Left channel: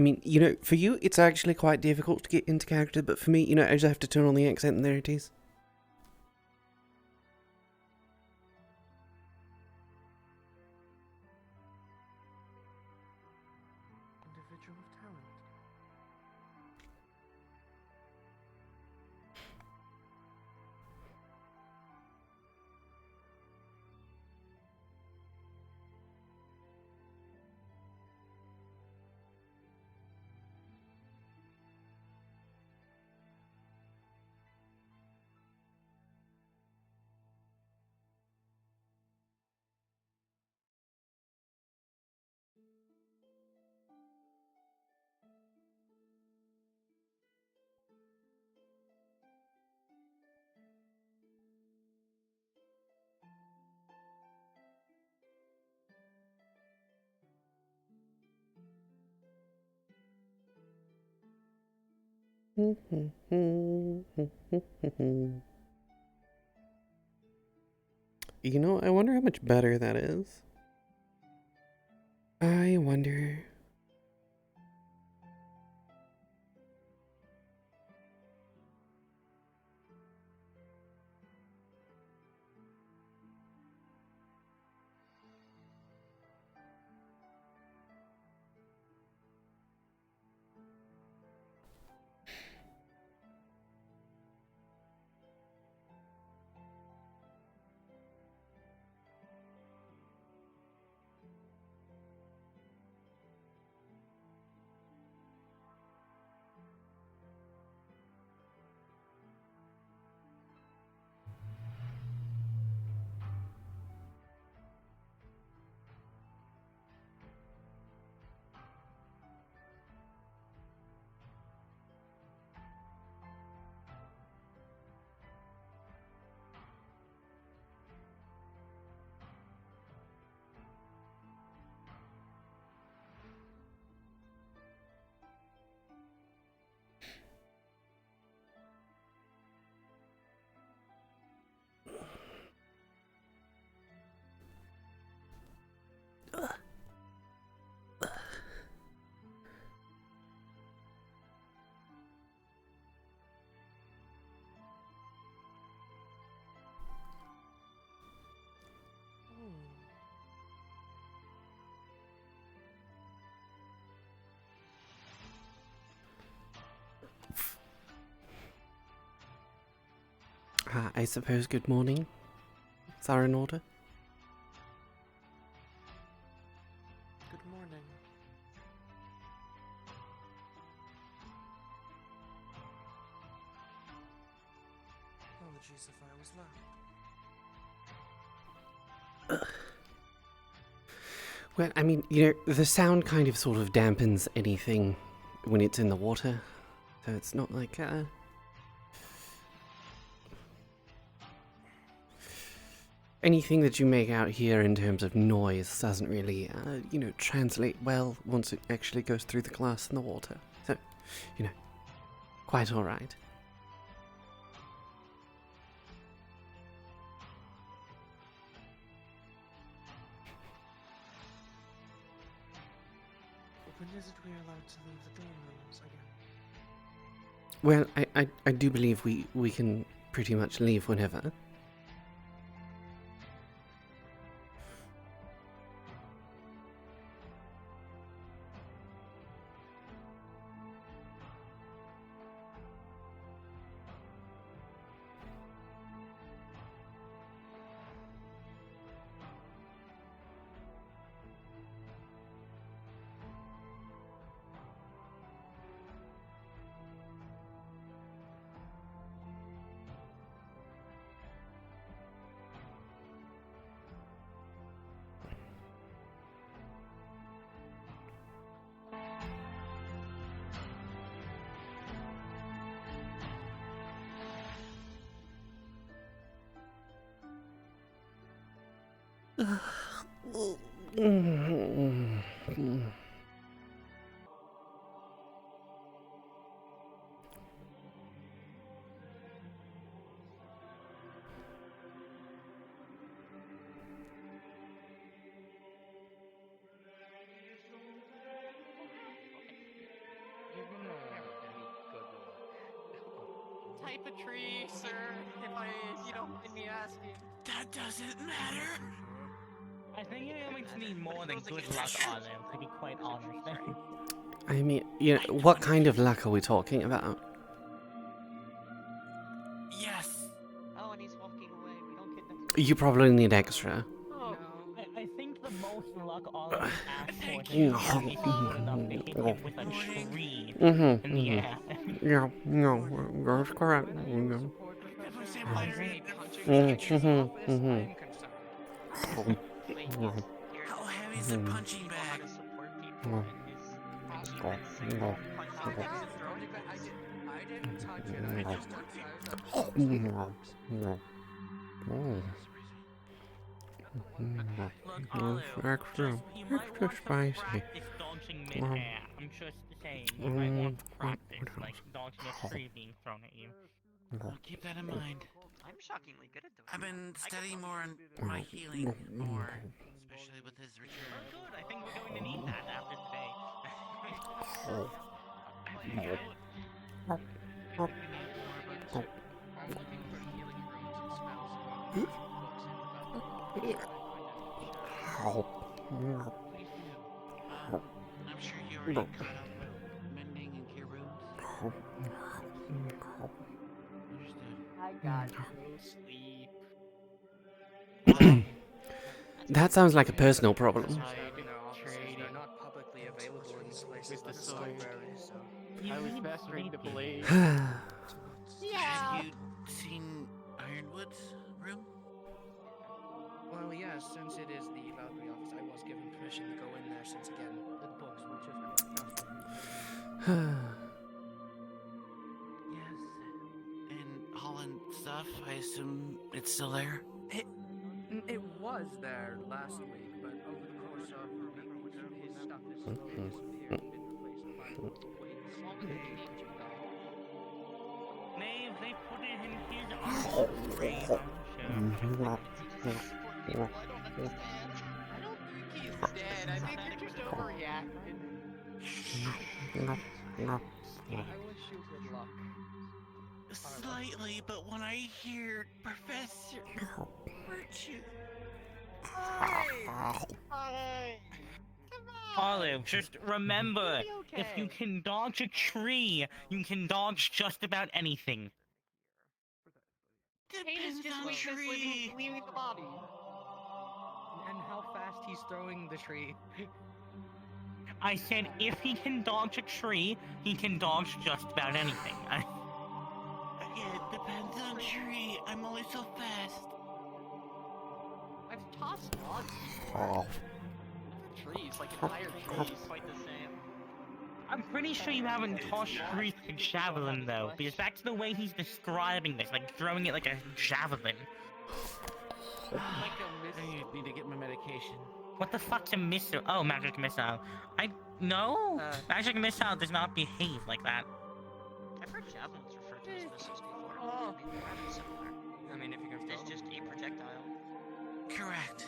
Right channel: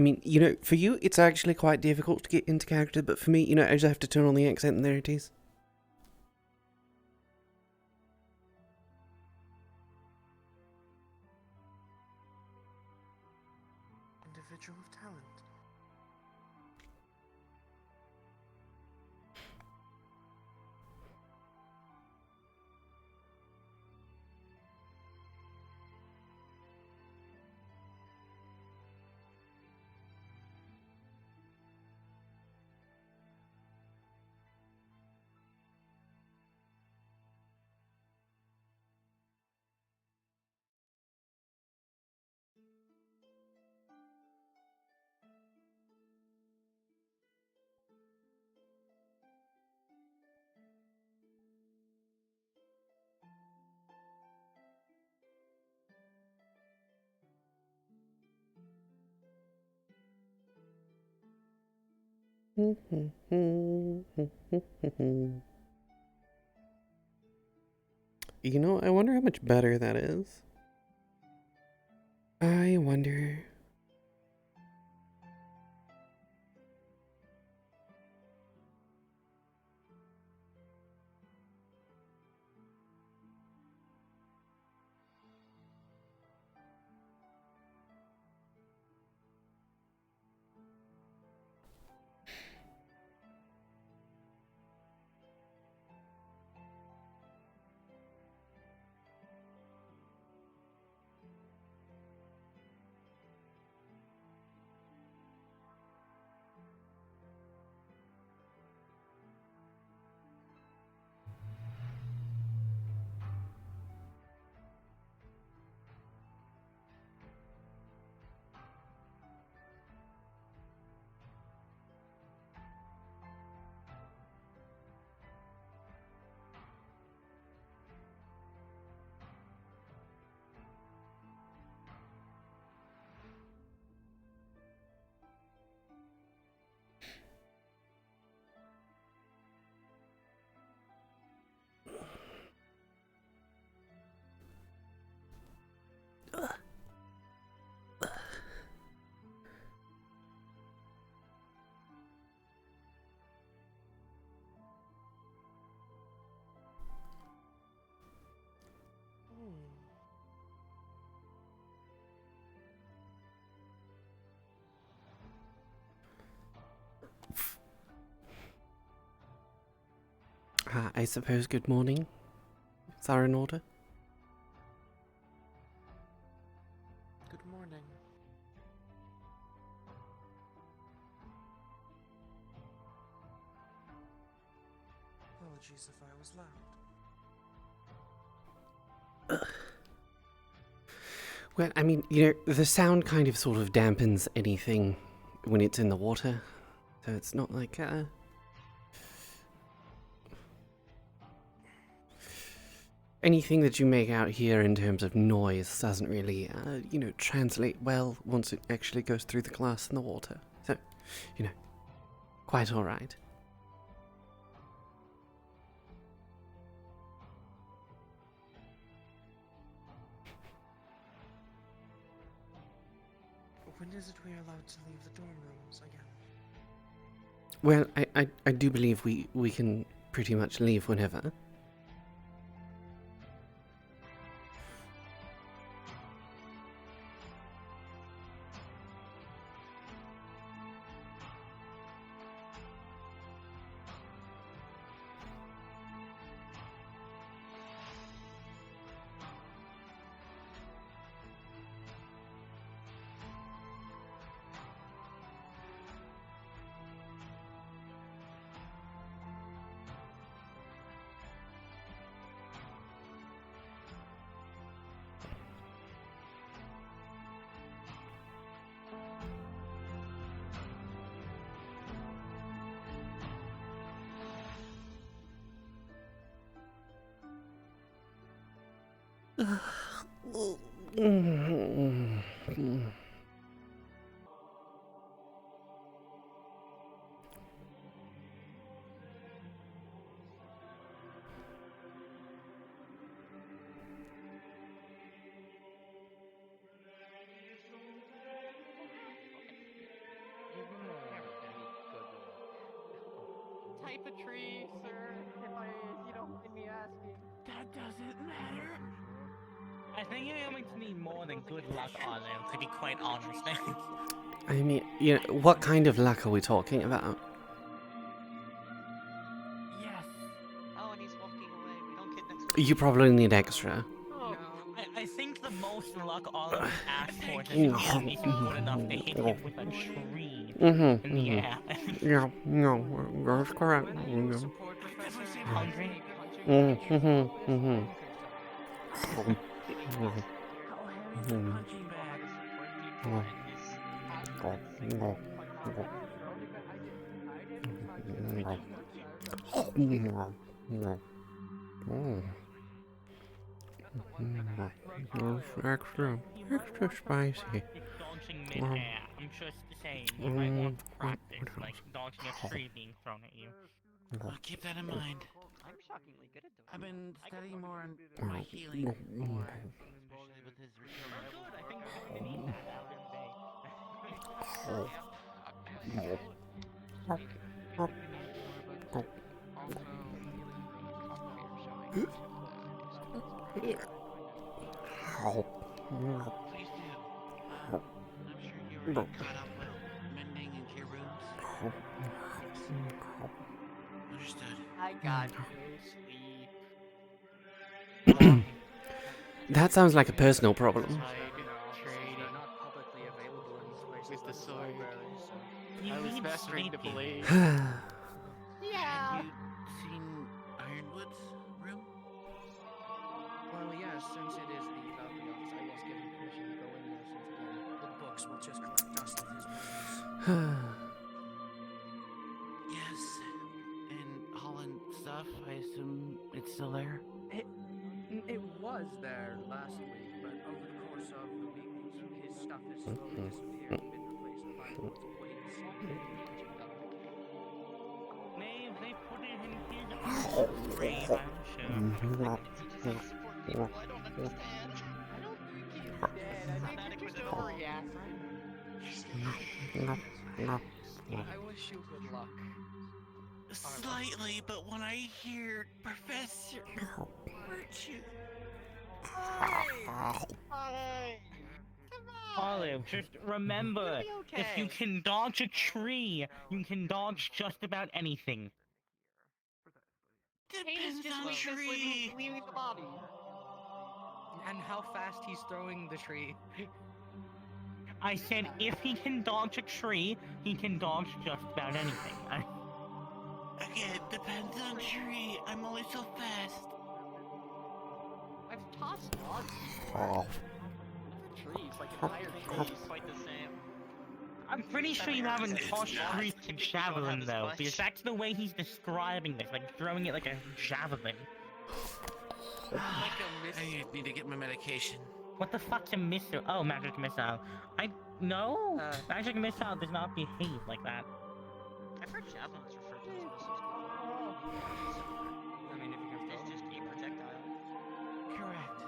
I mean, for you, it's actually quite difficult to get into character, but for me, I just have to turn on the accent and there it is. Individual of talent. I wonder how much better that is. I wonder. I suppose good morning. Is that in order? Good morning. Apologies if I was loud. Well, I mean, the sound kind of sort of dampens anything when it's in the water. So it's not like, anything that you make out here in terms of noise doesn't really, translate well once it actually goes through the glass and the water. So, quite alright. When is it we are allowed to leave the dorm rooms again? Well, I do believe we can pretty much leave whenever. type of tree, sir? If you don't mind me asking. That doesn't matter. I think you're going to need more than good luck, Olive, to be quite honest. I mean, you know, what kind of luck are we talking about? Yes. Oh, and he's walking away. We don't get next. You probably need extra. Oh, I think the most luck Olive has asked for is Mm. if he's good enough to hit him with a tree Mm-hmm. in the air. Yeah, no, that's correct. Of course I believe Hungry? How heavy is the punching bag? to support people in his achievements. Extra spicy. Practice dodging mid-air. I'm just saying, you might want to practice, like, dodging a tree being thrown at you. I'll keep that in mind. I'm shockingly good at doing I've it. been studying more on my healing, especially with his Oh, return. good. I think we're going to need that after today. I'm sure you already tried mending and cure wounds. Understood. I got no sleep. That sounds like a personal problem. They're not publicly available in places With the like the sword. library, so. You I was need mastering the sleeping. blade. Have you seen Ironwood's room? Well, yes, since it is the Valkyrie office, I was given permission to go in there since, again, the books would just be most of his Yes. And Holland stuff, I assume it's still there? It was there last week, but over the course of the week, his stuff has slowly disappeared and been replaced by more of a wait-and-see punching bag. Maeve, they put it in his Support people. I don't understand. I don't think he's dead. I think he just overreacted. I wish you good luck. Slightly, but when I hear Professor Virtue... Olive, just remember, You'll be if you okay. can dodge a tree, you can dodge just about anything. Pain is just weakness leaving the body. And how fast he's throwing the tree. I said if he can dodge a tree, he can dodge just about anything. Again, depends on tree. I'm only so fast. I've tossed logs before. Trees, like entire trees, quite the same. I'm pretty sure you haven't tossed trees to javelin though, because that's the way he's describing this, like throwing it like a javelin. Like a I need to get my medication. What the fuck's a missile? Oh, magic missile. No, magic missile does not behave like that. I've heard javelins referred to as missiles before. I mean, if you can It's just a projectile. Correct.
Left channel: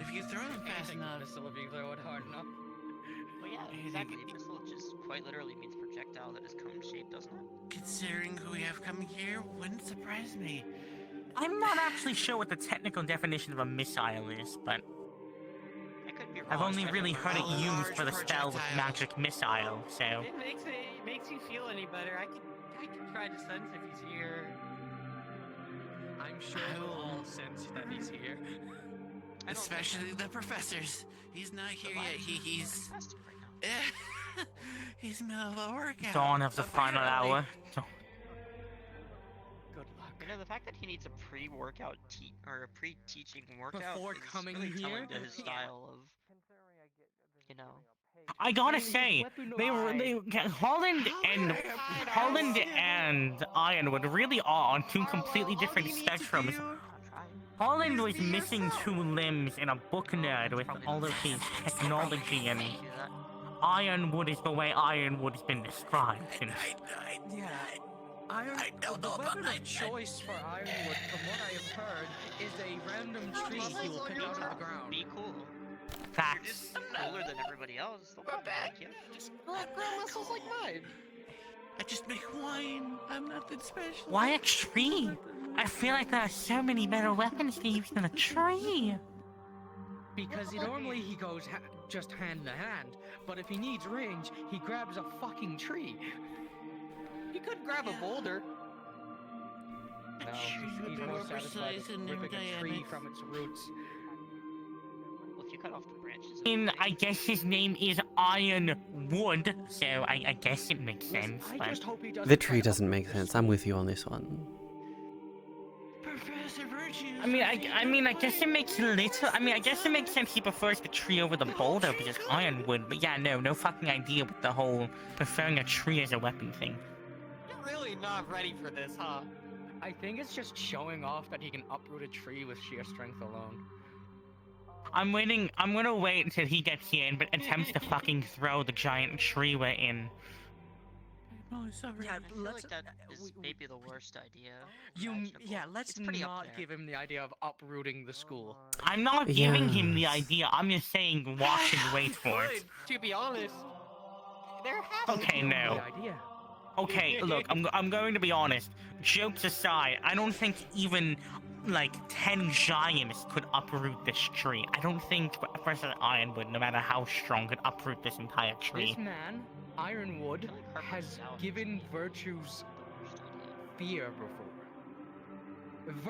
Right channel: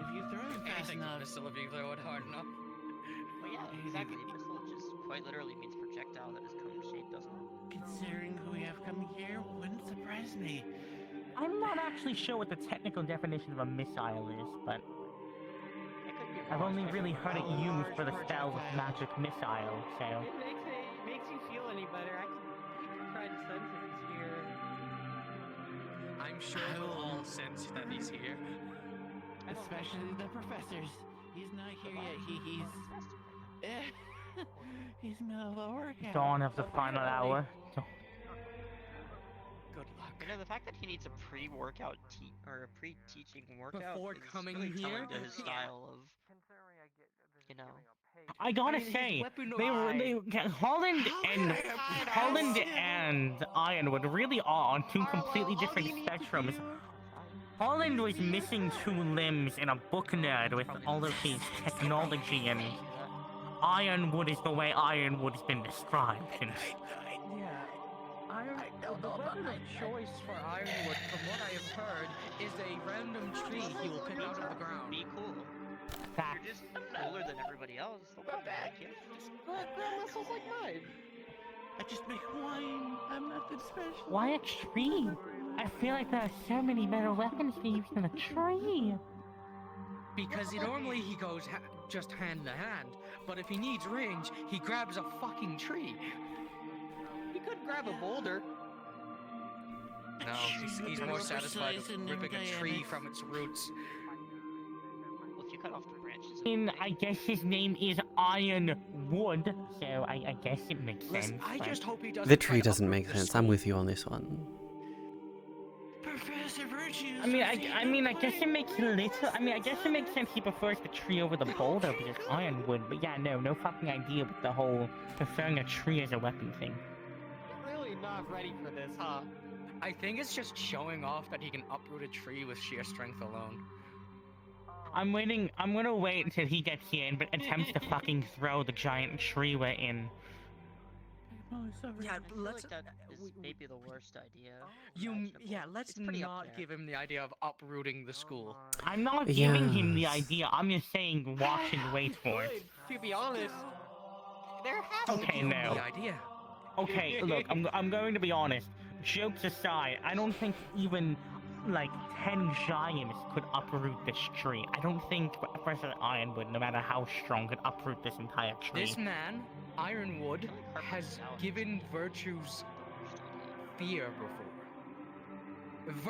If you throw them fast enough, Missile if you throw it hard enough. Well, yeah, exactly. Missile just quite literally means projectile that is cone shaped, doesn't it? considering who we have coming here, wouldn't surprise me. I'm not actually sure what the technical definition of a missile is, but I could be wrong. I've only really heard it A used for the large spell projectile. magic missile, so... It makes you feel any better. I can try to sense if he's here. I'm sure we'll all sense that he's here. Especially the professors. He's not here yet. He's he's middle of a workout. Dawn of the final apparently. hour. Good luck. You know, the fact that he needs a pre-workout or a pre-teaching workout Before is coming really telling here? to his style of, you know. I gotta say, weapon Holland and Ironwood really are on two completely different spectrums. Holland was missing two limbs in a book nerd with all of his technology, and Ironwood is the way Ironwood's been described. And The weapon of choice for Ironwood, from what I have heard, is a random tree he will pick out of the ground. Be cool. facts. Cooler than everybody else. They'll probably like you. Just grow muscles like mine. A just make wine. I'm nothing special. Why a tree? I feel like there are so many better weapons to use than a tree. Because normally he goes just hand to hand, but if he needs range, he grabs a fucking tree. You could grab a boulder. No, he's more satisfied with ripping a tree from its roots. Well, if you cut off the branches. I guess his name is Ironwood, so I guess it makes sense. I just hope he doesn't. The tree doesn't make sense. I'm with you on this one. Professor Virtue. I guess it makes a little. I guess it makes sense he prefers the tree over the boulder because it's ironwood. But yeah, no fucking idea with the whole preferring a tree as a weapon thing. You're really not ready for this, huh? I think it's just showing off that he can uproot a tree with sheer strength alone. I'm waiting. I'm gonna wait until he gets here and attempts to fucking throw the giant tree we're in. Yeah, I feel let's. like that is maybe the worst idea. Let's It's pretty up not there. give him the idea of uprooting the school. I'm not giving him the Yes. idea. I'm just saying watch and wait for it. To be honest, there has to Okay, be no. The idea. Okay, look, I'm going to be honest. Jokes aside, I don't think even like 10 giants could uproot this tree. I don't think Professor Ironwood, no matter how strong, could uproot this entire tree. This man, Ironwood, has given virtues fear before.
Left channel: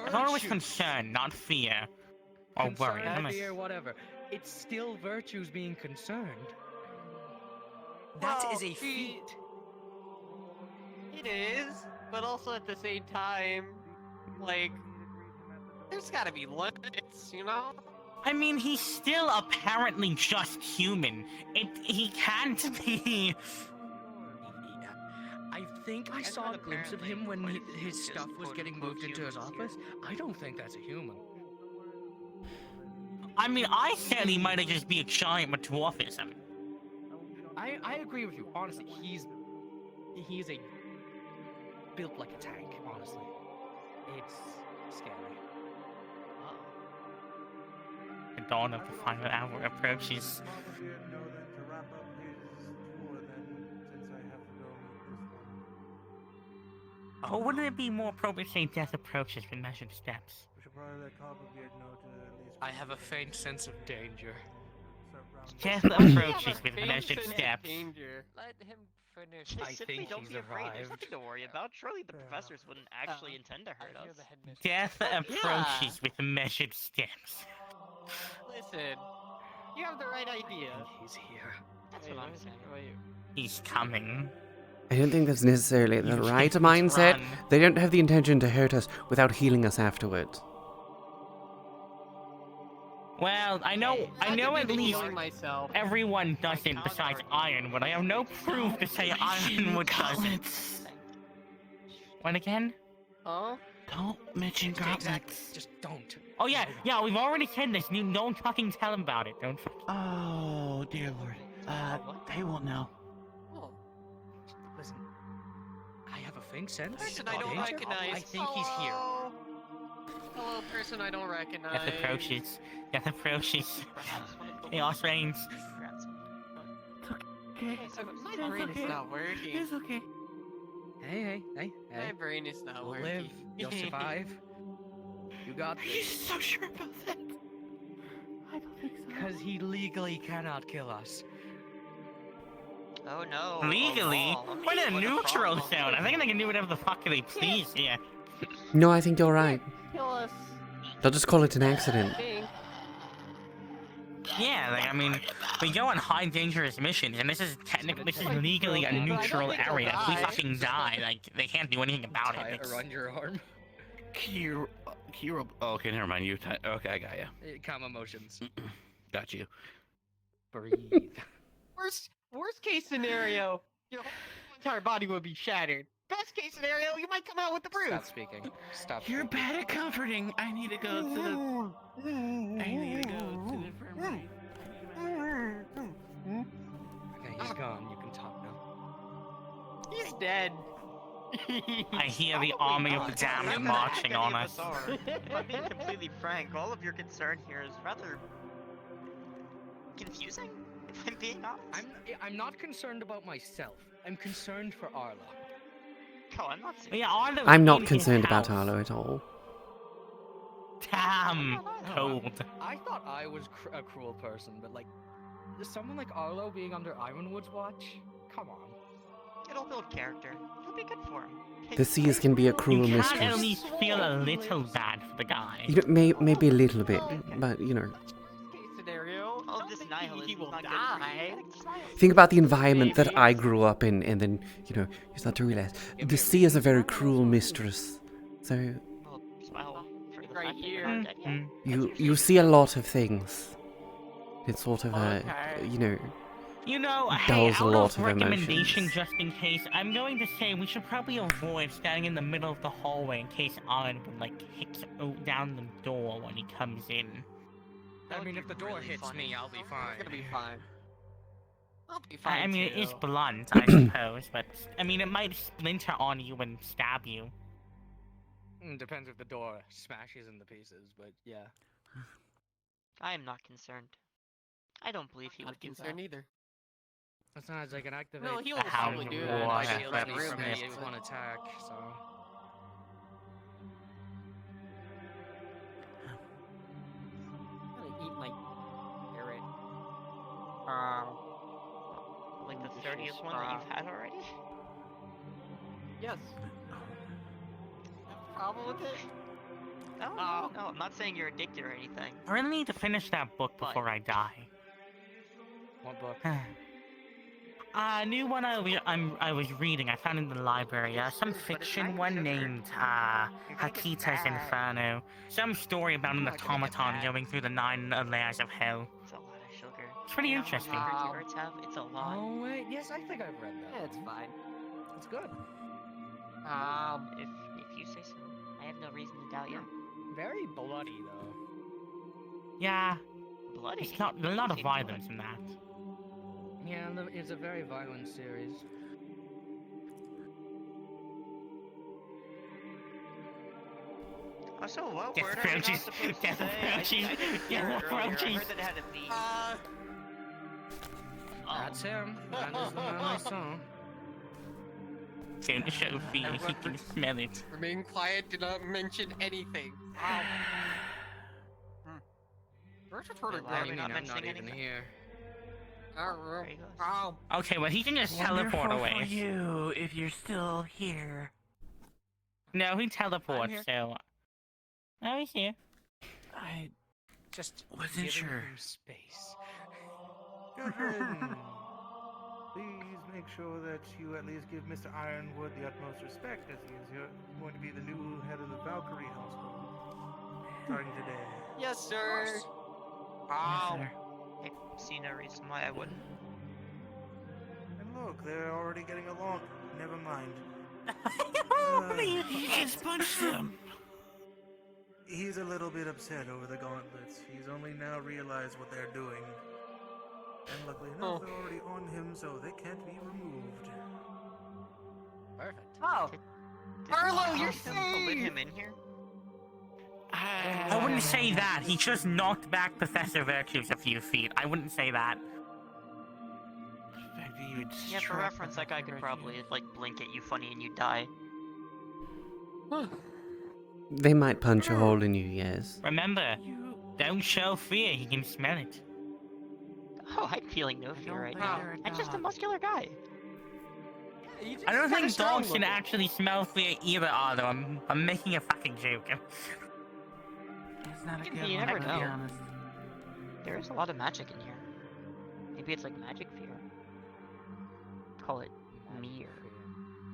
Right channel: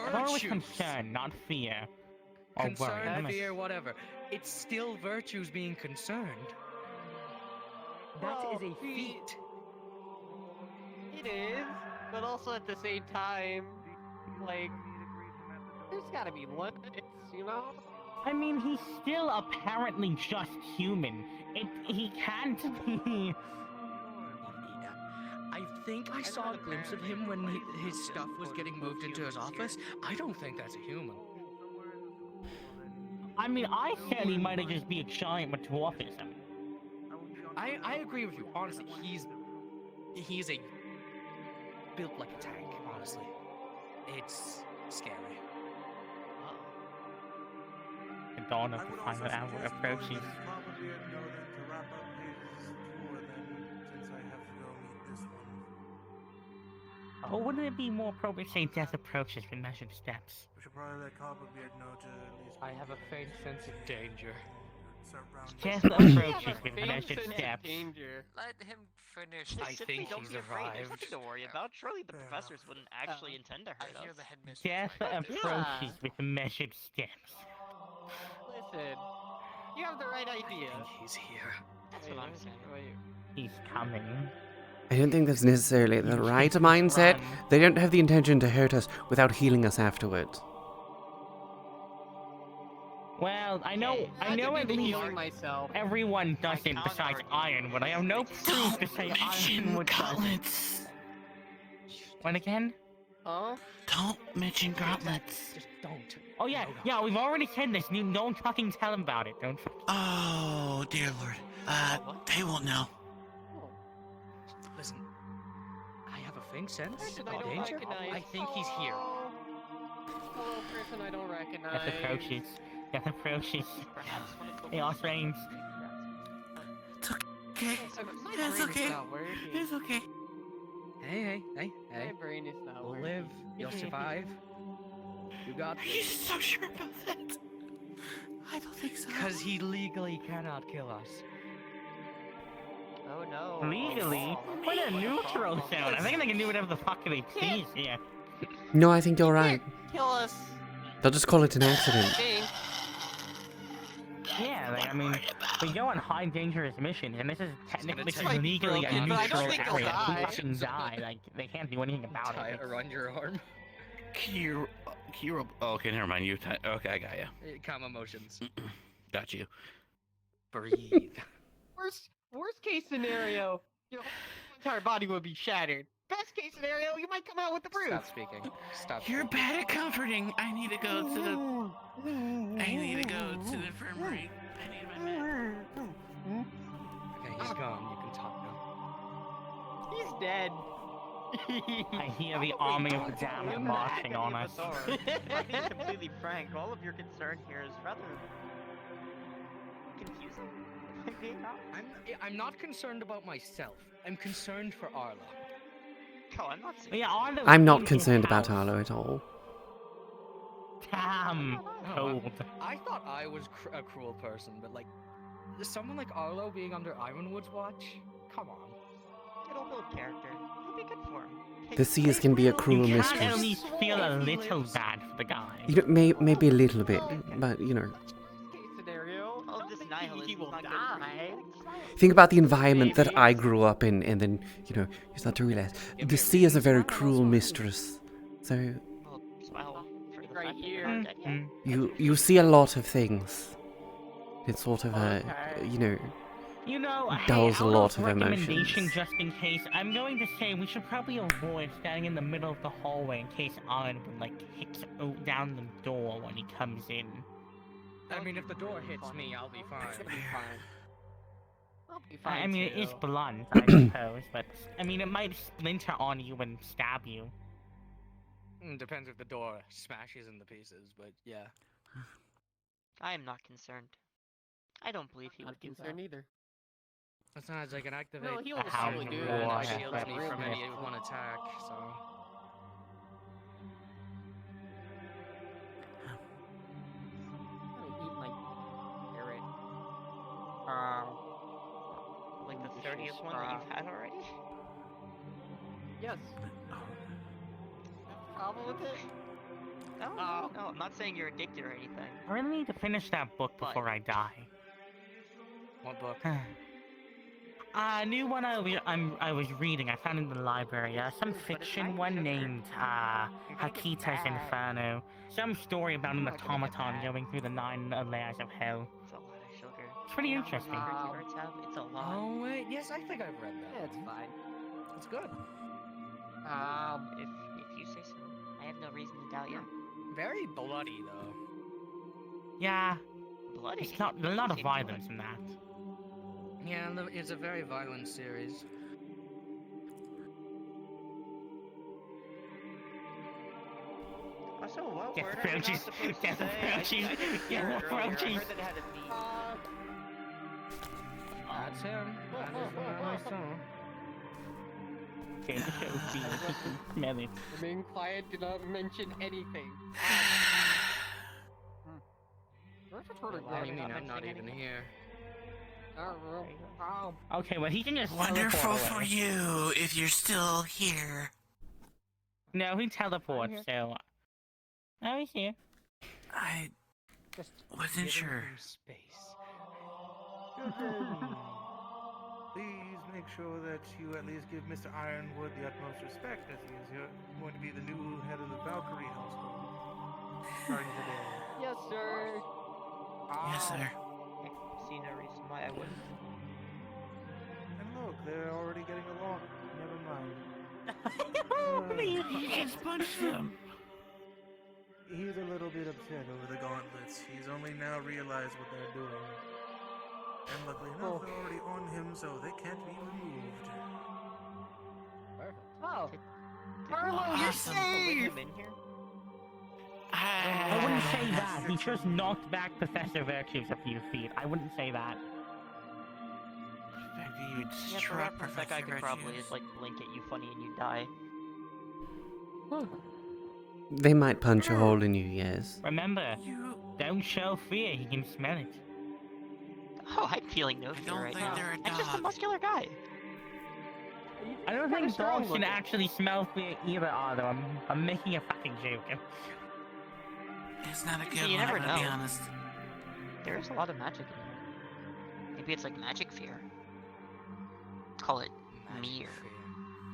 I thought it was Virtues. concern, not fear. Or worry. Concern, I'm fear, whatever. It's still virtues being concerned. That is a feat. It is, but also at the same time, like, there's gotta be limits, you know? I mean, he's still apparently just human. He can't be. I think I saw a glimpse of him when his stuff was getting moved into his office. I don't think that's a human. I mean, I said he might have just be a giant metamorphism. I agree with you. Honestly, he's a built like a tank. Honestly, it's scary. The dawn of the final hour approaches. Probably a no then to wrap up his tour then, since I have to go meet this one. Or wouldn't it be more appropriate to say death approaches with measured steps? We should probably let Copperbeard know to at least. I have a faint sense of danger. Death approaches with Faint measured sense of steps. Danger. Let him finish. I Just simply think don't he's be afraid. There's arrived. nothing to worry about. Surely the professors wouldn't actually intend to hurt us. Death approaches with measured steps. Listen, you have the right idea. He's here. That's what I'm saying. He's coming. I don't think that's necessarily the You right can't mindset. run. They don't have the intention to hurt us without healing us afterwards. Well, I know I could at be least healing myself. everyone does it besides Ironwood. I have no proof to say Ironwood does it. What again? Huh? Don't mention gauntlets. Just don't. Oh yeah, we've already said this. You don't fucking tell him about it. Don't. Oh, dear Lord. They won't know. Listen, I have a faint sense Person of I don't danger. recognize. I think he's here. Hello, person I don't recognize. Death approaches. Death approaches. Chaos reigns. Okay. So my It's brain okay. is not working. It's okay. Hey. My brain is not You'll working. live. You'll survive. You got Are this. you so sure about that? I don't think so. Because he legally cannot kill us. Oh no. Legally, we're in a neutral zone. I think they can do whatever the fuck they please here. No, I think you're right. Kill us. They'll just call it an accident. Think. Yeah, I mean, we go on high dangerous missions, and this is technically It's this like is legally a broken. I don't neutral think they'll area. If we die. fucking die, like they can't do anything about Tie it. it around your arm. Oh, okay, never mind. Okay, I got you. Calm emotions. Got you. Breathe. Worst case scenario, your whole entire body would be shattered. Best case scenario, you might come out with the bruise. Stop speaking. Stop. You're speaking. bad at comforting. I need to go to the. I need to go to the infirmary. I need my med. Okay, he's gone. You can talk now. He's dead. I hear the army of the damned marching on us. If I'm being completely frank, all of your concern here is rather confusing. If I'm being honest. I'm not concerned about myself. I'm concerned for Arla. No, I'm not saying. But yeah, Arlo I'm in not his concerned about house. Arlo at all. Damn. Cold. I thought I was a cruel person, but like, someone like Arlo being under Ironwood's watch? Come on. It'll build character. It'll be good for him. The seers can be a You cruel can at mistress. least feel a little bad for the guy. You know, maybe a little bit, but you know. Case scenario, All don't this think nihilism he will is not good for die. you. Think about the environment that Maybe. I grew up in, and then, you know, you start to realize the sea is a very cruel mistress. So Well, for the Right fact that here. you're not dead yet. you see a lot of things. It's sort of a, Okay. you know, You know, hey, dulls a out lot of of recommendation, emotions. just in case, I'm going to say we should probably avoid standing in the middle of the hallway in case Alan would like hit down the door when he comes in. I mean, if the door Really hits funny. me, I'll be fine. It's gonna be fine. I'll be fine I mean, it is too. blunt, I suppose, but I mean, it might splinter on you and stab you. Depends if the door smashes into pieces, but yeah. I am not concerned. I don't believe he Not would do that. concerned either. Besides, I can activate Well, he'll The just hound probably do of that. war Like, has shields been me for from me sniffed. if one attack, so. I'm gonna eat my carrot. Like the 30th one that you've had already? Yes. Problem with it? No, I'm not saying you're addicted or anything. I really need to finish that book before I die. What book? A new one I was reading. I found in the library. Some fiction one named Hakita's Inferno. Some story about an automaton going through the 9 layers of hell. It's a lot of sugar. It's pretty You know how much interesting. sugar carrots have? It's a lot. Oh, wait, yes, I think I've read that. Yeah, it's fine. It's good. If you say so. I have no reason to doubt you. Very bloody, though. Yeah, Bloody. it's not a lot of Say violence in that. Yeah, it's a very violent series. Oh, so what Death word are we not approaches. supposed to Death say? approaches. I didn't hear Death it earlier. I approaches. heard that it had a V. That's him. That is the man I saw. Going to show V, he can smell it. Remain quiet, do not mention anything. Where's your total Why are we green? not I'm not mentioning even anything? here. There he goes. Okay, well he can just Wonderful teleport for away. you if you're still here. No, he teleports, here. so... Oh, he's here. I Just wasn't giving sure. him space. Please make sure that you at least give Mr. Ironwood the utmost respect, as he is going to be the new head of the Valkyrie household starting today. Yes, sir. Yes, sir. I see no reason why I wouldn't. And look, they're already getting along. Never mind. You just punched him. He's a little bit upset over the gauntlets. He's only now realized what they're doing. And luckily enough, they're already on him, so they can't be removed. Perfect. Oh, Arlo, you're Put him in here? I wouldn't say that. He just knocked back Professor Virtues a few feet. I wouldn't say that. Maybe you Yeah, for reference, that guy could probably like blink at you funny and you die. They might punch a hole in you, yes. Remember, don't show fear. He can smell it. Oh, I'm feeling no I fear don't right think now. they're a I'm just a dog. muscular guy. I don't think dogs can actually smell fear either, Arlo. I'm making a fucking joke. It's not a But good you one, never to be know. honest. There's a lot of magic in here. Maybe it's like magic fear. Call it mirror.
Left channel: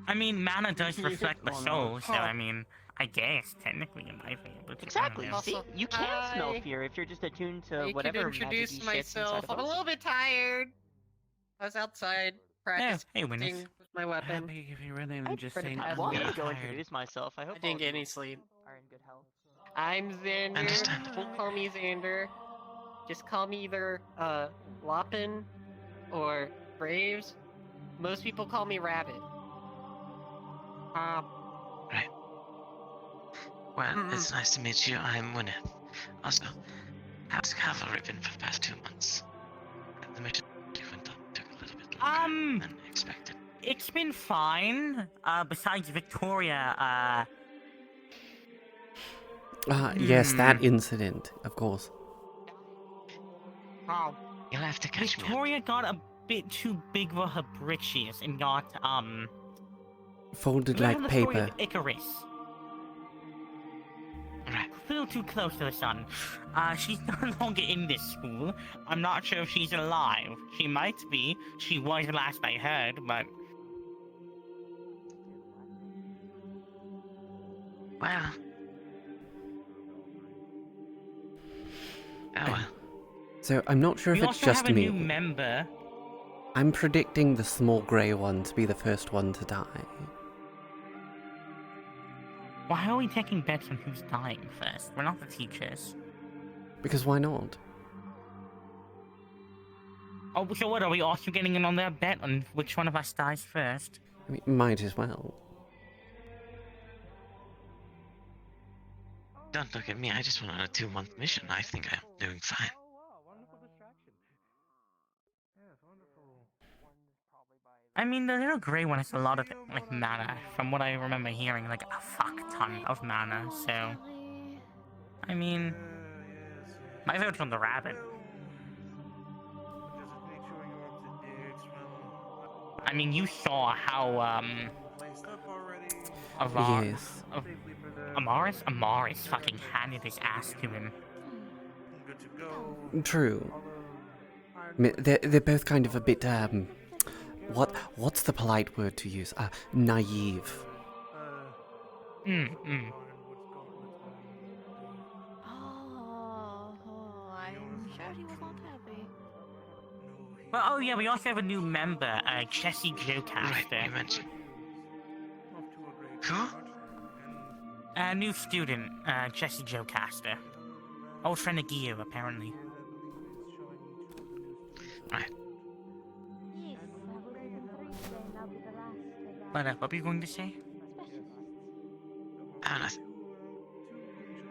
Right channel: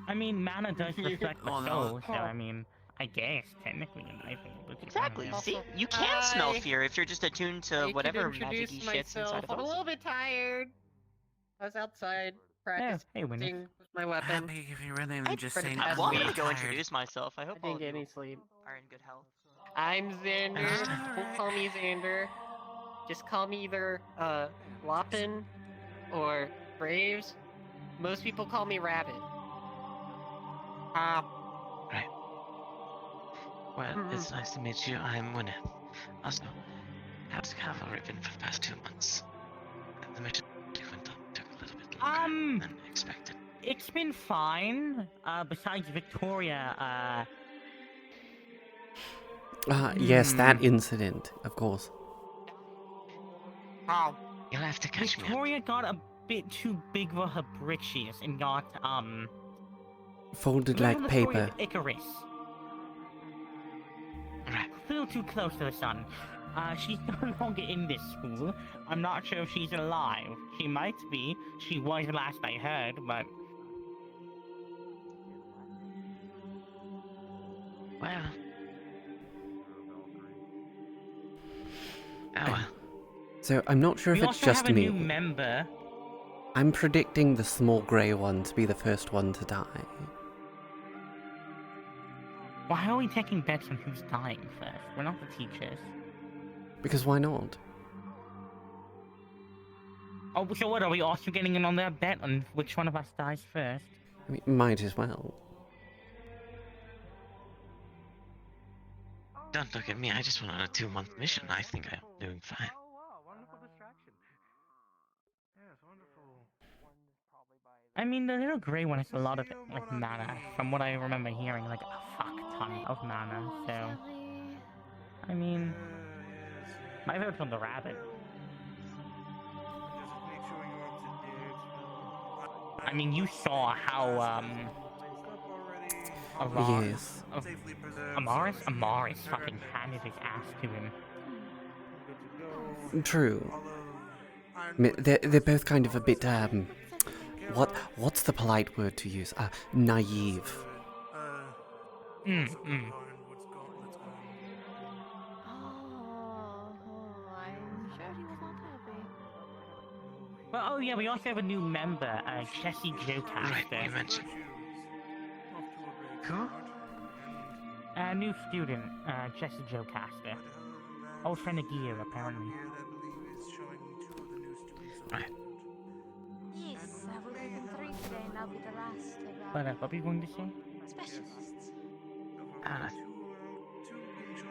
I mean, mana does reflect the Oh, no. soul, so I mean, I guess technically you might be able to. Exactly. Also, See, you can smell hi. fear if you're just attuned to I could whatever introduce magic shits inside myself. of I'm a us. little bit tired. I was outside Yeah, practicing hey, Winnie. with my weapon. Happy if you really than just pretty saying happy. I'm I'm going to Tired. go introduce myself. I hope I all didn't of get you any sleep. are in good health. I'm Xander. Understand. People call me Xander. Just call me either Lopin or Braves. Most people call me Rabbit. Right. Well, it's nice to meet you. I'm Winnie. Also, how's cavalry been for the past 2 months? The mission took a little bit longer than expected. It's been fine. Besides Victoria, Yes, that incident, of course. Oh, You'll have to catch me up. Victoria got a bit too big for her britches and got, Folded remember like the story paper. of Icarus? Right. A little too close to the sun. She's no longer in this school. I'm not sure if she's alive. She might be. She was last I heard, but... Well. Oh well. So I'm not sure if we it's also just have a me. new member. I'm predicting the small grey one to be the first one to die. Why are we taking bets on who's dying first? We're not the teachers. Because why not? Oh, so what, are we also getting in on that bet on which one of us dies first? I mean, might as well. Don't look at me. I just went on a 2-month mission. I think I'm doing fine. I mean, the little grey one has a lot of, like, mana. From what I remember hearing, like, a fuck ton of mana, so... I mean... My vote's on the rabbit. I mean, you saw how, Yes. Amaris fucking handed his ass to him. True. I mean, they're both kind of a bit, what's the polite word to use? Naive. I'm sure he was not happy. Well, oh yeah, we also have a new member, Jesse Jotaster. Right, you mentioned. Who? A new student, Jesse Jotaster. Old friend of Gio, apparently. Right. Yes, I will be in 3 today and I'll be the last of What were you going to say? specialists.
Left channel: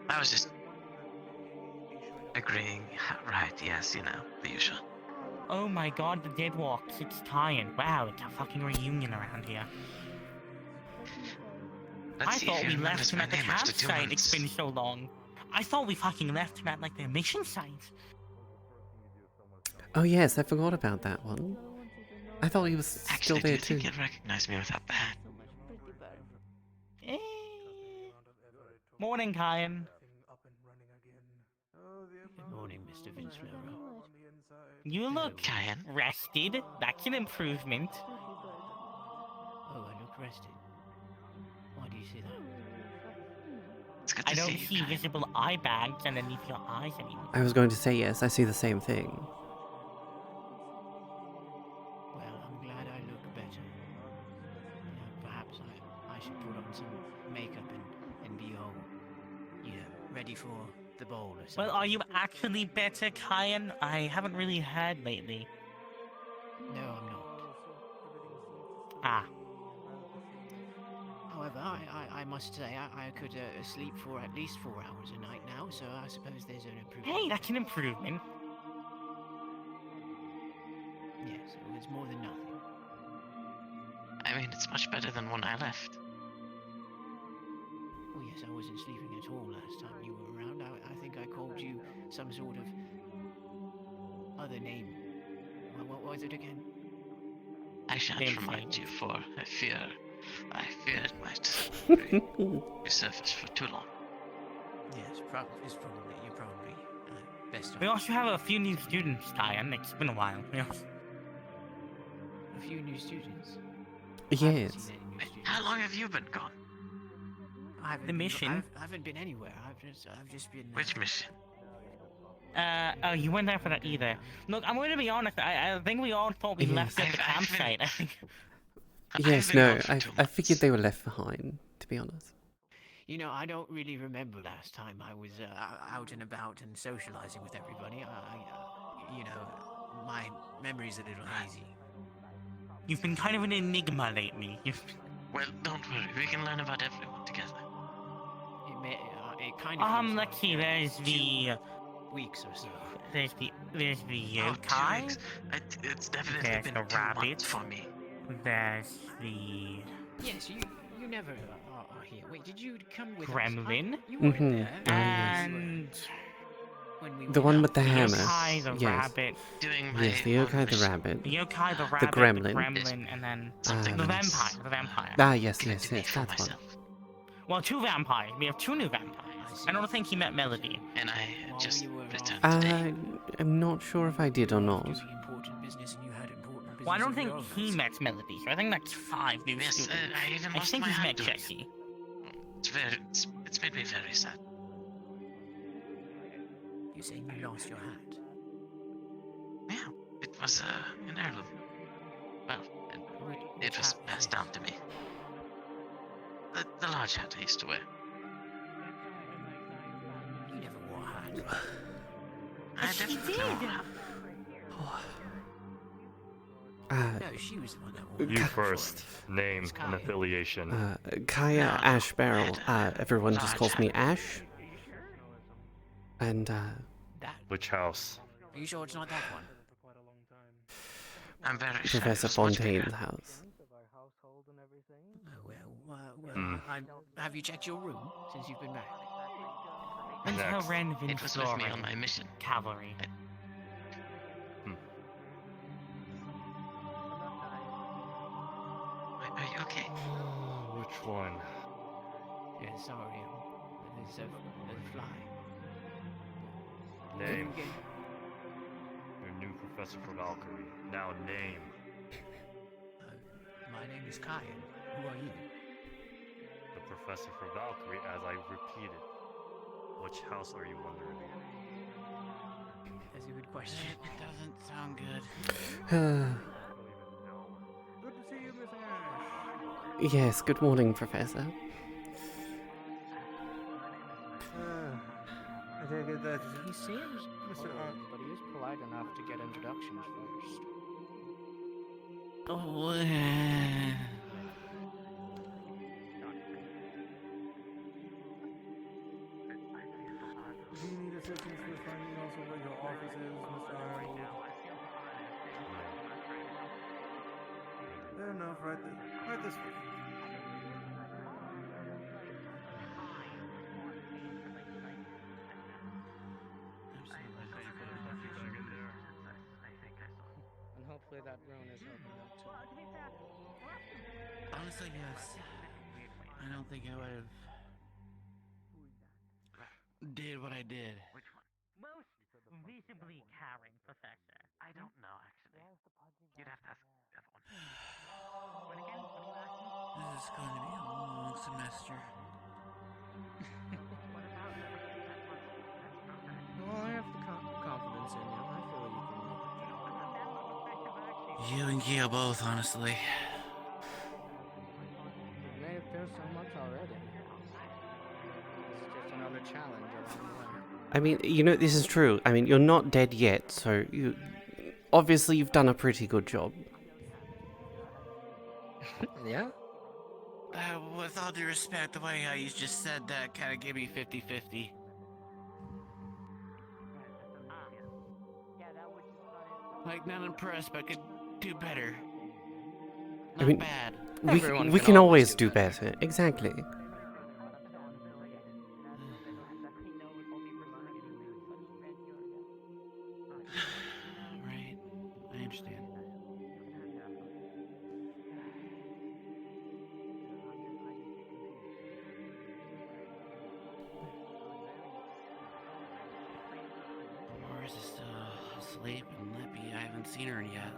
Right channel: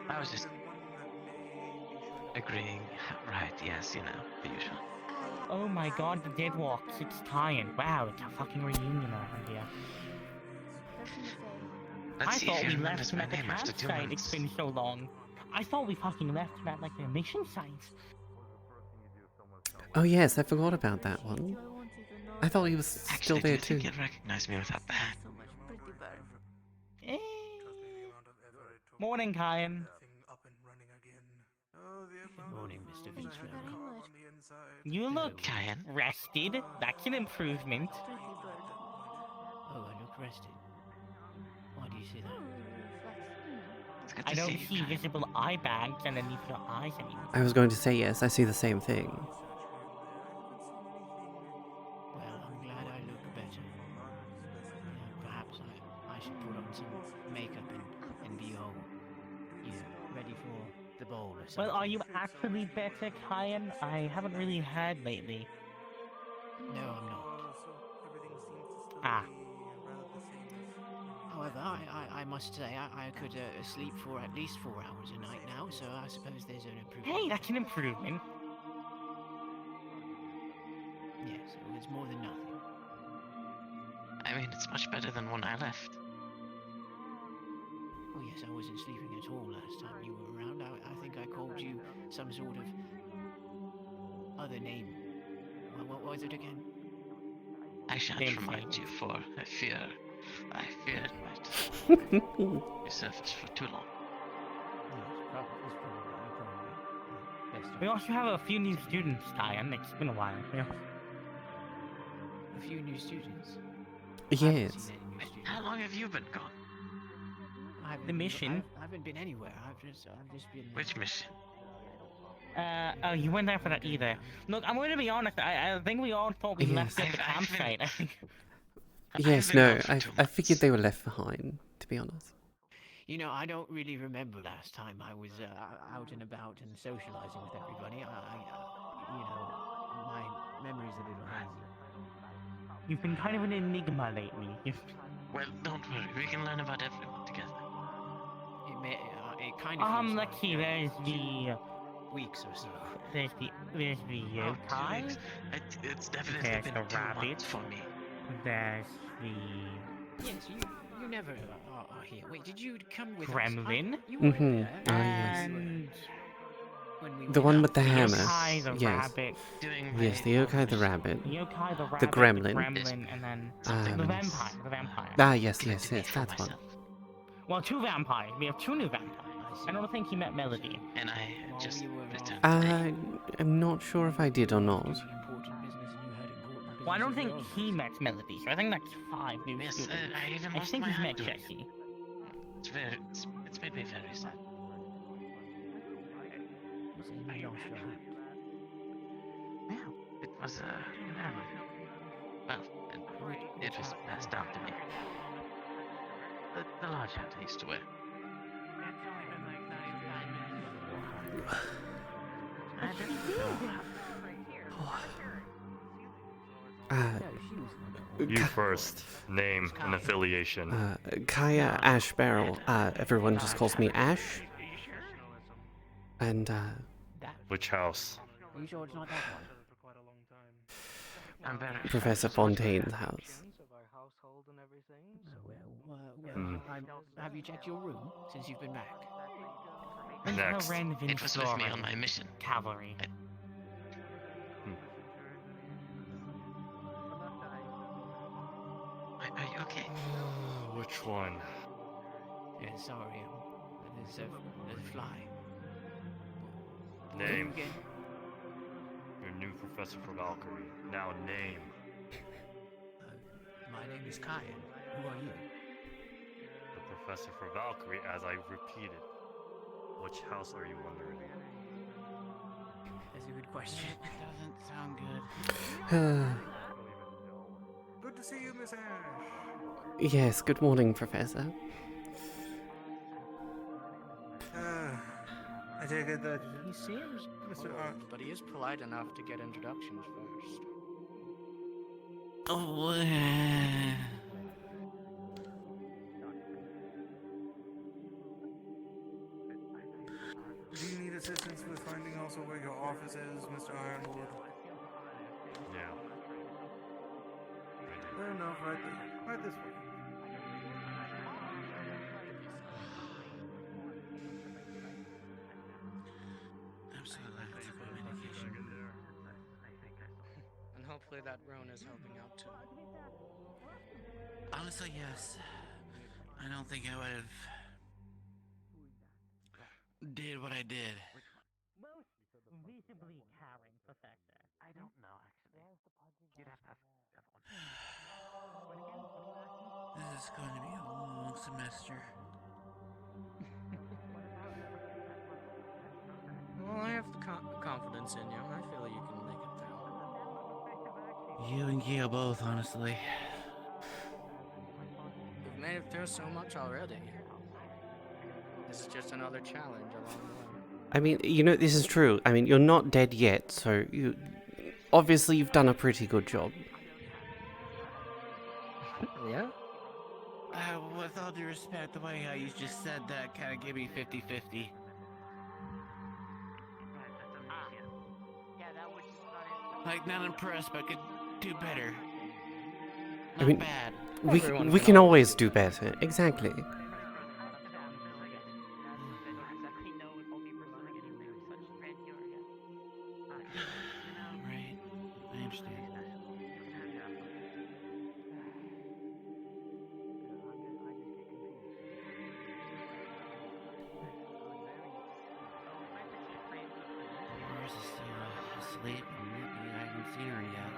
I was just agreeing. Right, yes, you know, the usual. Oh my god, the Dead Walks, it's tired. Wow, it's a fucking reunion around here. Let's I see if thought he we remembers left him my at the name after 2 campsite, it's months. been so long. I thought we fucking left him at, like, the mission site. Oh yes, I forgot about that one. I thought he was still Actually, do there you too. think you'd recognize me without the hat? Eh. Morning, Kyan. Good morning, Mr. Vince Merrow. You look Kaia? rested. That's an improvement. Oh, I look rested. Why do you say that? It's good to I don't see see you, Kaia. visible eye bags underneath your eyes anymore. I was going to say yes, I see the same thing. Well, I'm glad I look better. Perhaps I should put on some makeup and be all, ready for the ball or something. Well, are you actually better, Kyan? I haven't really heard lately. No, I'm not. Ah. However, I must say I could sleep for at least 4 hours a night now, so I suppose there's an improvement. Hey, that's an improvement. Yes, well, it's more than nothing. I mean, it's much better than when I left. Oh yes, I wasn't sleeping at all last time you were around. I think I called you some sort of other name. What was it again? I shan't Same remind thing. you, for I fear it might be surfaced for too long. Yes, you're probably best. We also have a few new students, Kyan. It's been a while. A few new students. Yes. I haven't seen any new students. How long have you been gone? I haven't The been- mission? I haven't been anywhere. I've just been. Which mission? Oh, you weren't there for that either. Look, I'm going to be honest. I think we all thought we left Yes. at the I've been- campsite. I think. Yes, I've been no, gone for I 2 figured months. they were left behind, to be honest. I don't really remember last time I was out and about and socializing with everybody. My memory's a little hazy. You've been kind of an enigma lately. Well, don't worry. We can learn about everyone together. It kind of. feels Let's like, see. There's 2 the weeks or so. there's the Oh, 2 yokai. weeks. It's definitely There's been the 2 months rabbit. for me. There's the Yes, you never are here. Wait, did you come with us? Gremlin. You weren't Mm-hmm. there. Ah, yes. And When we The went one up. with the the hammer. yokai, the Yes. rabbit, Doing Yes, my the yokai, the mission. rabbit. the yokai, the rabbit, The gremlin. gremlin, and then Something the means vampire. The vampire. Ah, yes, collected yes, it for that's one. myself. Well, two vampires. We have two new vampires. I don't think he met Melody. And I While just we were returned off, today. I'm not sure if I did or not. important business, and you had important business. Well, I don't of your think own. he met Melody, so I think that's five new Yes, students. I even I lost think my he's hat met to it. Jesse. It's made me very sad. You saying you lost your hat? Yeah, it was an heirloom. Well, it was passed down to me. The large hat I used to wear. You never wore a hat. I definitely wore a hat. No, she was the one who wore You first. Name and affiliation. Kaia Ashbarrel. Everyone just calls me Ash. And, that. Which house? Are you sure it's not that one? I'm very Professor sure it was much bigger. Fontaine's house. Oh, well, have you checked your room since you've been back? Until Next. Ren It was with me on my mission. Cavalry. Are you okay? Which one? Yeah, sorry, there's a fly. Name. Your new professor for Valkyrie. Now name. My name is Kaia. Who are you? The professor for Valkyrie, as I repeated. Which house are you wondering? That's a good question. Doesn't sound good. Good to see you, Miss Ash. Yes, good morning, Professor. I take it that He seems Mr. old, but he is polite enough to get introductions first. Do you need assistance with finding also where your office is, Mr. Ironwood? Yeah. Fair enough, right there. Right this way. And hopefully that Roan is helping out too. Honestly, yes. I don't think I would have did what I did. Most visibly caring professor. I don't know, actually. You'd have to ask the other one. What again? What are you asking? This is going to be a long semester. Well, I have the confidence in you. I feel you can make it through. You and Kaia both, honestly. We've made it through so much already. This is just another challenge along the way. I mean, this is true. I mean, you're not dead yet, so obviously you've done a pretty good job. Yeah? With all due respect, the way how you just said that kind of gave me 50-50. Like, not impressed, but could do better. Not mean, bad. We can always do better. Exactly. Right. I understand. Mars is still asleep and nippy. I haven't seen her yet.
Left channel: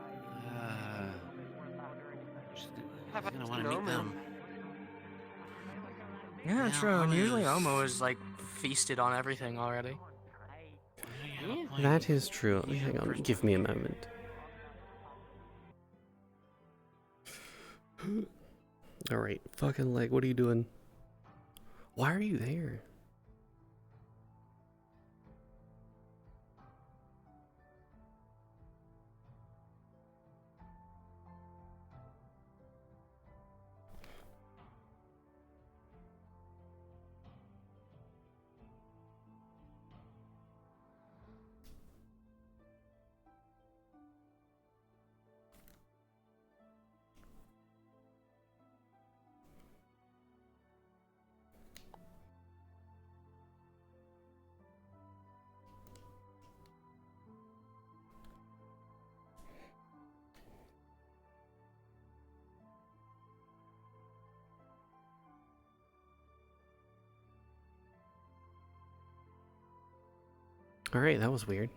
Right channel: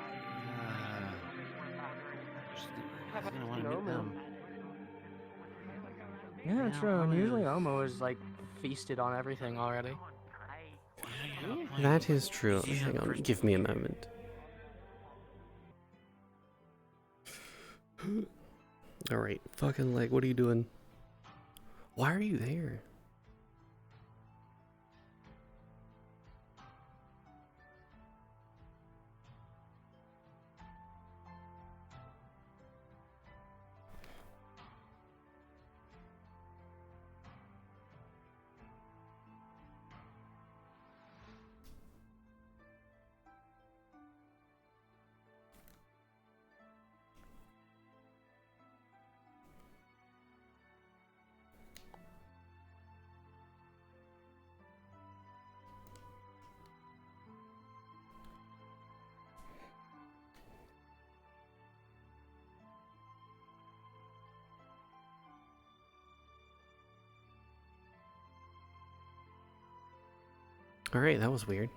I'm gonna want to meet them. Yeah, true. And usually Omo is like feasted on everything already. That is true. Hang on, give me a moment. Alright, fucking leg, what are you doing? Why are you there? Alright, that was weird.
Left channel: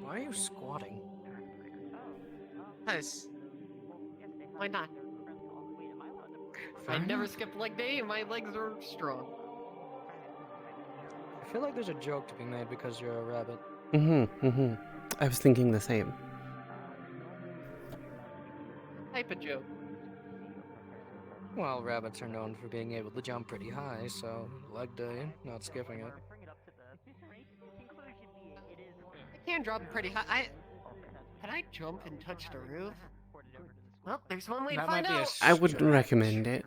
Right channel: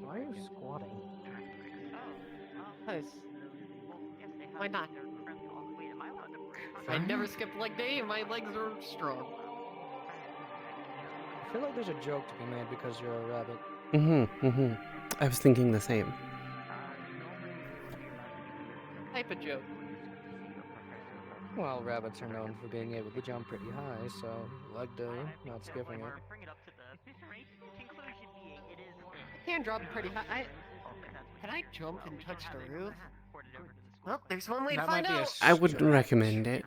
Why are you squatting? Nice. Why not? I never skipped leg day and my legs are strong. I feel like there's a joke to be made because you're a rabbit. I was thinking the same. Type of joke. Well, rabbits are known for being able to jump pretty high, so leg day, not skipping it. I can drop pretty high. Can I jump and touch the roof? Well, there's one way to That find might be a out. I wouldn't recommend it.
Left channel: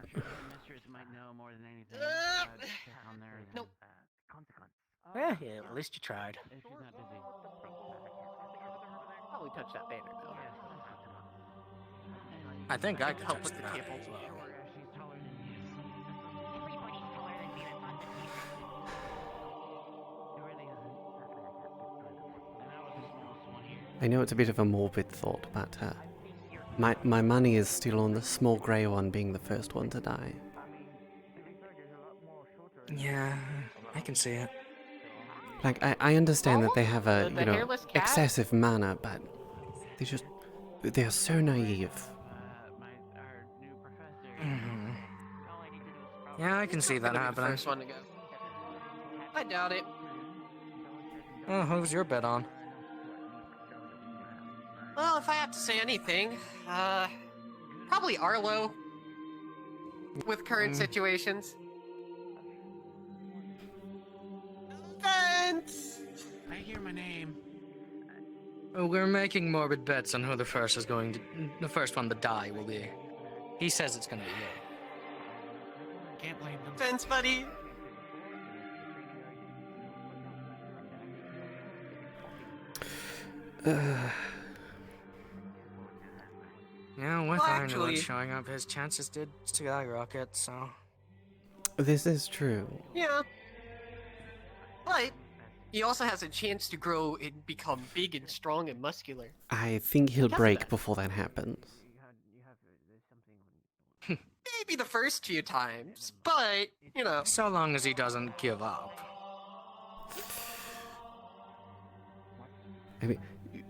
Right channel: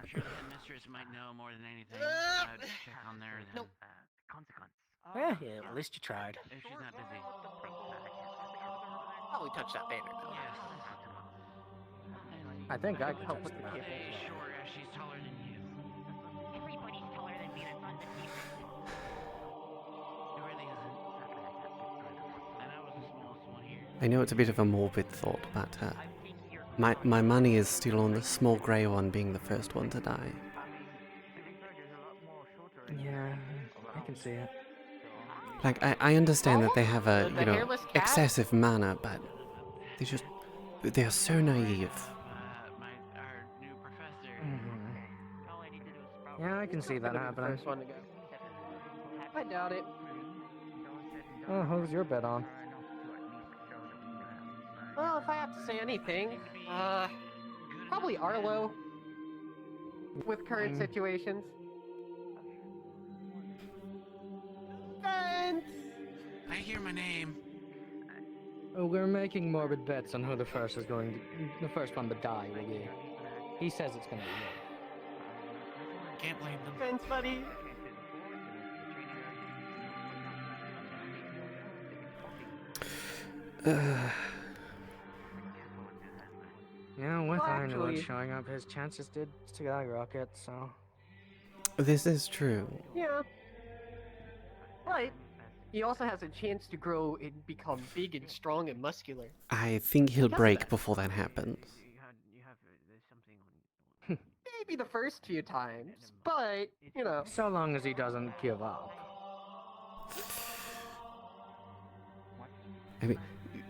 Nope. Yeah, at least you tried. Probably touch that banner though. I think I could Help touch with the the banner. cables. I know it's a bit of a morbid thought, but my money is still on the small grey one being the first one to die. Yeah, I can see it. Like, I understand that they have a, The you know, hairless cat? excessive manner, but they're so naive. Yeah, I can see that Gonna be the happening. first one to go. I doubt it. Oh, who's your bet on? Well, if I have to say anything, probably Arlo. With current situations. Vince! I hear my name. We're making morbid bets on who the first one to die will be. He says it's gonna be you. Can't blame him. Vince, buddy! Yeah, with Well, Ironwood actually- showing up, his chances did skyrocket, so... This is true. Yeah. But he also has a chance to grow and become big and strong and muscular. I think he'll Yes, break that. before that happens. Maybe the first few times, but, you know. So long as he doesn't give up. I mean,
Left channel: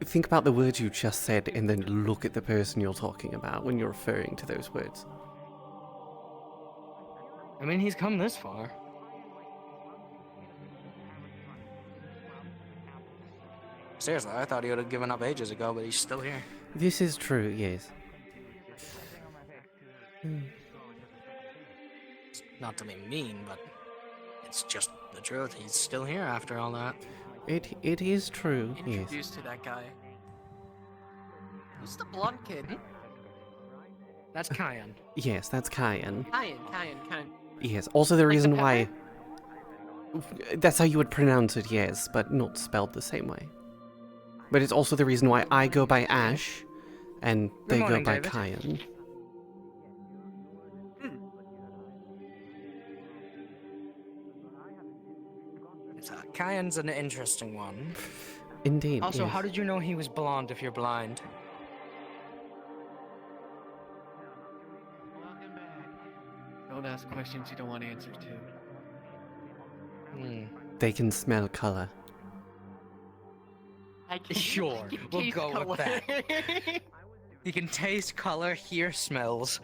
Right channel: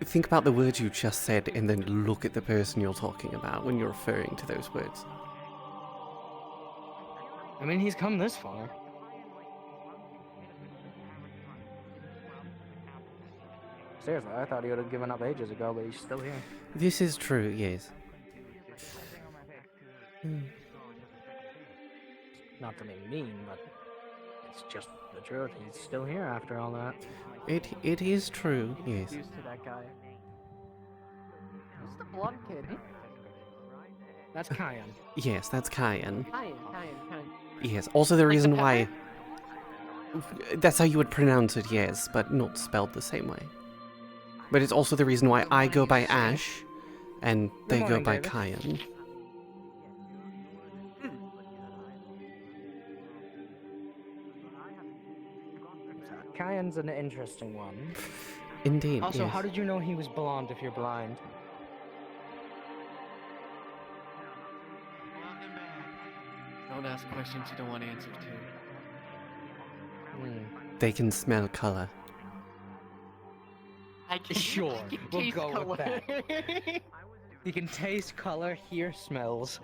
think about the words you just said and then look at the person you're talking about when you're referring to those words. I mean, he's come this far. Seriously, I thought he would have given up ages ago, but he's still here. This is true, yes. Not to be mean, but it's just the truth. He's still here after all that. It is true, yes. Introduced to that guy. Who's the blonde kid? That's Kaia. Yes, that's Kayan. Kayan. Yes, also the Like the reason why... pepper? That's how you would pronounce it, yes, but not spelled the same way. But it's also the reason why I go by Ash, and they go morning, by David. Kayan. Kyan's an interesting one. Indeed, Also, yes. how did you know he was blonde if you're blind? Don't ask questions you don't want answers to. They can smell color. I can, Sure, I can we'll taste go color. with that. He can taste, color, hear smells.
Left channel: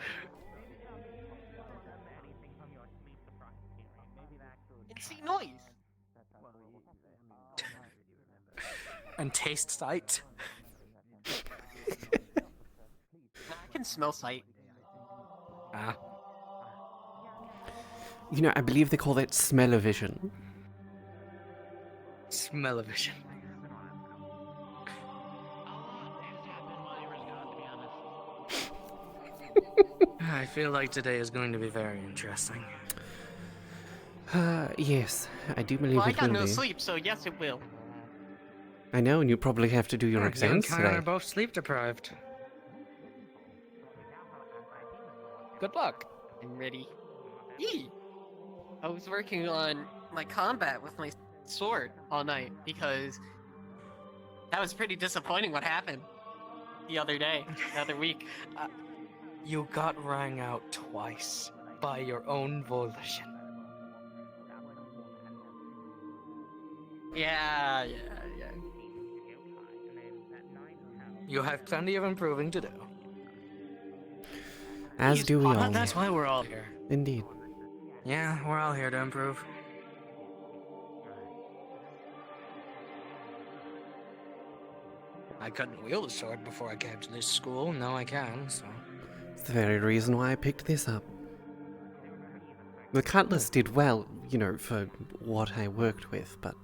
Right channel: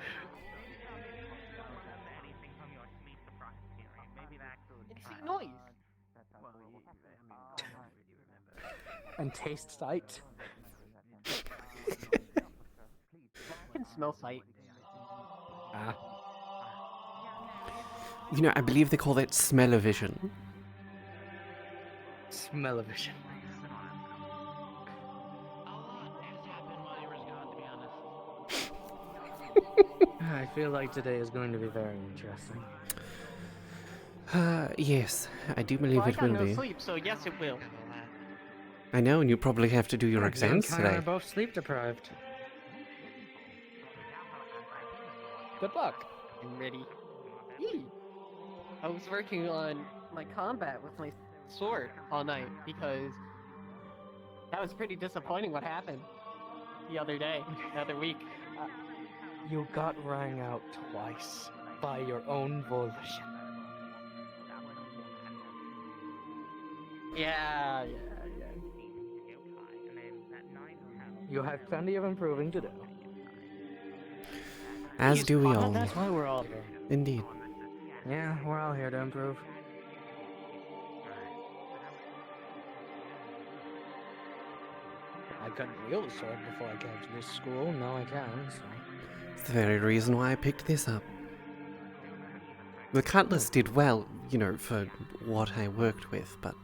and see noise. And taste sight. I can smell sight. Ah. You know, I believe they call that smell-o-vision. Smell-o-vision. I feel like today is going to be very interesting. Yes, I do believe Well, I it got will no be. sleep, so yes, it will. I know, and you probably have to do your You exams and Kaia today. are both sleep deprived. Good luck. I'm ready. Yee! I was working on my combat with my sword all night because That was pretty disappointing what happened the other day, the other week. You got rang out twice by your own volition. Yeah. You have plenty of improving to do. As do we all. That's why we're all here. Indeed. Yeah, we're all here to improve. I couldn't wield a sword before I came to this school. Now I can, so... It's the very reason why I picked this up. The cutlass did well, you know, for what I worked with, but,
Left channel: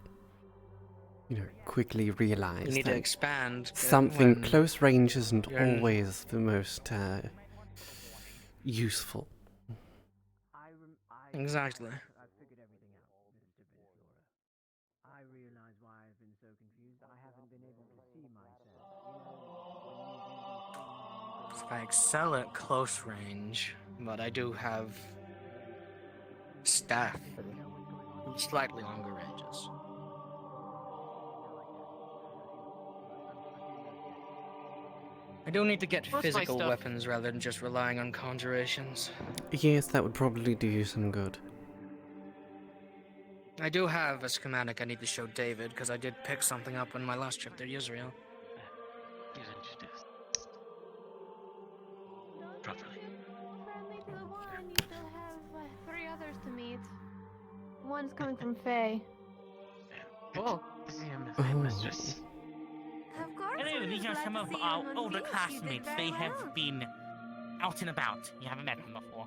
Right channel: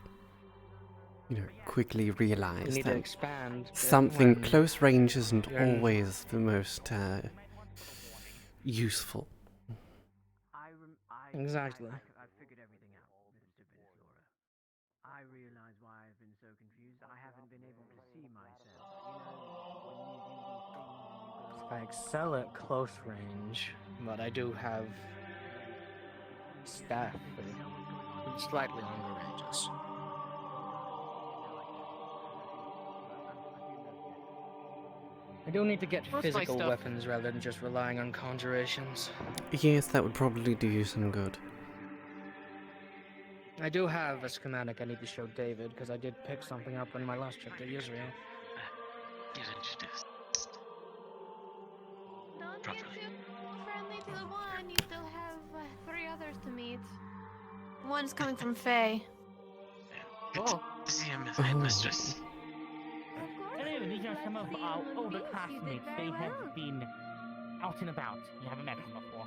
you know, quickly We realized need to that expand. something when close range isn't you're in- always the most useful. Exactly. I've figured everything out, Mr. Benflora. I realize why I've been so confused. I haven't been able to see myself. You know, when you do these things and you go... I excel at close range, but I do have staff for slightly longer ranges. I do need to get Most of my physical stuff- weapons rather than just relying on conjurations. Yes, that would probably do you some good. I do have a schematic I need to show David, because I did pick something up on my last trip to Israel. Get introduced. Don't Properly. get too friendly to the one. You still have 3 others to meet. One's coming from Faye. Good Oh. to see you, Oh. mistress. Of course. Hello, we these would are like some to of see our you on older stage. You did classmates. very They well. have been out and about. You haven't met them before.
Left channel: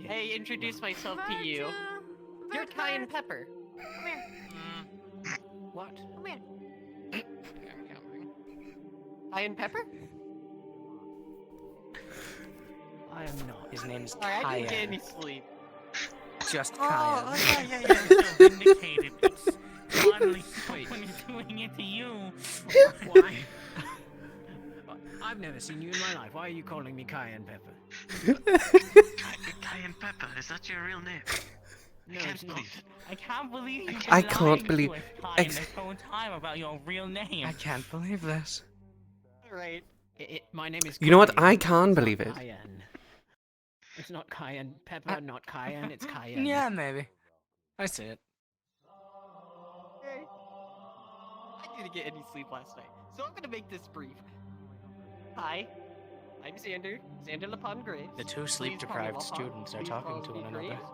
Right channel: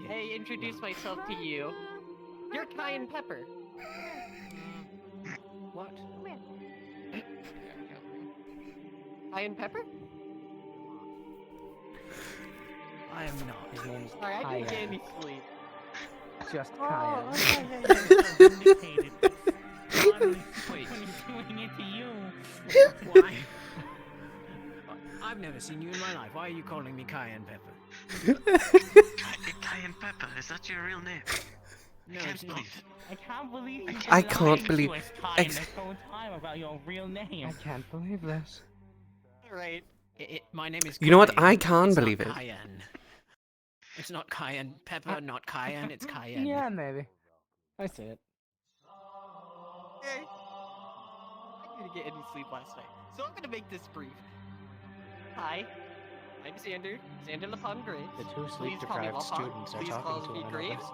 Hey, introduce myself to you. You're Cayenne Pepper. What? Come here. Cayenne Pepper? I am not. His name's Sorry, I didn't get Kaia. any sleep. Just Oh, Kaia. yeah. Vindicated. Finally, Wait. doing it to you. Why? I've never seen you in my life. Why are you calling me Cayenne Pepper? Cayenne Pepper, is that your real name? No, I it's can't not. believe it. I can't believe you I lied can't to believe- us, Kyan, ex- this whole time about your real name. I can't believe this. Alright. My name is You know what? Cayenne. I can't It's not believe it. Cayenne. It's not Cayenne Pepper, not Cayenne, it's Cayenne. Yeah, maybe. I see it. Okay. I didn't get any sleep last night, so I'm gonna make this brief. Hi, I'm Xander Lapon Graves. The two Please sleep-deprived call me students are Please talking call to me one another. Graves.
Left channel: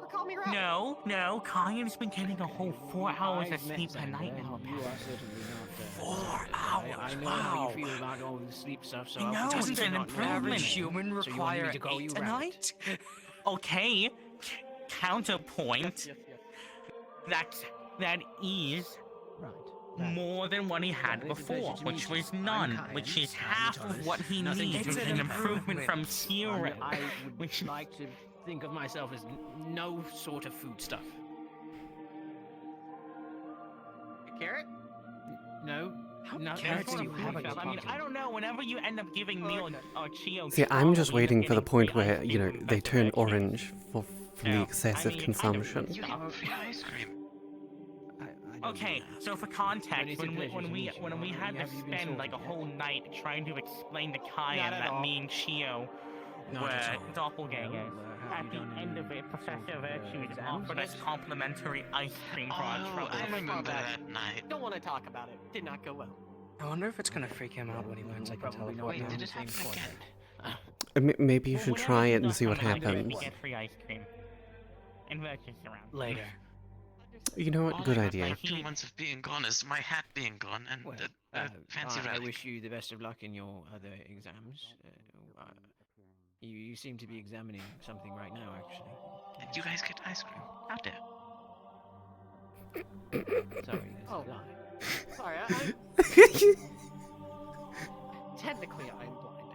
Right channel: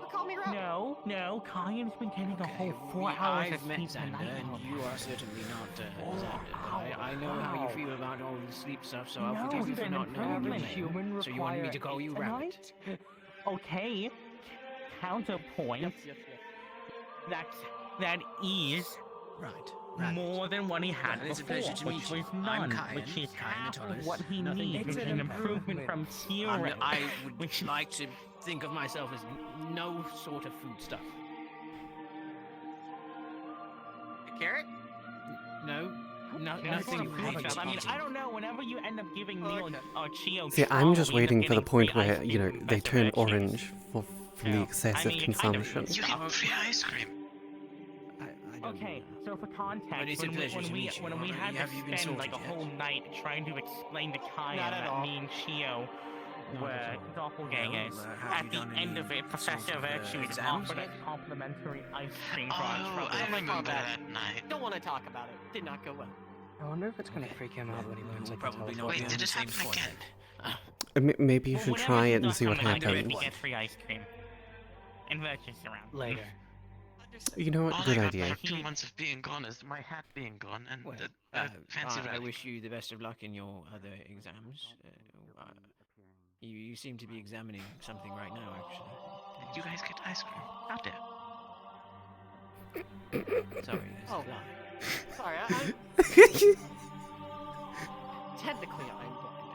Or call me Ralph. No, Kyan's been getting a whole 4 hours of I've met sleep a Xander, night and now, you are apparently. certainly not Xander, but I know how you feel about all the sleep stuff, so I'll No, forgive you it's for an not knowing your improvement. name. Human So you wanted me to call you require 8 a Rabbit? night? Okay, counterpoint, Yes. that is Right. more than what he had Well, it's a before, pleasure to which meet you. was I'm none, Kyan, which is Kyan half of Thomas. what he Nothing needs, is which is an an improvement from zero. I would which like to think of myself as no sort of foodstuff. Carrot? No, Carrots nothing are have food a stuff. I mean, I don't know. Whenever you end up giving me or Chio, See, I'm just we end up waiting for the getting point free ice where, you know, cream they from turn Better Veggies. orange from the Yeah, excessive I mean, I don't consumption. eat You give him free ice cream. I don't Okay, do that. so for But context, it's a pleasure to meet you. when we had to Have you been spend like a sorted yet? whole night trying to explain to Kaya Not at that all. me and Chio Not were at all. doppelgangers, Have at you the done end any of it, Professor sort of, Virtues exams? offered us complimentary ice cream for our Oh, troubles. I remember that night. Don't want to talk about it. Did not go well. I wonder if it's gonna freak him out when he learns I can Probably teleport not Wait, now. did on the this same happen again? point. Maybe you Well, should whenever try he it and does see what something like that, happens. We get free ice cream. And Virtues around. Later. You know what? All Good I got idea. for 2 months of being gone is my hat being gone and Well, the fancy I relic. wish you the best of luck in your other exams. You seem to be examining something right now, actually. Did you guys get ice cream? Out there. Sorry, this Oh. is live. Sorry, technically I'm blind.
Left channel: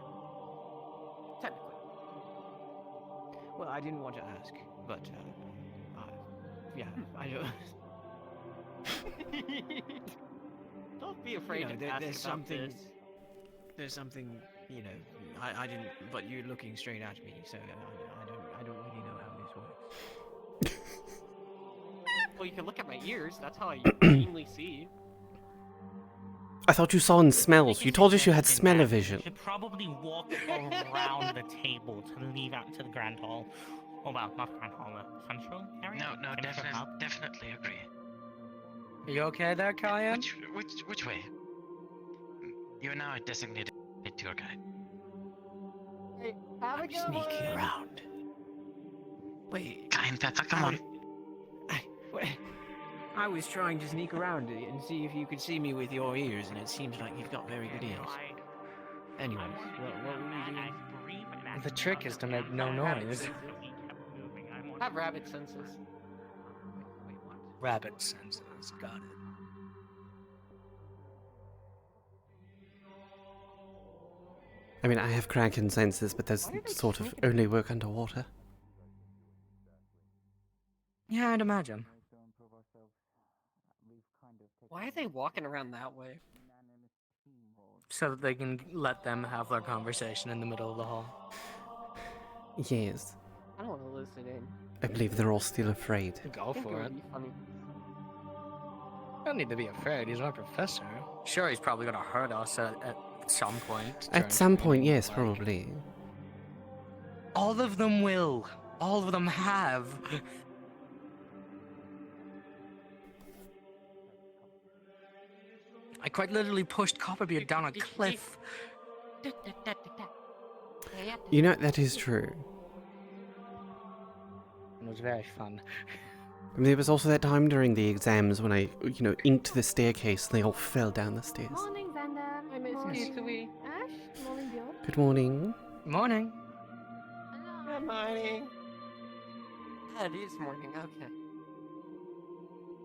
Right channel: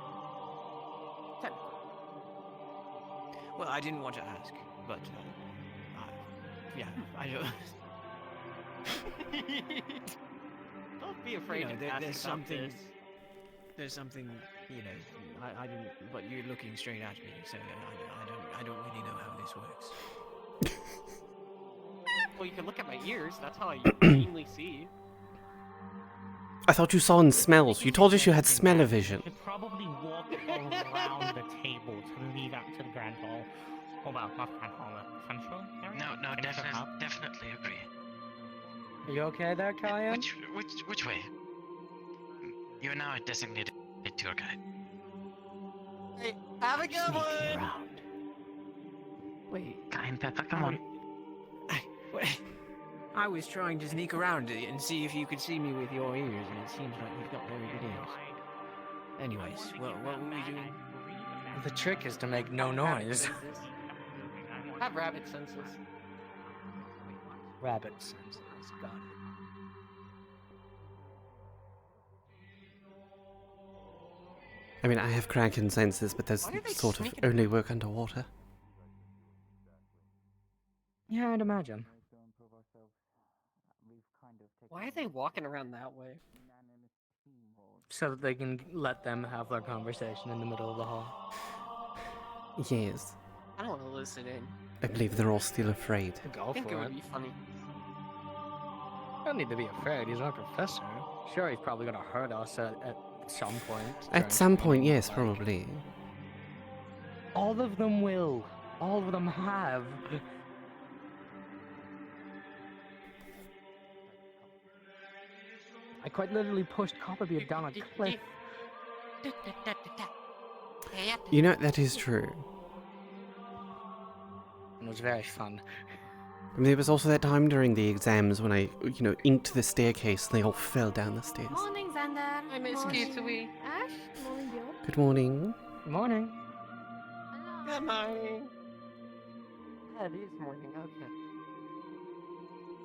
Technically. Well, I didn't want to ask, but yeah, I don't. Don't be afraid You know, to ask there's about something. this. There's something, you know. I didn't, but you're looking straight at me, so I don't really know how this works. Well, you can look at my ears. That's how I keenly see. I thought you saw in smells. You told us you had smell-o-vision. You should probably walk around the table to lead out to the Grand Hall. Oh well, not Grand Hall, Central area? No, Central Hub? definitely agree. Are you okay there, Kaia? Which way? You are now a designated tour guide. Hey, Abigail! Sneaking around. Wait, Kai and Pepper, come on. wait. I was trying to sneak around it and see if you could see me with your ears, and it seems like you've got very good ears. Anyways, what were we doing? The trick is to make no noise. Have rabbit senses. Rabbit senses. Got it. I mean, I have kraken senses, but those sort of only work underwater. Yeah, I'd imagine. Why are they walking around that way? So that they can let them have their conversation in the middle of the hall. Yes. I don't want to listen in. I believe they're all still afraid. Go I think it for would it. be funny. Don't need to be afraid. He's our professor. Sure, he's probably gonna hurt us at some point. At some point, yes, probably. All of them will. All of them have. I quite literally pushed Copperbeard down a cliff. You know, that is true. It was very fun. And there was also that time during the exams when I, inked the staircase and they all fell down the stairs. Morning, Xander. I miss Morning. Kisui. Ash. Morning, Bjorn. Good morning. Morning. Good morning. Ah, it is morning, okay.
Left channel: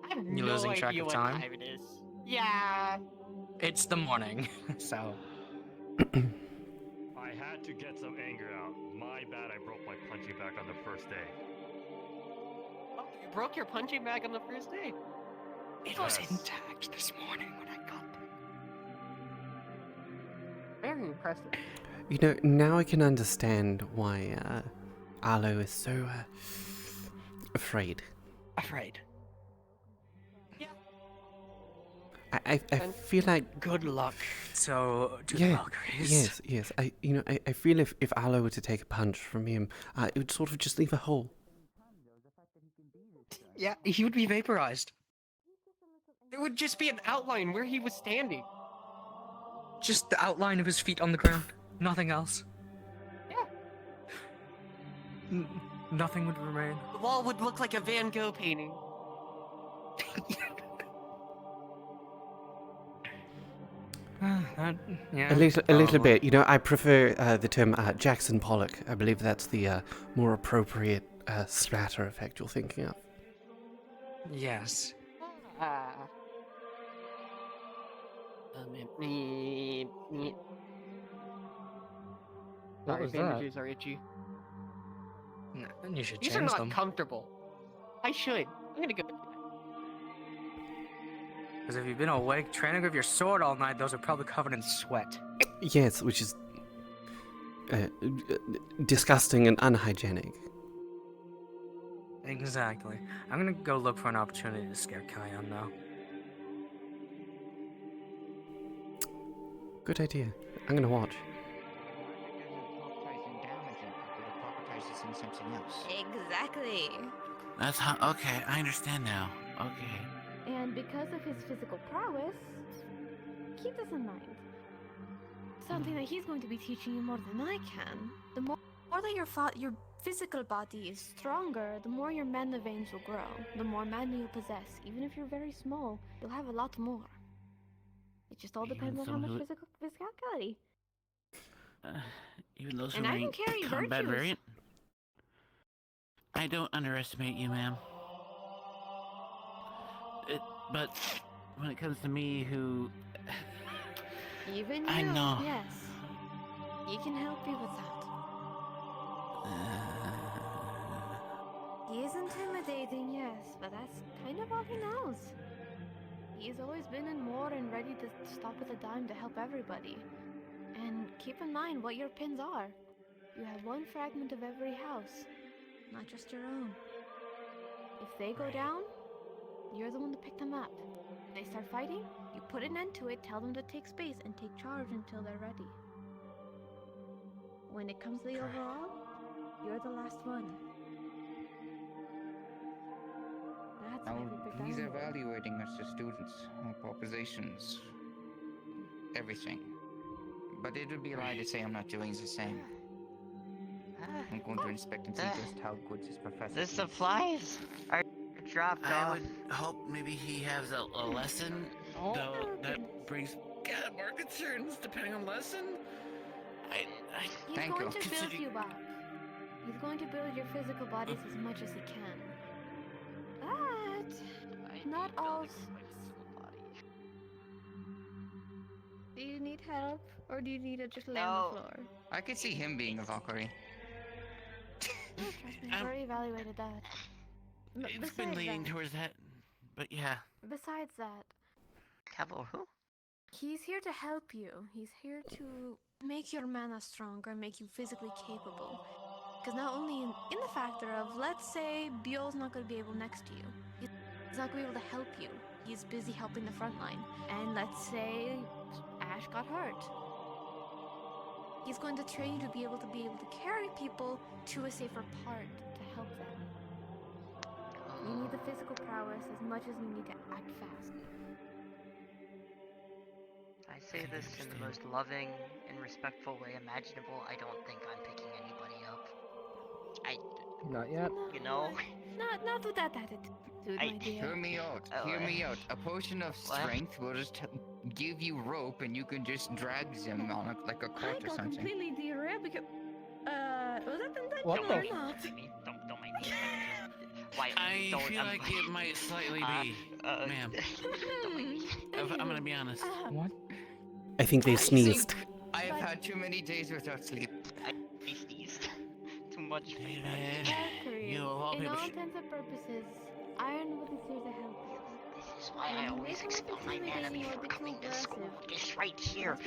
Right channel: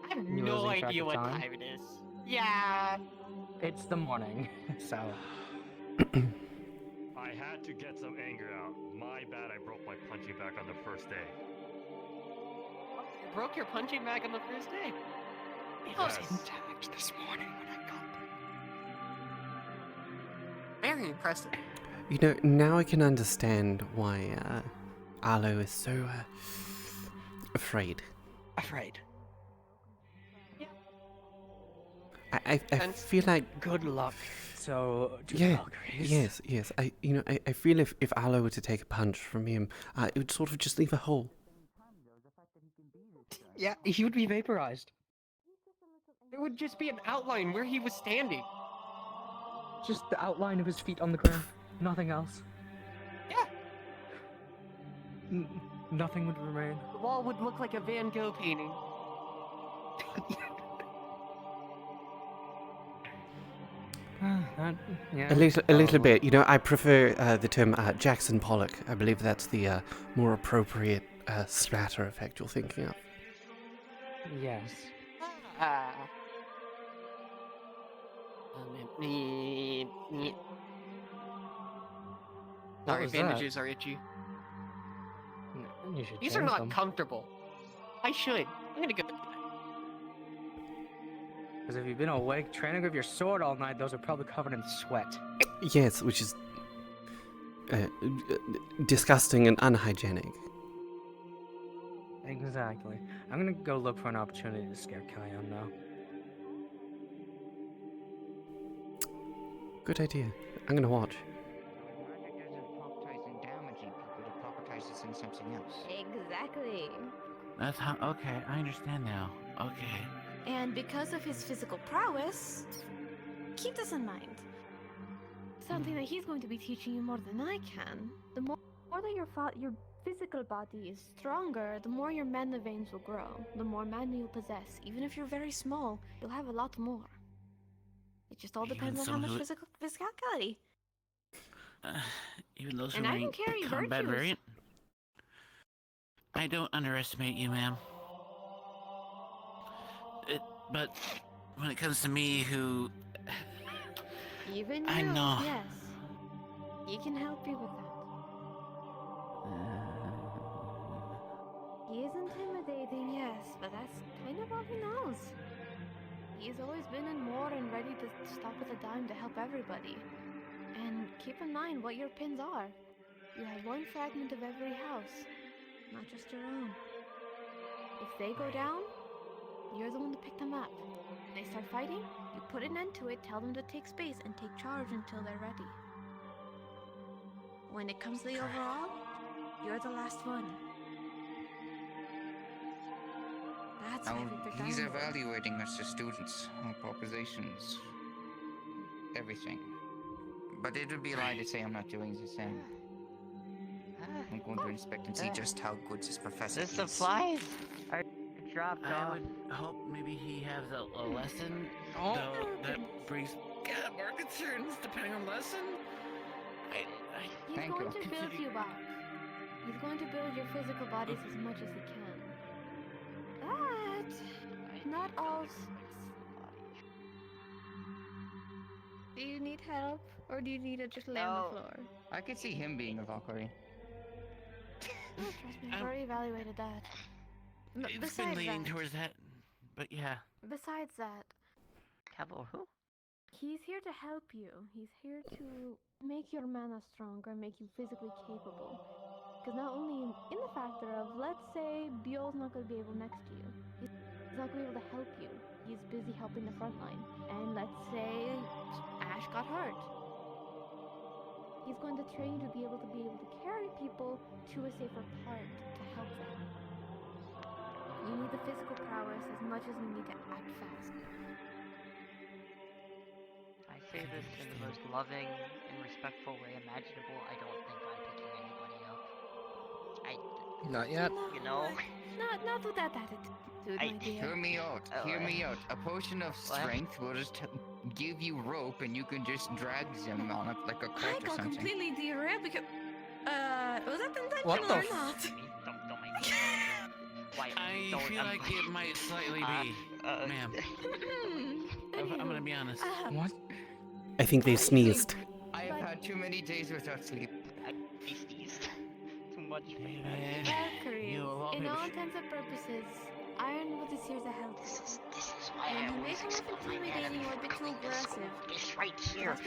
I have You no losing track idea of what time? time it is. Yeah. It's the morning, so. I had to get some anger out. My bad I broke my punching bag on the first day. Oh, you broke your punching bag on the first day. It was Yes. intact this morning when I got there. Very impressive. Now I can understand why Arlo is so afraid. Afraid. I feel like Good luck. So, yes. I feel if Arlo were to take a punch from him, it would sort of just leave a hole. Yeah, he would be vaporized. It would just be an outline where he was standing. Just the outline of his feet on the ground. Nothing else. Yeah. Nothing would remain. The wall would look like a Van Gogh painting. Yeah. A little bit. I prefer the term Jackson Pollock. I believe that's the more appropriate splatter effect you're thinking of. Yes. What Sorry, was that? bandages are itchy. No, you should These change are not them. comfortable. I should. I'm gonna go. Because if you've been awake training with your sword all night, those are probably covered in sweat. Yes, which is disgusting and unhygienic. Exactly. I'm gonna go look for an opportunity to scare Kaia now. Good idea. I'm gonna watch. Something else. Exactly. That's how. Okay, I understand now. Okay. And because of his physical prowess, keep this in mind. Something that he's going to be teaching you more than I can. The more that your physical body is stronger, the more your mana veins will grow. The more mana you'll possess. Even if you're very small, you'll have a lot more. It just all depends on how much physicality. Even those And who I are can carry combat virtues. variant. I don't underestimate you, ma'am. But when it comes to me, who Even I you, know. yes. He can help you with that. He is intimidating, yes, but that's kind of all he knows. He's always been in war and ready to stop at a dime to help everybody. And keep in mind what your pins are. You have one fragment of every house, not just your own. If they go down, you're the one to pick them up. they start fighting, you put an end to it, tell them to take space, and take charge until they're ready. When it comes to the overall, you're the last one. That's Now, why we picked he's Ironwood. evaluating us as students, our propositions, everything. But it would be a lie to say I'm not doing the same. I'm going to inspect and see just how good this professor The is. supplies are dropped I off. would hope maybe he has a lesson, though that brings more concerns depending on lesson. He's Thank going you. to build you up. He's going to build your physical bodies as much as he can. But not all. Do you need help, or do you need to just lay on the floor? I could see him being a Valkyrie. No, trust me, I've already evaluated that. It's been leaning towards that, but yeah. Besides that, Cavill who? he's here to help you. He's here to make your mana stronger, make you physically capable. Because not only in the factor of, let's say, Biol's not going to be able next to you. He's not going to be able to help you. He's busy helping the front line. And let's say Ash got hurt. He's going to train you to be able to carry people to a safer part to help them. You need the physical prowess as much as you need to act fast. I say this in the most loving and respectful way imaginable. I don't think I'm picking anybody up. Not yet. You know? Not with that attitude, my dear. Hear me out. Hear me out. A potion of strength will just give you rope, and you can just drag them on like a cart I or got something. completely derailed because. Was that What intentional the or not? Don't make me. Why? I feel like it might slightly be, ma'am. I'm gonna be honest. What? I think they sneezed. I have had too many days without sleep. I sneezed. Too much. Valkyrie, in all intents and purposes, Ironwood is here to help. This is why I always expel my mana before coming to school. This right here.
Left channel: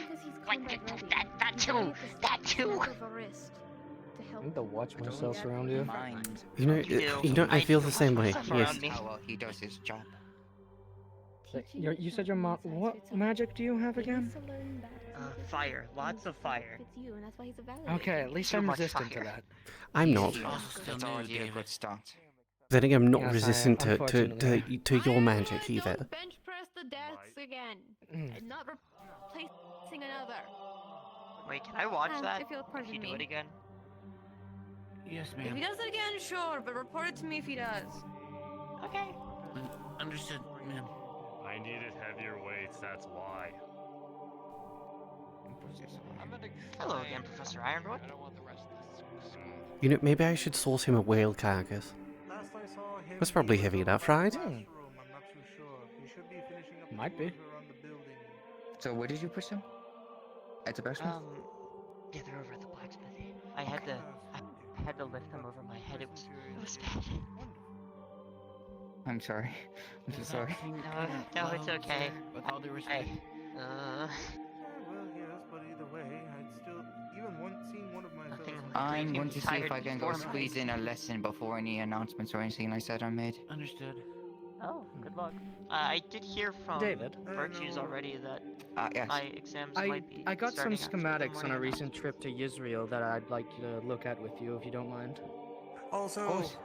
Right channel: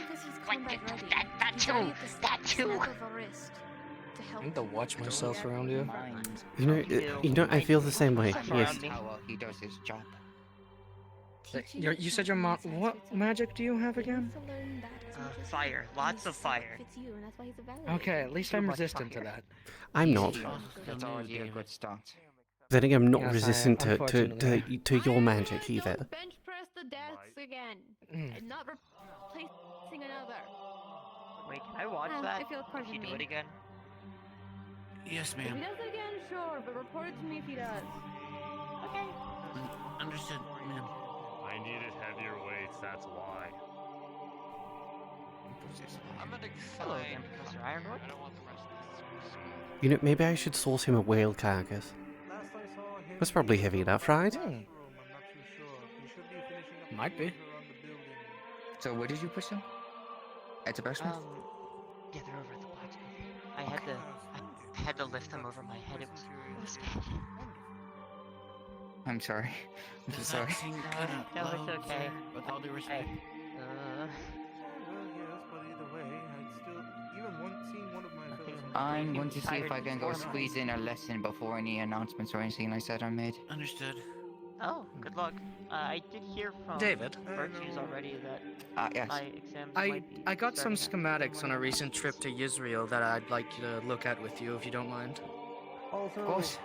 That too. That too. I need to watch myself around here. You know, I feel the same way. Yes. How well he does his job. You said your mom. What magic do you have again? Fire. Lots of fire. Okay, at least I'm resistant to that. I'm not. That's already a good start. Then again, I'm not Yes, resistant unfortunately. to your magic either. Bench press the desks again. I'm not replacing another. Wait, can I watch Ah, that? if you'll pardon you do me. it again? Yes, If ma'am. he does it again, sure, but report it to me if he does. Okay. Understood, ma'am. I needed heavier weights, that's why. I'm gonna Hello again, Professor Ironwood. I don't want the rest of this. You know, maybe I should source him a whale carcass. Last I saw him, That's probably heavy enough, right? I'm not too sure. He should be finishing up Might the be. doors around the building. So where did you push him? At the blacksmith? Yeah, they're over at the blacksmith. I had to lift them over my head. It was bad. I'm sorry. I'm so sorry. No, it's okay. With all due respect. Well, yes, but either way, I'd still seeing one of my fellows. I'm going to see if I can go squeeze in a lesson before any announcements or anything like that are made. Understood. Oh, good luck. I did hear from David? Virtues already that Yes. my exams might be I got some starting after schematics on a morning. recent trip to Israel that I'd like you to look at with you if you don't mind. Also, Of course.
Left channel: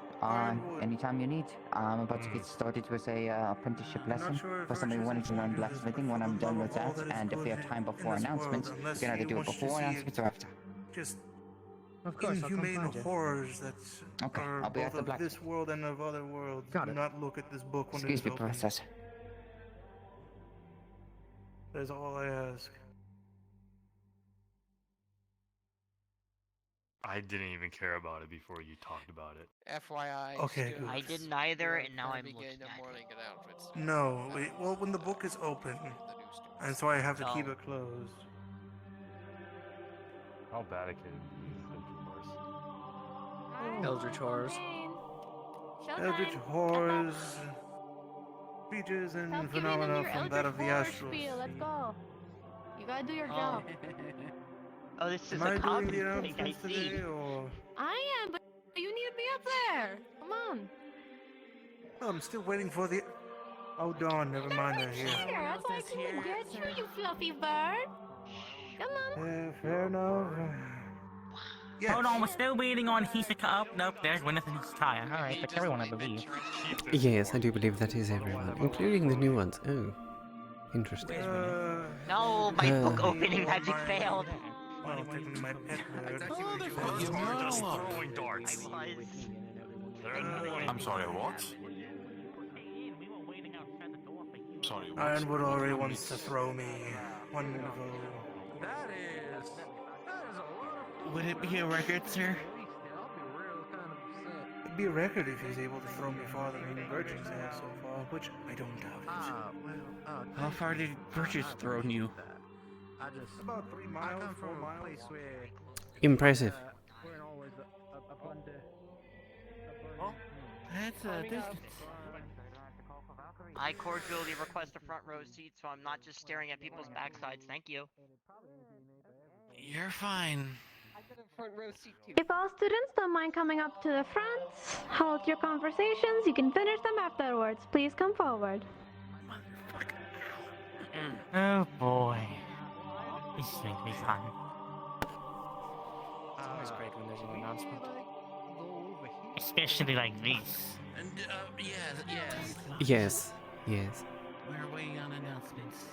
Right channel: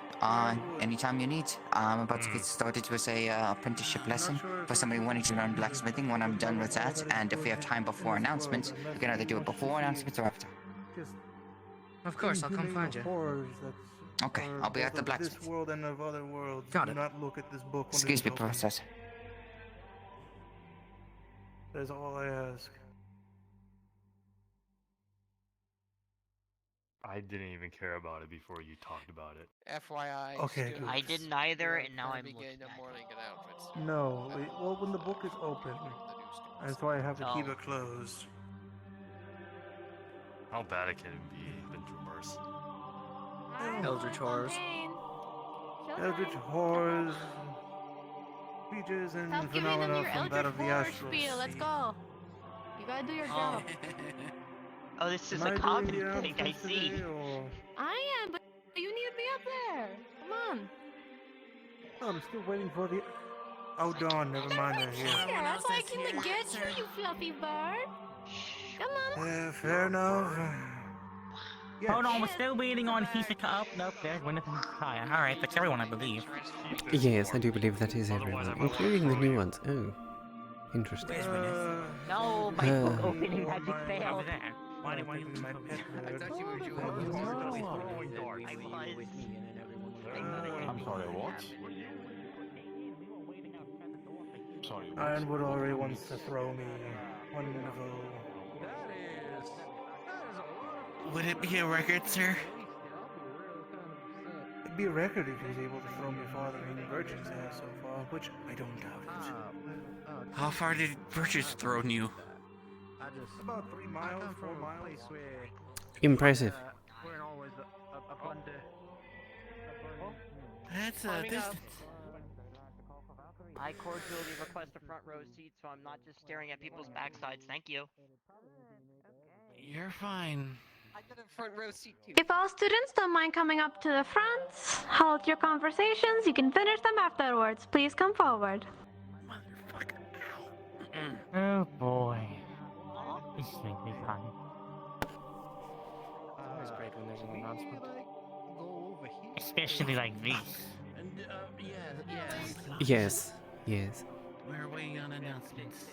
Anytime you need. I'm about to get started with a apprenticeship lesson for somebody wanting to learn blacksmithing when I'm done with that. And if we have time before announcements, we can either do it before announcements or after. just Of course, I'll come inhumane find you. horrors that Okay, are I'll be at both the of this blacksmith. world and of other worlds. Got Do it. not look at this book when Excuse it me, is open. Professor. That is all I ask. I didn't even care about it before you talked about it. FYI. Okay, students, I didn't either, we are and now I'm begin looking a at morning announcements. No, well, when the book is open, and so I have to keep Oh. it closed. How bad it can be, been through worse. Eldritch horrors. Eldritch horrors, creatures and phenomena from that of the astral sea. Let's go. You gotta do your job. Oh, this is Am I a doing common the thing, I announcements see. today, or I am, but you need to be up there. Come on. I'm still waiting for the Oh, Dawn, never mind, they're here. Yes, I came to get you, you fluffy bird. Come on. Fair enough. Yes. Hold on, we're still waiting on Hisaka up. Nope, there's Gwyneth and Kaia. Alright, that's everyone, I believe. Yes, I do believe that is everyone, including the new ones. Oh, interesting. No, my book opening magic failed. I'm sorry, what? Sorry. Ironwood already wants to throw me. Wonderful. Would it be a record, sir? It'd be a record if he's able to throw me farther than Virgin's has so far, which I don't doubt it. How far did Virtus throw you? About 3 miles, 4 miles. Impressive. That's a distance. I cordially request a front row seat so I'm not just staring at people's backsides. Thank you. You're fine. I get a front row seat too. If all students don't mind coming up to the front, hold your conversations. You can finish them afterwards. Please come forward. Oh boy. This makes me fun. It's always great when there's an announcement. Especially like this. And, yes. Yes, yes. We're waiting on announcements.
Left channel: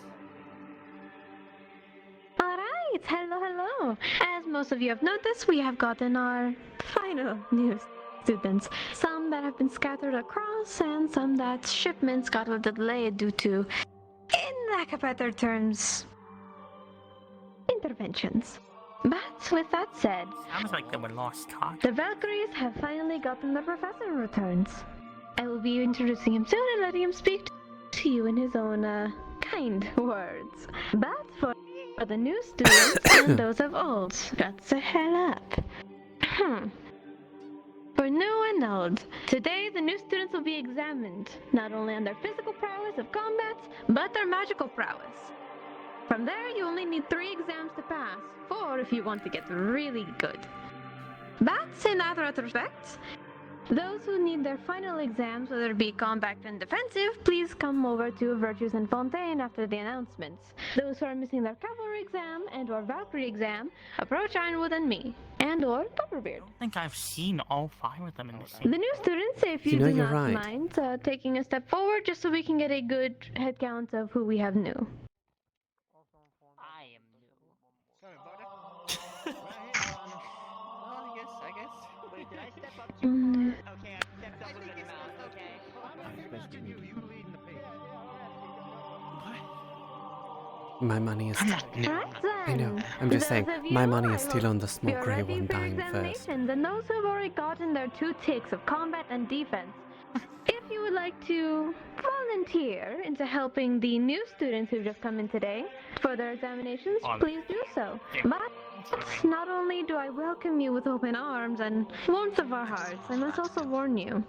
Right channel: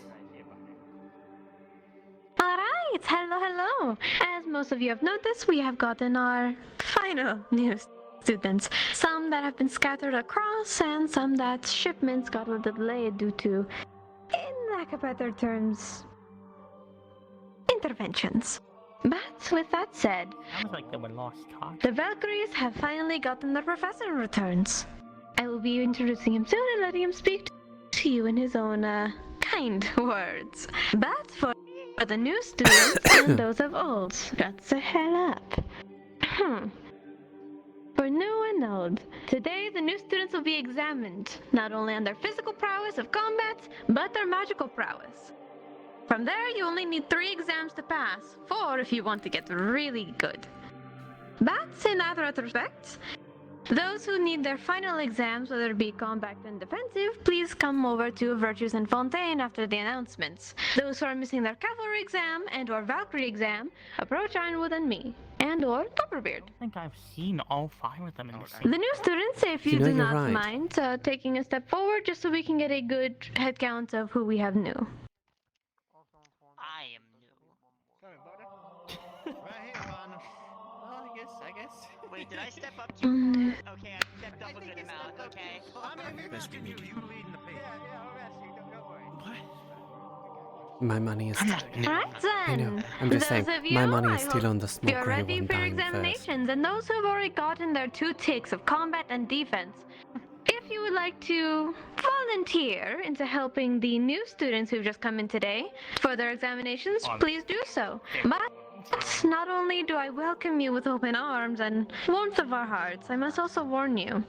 Alright, hello. As most of you have noticed, we have gotten our final new students. Some that have been scattered across, and some that shipments got a little delayed due to, in lack of better terms, interventions. But with that said, Sounds like they were lost cause. the Valkyries have finally gotten their professor returns. I will be introducing him soon and letting him speak to you in his own, kind words. But for the new students and those of old, that's the hell up. For new and old, today the new students will be examined, not only on their physical prowess of combat, but their magical prowess. From there, you only need 3 exams to pass, 4 if you want to get really good. But in that retrospect, those who need their final exams, whether it be combat and defensive, please come over to Virtues and Fontaine after the announcements. Those who are missing their cavalry exam and or Valkyrie exam, approach Ironwood and me, and or Copperbeard. I think I've seen all 5 of them in the same. The new students, if you, You know, do you're not right. mind taking a step forward just so we can get a good head count of who we have new. I am new. Sorry, brother. Well, I guess. Wait, did I step up to Okay, I stepped up with the mouth, okay? Nice to meet you. My money is. Right I know. then. I'm just Those saying, of you, my money I is still hope on the small you're grey ready one for your dying first. examinations, and those who have already gotten their 2 ticks of combat and defense. If you would like to volunteer into helping the new students who've just come in today for their examinations, please do so. But not only do I welcome you with open arms and warmth of our hearts, I must also warn you.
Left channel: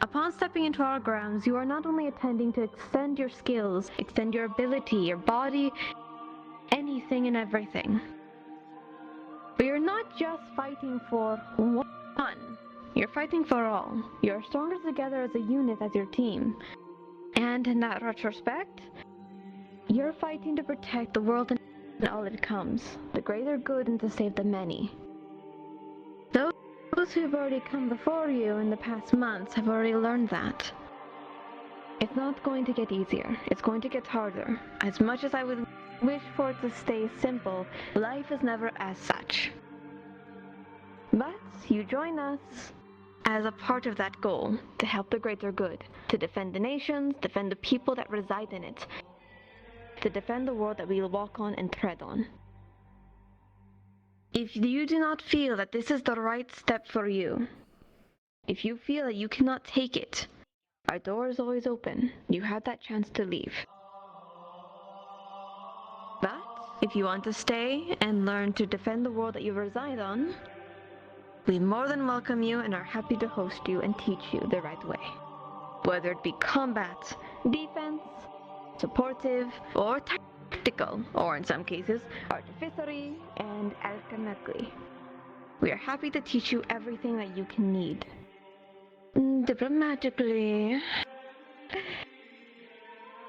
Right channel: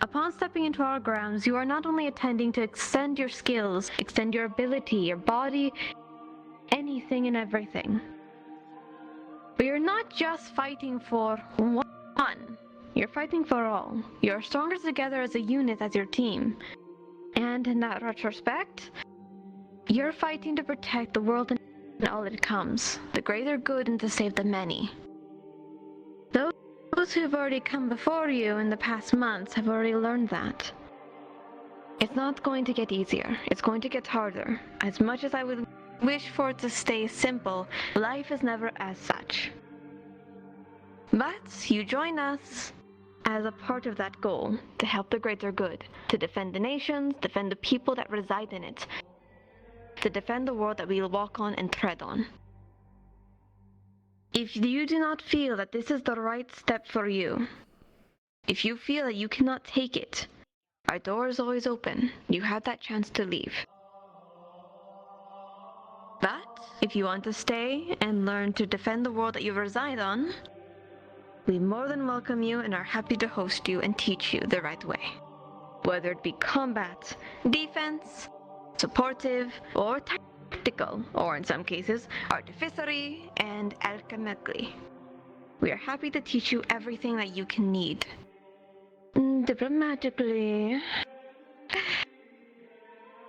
Upon stepping into our grounds, you are not only attending to extend your skills, extend your ability, your body, anything and everything. But you're not just fighting for one. You're fighting for all. You're stronger together as a unit, as your team. And in that retrospect, you're fighting to protect the world and all that comes, the greater good and to save the many. Those who've already come before you in the past months have already learned that. It's not going to get easier. It's going to get harder. As much as I would wish for it to stay simple, life is never as such. But you join us as a part of that goal, to help the greater good, to defend the nations, defend the people that reside in it, to defend the world that we will walk on and tread on. If you do not feel that this is the right step for you, if you feel that you cannot take it, our door is always open. You have that chance to leave. But if you want to stay and learn to defend the world that you reside on, we more than welcome you and are happy to host you and teach you the right way. Whether it be combat, defense, supportive, or tactical, or in some cases, artificery and alchemically. We are happy to teach you everything that you can need. Diplomatically,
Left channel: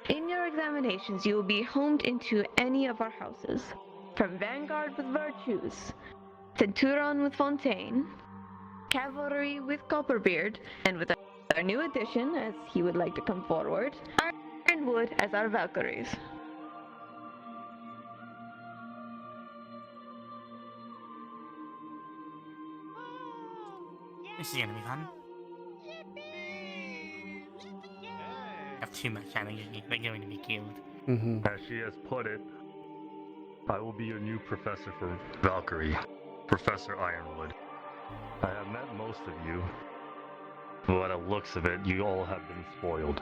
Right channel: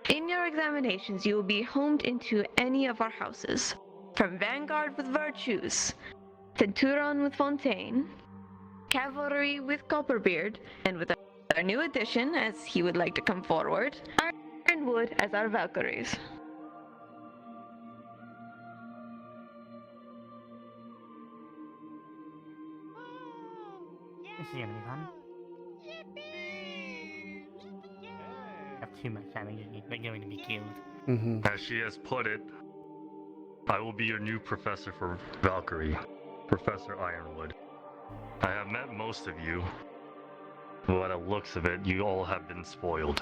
In your examinations, you will be homed into any of our houses. From Vanguard with Virtues, Centurion with Fontaine, Cavalry with Copperbeard, and with our new addition, as he would like to come forward, Ironwood as our Valkyries. This is gonna be fun. Have too much energy. They're going to be killed. As she has put it, I will be your new professor for Valkyrie, Professor Ironwood. I have met most of you, but by the looks of it, you all have been spoiled.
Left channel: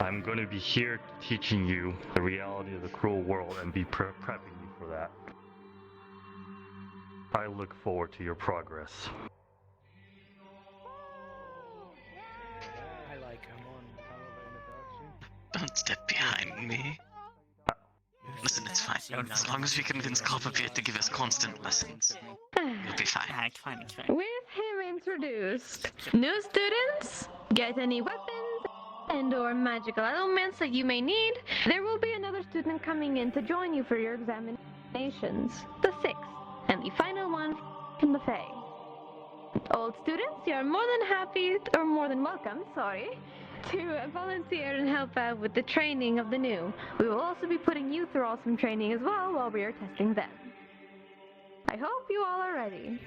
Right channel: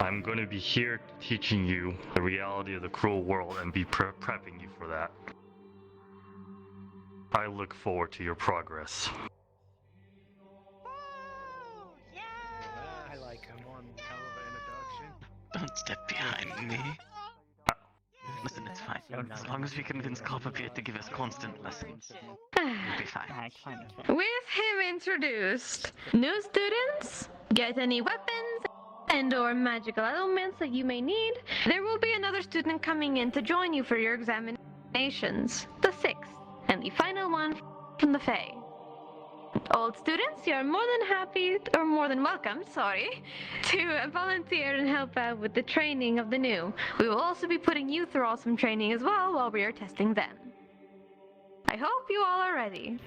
I'm going to be here teaching you the reality of the cruel world and be prepping you for that. I look forward to your progress. I like him. Don't step behind me. Listen, it's fine. As long as we convince Copperbeard to give us constant lessons, we'll be fine. With him introduced, new students, get any weapons and/or magical elements that you may need. There will be another student coming in to join you for your examinations, the 6th, and the final one from the Fae. Old students, you are more than welcome, to volunteer and help out with the training of the new. We will also be putting you through awesome training as well while we are testing them. I hope you all are ready.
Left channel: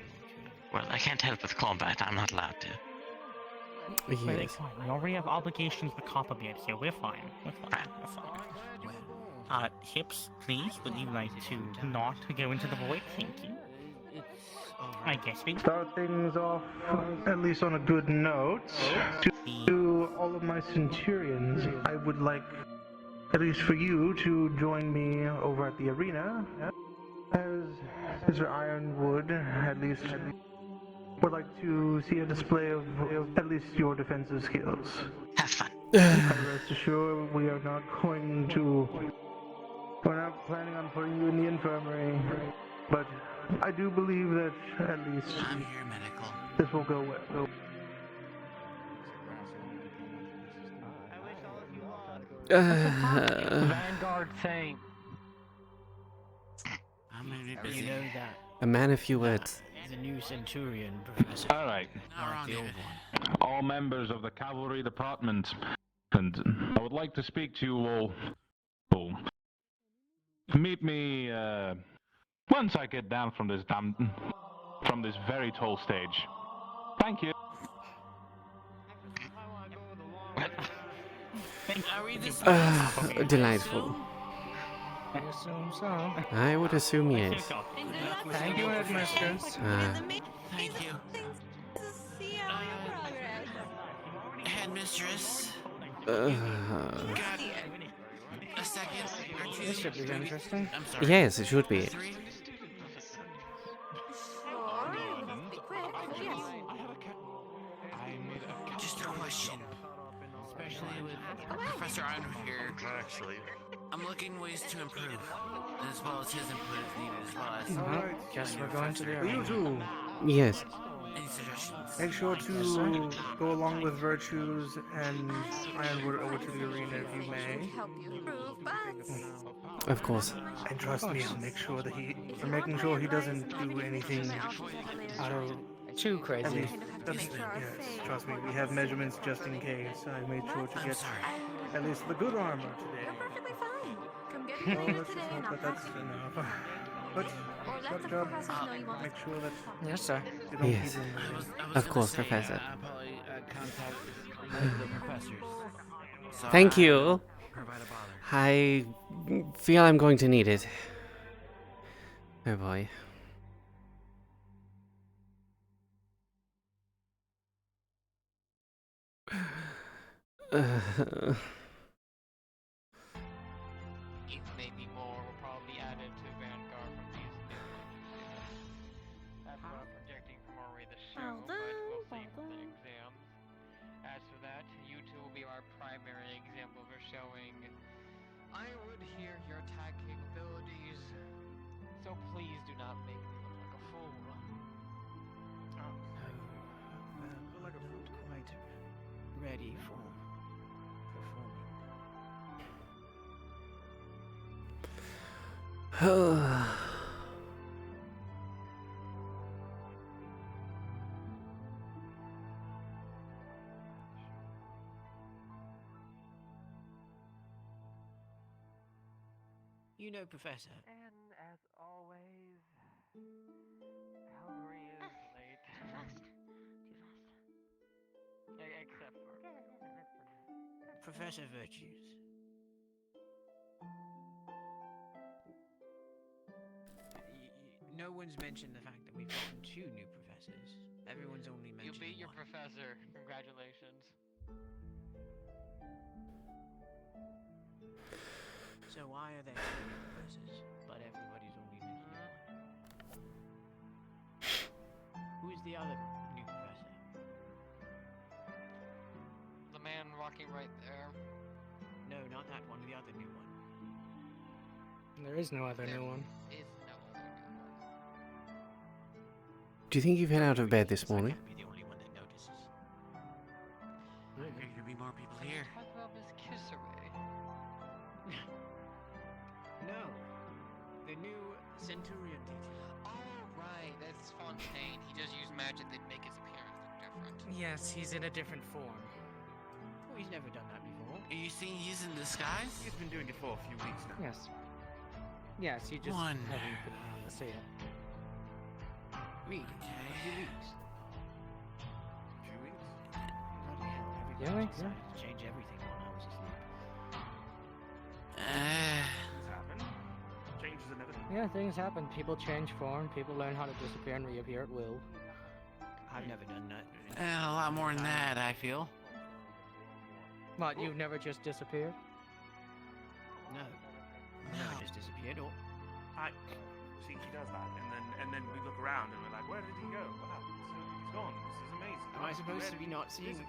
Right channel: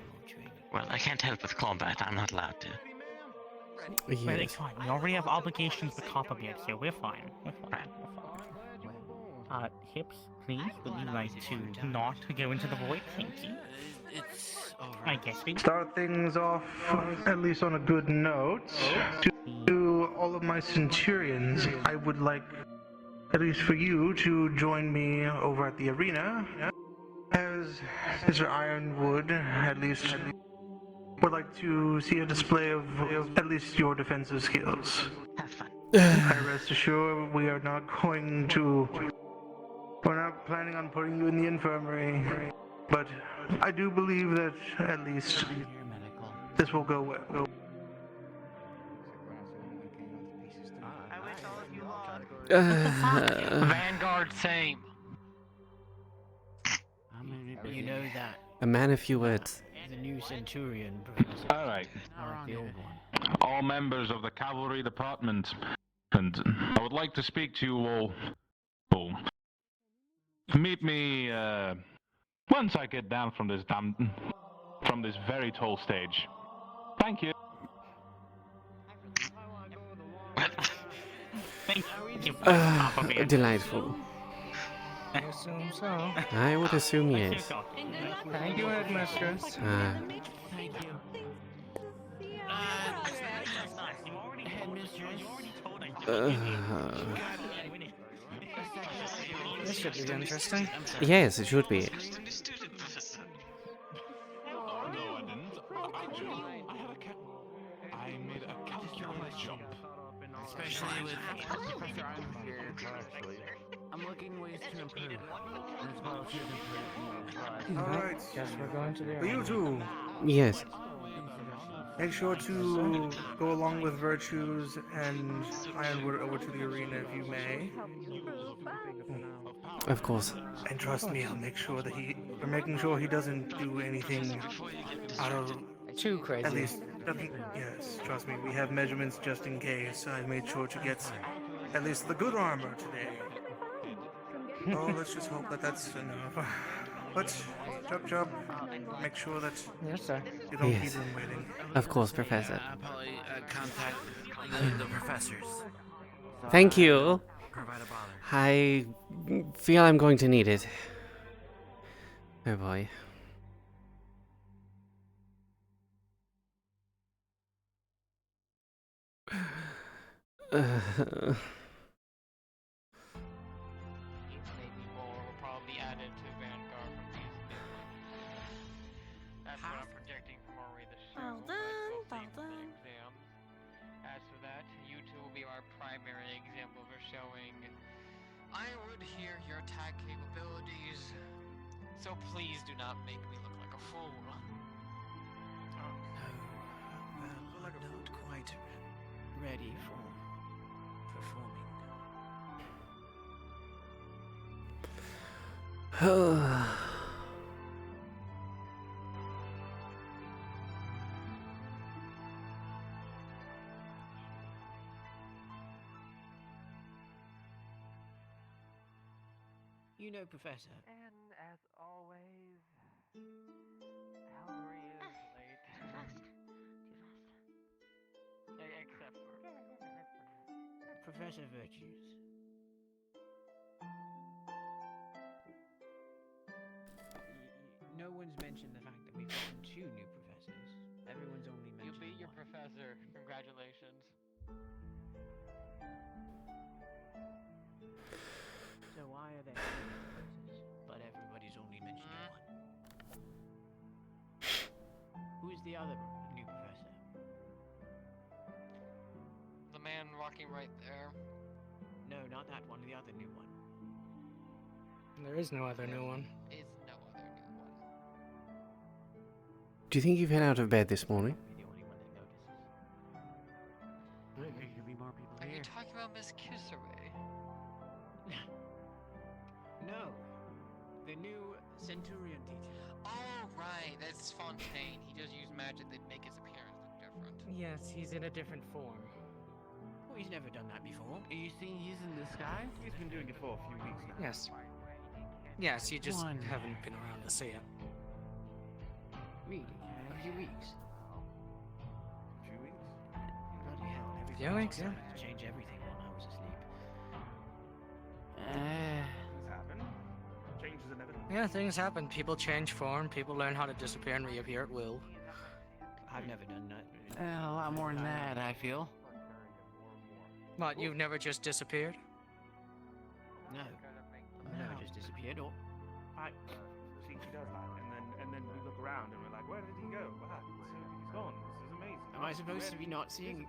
Well, I can't help with combat. I'm not allowed to. Wait, we already have obligations with Copperbeard here. We're fine. We're fine. Hips, please, would you like to not go into the void? Thank you. I guess we start things off at least on a good note. To all of my centurions, I would like, at least for you, to join me over at the arena. As Mr. Ironwood, at least, would like to see a display of at least your defensive skills. Have fun. And rest assured, we're not planning on putting you in the infirmary, but I do believe that at least this will go well. Vanguard same. You know that. A man of few words. The new Centurion, Professor. All right. Like the old one. All members of the cavalry department, and I would like to speak to you all. Meet me once I get down from this very tall stage. Thank you. Delightful. I assume so. I would assume yes. Thank you, Headmistress. Thank you. Headmistress. This should be interesting. Yes, it should be. Just a question. Especially with Professor Ironwood here. I'm looking ways to improve, as well as his improvement. Alright, guess we're going to the You two, Yes. make sure to go along with Virtues and Ironwood over to the arena if you may. Of course. And trust me, I'll make sure that we're making sure he doesn't do anything out of too crazy. At least, yes, trust me, we have measurements just in case. I made sure to get at least the good armor today. Well, let's just hope that that's enough. But, job, make sure that yes, sir. You don't Yes. keep him waiting. Of course, Professor. I'll probably contact the professors. So, Thank you. provide a bother. I feel I'm going to need it. Oh boy. Maybe more will probably be added to Vanguard from these new That's what I'm projecting from already this Well but done, we'll see well for the done. exams. As for that, you two will be our primary example for showing. I would hear your tag capabilities, so please do not make me look like a fool. Not quite ready for performing. You know, Professor. And as always, Calvary is late. Too fast. Except for. Professor Virtues. No one's mentioned the fact that we've gotten 2 new professors. Everyone's only You mentioned beat your one. professor. Congratulations. So why are there 2 professors, but everybody's only mentioning one? Who's the other new professor? The man walking right there. No, not that one, the other new one. There is no other new one. Is no other new one. Do you think you've been out of bed this morning? Be the only one that notices. There could be more people Are here. you talking about Miss Kisserway? No, the new Centurion teacher. Oh, right. That's Fontaine. He just used magic that make his appearance look different. Yes, he's in a different form. Oh, he's never done that before. And you think he's in disguise? He's been doing it for a few weeks now. Yes. Yes, you just One. haven't been around to see him. Really? A few weeks? Few weeks? Bloody hell, Few everybody weeks, decided to change everything while I was asleep. Things happen. Change is inevitable. Yeah, things happen. People change form. People learn how to disappear and reappear at will. I've never done that. A lot more than that, I feel. What, you've never just disappeared? No. I've never just disappeared or... She does that, and then we look around and we're like, where did he go? Wow, he's gone. This is amazing. Am I supposed to be not seeing...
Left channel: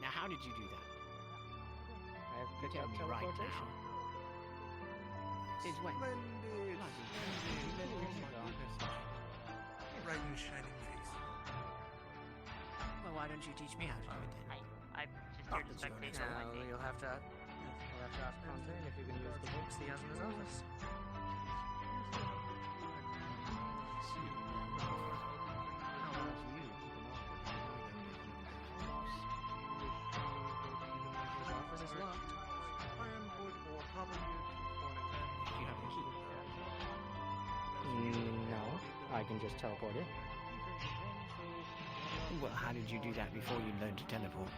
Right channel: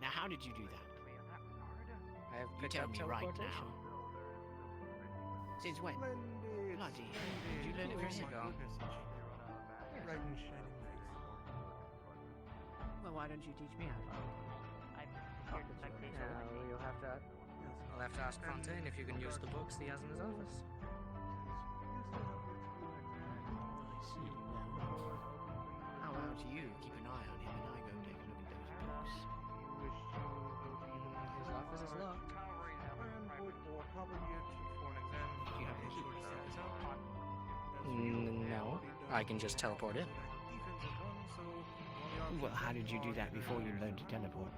Now, how did you do that? I have You picked tell up me right teleportation. now. Since when? Splendid. Bloody Splendid. hell. Oh Years my ago. goodness. Right in shining face. Well, why don't you teach me how to do it then? I'm just here to spectate. You'll have to ask Fontaine if you can use the books he has in his office. How about you keep an eye on him and I go take a look at those books? His office is locked. Ironwood or probably for an exam. Do you have the key? No, I can just teleport in. Well, how did you do that before you learned to teleport?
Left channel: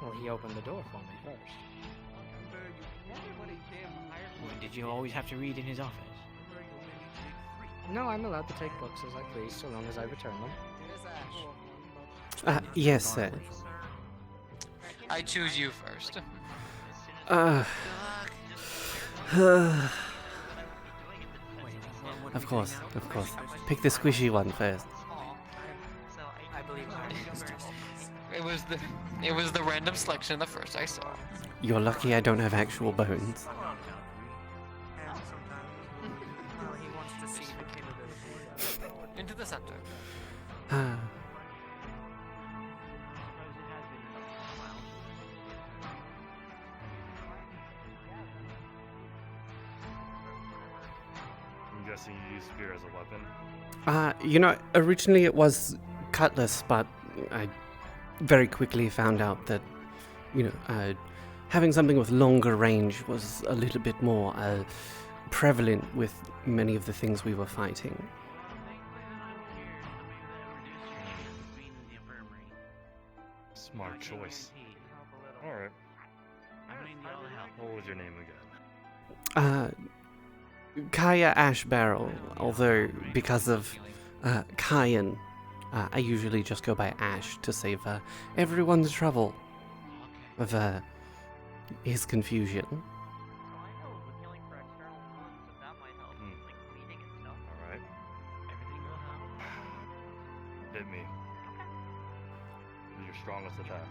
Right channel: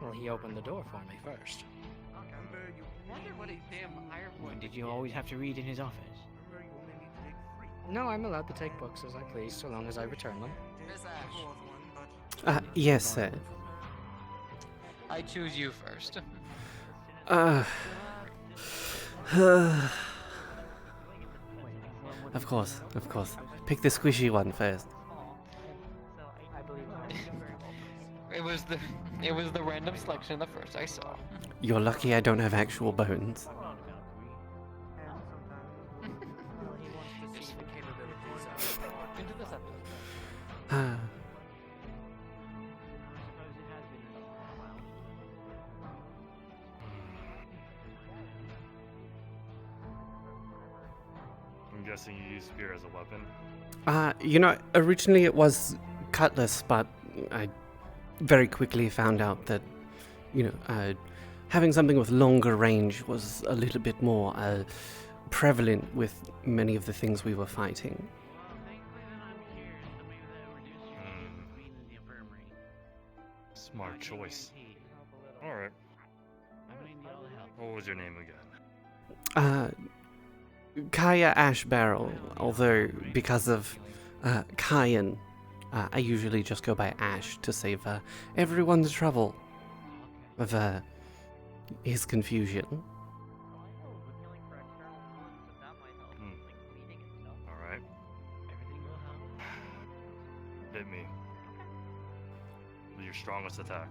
Well, he opened the door for me first. Did you always have to read in his office? No, I'm allowed to take books as I please, so long as I return them. Miss Ash. Yes, sir. I choose you first. Of course, of course. Pick the squishy one first. It was the random selection the first I saw. You're lucky I don't have actual bones. Into the center. I'm guessing you use spear as a weapon. Originally it was cutlass, but I very quickly found out that, having something with longer range was a little bit more prevalent with many of the things we were fighting. Smart choice. Alright. What was your name again? Kaia Ash Barrel, although because of Kyan, I usually just go by Ash to save everyone the trouble of his confusion. Alright. Hit me. With your strongest attack.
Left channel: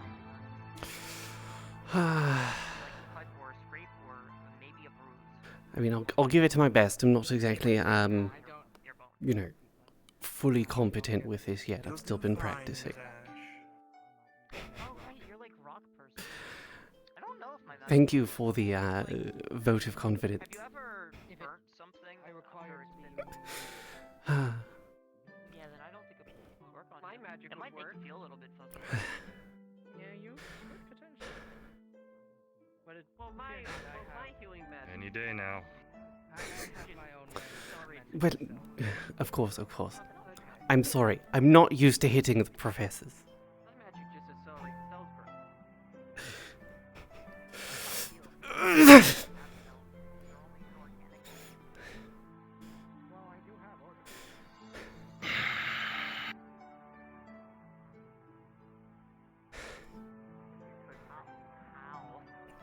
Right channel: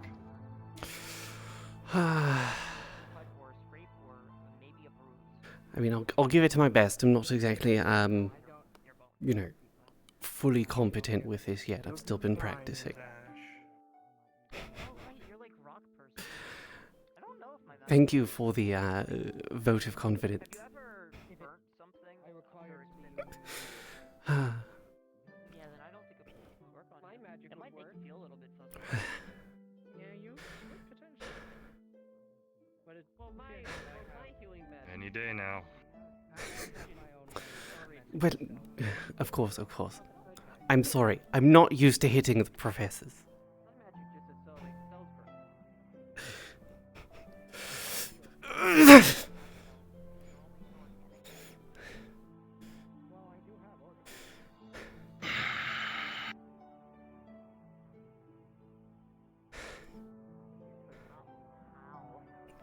I mean, I'll give it to my best. I'm not exactly, fully competent with this yet. I've still been practicing. Thank you for the vote of confidence. Yeah, then I don't think a work on my magic. It might make you feel a little bit funky. Yeah, you potentially. But it's my healing magic. Any day now. Well, of course. I'm sorry. I'm not used to hitting the professors.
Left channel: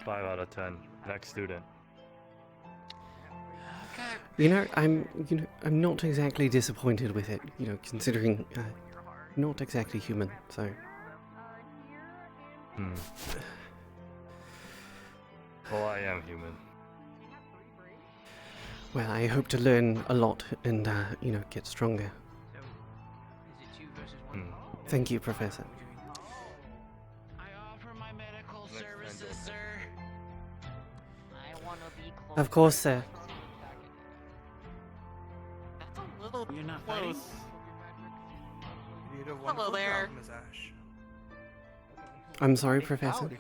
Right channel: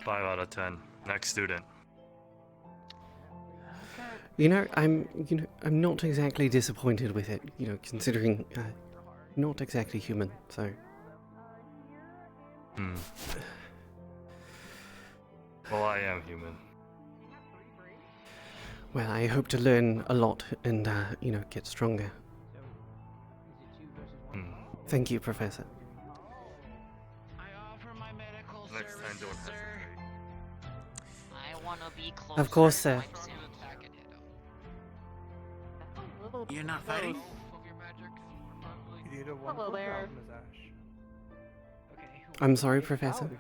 Five out of 10. Next student. I'm not exactly disappointed with it, considering not exactly human, so. Well, I am human. Well, I hope to learn a lot and, get stronger. Thank you, Professor. Of course, sir. You're not fighting? Hello there. I'm sorry, Professor.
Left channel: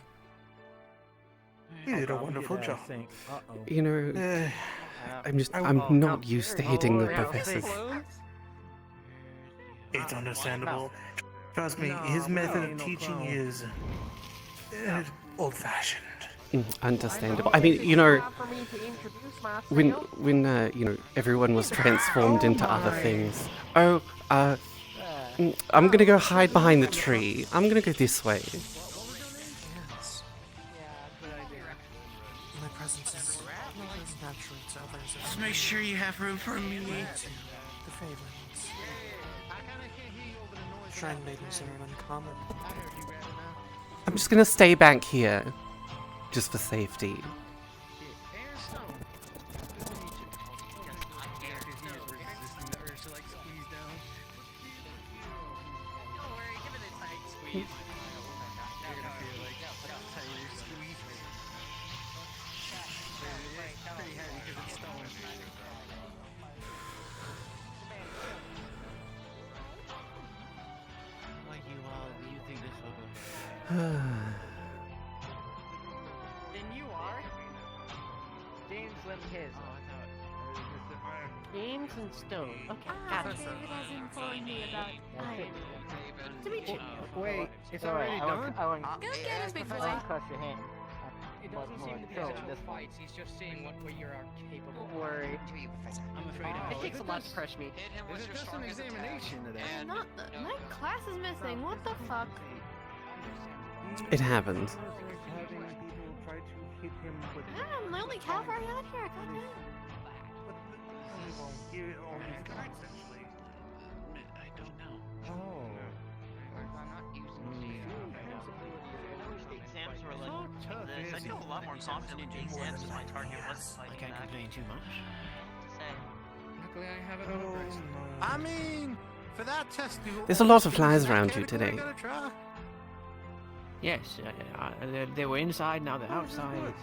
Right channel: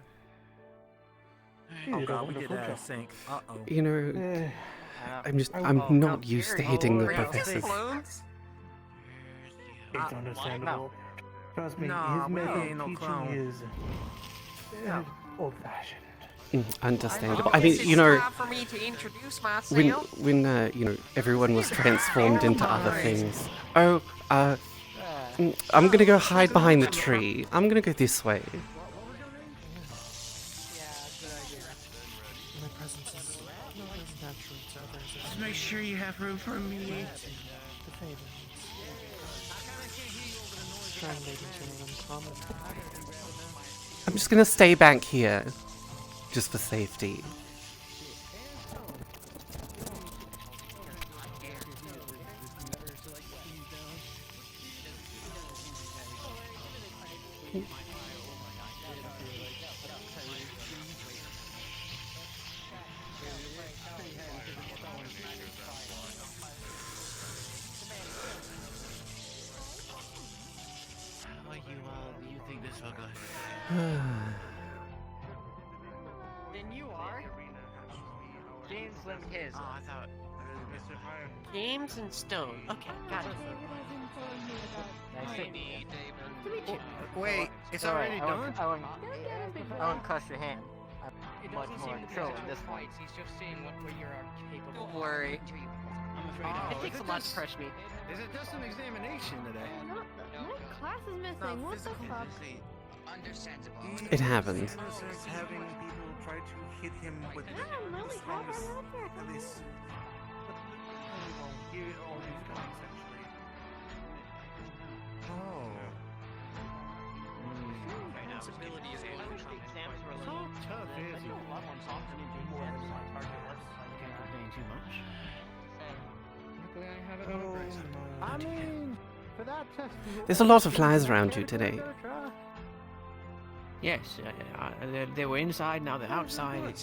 You did a wonderful job. I'm not used to hitting the professors. It's understandable. Trust me, his method of teaching is old-fashioned. Understandable. I mean, when everyone was transformed into other things. Oh, I'm gonna go hide behind the tree. I'm gonna go this way. Just make sure you have room for me. I'm just gonna stay back here, just for safety. You think this will go? Then you are. James Lim his. Oh, I thought Mr. Iron. James and Stone. Okay, gotcha. Wait, it's All right, already done? I won't crush your hand. It doesn't seem to be in the fights. He's just seeing what you are capable of. Don't worry. I'm afraid It takes a lot to crush me. Is it just an examination today? My class is missing. What the fuck? It happens. Having people try to hit him with I'm the only cat right here. only well, here all you've got essentially. Oh. So tough, is he? I can't complain too much. Luckily, I have it on a bracelet. I mean, for that test, There's a lot of flies around you today. Yes, they were inside, now they're outside.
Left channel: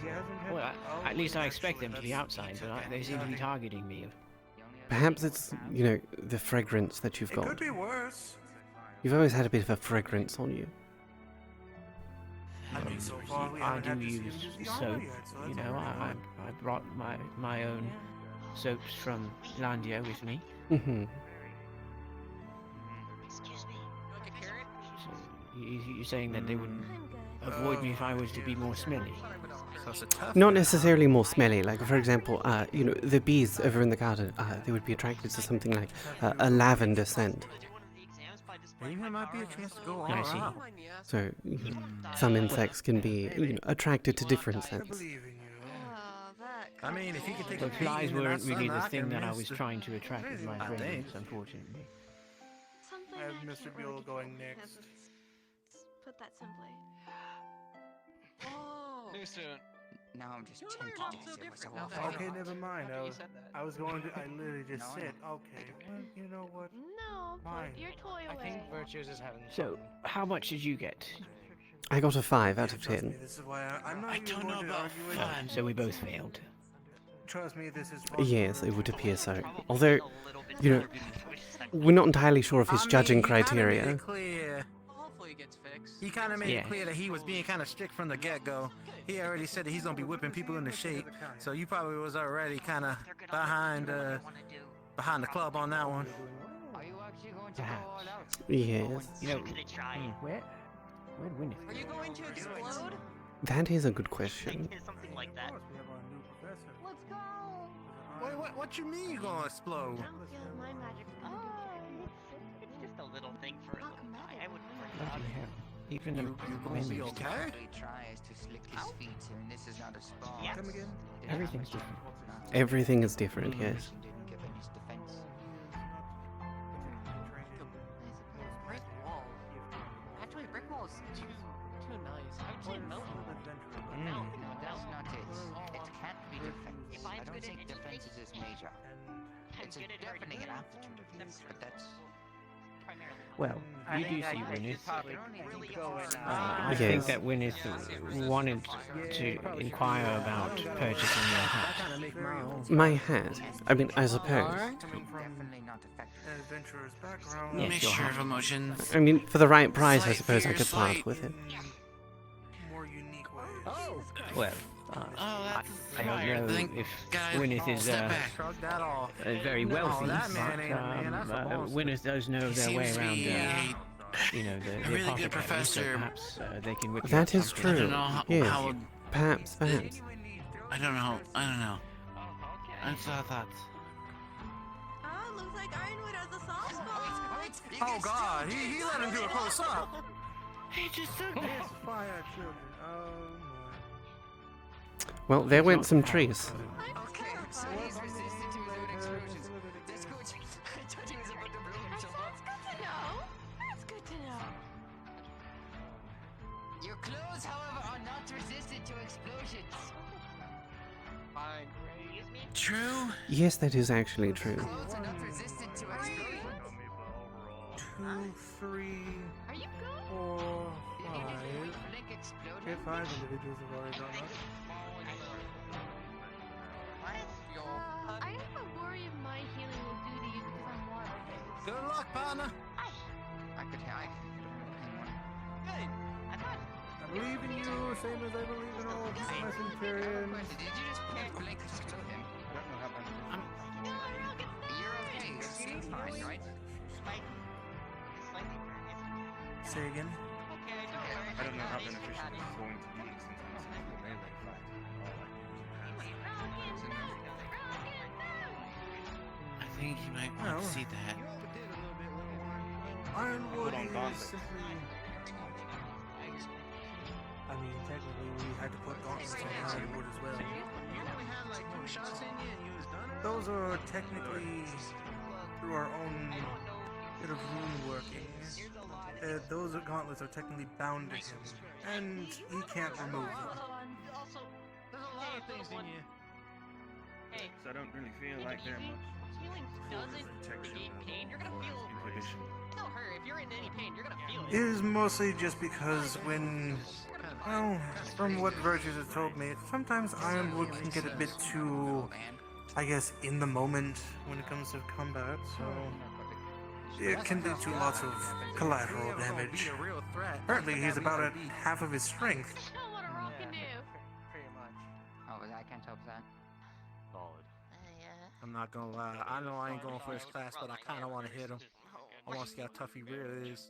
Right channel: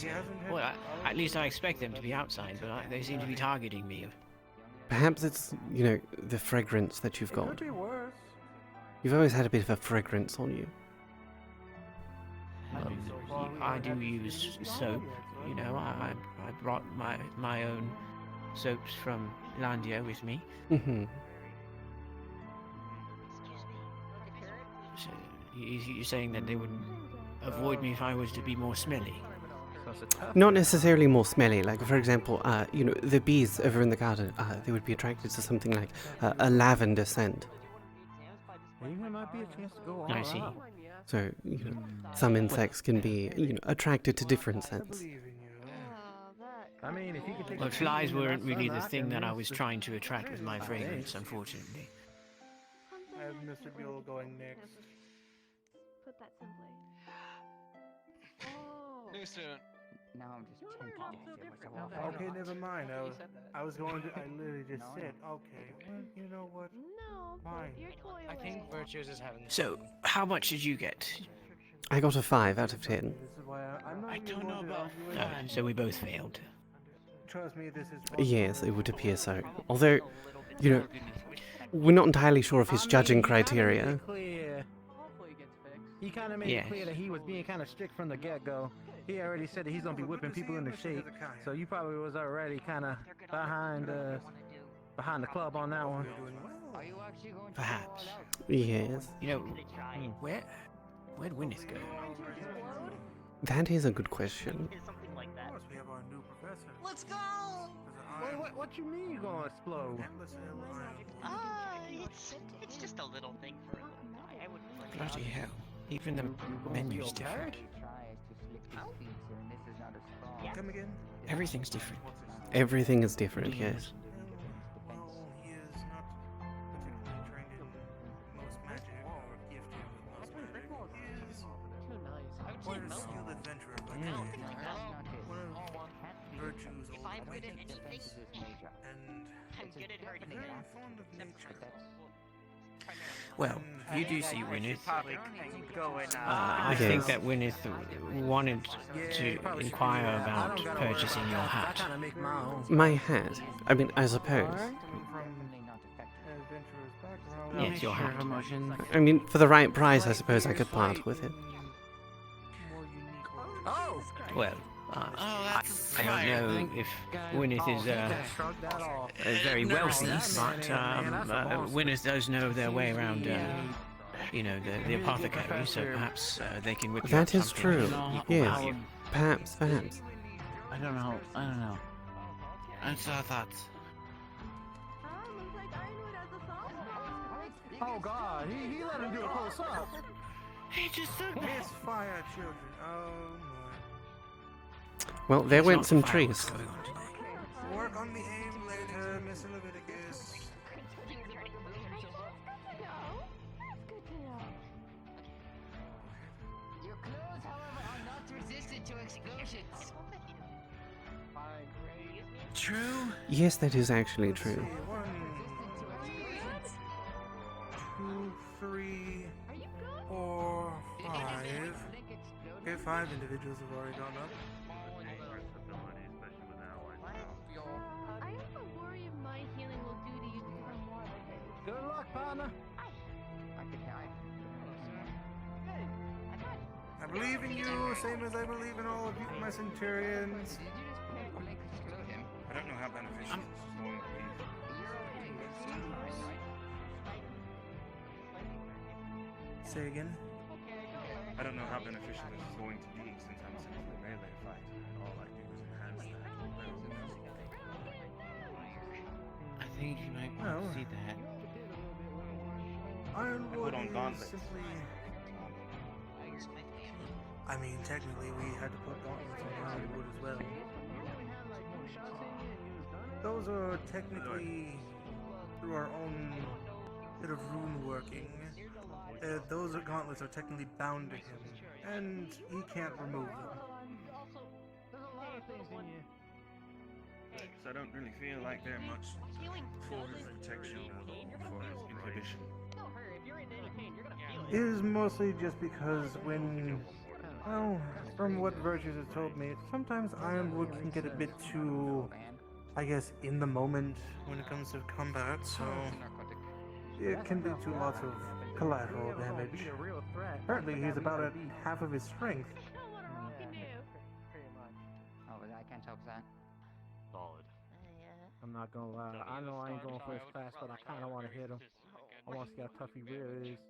Well, at least I expect them to be outside, but they seem to be targeting me. Perhaps it's, the fragrance that you've got. Could be worse. You've always had a bit of a fragrance on you. I do use soap, I brought my own soaps from Landia with me. Mm-hmm. So you're saying that they would avoid me if I was to be more smelly? Not necessarily more smelly. Like, for example, the bees over in the garden, they would be attracted to something like a lavender scent. Maybe there might be a chance to go I see. So, some insects can be, attracted to different scents. I mean, if you could take The a flies bean and weren't a really the sumac thing and that I rinse was the- trying to attract with my fragrance, unfortunately. I have Mr. Buell going next. Put that simply. New student. Now I'm just tempted to say what's a Okay, never mind. I was going to. I literally just said, okay. Well, you know what? No, Fine. you're totally I think Virtues is having So, how much did you get? I got a 5 out of 10. I don't know about 5, so we both failed. Trust me, this is Yes, it would appear so. Although, you know, we're not entirely sure of his judging criteria. He kind of made it clear that he was being kind of strict from the get-go. He already said that he's gonna be whipping people into shape, so you probably was already kind of behind the club on that one. Perhaps. Yes. You know, where'd Wynneth go? That is a good question. Let's go! Wait, what you mean you gonna explode? It's just a little thing for a little guy. I wouldn't. Bloody hell. Even the menu's different. Come again? Everything's different. Everything is different, yes. Actually, brick walls pretty nice. I would say melt. Melt. If I'm good at anything, I'm good at hurting things. Well, you do see Wynneth. I Yes. think that Wynneth wanted to inquire about purchasing your hat. My hat? I mean, I suppose. Yes, your hat. I mean, for the right price, I suppose I could part with it. Well, I don't know if Wynneth is very wealthy, but Wynneth does know their way around, you know, the apothecary, so perhaps they can whip you That up is something. true. Yes. Perhaps. I don't know. I thought that. Oh God, he let him do a close up. He just took Yes, fire children. Oh Well, there went some trees. Your clothes, however, are not resistant to explosions. True. Yes, that is actually true. 2, 3, 4, 5. Okay, 5 individuals have already gone up. I have a worry if my healing will do to you because I'm more based. Good luck, partner. I believe in you, same as I believe in all of my centurions. Say again? I don't know how beneficial this is going to be since I'm sending the melee fight, and all I do is enhance that. I think you might want to see that. Ironwood Put on is gauntlets. simply... I mean, technically we had to put gauntlets on Ironwood as well. Those are technically through our own bit of rune working. Those gauntlets are technically bound to him, and he can't remove them. So I don't really feel like they're much for his protection or for his inhibition. It is mostly just because when, well, from what Virtues has told me, sometimes Ironwood can get a bit too, I guess, in the moment when it comes to combat, so it can lead to lots of collateral damage. Apparently he's about at half of his strength. Oh, I can't help that. Solid. I'm not gonna lie. I know I ain't going first class, but I kind of want to hit him. I want to see how tough he really is.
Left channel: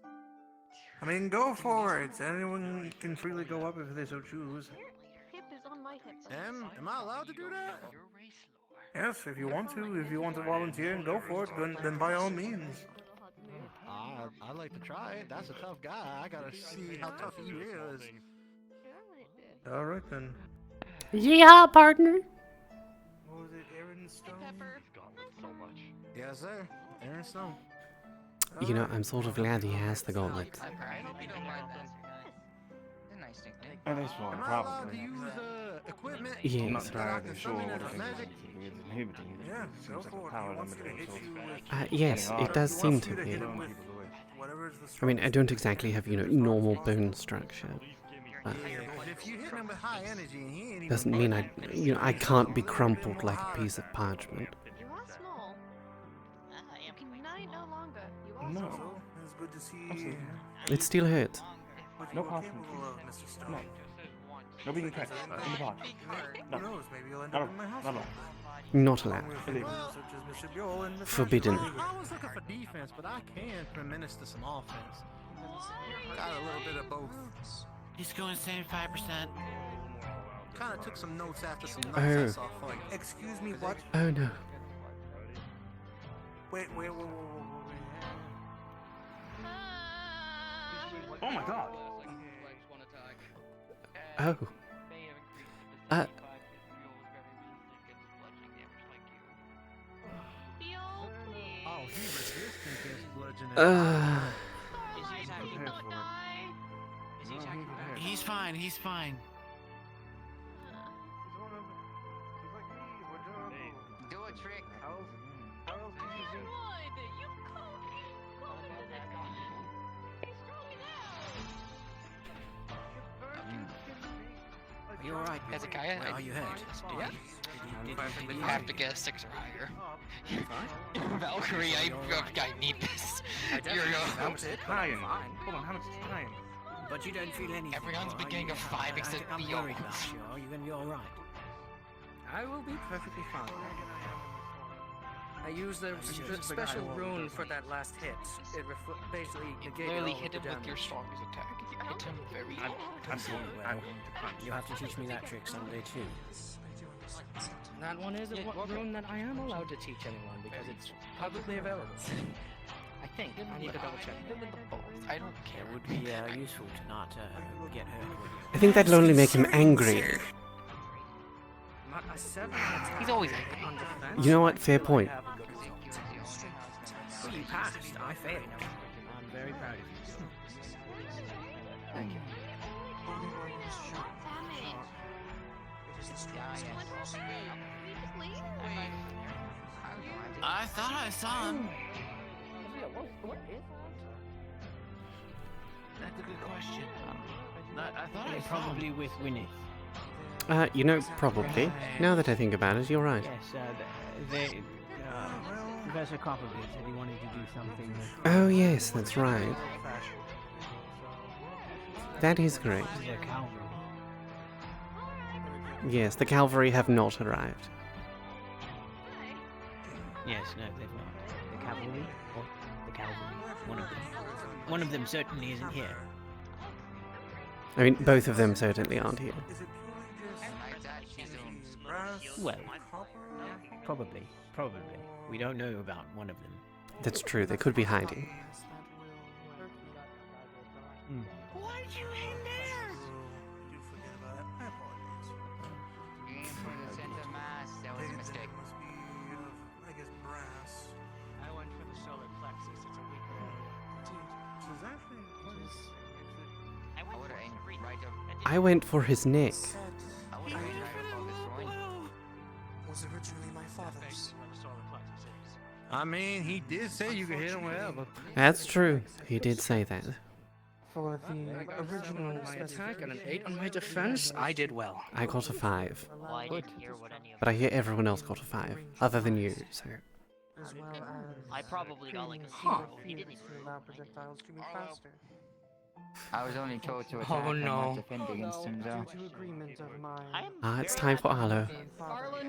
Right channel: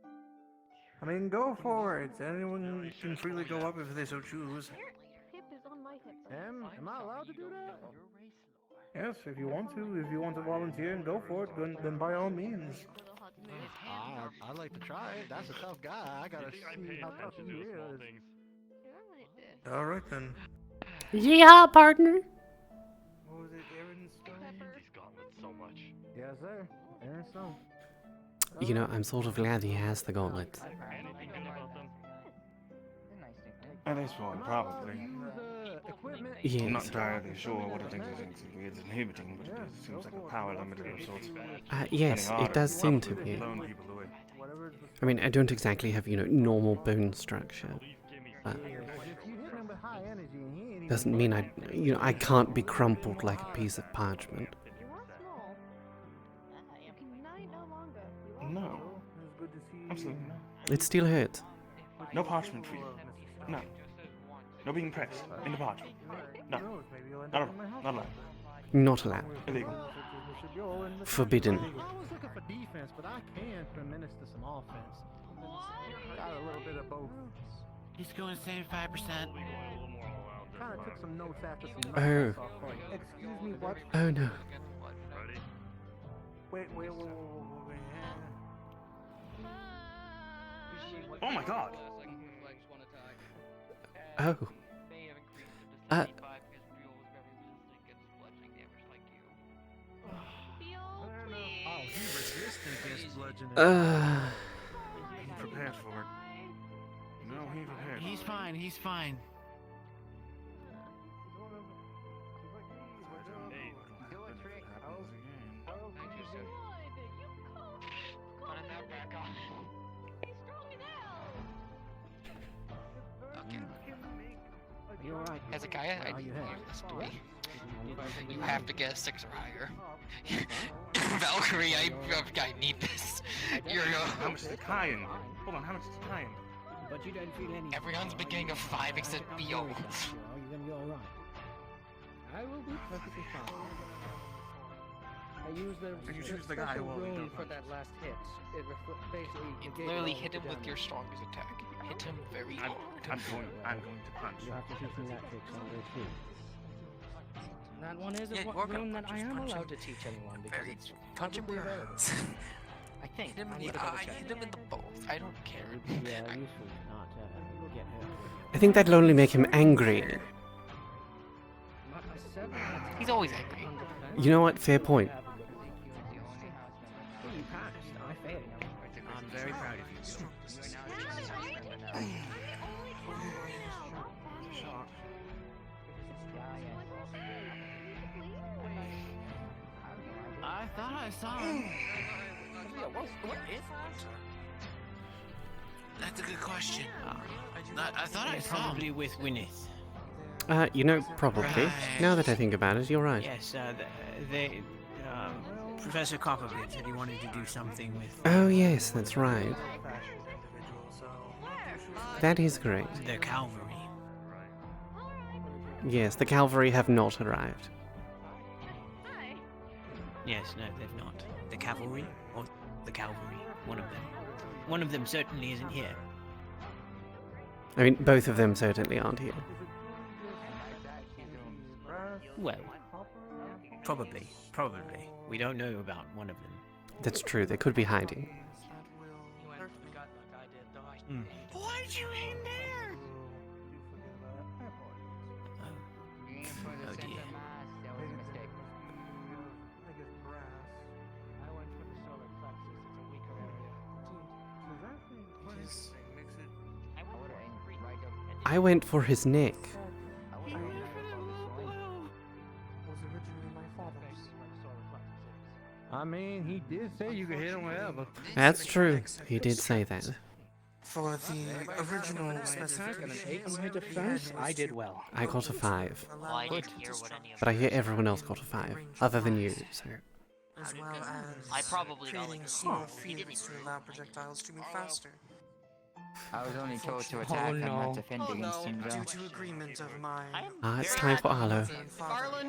I mean, go for it. Anyone can freely go up if they so choose. Hip is on my hip. Am I allowed to do that? Yes, if you want to. If you want to volunteer and go for it, then by all means. I'd like to try it. That's a tough guy. I gotta see how tough he is. All right then. Yeah, partner. What was it, Aaron Stone? Gauntlets so much. Yes, sir. Aaron Stone. You know, I'm sort of glad he has the gauntlet. Anything good about them? At this point, probably. Yes. I'm not entirely sure what exactly is inhibiting, but it seems like a power limiter of sorts. Yes, it does seem to be. I mean, I don't exactly have, normal bone structure. If you hit him with high energy and he ain't Doesn't mean I can't be crumpled like a piece of parchment. You are small. You can unite no longer. You are No. It's good to see Absolutely not. It still hurts. No parchment for you. No. No being pressed in the pod. No. Not allowed. Not allowed. Not allowed. Illegal. Forbidden. I was looking for defense, but I can administer some offense. Got a little bit of both. He's going 75%. Kind of took some notes after some Oh. nonsense off fight. Excuse me, what? Oh no. Wait. Oh my god. Oh. Oh, he resistant this bludgeoning. He's prepared for it. No, he's prepared. He's fine. He's fine. Do a trick. Are you alright? Hezekiah, I need you to listen to me. You have to get a 6 or higher. Valkyrie, I need this. How much is the Kaia? Hold on, how much is the Kaia? But you don't feel any. Everyone's been getting a 5 except Theo. You're gonna be alright. I will be perfectly fine. I used the special rune for that last hit. It basically You literally hit him with your strongest attack. You hit him very hard. I'm going to punch. You have to teach me that trick someday too. That one is a rune that I am allowed to teach anyone because it's publicly available. I think. I need to double check. Hit him in the balls. I don't care. It would be useful to not get hurt. I think that'll only make him angry. He's always angry. You know what? Fair point. Well, you passed. I failed. I'm very proud of you. I thought I saw him. That's a good question. I thought I saw him. Probably with Wynneth. Probably. Now that I think about it, you're right. Yes, Professor Copperbeard said he wanted to do something with. Oh yes, that's right. That is correct. The cavalry. Yes, the cavalry have not arrived. Yes, no, they've not. The cavalry? Or the cavalry? One of them. One of them certainly isn't here. I mean, both of them certainly aren't here. Well, probably. We don't know about one of them. That's true, they could be hiding. Why'd you aim there? Aim for the center mass. That was a mistake. I went for the solar plexus. It's a weaker area. I went for his neck. I mean, he did say you could hit him wherever. That's true, he did say that. For the original attack and an 8 on my defense, I did well. I got a 5. Well, I didn't hear what any of But I hear everyone else got a 5, other than you, so... As well as I probably got like a creating 0. He didn't fields to even allow projectiles to move faster. I was only told to attack and not defend against him, though. Due to agreement of my It's time for Arlo. father,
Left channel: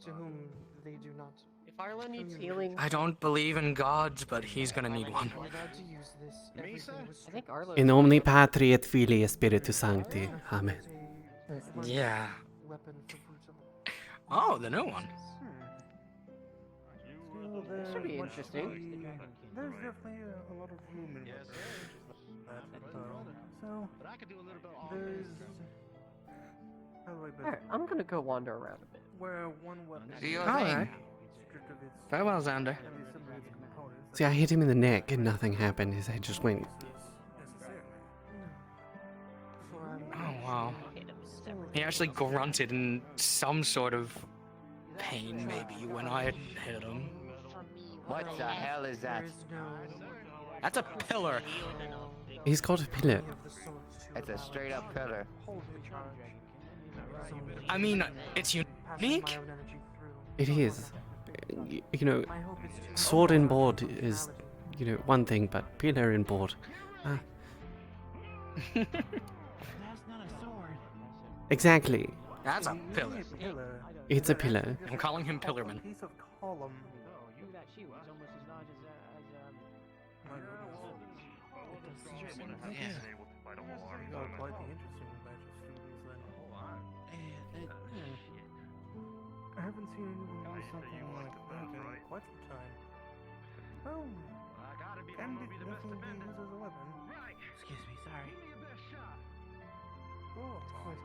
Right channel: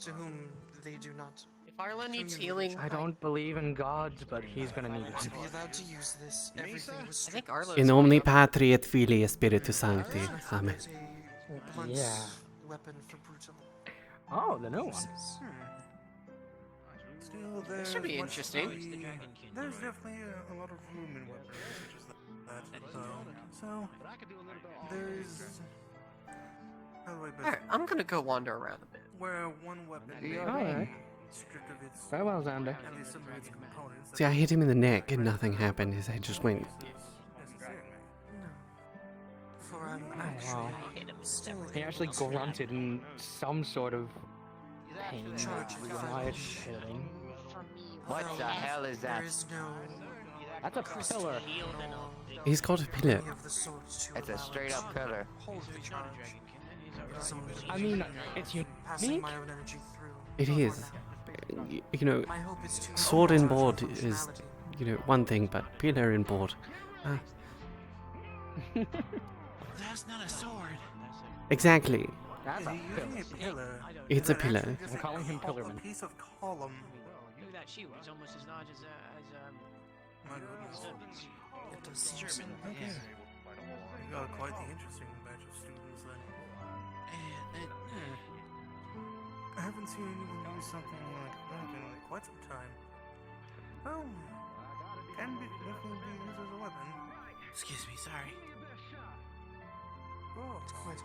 to whom they do not. If Arlo needs healing, I don't believe in gods, but he's gonna need one. Be allowed to use this. Everything was I think Arlo. In omni patri et filii et spiritus sancti. Amen. Yeah. weapon for brutal. Oh, the new one. Still, This should be interesting. There's definitely a lot of room in weapons. So, But I could do a little bit all there's. How do I best Alright, I'm gonna go wander around a bit. where one weapon Alright. stripped of its Farewell, Xander. at least some of its components. See, I hit him in the neck and nothing happened. His head just went. Oh, wow. He actually grunted in some sort of pain, maybe, when I hit him. What the hell is that? That's a pillar. He's got a pillar. It's a straight up pillar. I mean, it's unique. It is. You know, sword and board is, you know, one thing, but pillar and board. That's not a sword. Exactly. That's a pillar. It's a pillar. I'm calling him Pillarman. Piece of column. Oh, you that she was almost as large as It does seem so. Okay. You got quite the interesting batch of students then. I haven't seen anyone use something like that in quite some time. Well, can definitely be used as a weapon. Excuse me, sorry. Oh, it's quite a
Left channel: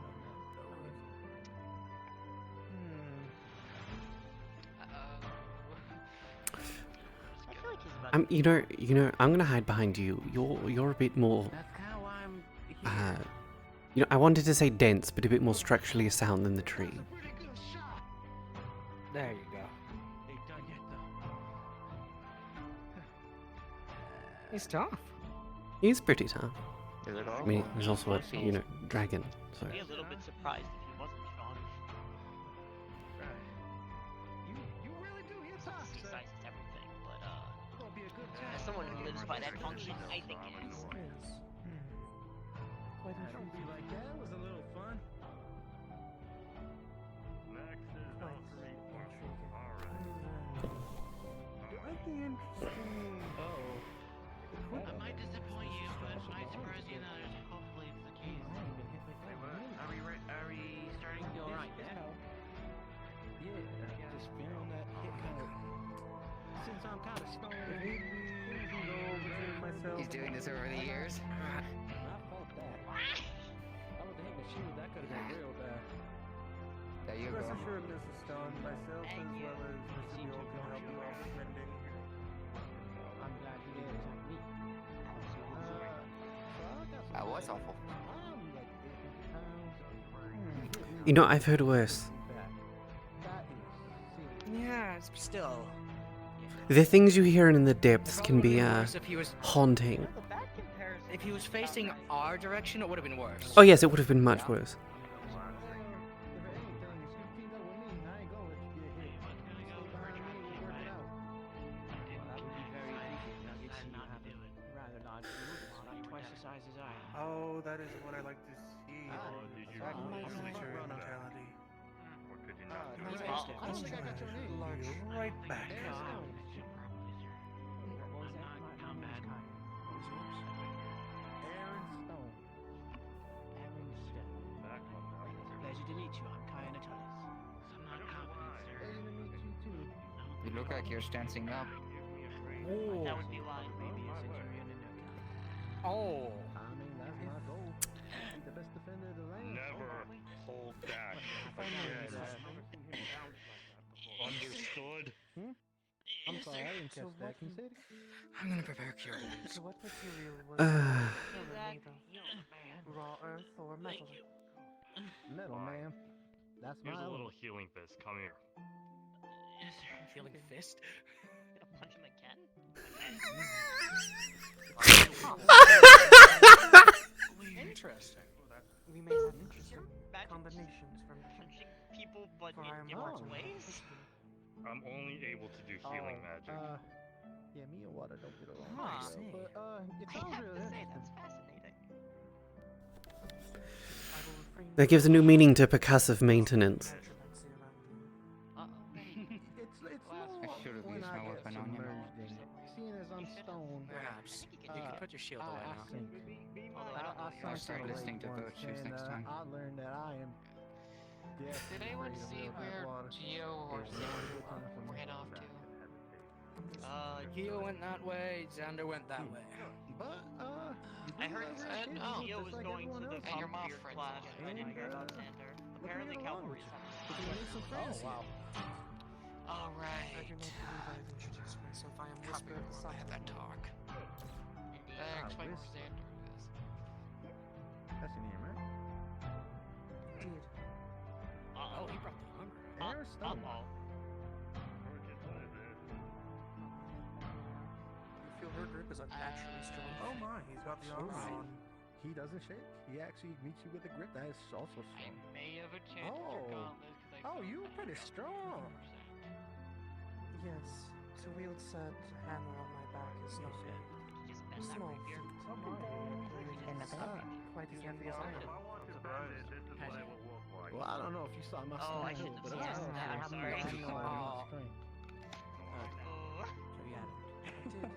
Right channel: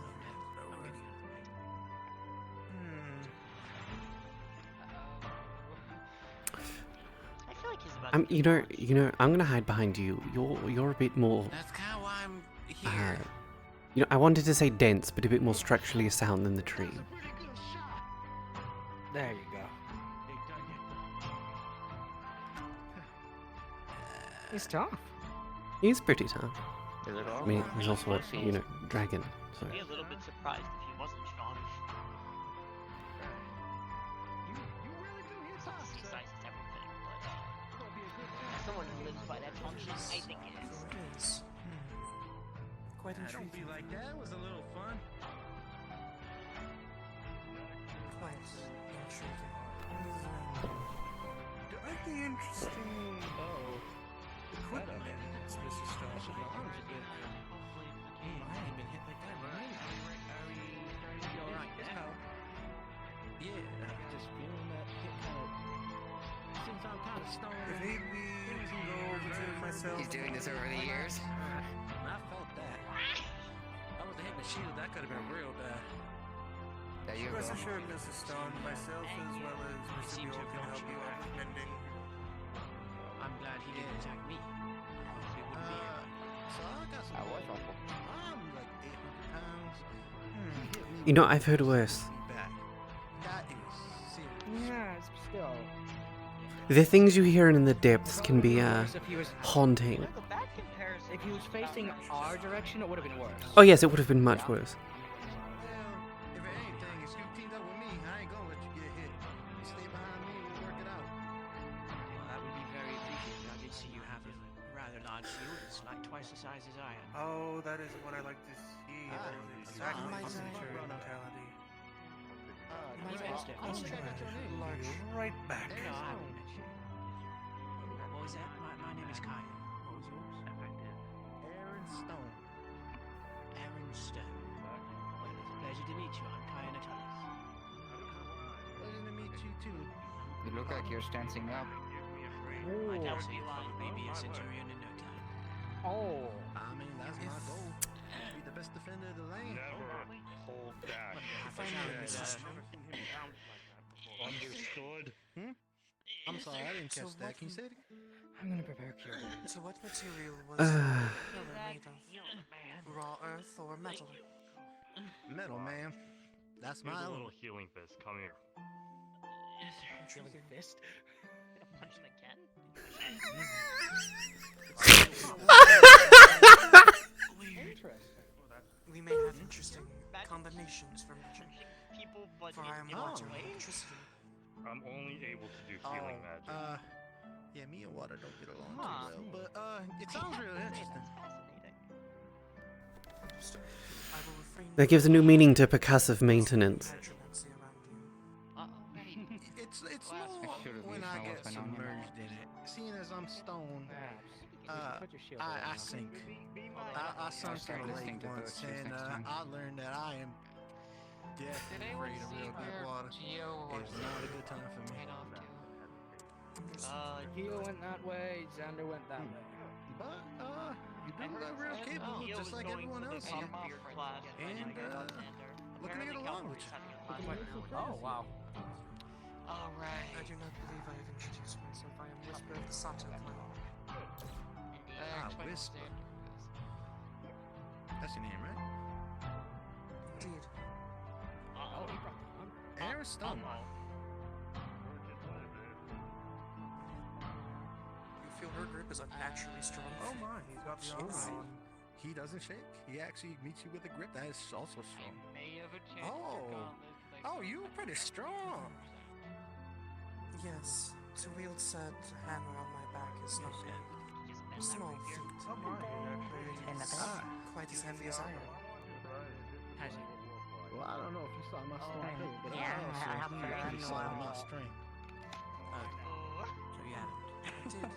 You know, I'm gonna hide behind you. You're a bit more. That's kind of why I'm here. You know, I wanted to say dense, but a bit more structurally sound than the tree. There you go. He's tough. He's pretty tough. Is it all? I mean, he's also a, you know, dragon, so. I'd be a little bit surprised if he wasn't strong. You really do hit tough. Size is everything, but as someone who lives by that function, I think it is. quite intriguing. Be like that was a little fun. Quite the interesting. Oh. Equipment. Hopefully it's the case. Are we starting to be alright now? Yeah, just feeling that hit kind of. Since I'm kind of stoned. He's doing this over the years. I felt that. I was hitting the shield. That could have been real bad. There you Rest go. assured, Mrs. Stone, myself as well as Mr. Buell can help you out with mending. I'm glad he didn't attack me. I was awful. I'm like 800 pounds. You know, I've heard worse. Yeah, it's Still, The things you hear in the depths can be if he was haunting. if he was facing our direction, it would have been worse. Oh yes, it would have been much worse. If it anything, if you teamed up with me, I ain't gonna let you get hit. You stay behind me, we'll work it out. that would be very appreciated. I did see you have a rather large shield. It's like twice the size as I am. Oh, that is what I like to see. Exactly. Your mentality. I don't think I got your name. Right back. What was that? My name is Kaia. What was yours? Aaron Stone. Aaron Stone. It's a pleasure to meet you. I'm Kaia Natalis. Pleasure to meet you too. You look like you're standing up. That would be why. Maybe a centurion in no time. Oh. I mean, that's my goal. Be the best defender of the lane. Never hold back again. Understood? I'm sorry, I didn't catch that. Can you say it again? I'm gonna prepare cure. So what material was Uh. made of? Raw earth or metal? Metal, man. That's my Here's a own. little healing fist. Come here. Drilling fist. Gonna punch him again? Interesting. We may have interesting combinations from Punching people, but for I am in not different ways? electricity. I'm only able to do healing magic. Yeah, me and water don't get along. Huh. too well, but it I sounds have really to say, interesting. that's fascinating. That gives a new meaning to percussive maintenance. It's I should have used my weapon on him. Seeing as I'm stoned, You can put your shield away I now. sink. I'll start listening to bird shoes next time. I learned that I am dead. Did anyone see where Geo or Sam went off to? Geo went that way, Xander went that way. But I heard Geo was going to the Copperbeard class. I didn't hear about Xander. Apparently cavalry is Oh wow. Alright. I do not believe I have introduced myself. I am Whisper of the Sato. Thanks, Xander. That's your name, right? Indeed. Oh, he brought the armor. Aaron Stone. Virgin, what is it? You feel her grip is actually strong. Oh my, he's got the armor on. He doesn't shake. He actually meets you with a grip that is also strong. I may have enchanted your gauntlet because I you're pretty strong. Yes, to wield said hammer on my back is no big. Small feat. Quite as heavy as I am. Well, I don't know if you saw my strength here, but I actually saw my strength. So yeah, I did.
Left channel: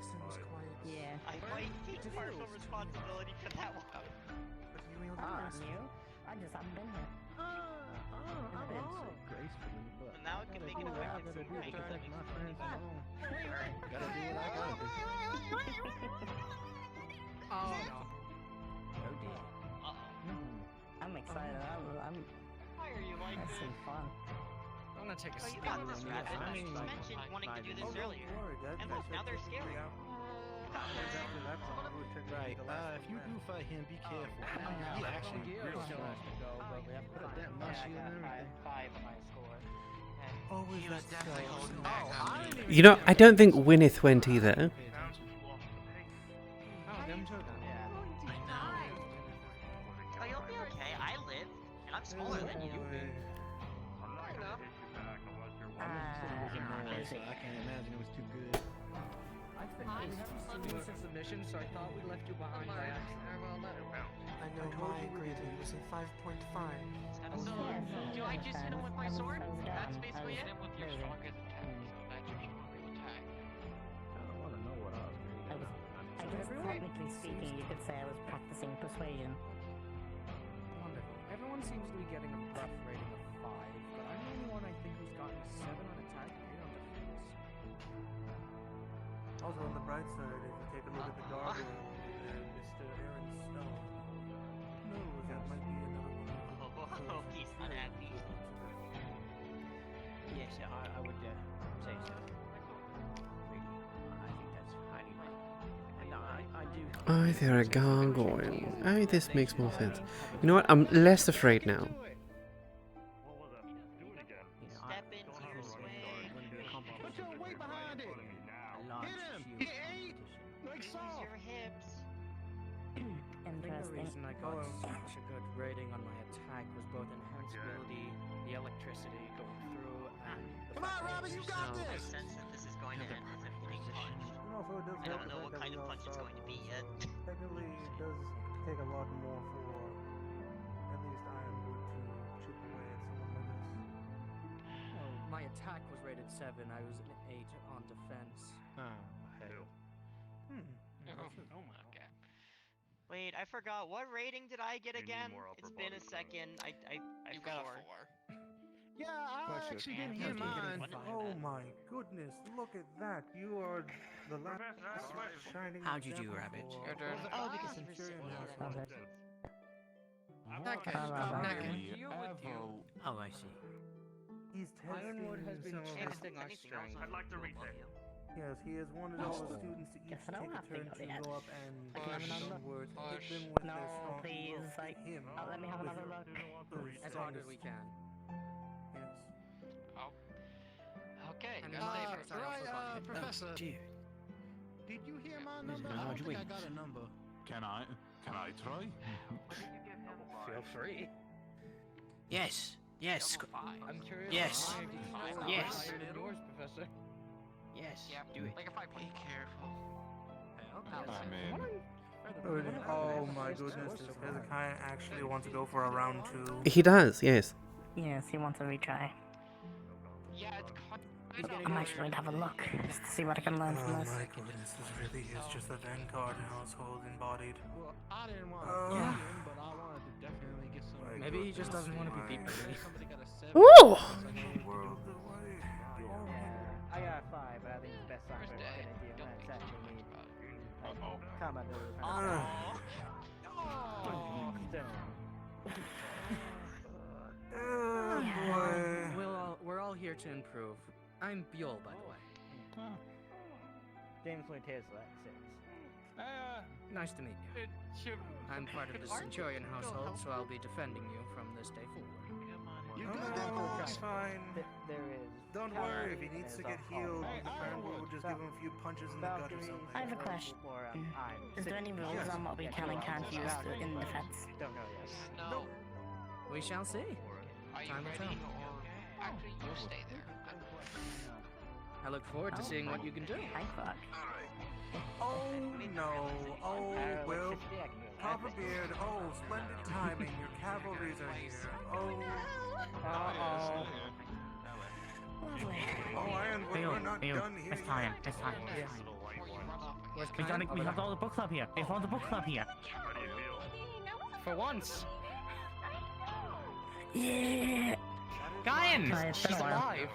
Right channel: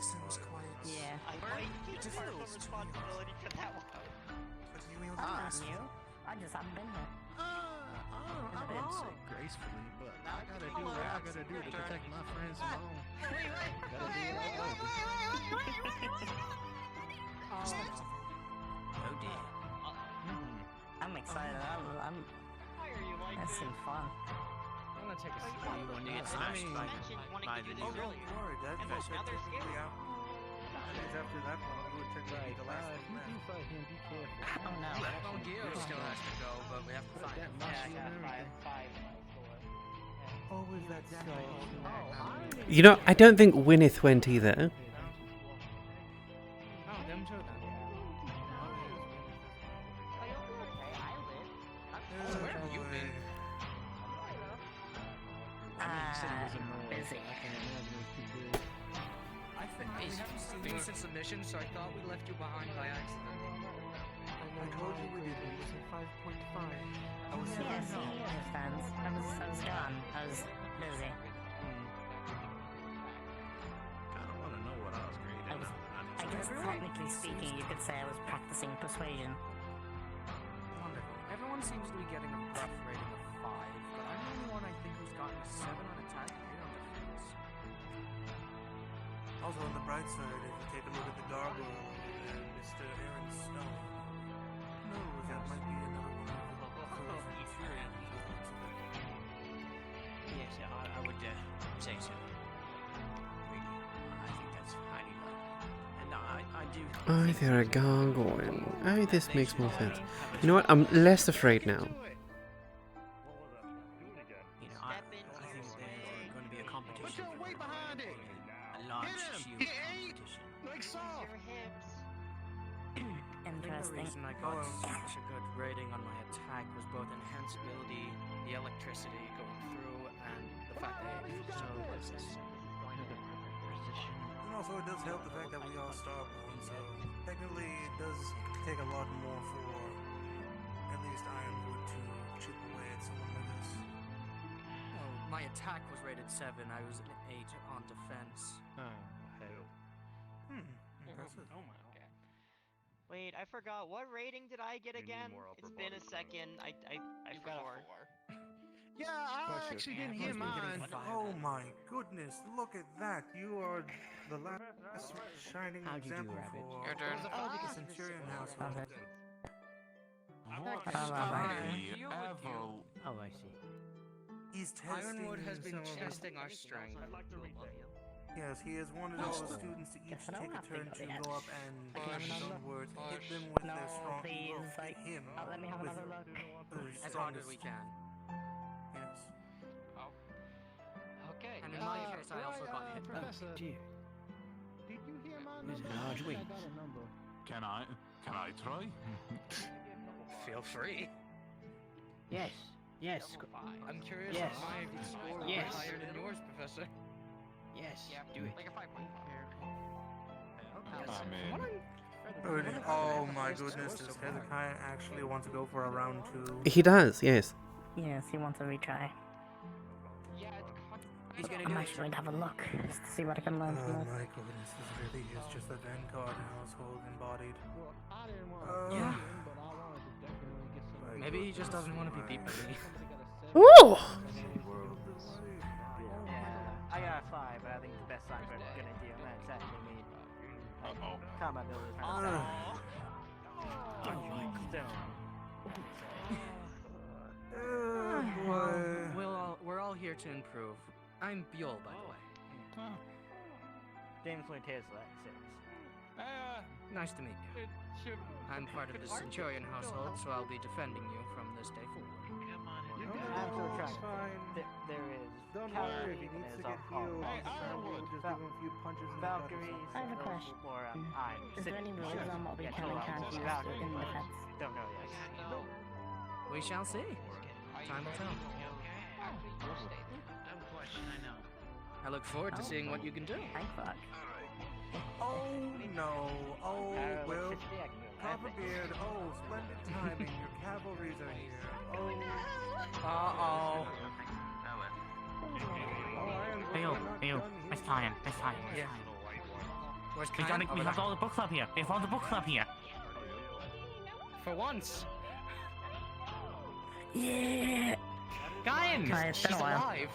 Seems quite. Yeah. I might take partial responsibility for that one. But you wield a gracefully. I just haven't been here. I won't say gracefully, but I gotta do what I gotta do to protect my friends from all. Gotta do what I gotta do. Oh no. Oh dear. I'm excited. Why are you like That's this? some fun. I'm gonna take a You speed one. mentioned wanting to do this earlier. And look, now they're scary. After that one, it would tend to be the last one. If you do fight him, be careful. Oh no. You actually Gil still has to go, but we have to put a dent in my shield and everything. Five on my score. Always that so. You know, I don't think Wynneth went either. Oh, them two down here. Finish in submission, so I thought we left you behind by accident. I know told you we did. It was a 5.5. Yes, you were friends. I was gone. I was busy. I don't want to know what I was graded. I guess technically speaking, you could say I was practicing persuasion. Wonderful. Everyone seems to be getting a rough rating of 5, but I'm the only one I think who's gotten a 7 on attack and 8 on defense. Also, on the bright side, if you take a look at the gargoyle and Mr. Aaron Stone, no, that might be another one of the Yes, I would say so. Really, I think that's highly likely. And I do. Oh, they're a gargoyle. Oh, this makes more sense. You know what? I'm less afraid now. Step into your swing. Going to be a competition. Put your weight behind it. A large shield He ate. competition. Like so. Use your hips. The Interesting. reason I got such a good rating on my attack was both enhanceability, the electricity going through, and the fact that I used no resistance. And also, it does help the fact that we all start low, so technically it does take a lot more for at least Ironwood to chip away at someone like us. My attack was rated 7, I was an 8 on defense. Oh, hell. Oh my god. Wait, I forgot. What rating did I get again? It's been a second. I forgot. Yeah, I actually didn't hear mine. Oh my goodness, look at that. You are the last shining How'd you do, example Rabbit? for Your turn. all the Centurion household. Oh, I see. He's testing Ironwood has been some of his... testing our strength. Yes, he is one of those students to each Guess I don't take a have to turn go to yet. go up and I can have bargain another some look. words, hit them with No, their strong please, will, like, hit him let me have with another look. As hard as we can. Yes. Okay. Professor, did you hear my number? large I think I wings. got a number. Can I try? Feel free. Yes. Yes. I'm curious. Yes. Yes. Yes. Higher than yours, Professor. Yes. Do it. Like a 5.5. Be careful. I mean, Oh my goodness, does Hezekiah actually want to go for a round 2? He does, yes. Yes, he wants a retry. I'm actually going to have a look just to see what I can learn Oh from this. my goodness, this really is just a Vanguard household embodied. I didn't want Oh. to him, but I wanted to definitely get some. Maybe he just doesn't want to be beat by me. Ooh! I got a 5, but I think the best sign for a good idea that's actually combat ability. We're all here to improve. I'm Buell, by the way. James Montezla, nice to meet you. I'm part of the Centurion household, so I'll be defending you from this day forward. You got it. It's fine. There is. don't worry. If he needs to get healed, we'll just give him a few punches in the gut or something. I have a question. Is there any rules on what we can and can't use in defense? Don't know yet. We shall see. Time will tell. You'll stay there. I look forward to seeing what you can do. Thank fuck. Oh no! Oh well, Papa Beard. Oh, splendid timing. Your cavalries are here. Leo, let's tie him. Let's tie him. We have all the book club here. We have all the book club here. For once. Yeah. Guyan, she's alive.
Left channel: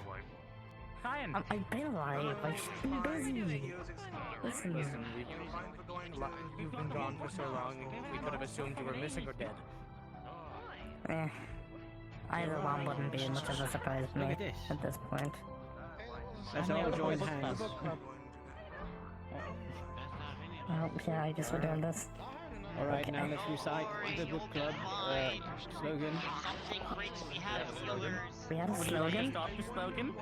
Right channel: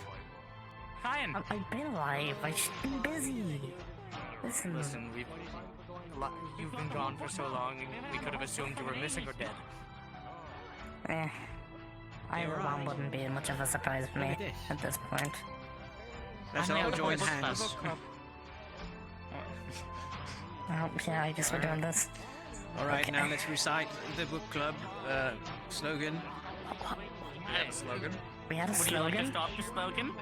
Guyan. I've been alive. I've just been busy. Listen, You've been gone for so long, we could have assumed you were missing or dead. Either one wouldn't be much of a surprise for me at this point. Let's all join hands. Yeah, I guess we're doing this. Alright, now let's recite the book club slogan. Slogan. We had a slogan? Stop the slogan?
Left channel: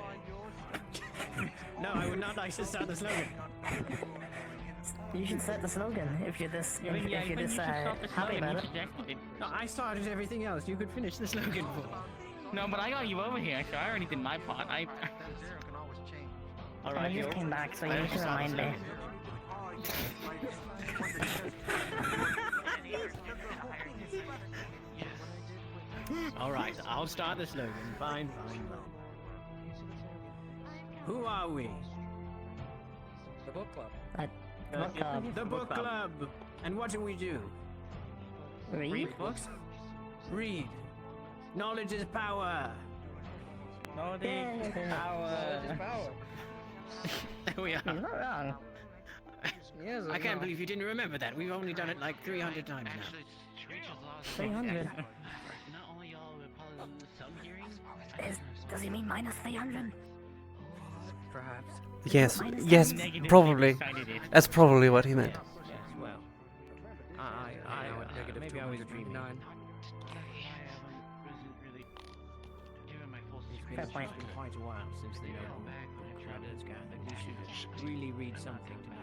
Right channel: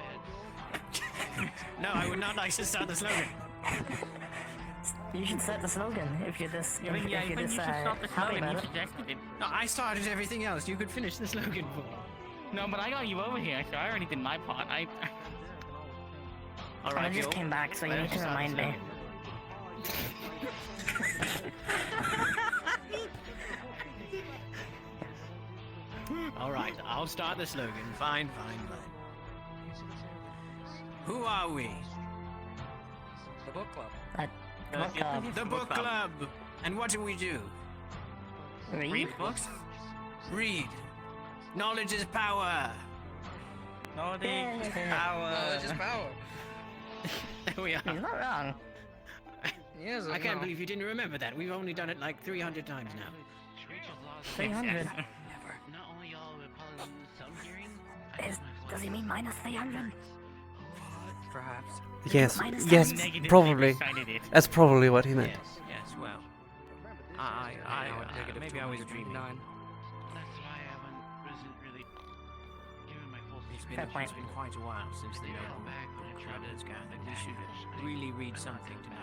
No, I would not like to start the slogan. You should set the slogan if you're this happy about it. No, I started everything else. You could finish the slogan for me. No, but I got you over here, so I already did my part. Alright, I just came back, so you need to remind me. Alright, I'll start the slogan. Fine. Who are we? The book club. The book club. And what do we do? Read books? Read. Knowledge is power. Knowledge is power. Knowledge is power. There we are. You're not wrong. I can't believe you didn't remember that. We've only done it like 300 times now. 300? Not only y'all will probably lose some hearing. Does he mean minus 300? Perhaps. Yes, probably. That's probably what he meant. Yes, well. Maybe I was dreaming. It's been quite a while since the Shadows Gang. I think we should really read something tonight.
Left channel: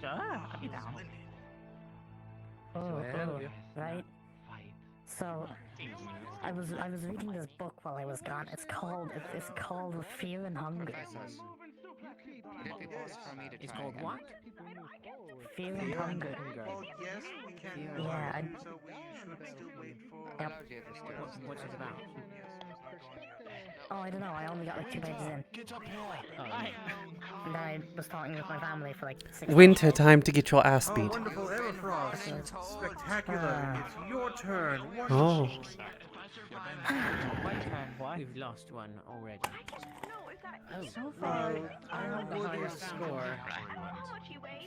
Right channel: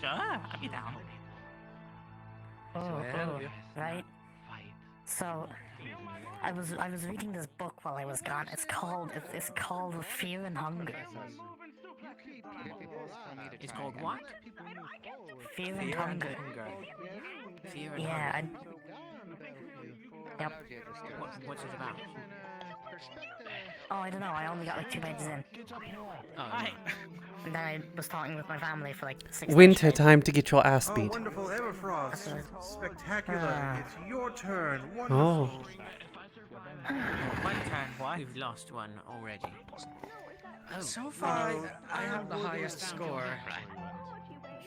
Sure, I'll be down. Right. So, I was reading this book while I was gone. It's called Fear and Hunger. It's called what? Fear and Hunger. Yeah. What's it about? Oh, I don't know. I only got like 2 pages in. And then I was talking with my family for like 6 Winter time to get your ass Oh, beat. wonderful, Everfrost. Spectacular. It's your turn. Oh. We've lost one already. So far, Ironwood is score.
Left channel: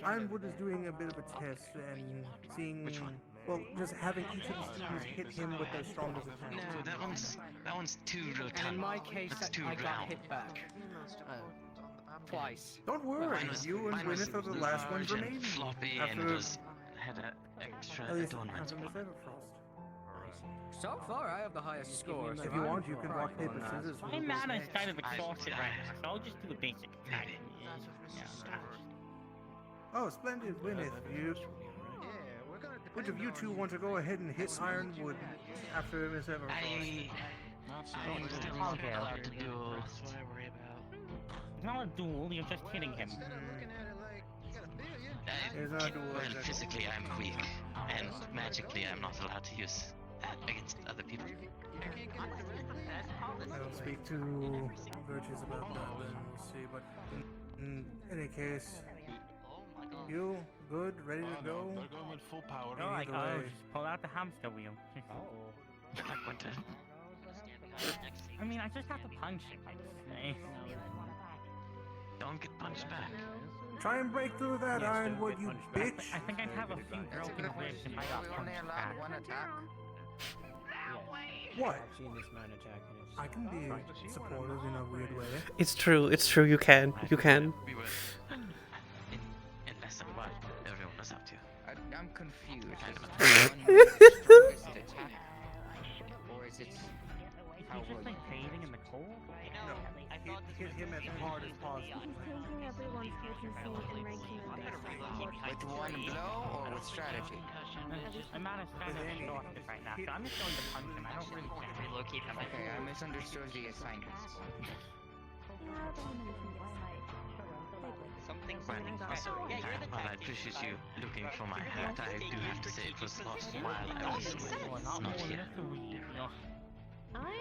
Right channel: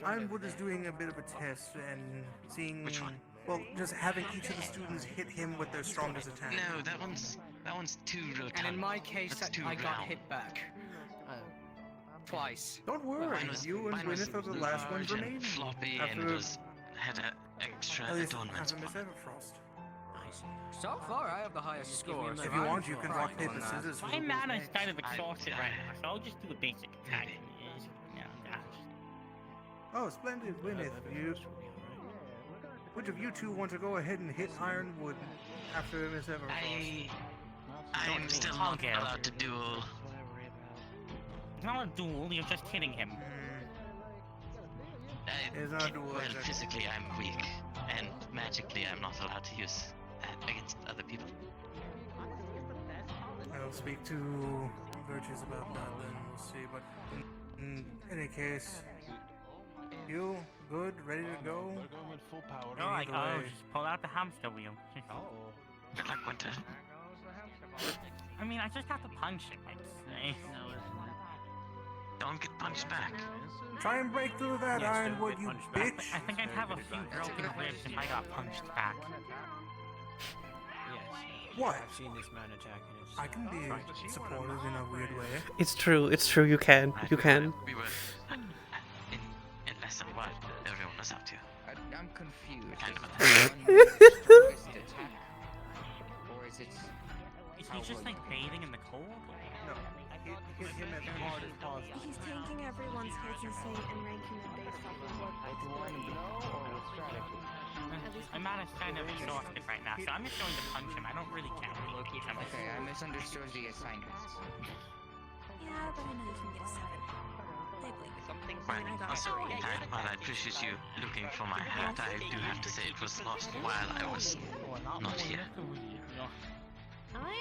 Ironwood is doing a bit of a test and seeing, well, just having each of the students hit him with their strongest attack. No, that one's too rotund. And in my case, That's too I got round. hit back. Twice. Don't worry, you and Gwyneth are the last ones large and remaining. floppy After and had an extra adornment. So far, I have the highest score. If you want, you can rock, paper, scissors. My mana is kind of exhausted right now, so I'll just do a basic attack. Oh, splendid, Gwyneth. Which of you two want to go ahead and hit Ironwood after Miss Everfrost? I'm still not allowed to duel. It's not a duel, you're just hitting him. Well, physically I'm weak, and magically I'm not allowed to use that against other people. I'll speak to Virtues about that, then we'll see. But in any case, you good, ready to go? Full power. Just pull out the hamster wheel. I mean, I just have to punch it. Don't get punched back. Try and break through that, Ironwood, you bitch! I think I'd have a few broken ribs if I got punched back. What? I've seen this man attack and it's I can be supportive in a weird way. It's true, you can. We were in less than what everyone is up to. I'm confused. Or is it Is he just like bathing in the cold? No, hit him as hard as possible. He's taking everyone's heads and ranking them based off of what With one blow or with strategy? I'm on a kind of exhausted right now, so I'm just going to punch him. I don't really care. Okay, I misunderstood the assignments. Yeah, but I know you can get seven. Something Well, special. Yeah, you're the well, I tactics appreciate guy. you looking for my hat. I do have to say it was lost while I was not not more here. than a week. No. I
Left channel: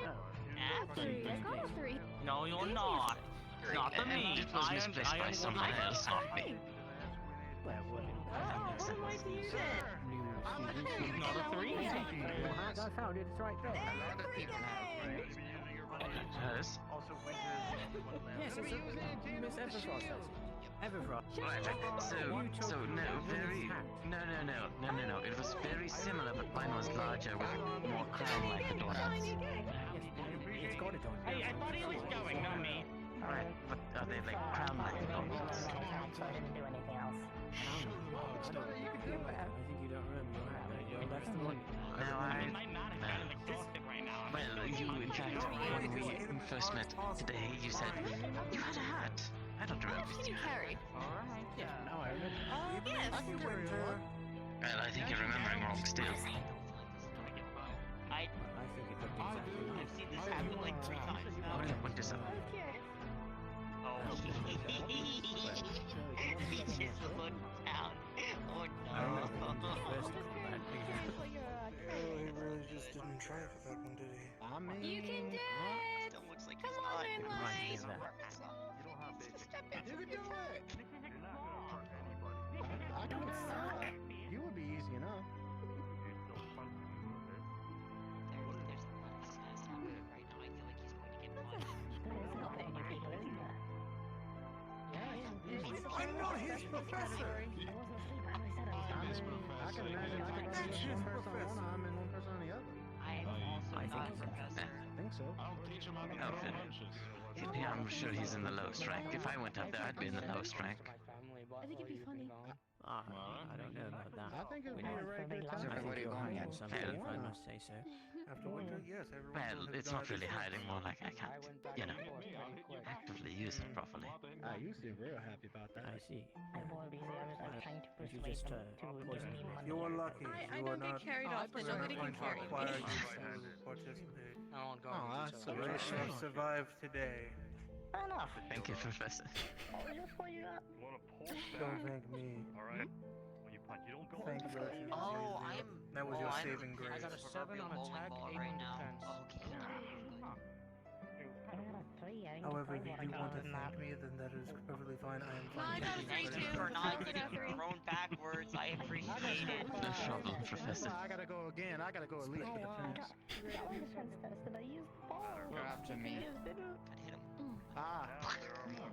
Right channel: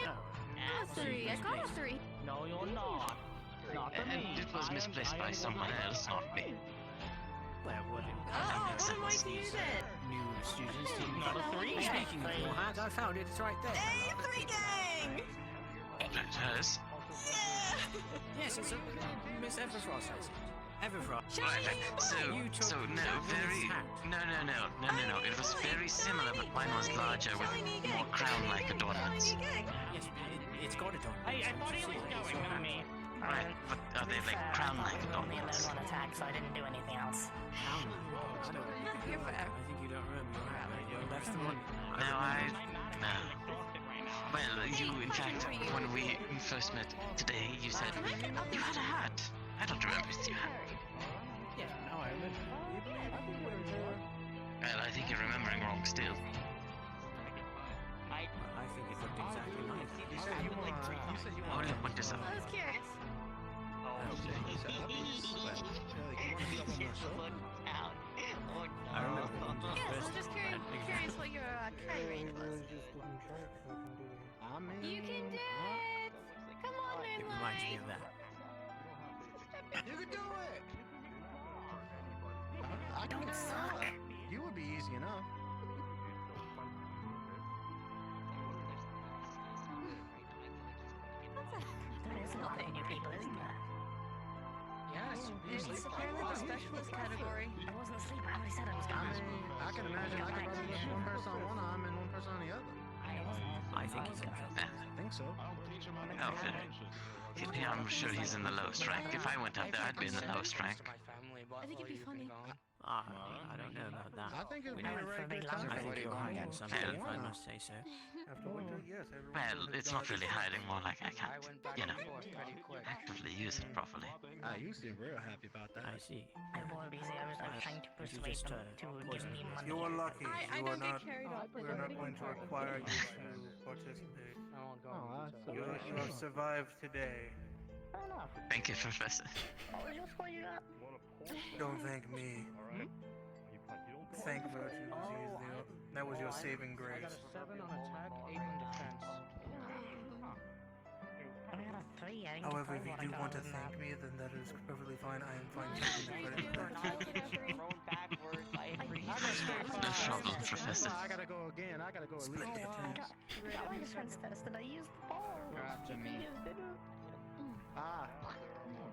am three. I got three. No, you're not. Not for And me. it was misplaced by someone else, not me. Well, what How might you use it? new students? Not a three. I found it. It's right there. Three gang! Yes. Yes, it's Miss Everfrost. Everfrost. So no, no. It was very similar, but mine was larger with more crown like the donuts. Yes, it's got a donut. Hey, I thought he was going, not me. Right, but are they like crown like donuts? Attack, so I didn't do anything else. I think you don't remember. Well, that's the one. No, I'm mad at kind of exhausted right now. Well, you, in fact, when we first met today, you said, you had a hat. I don't remember you had. Yeah, now I remember. Well, I think you're remembering wrong still. I think it I've seen this happen like 3 times now. Hold up, what is up? I was curious. Oh, he just looked down. Oh no. I'm just curious what your He really just didn't try for that one, did he? I mean, You can do it! Come on, Moonlight! You can do it. I don't suck. You would be easy enough. There is no thing you people, isn't there? Yes, it's a special category. I wasn't asleep. I already said I was gone. I can imagine I could see one person on one arm and one person on the other. I think he's confessed. I think so. I'll teach him how to throw punches. Yeah, I'm sure he's in the lowest rank. If I went up there, I'd be in the lowest rank. I think it'd be funny. I don't know about that. I think it'd be No, a for very a big good lump. time. Everybody going at Something, if I must say so. After winter, yes, everyone. Well, it's not really hiding, more like I can't, actively use it properly. You seem real happy about that. I see. I was busy. I was like trying to Would you persuade just them to give me money. You were lucky. I don't get carried off. We're not going to require you to participate. that's so You have survived today. Fair enough. Thank you, Professor. Just what you got. Don't thank me. Thank Virtues. That was your saving I grace. got a 7 on attack, 8 on defense. I got a 3. I didn't However, if you get do want to than that. thank me, then that is perfectly fine. I am fine Thank taking the you for credit. not getting thrown backwards. I appreciate it. No problem, Professor. I gotta go again. I gotta go at least Oh, with the I chance. got reference test and I used the ball. You're after me. Ah,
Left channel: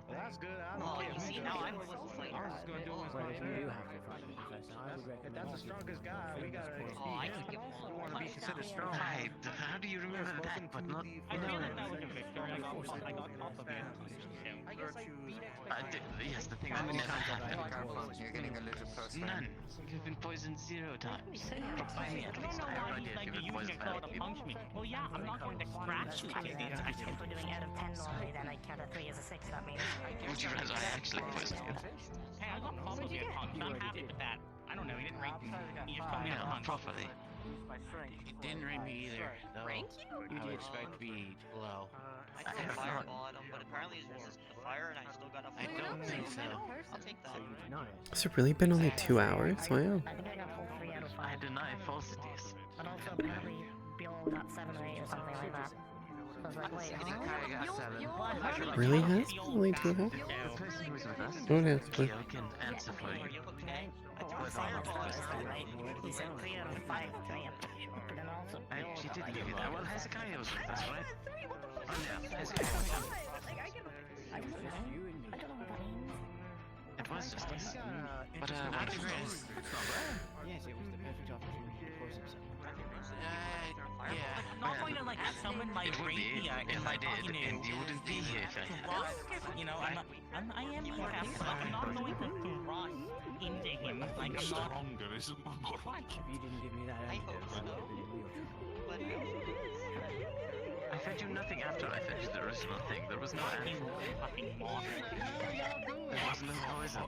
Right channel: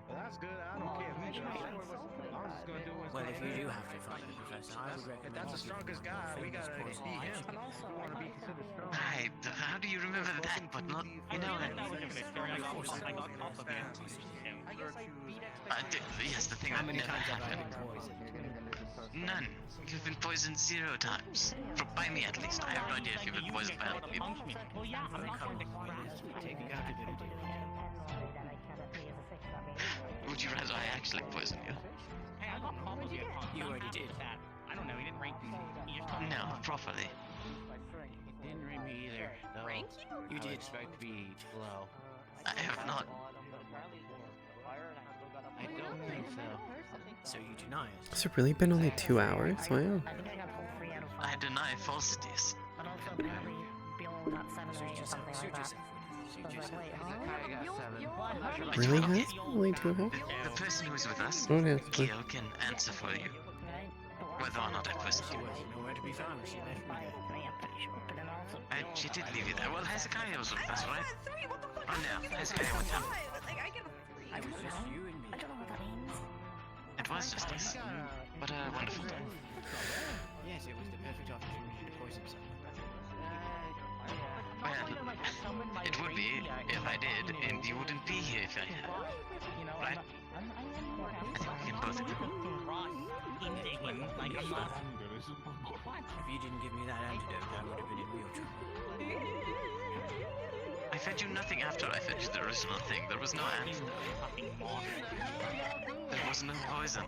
well, that's good. I don't care. you know, I was just gonna do it Well, if you do myself. have to fight him, Professor, I would If recommend that's the you strongest guy, we gotta famous beat quote. him. We want to be considered strong. Hi, how do you remember that, but not... I feel like that was a mystery. I got caught up in I guess I beat Yes, the thing How that many never times have I happened. been poisoned? You're getting a little closer. None. You've been poisoned 0 times. By me, at least. I have no idea if you've been poisoned by other people. punch me. Well, yeah, I'm not going to scratch you. If we're doing out of 10 normally, then I count a 3 as a 6. That means Would you rather I actually poisoned you? Hey, I got probably a punch. You I'm already happy did. with that. I don't know, he didn't rank me. He just told me No, to not punch. properly. It didn't ring me either, though. Rank you? I would expect to be low. I have not. But apparently it's just the fire and I still got I don't think so. So you deny it? Has it really been only 2 hours? Wow. I think I got full 3 out of 5. I deny falsities. But also apparently Bill got 7 or 8 or something like that. So I was like, wait, huh? I got 7. Really has been only 2 hours? The person who's with us, Oh, yes, but Kyo, can answer for you. Right? Whether or not that person... Nowhere to be found. 3 out of 5 to me, I'm pretty sure. But then also Bill She got did like leave you there. Well, Hezekiah was with us, right? Oh, no. Hezekiah was with us. It was just you and me. I don't know what that means. It was just us. But a wonderful place. Yes, it was the perfect opportunity to poison someone. Well, Like someone might it would rank be me, I if can, I did, you know, and you wouldn't be here if I had. You know, Right? I am not going to thrust into him. Like, I'm not. What? If you didn't give me that antidote, I would have been in real trouble. I fed you nothing after I fed you the original thing. There was no You answer. fucking moth. There wasn't a poison.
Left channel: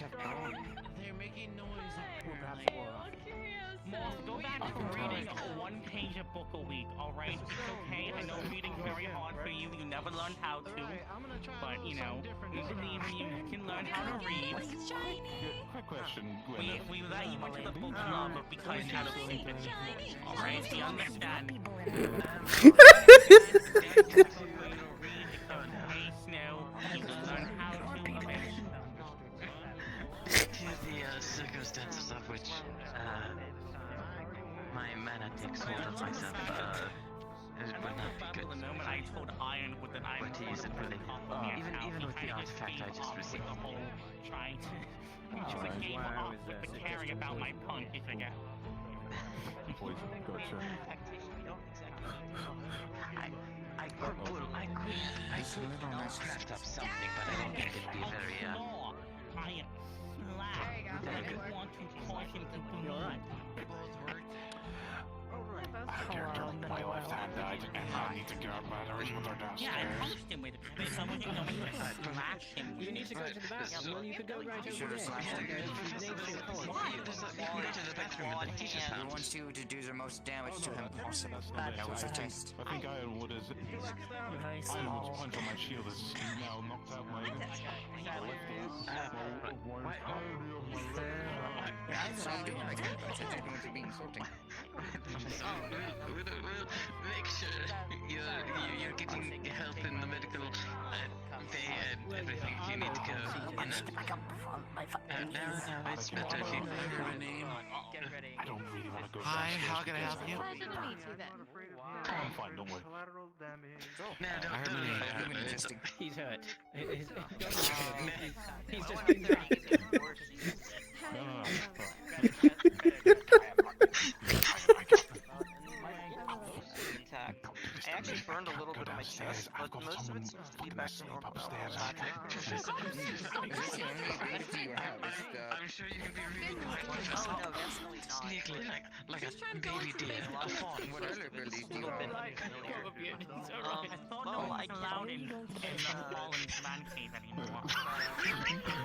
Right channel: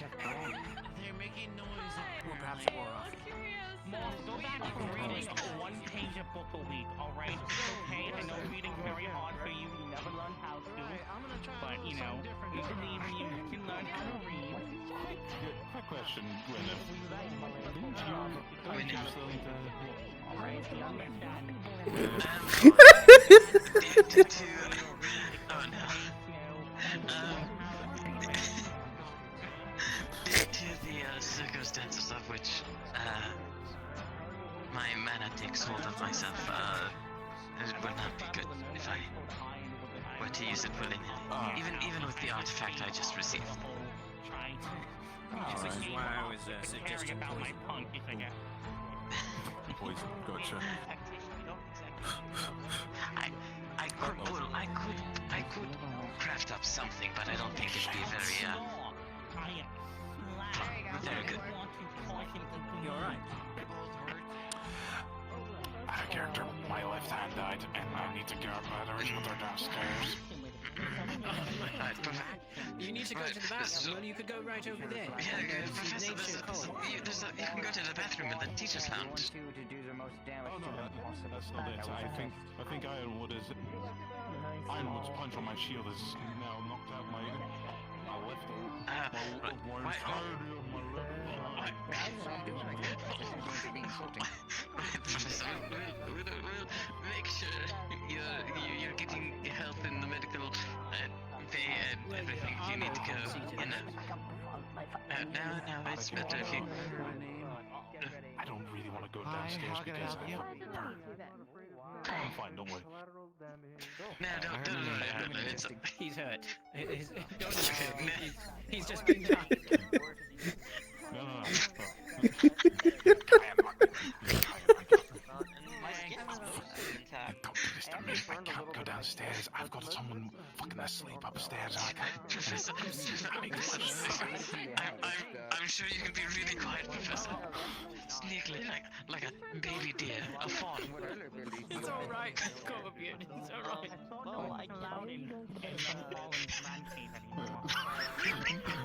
They're making noise. Moth, go back to reading one page a book a week, alright? It's okay, I know reading's very hard for you, you never learned how to. But, you know, we believe in you, you can learn how to read. Quick question, Gwyneth. We let you into the book club because Are you you're willing to... alright, you understand. To the circumstances of which my mana takes hold of myself, it would not be good if I were to use it fully. Even with the artifact I just received. Trying to game off with the caring about my punk, you forget. I could draft up something, but I don't think it'd be very, I am slack. I want to point him to me. Character, my left hand died, and I need to grab batteries with our downstairs. You need to go to the bathroom. Well, you could go right over there. You can go to the bathroom in the teacher's house. Wants you to do the most damage Oh to no, them. that's not it. I think Ironwood's punch on my shield is now knocked out my left That's going to be insulting. We'll make sure you're getting help in the medical bay and everything if you need to go. Now it's better if you... I don't really want to go downstairs because I have a burn. I'm fine, don't worry. No, don't worry about it. He's hurt. He's just been down. No. Go downstairs. I've got someone fucking asleep upstairs. I'm sure you can be really quiet, Professor. Sneakily, like a baby deer, a fawn. It's alright. No, I clown him.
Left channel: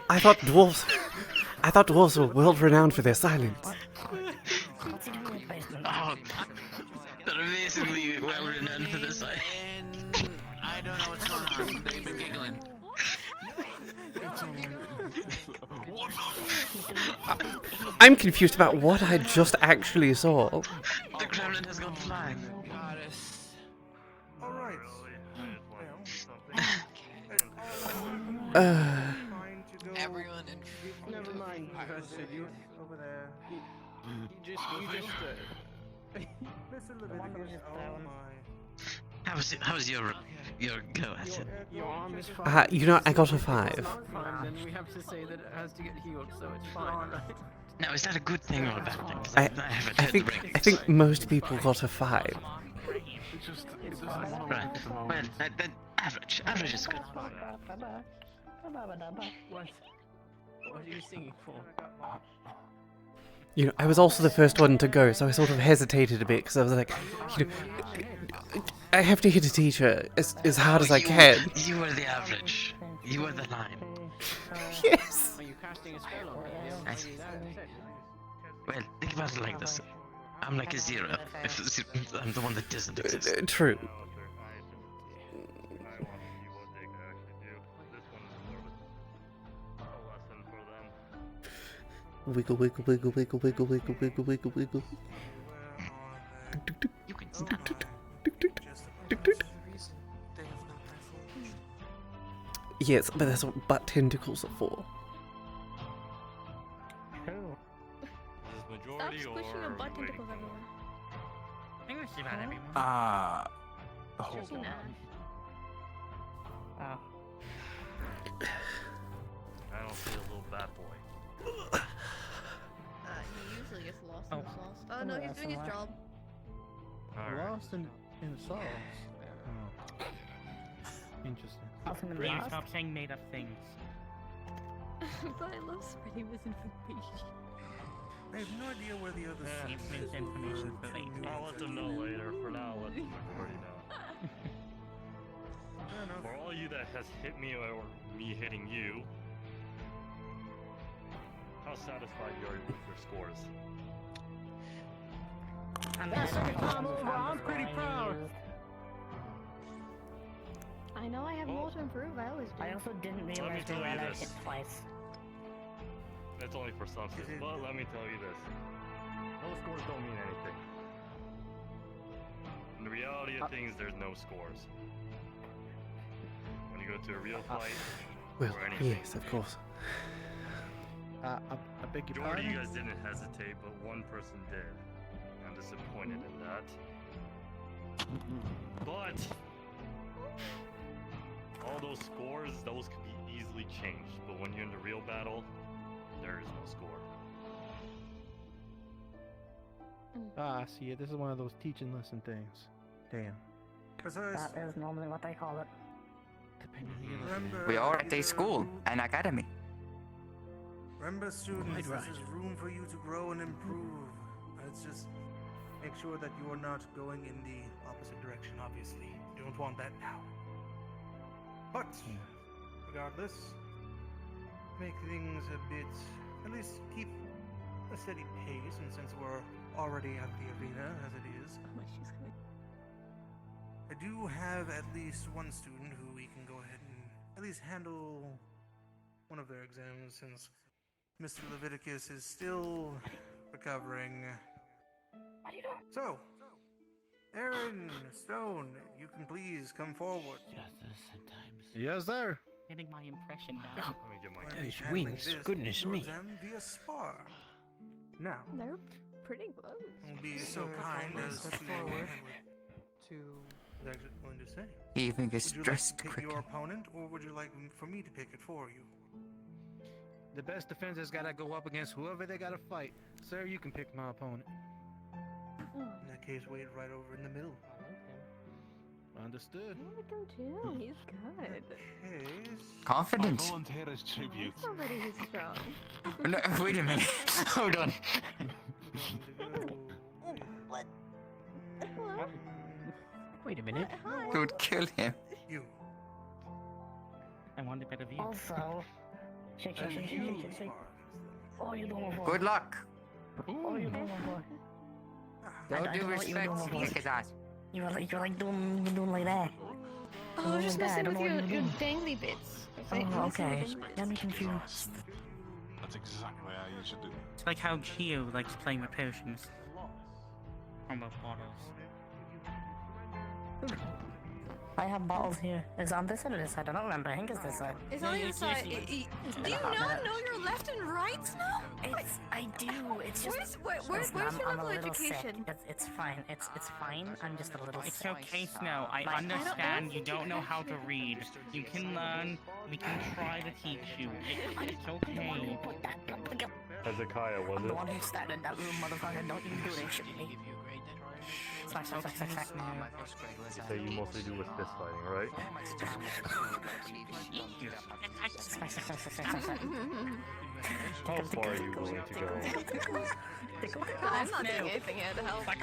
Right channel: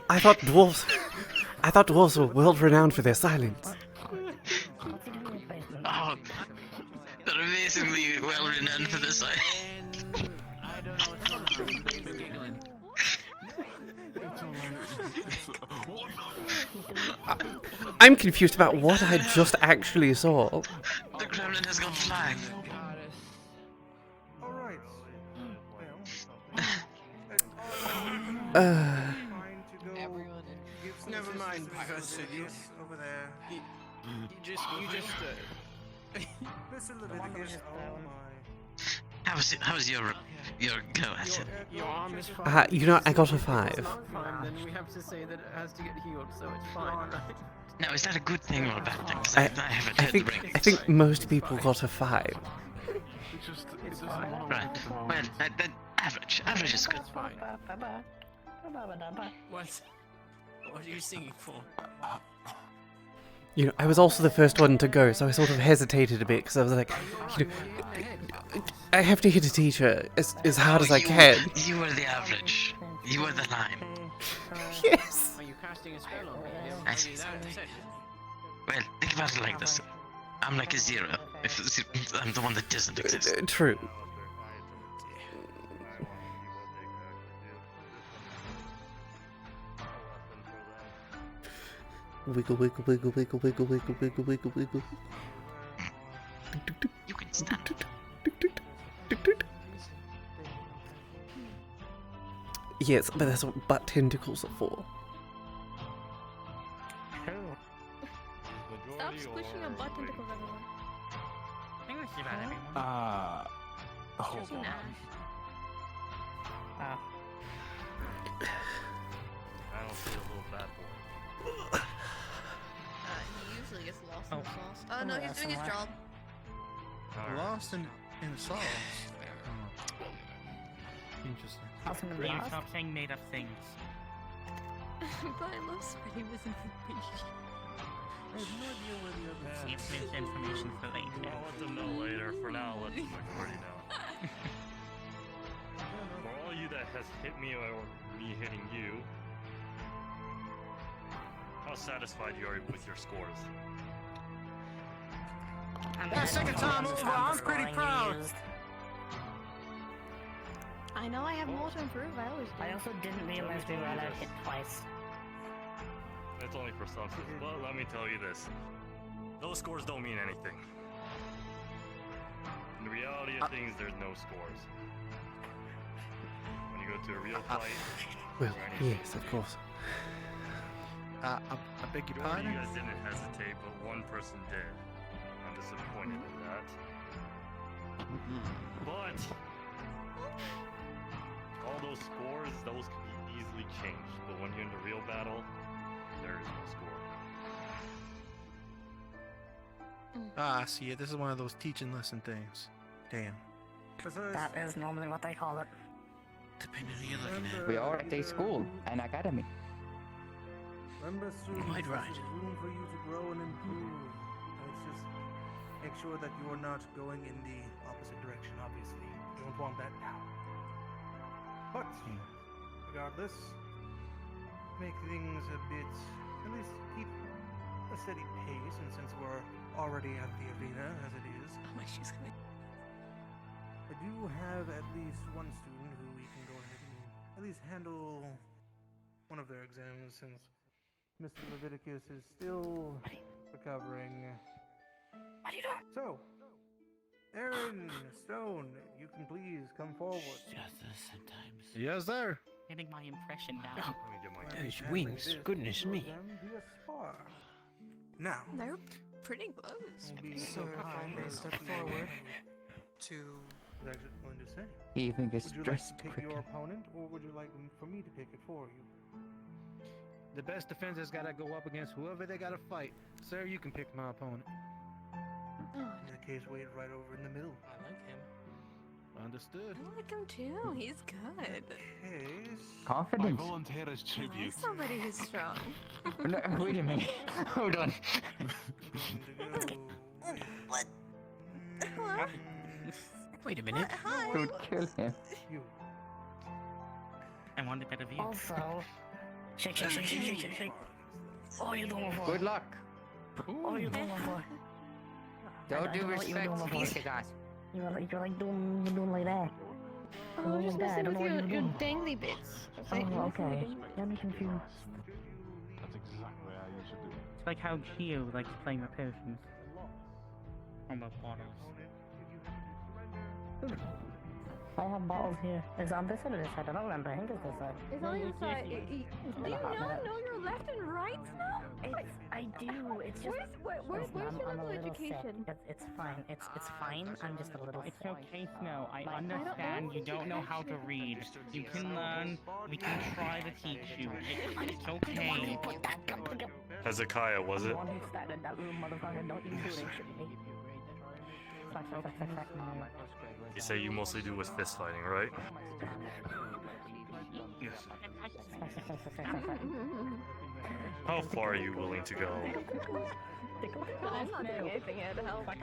I thought dwarves were world renowned for their silence. Oh, they're amazingly well renowned for this. I don't know what's going on. They've been giggling. I'm confused about what I just actually saw. The gremlin has gone flying. Alright. Everyone in... Never mind, Professor. Over there. You just Mr. Leviticus, oh my. How was your go at it? Your arm is fine. You know, I got a 5. Then we have to say that it has to get healed, so it's fine, right? Now, is that a good thing or a bad thing? 'Cause I haven't heard the ranking. I think most people got a 5. Right. Well, that average. Average is good. What are you singing for? You know, I was also the first one to go, so I sort of hesitated a bit because I was like, you know, I have to hit a teacher as hard as I can. You were the average. You were the 9. Yes. Are you casting a spell on me? I see. Well, think about it like this. I'm like a 0. I'm the one that doesn't exist. True. Wiggle, wiggle, wiggle, wiggle, wiggle, wiggle, wiggle, wiggle, wiggle. You can stop. Yes, but that's what butt tentacles are for. Stop squishing your butt tentacles, everyone. I think that's about everyone. Hold Especially on. now. I don't see a little bad boy. He usually gets lost in the sauce. Oh no, he's doing his job. Lost in the sauce. Interesting. Awesome and Will you lost? stop saying made up things? But I love spreading misinformation. I have no idea where the other See if there's information for later. I'll let them know later. For now, I'll let them already know. For all you that has hit me or me hitting you, how satisfied you are with your scores? Well, second time over, I'm pretty proud. I know I have more to improve. I always do. I also didn't realize they were allowed to hit twice. It's only for some students, but let me tell you this. Those scores don't mean anything. In the reality of things, there's no scores. When you go to a real fight, Well, or anything, yes, of course. I beg your majority of you pardon? guys didn't hesitate, but one person did. I'm disappointed in that. But all those scores, those can be easily changed. But when you're in the real battle, there is no score. Ah, I see it. This is one of those teaching lesson things. Damn. That is normally what they call it. We are at a school, an academy. Remember, students, Quite this right. is room for you to grow and improve. Let's just make sure that you are not going in the opposite direction, obviously. You don't want that now. But, regardless, make things a bit, at least keep a steady pace, and since we're already at the arena, as it is, I do have at least one student who we can go ahead and at least handle one of their exams, since Mr. Leviticus is still recovering. So, Aaron Stone, you can please come forward. Yes, sir. Getting my impression down. Let me get my Those wings, goodness me. Via spar. Now, They're pretty close. I'll be So if I may step forward to... What was I going to say? You think it's Would you like dressed to pick quicker? your opponent, or would you like for me to pick it for you? The best defense has got to go up against whoever they got to fight. Sir, you can pick my opponent. In that case, wait right over in the middle. Understood. I like him too. He's good. Confident. I volunteer as tribute. Somebody who's strong. No, wait a minute. Hold on. Wait a minute. Don't kill him. You. I want a better view. Also, shake. Oh, you doing for? Good luck. Oh, you doing for? Don't I do know what you're respect. doing before. Kick his ass. You're like doing like that. Oh, just I messing don't with know what your you're doing. dangly bits. Oh, okay. Got me confused. That's exactly how you should do it. It's like how Gio likes playing with potions. Or with bottles. I have bottles here. Is it on this side or this side? I don't remember. I think it's this side. It's on your side. Do you not know your left and right now? I do. It's just. Where's your I'm a level little education? sick. It's fine. It's fine. I'm just a little It's sick. okay, Snow. I My- understand you don't know how to read. You can learn. We can try to teach you. It's okay. Hezekiah, was it? That little motherfucker. Don't even do it. Shit me. Slack. You say you mostly do with fist fighting, right? How far are you willing to go? I'm not doing anything here to help. We're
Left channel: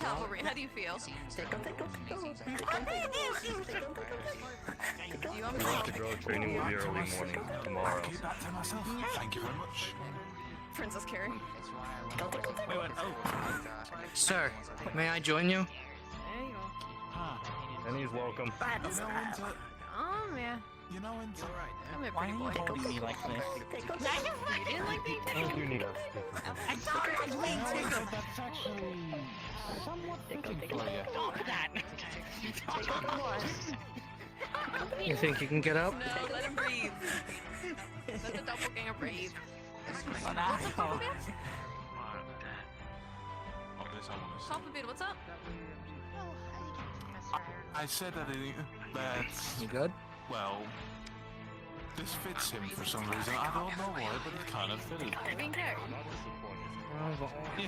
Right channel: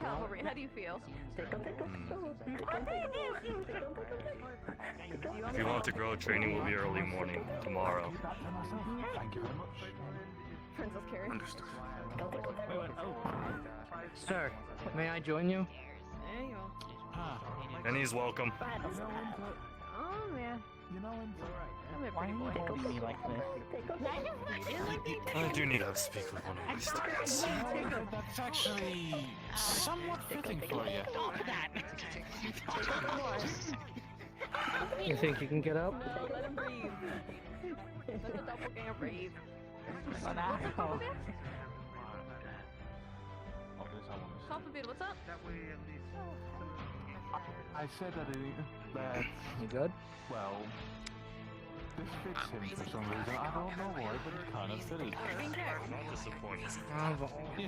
cavalry. How do you feel? If you want to grow, training will be early morning tomorrow. Thank you very much. Princess Carrie. Sir, may I join you? There you go. And he's welcome. Oh man. You know, in Come here, pretty boy. Don't be like this. I do need to speak with one of these. that's actually somewhat fitting for you. You think you can get up? Let him breathe. Let the doppelganger breathe. Compliment, what's up? I said that You good? well, this fits him for some reason. I don't know why, but it kind of fitted. Not disappointed. Oh, the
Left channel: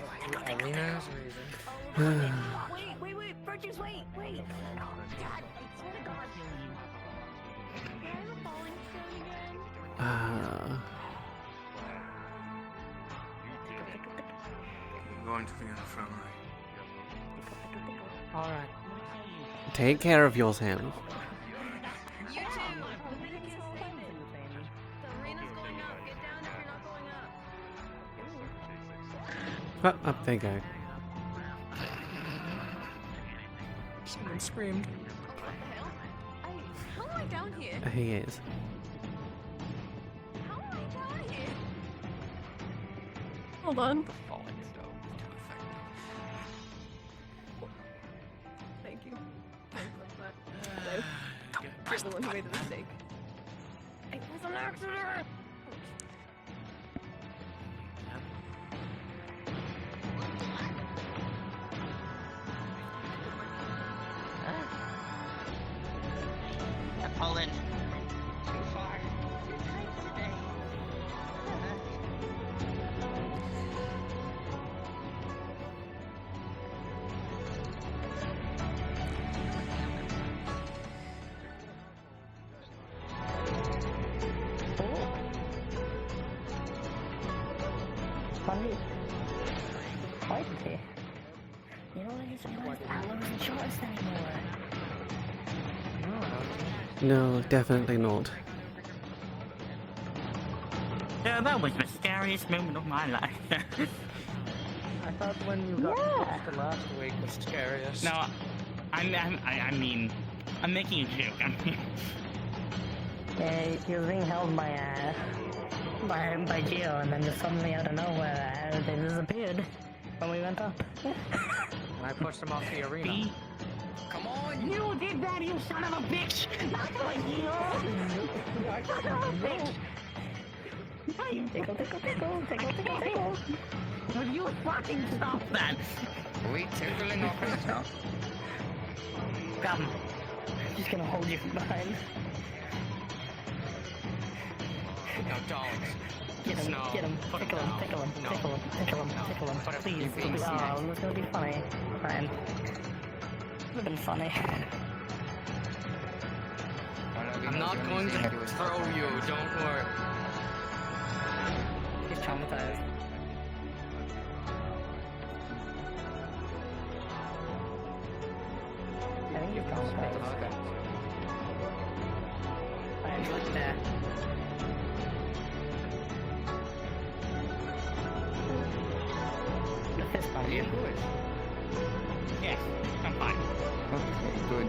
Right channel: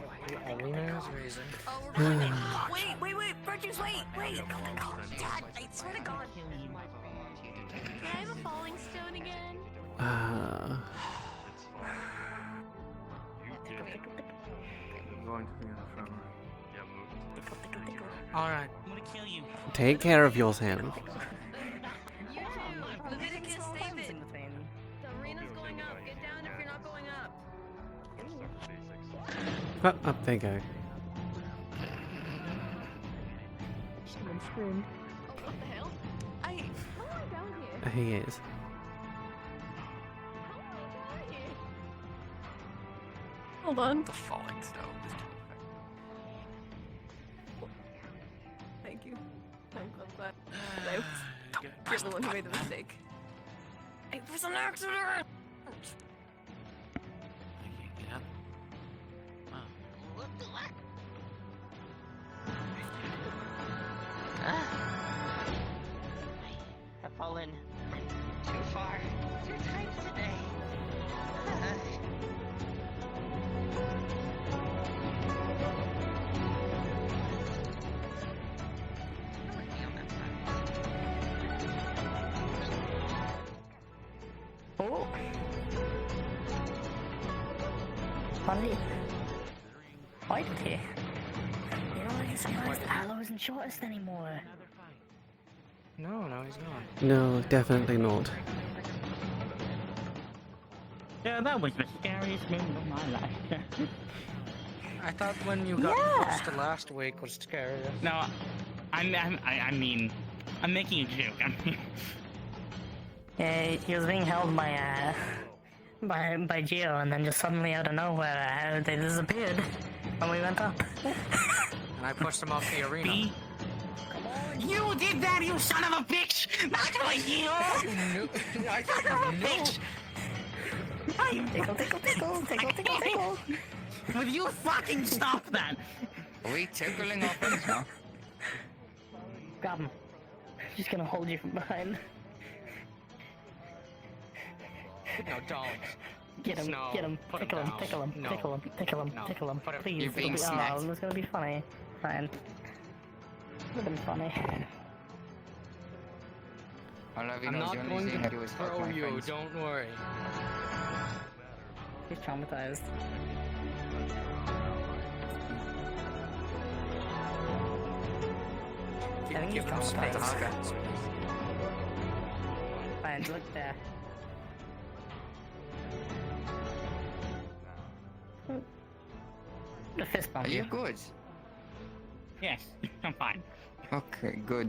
arena is raising. Wait, Burgess, wait! God, I swear to God. I'm a falling stone again. Going to the infirmary. Alright. I'm gonna kill you. Take care of yourself. You too. Leviticus statement. The arena's going up. Get down if you're not going up. Oh, up they go. Someone screamed. Oh, what the hell? How am I down here? He is. Hold on. Thank you. Thanks for that. Nice. You're the one who made the mistake. It was an accident! You're falling too far. Too tight today. Why did he? You know, I realized Aloe isn't shortest anymore. No, definitely not. Yeah, that was the scariest moment of my life. I thought when you got pushed last week was scariest. No, I mean, I'm making a joke. I mean, Yeah, he was being held by Geo, and then just suddenly out of nowhere, they disappeared when we went up. And I pushed him off the arena. you did that, you son of a bitch! Not like you! Son of a bitch! Will you fucking stop that? Are we tickling off right now? Come. I'm just gonna hold you from behind. No, don't. Get him, No, get him, put tickle it him, down. tickle him, No. tickle him, tickle him, No. tickle him, Put it- please. you're It'll being be, serious. it's gonna be funny. Fine. Would've been funny. I'm not going to throw you, don't worry. He's traumatized. Give him space. I'm look there. The fist bump. Are you good? Yes, I'm fine. Okay, good.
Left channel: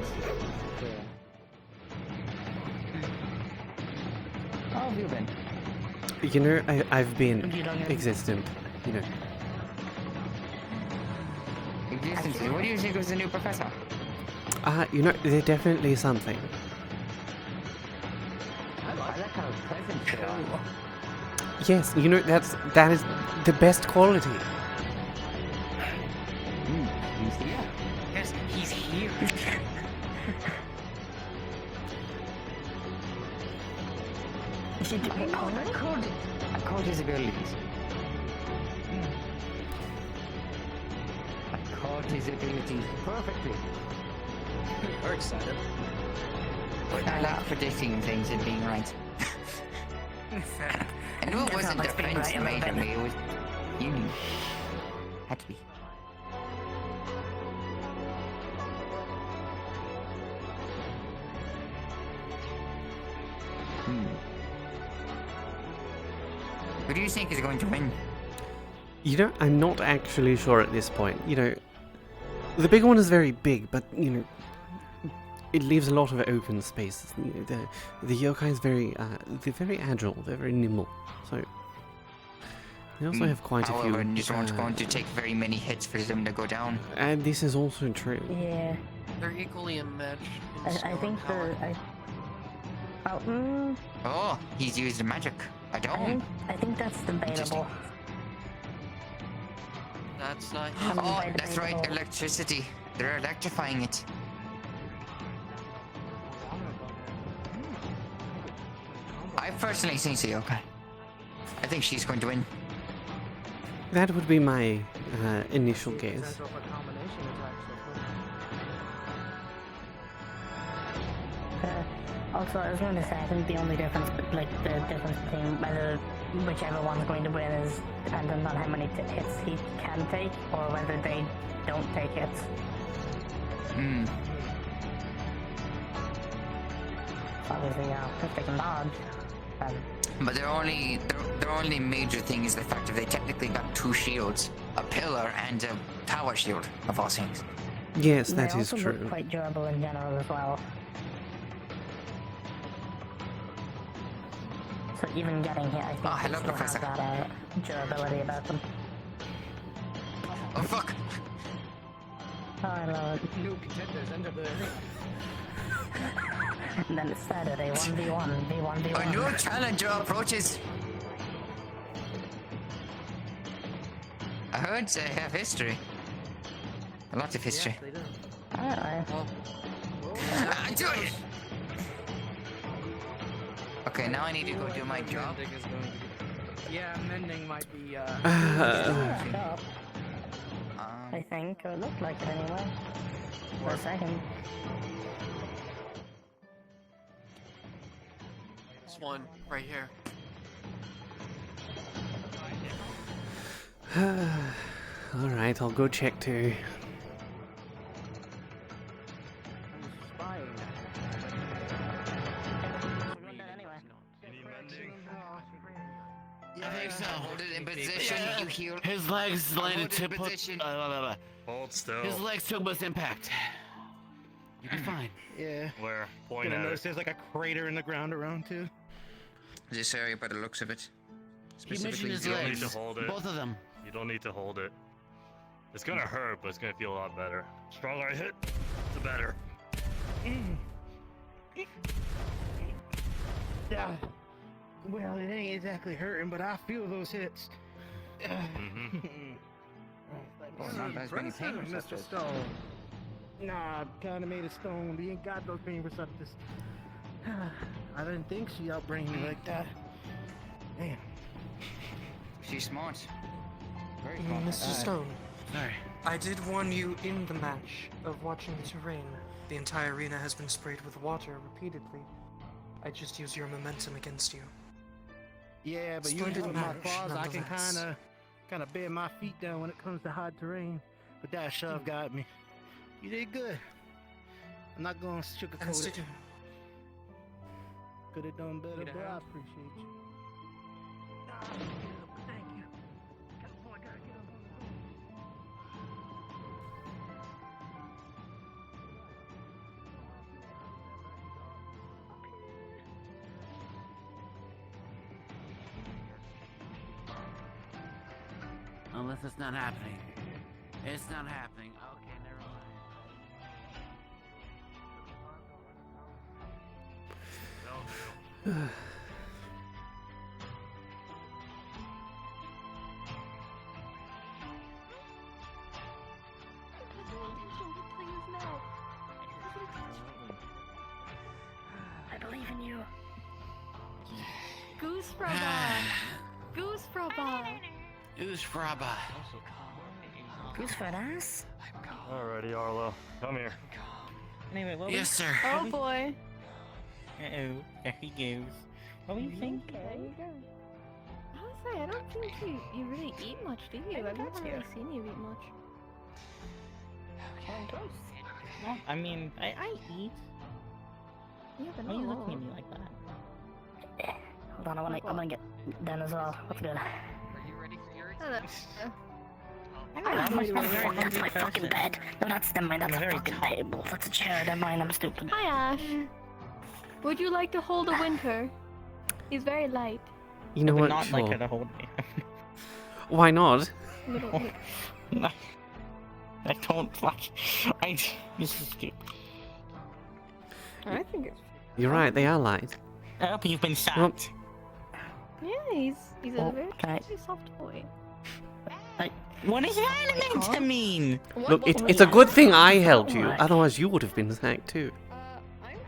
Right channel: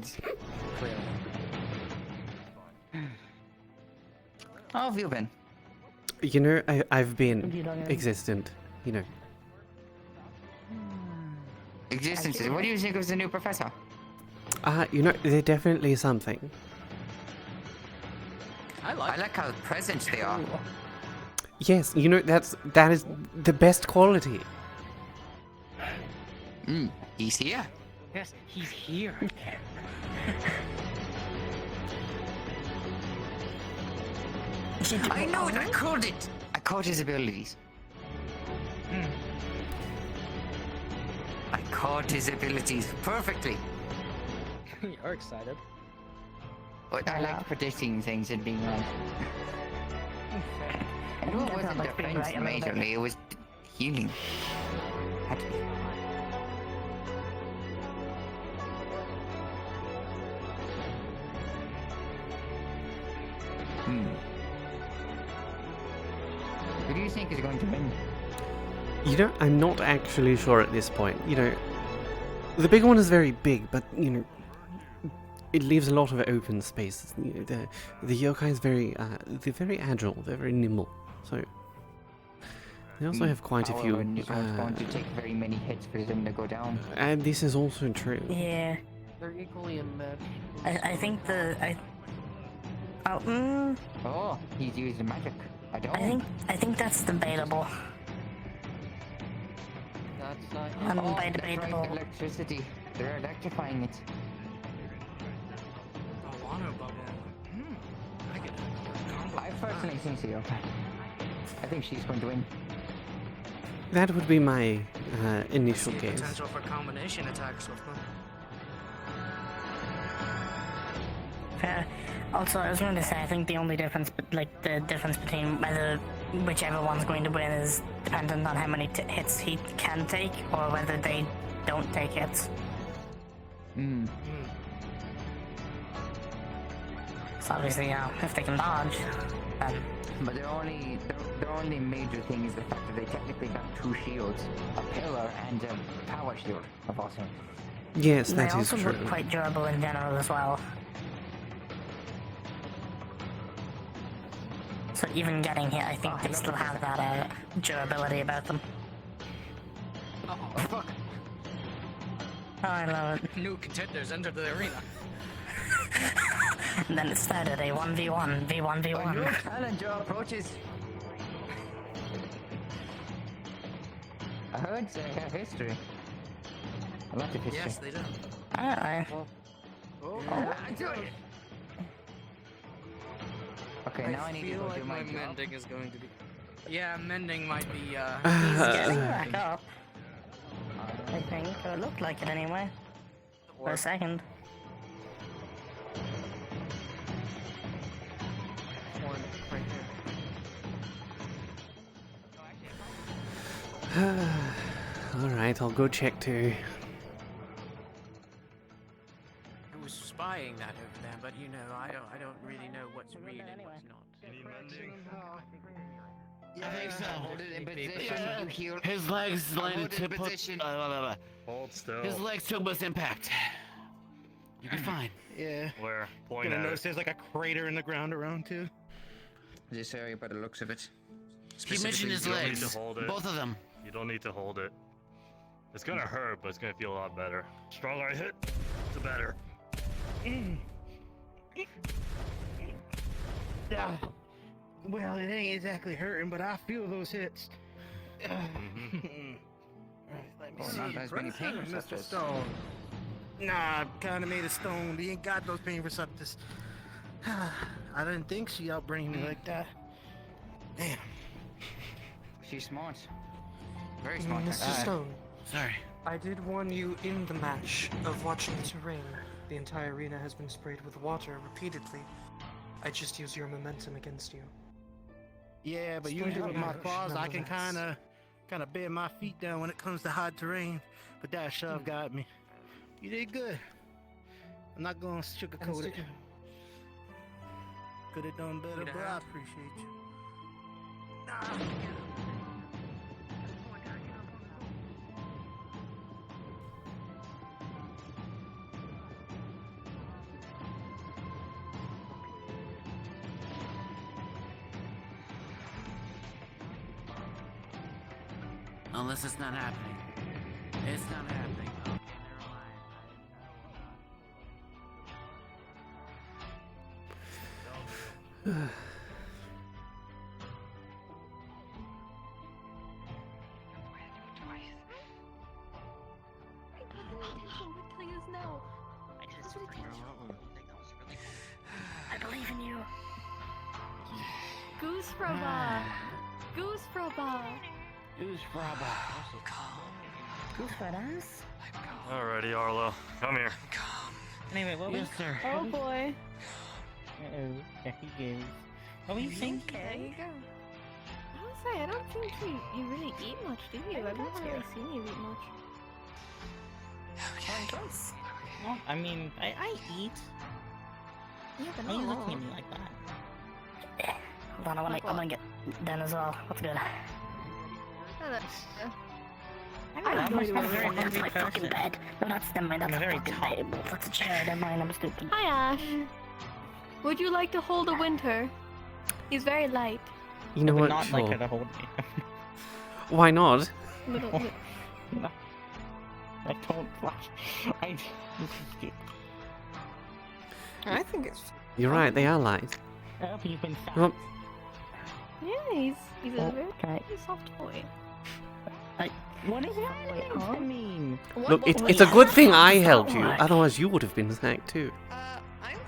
How have you been? You know, I've been existent, you know. Existence. What do you think was the new professor? You know, they're definitely something. I like how present they are. Yes, you know, that is the best quality. He's here. Yes, he's here. I know it, I called it. I called his abilities. I called his abilities perfectly. We're excited. But I like predicting things and being right. And it wasn't defense majorly, it was healing. Had to be. Who do you think is going to win? You know, I'm not actually sure at this point. You know, the big one is very big, but, you know, it leaves a lot of open space. You know, the yokai is they're very agile, they're very nimble. So, they also have quite a few. These aren't going to take very many hits for them to go down. And this is also true. Yeah. They're equally immatched. I think Oh, he's used magic. I don't. I think that's debatable. That's Oh, that's right, electricity. They're electrifying it. I personally think so, okay. I think she's going to win. That would be my initial guess. Potential for combination attacks with Also, I was going to say, I think the only difference, the difference between whether whichever one's going to win is dependent on how many hits he can take, or whether they don't take hits. Hmm. So obviously, if they can dodge, But their only major thing is the fact that they technically got 2 shields, a pillar and a power shield of all things. Yes, they that is also true. look quite durable in general as well. So even getting hit, I think they still have that durability about them. Oh fuck! I love it. New contenders entered the arena. And then it started a 1v1, V1v1. A new challenger approaches. I heard they have history. A lot of history. Yes, they do. I don't know. Do it! Okay, now I need to go do my job. Mending is going to be... Yeah, mending might be, I think, or it looked like it anyway. For a second. There's one right here. Alright, I'll go check too. I was spying that I think so. Hold it in position, you heal. His legs landed to put. Hold still. His legs took most impact. You'll be fine. Yeah. Where? Point Gonna at notice it. there's like a crater in the ground around too. This area by the looks of it. He mentioned his You don't need to legs. hold it. Both of them. You don't need to hold it. It's gonna hurt, but it's gonna feel a lot better. Stronger I hit, the better. Yeah. Well, it ain't exactly hurting, but I feel those hits. Oh, not as many pain Mr. receptors. Stone. Nah, kinda made of stone. We ain't got those pain receptors. I didn't think she outbrained me like that. Damn. She's smart. Very smart. Mr. Stone, Sorry. I did warn you in the match of watching the terrain. The entire arena has been sprayed with water repeatedly. I just use your momentum against you. Yeah, but Still usually with my harsh, claws, I can nonetheless. kind of bear my feet down when it comes to hard terrain. But that shove got me. You did good. I'm not gonna And sugarcoat it. stick- Could have done better, but I appreciate you. Unless it's not happening. It's not happening. Okay, never mind. I believe in you. Goose Fraba! Goose Fraba! Who's Fraba? Goose fat ass? Alrighty, Arlo. Come here. Anyway, what Yes, was... sir. Oh boy. Uh-oh, there he goes. What do you think? There you go. I was say, I don't think you really eat much, do you? I've never really seen you eat much. Well, I mean, I eat. Yeah, but Why are you not looking at all. me like that? Hold on, I'm gonna get done as well. What's good? Hello. I'm a very hungry That's my fucking person. bed. No, that's never mind. I'm That's a a very fucking tall- table. That's a chair. Never mind. I'm stupid. Hi, Ash. Would you like to hold a winter? He's very light. You know I would what? not like Sure. her to hold me. Why not? No. I don't like. This is stupid. I think it's... You're right, they are light. I hope you've been shocked. Well, Yeah, he's a Oh, very can soft boy. What is that meant to mean? look, it's a good thing I helped you, otherwise you would have been sacked too.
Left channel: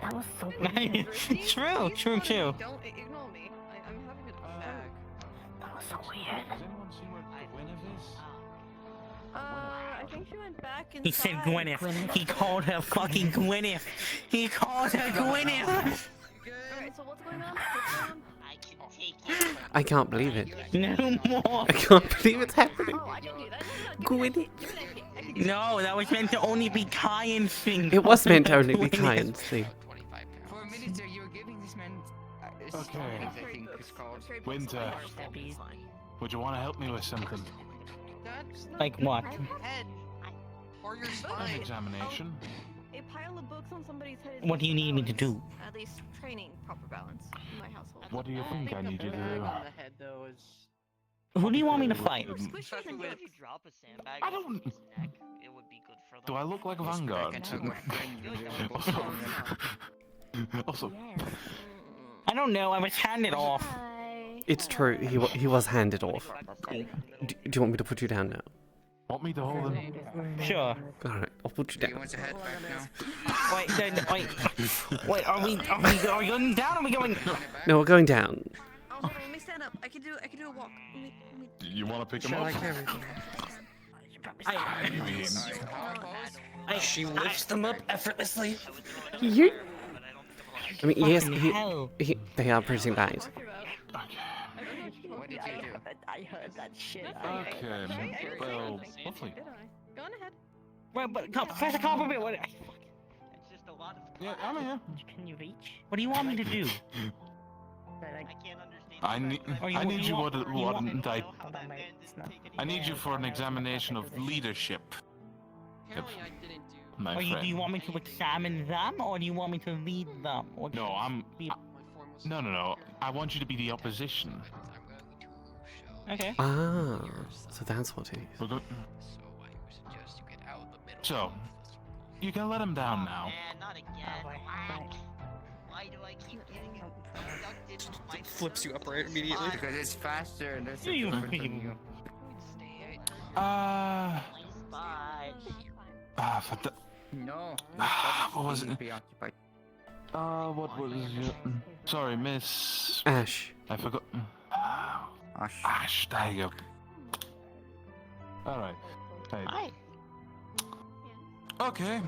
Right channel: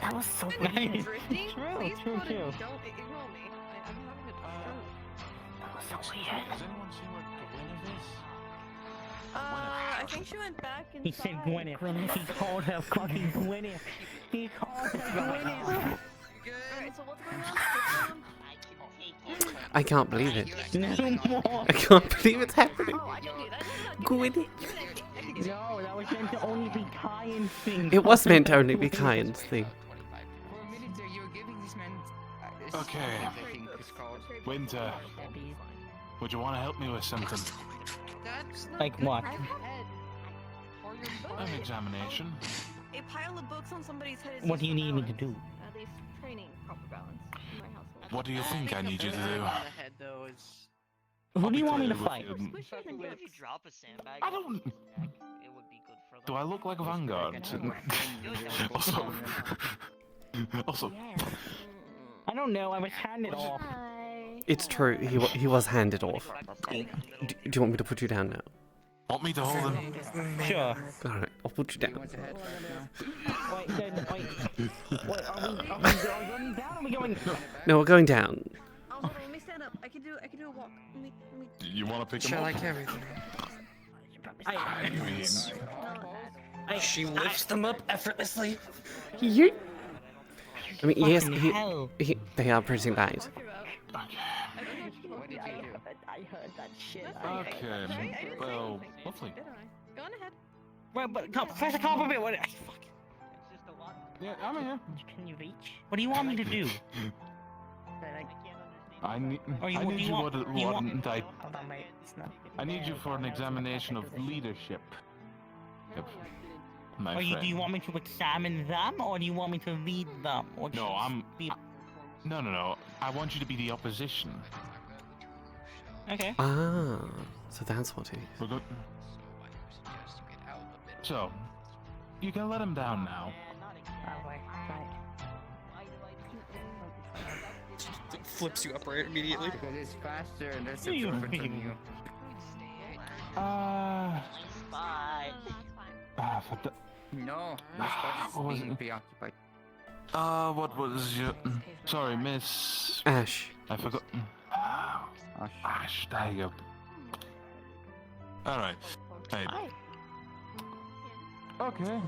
That was so True, weird. true. Don't ignore me. I'm having a stroke. That was so weird. Does anyone see where Gwyneth is? I think she went back inside. He said Gwyneth. He called her fucking Gwyneth. He called her Gwyneth. Alright, so what's going on? What's going on? I can't believe it. No more. I can't believe it's happening. Oh, I can do that. Gwyneth. No, that was meant to only be Kyan's thing. It was meant to only be Kyan's thing. For a minute there, you were giving this man. Okay. I think it's called. Winter, would you want to help me with something? Like what? An examination. A pile of books on somebody's head is What do you need me to do? at least training proper balance in my household. What do you think I need you to do? On the head though is. Who do you want me to fight? If you drop a sandbag, I don't. it would be good for the. Do I look like a Vanguard? Also, I don't know. I was handed off. It's true. He was handed off. Do you want me to put you down now? want me to hold him? Sure. All right, I'll put you down. Wait, are we going down? Or are we going? No, we're going down. Oh, hold on, let me stand up. I can do a walk. You want to pick him Shall up? I carry them? She lifts them up effortlessly. You. I mean, yes, Fucking hell. they are pretty light. What did you do? I heard that shit. Okay, well, lovely. Go on ahead. Well, but Professor Copperfield, what? Yeah, I'm here. Can you reach? What do you want me to do? I need Or you- I need you you want- what you want- wouldn't I? Hold on, wait. It's not. I need you for an examination of leadership. Yep. My Or do friend. you want me to examine them, or do you want me to lead them? Or No, No. I want you to be the opposition. Okay. Ah, so that's what it is. We're good. So, you can let him down now. Flips you upright immediately. Because it's faster and there's You- different from you. For the, No, what was it? preoccupied. What was your? Sorry, Miss. Ash. I forgot. Ash, there you go. All right. Hey. Okay,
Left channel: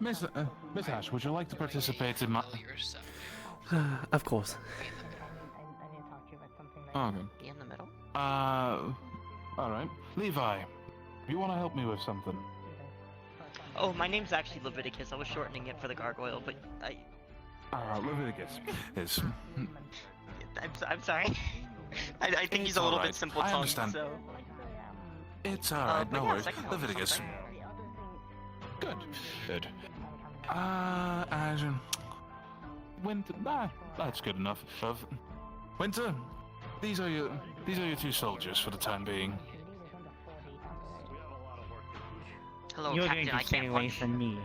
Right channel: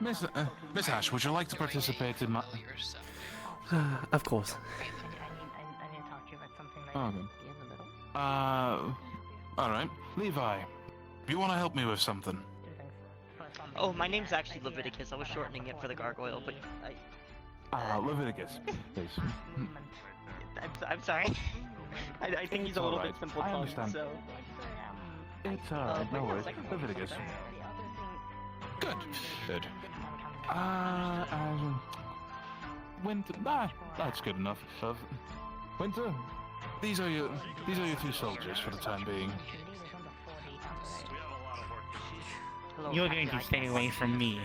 Miss Ash, would you like to participate in my? Of course. Oh, okay. Be in the middle. All right, Levi. You want to help me with something? Oh, my name's actually Leviticus. I was shortening it for the gargoyle, but Leviticus is. I'm sorry. I think he's a little bit simple I tongued. understand. So. It's alright, no worries. Leviticus. Good. Winter. That's good enough. Winter, these are your 3 soldiers for the time being. Hello, You're Captain, going to I stay can't away function. from me.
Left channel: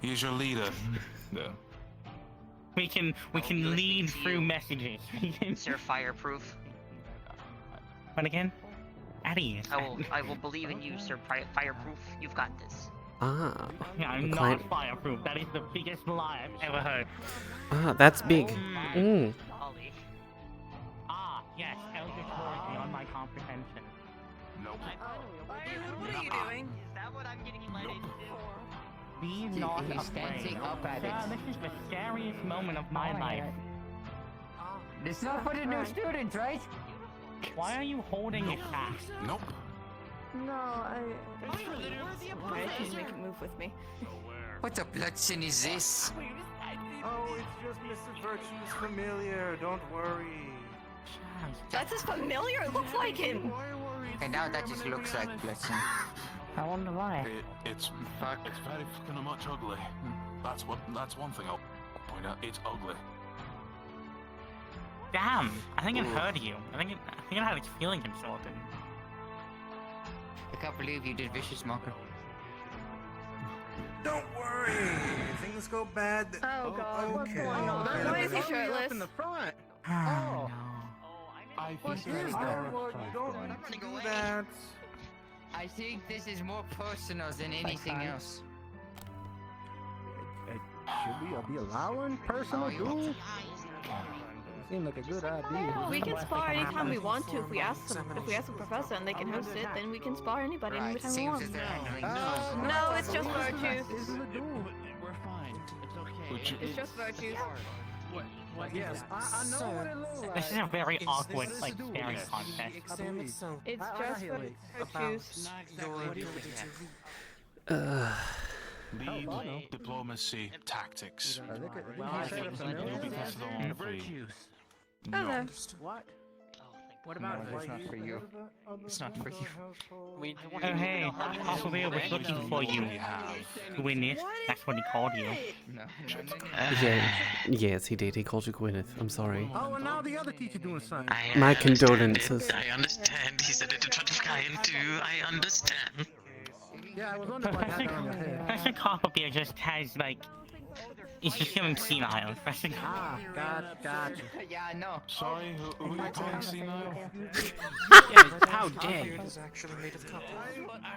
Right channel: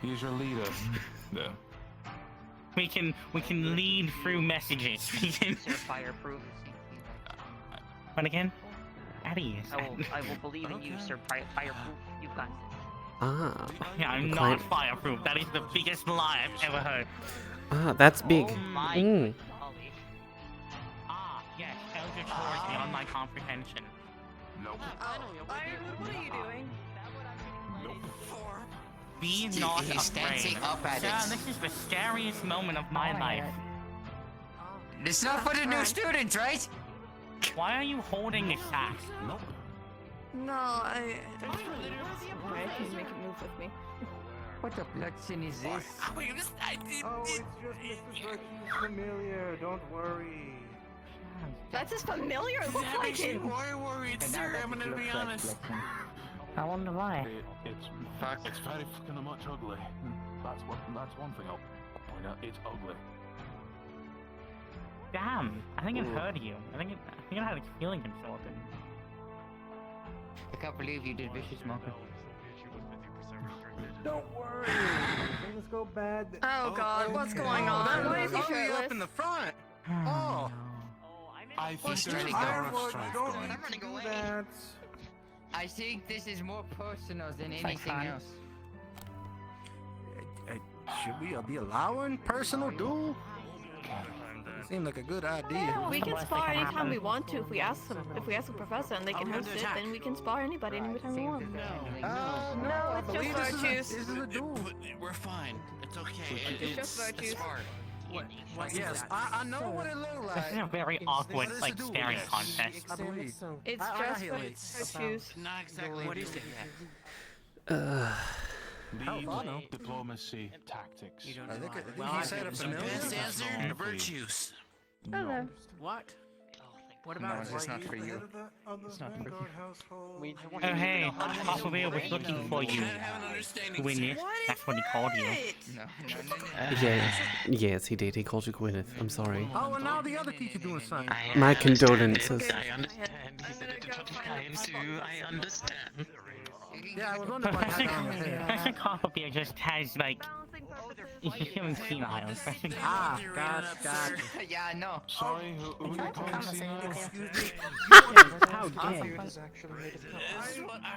He's your leader. No. We can lead through messages. Sir, fireproof. What again? Eddie. I will believe in you, Sir. Fireproof. You've got this. Ah. Yeah, I'm quite- not fireproof. That is the biggest lie I've ever heard. Ah, that's big. Golly. Ah, yes, Eldritch Horror is beyond my comprehension. Nope. What are you doing? Be not He's dancing afraid. up at Sir, it. this is the scariest moment of my life. It's not for the new students, right? Why are you holding this axe? Nope. No, I can make it move with me. What the bloodsin is this? Oh, it's just Mrs. Virtue's familiar. Don't worry. That's his familiar. It looks like him. And now that just looks like bloodsin. I wonder why. It's very fucking much ugly. That's one thing I'll point out. It's ugly. Damn, I think it hurt you. I think it had its feeling insulted. I can't believe you did vicious smoker. Don't worry. Things go bad. Oh God, what's going on? Why is he shirtless? Up in the front. Oh. I think What's there's really a going strength on? I think this is more personal than anything else. Should we be allowing personal duel? Seemed like a good idea. We can spar anytime we want to. If we ask them, if we ask the professor and they can host it, then we can spar anybody anytime we want. No, it's just virtues. We're fine. It's okay. It's just virtues. What? Yes, I know what it looks like. This is a very awkward, like, staring contest. It's just virtues. What do you think? Lead diplomacy tactics. Virtues. Okay. What? What about it? It's not for you. It's not for you. Oh hey, Operator was looking for you. Gwyneth, that's what he called you. No. Yes, he did. He called you Gwyneth. I'm sorry. Oh, and now the other teacher doing something. My condolences. I understand. He said it in front of Kaia too. I understand. Yeah, I was wondering why I had that on your head. Professor Copperbeard just has, like, it's just feeling senile. Gotcha. Yeah, no. Sorry, who are you calling senile? How dare you?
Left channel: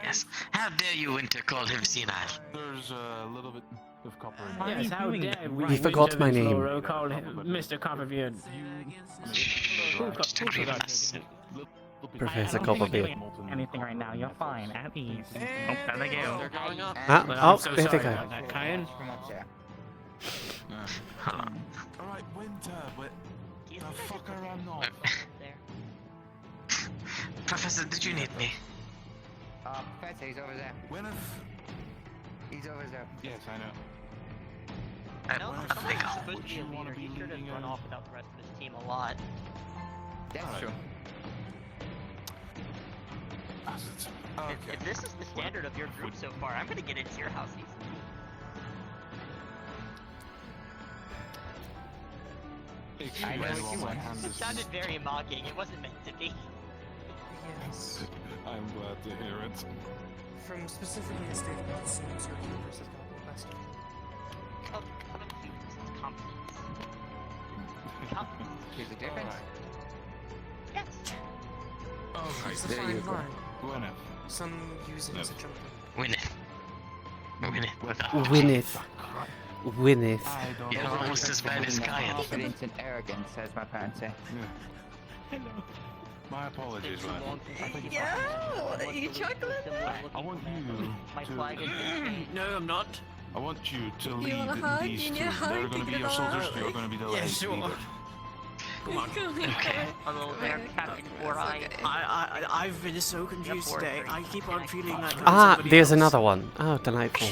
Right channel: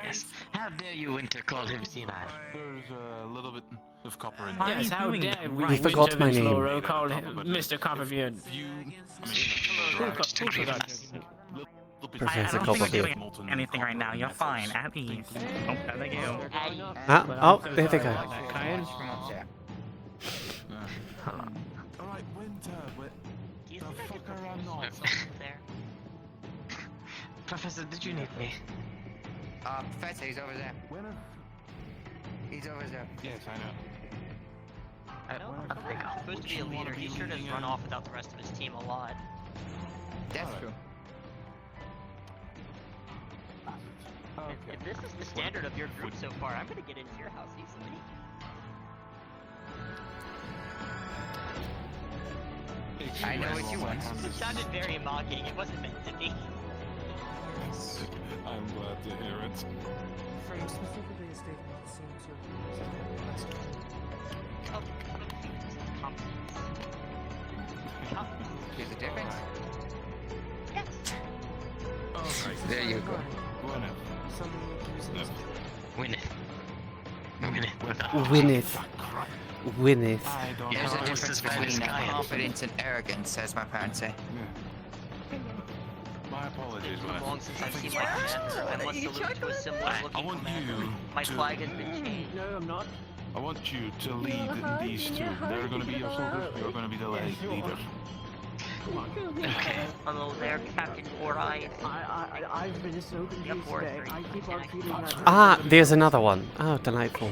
Yes. How dare you, Winter, call him senile? There's a little bit of copper in Yes, how dare we? He forgot my name. Lauro call him Mr. Copperbeard. Who forgot? Professor I don't think you're Copperbeard. doing anything right now. You're fine. At ease. Oh, there they go. There they go. Kayan? Alright, Winter, but Do you the think I could fucker I'm not. there? Professor, did you need me? Professor, he's over there. He's over there. Yes, I know. No, he's supposed to be a leader. He sure does run off without the rest of his team a lot. That's true. If this is the standard of your group so far, I'm gonna get into your house easily. It sounded very mocking. It wasn't meant to be. I'm glad to hear it. From specifically a state of medicine, so There's a difference. Yes. Alright, there you go. Gwyneth. some users. Gwyneth. Gwyneth. Yes, almost as bad as Kaia. Confidence and arrogance, as my parents say. My apologies, Gwyneth. Yeah, you chocolate? I want you My to... flag has been changed. No, I'm not. I want you to lead these two. They're gonna be your soldiers, you're gonna be the last leader. Hello there, Captain Four Eyes. I've been so confused today. I keep on feeling like... There's another one. Oh, delightful.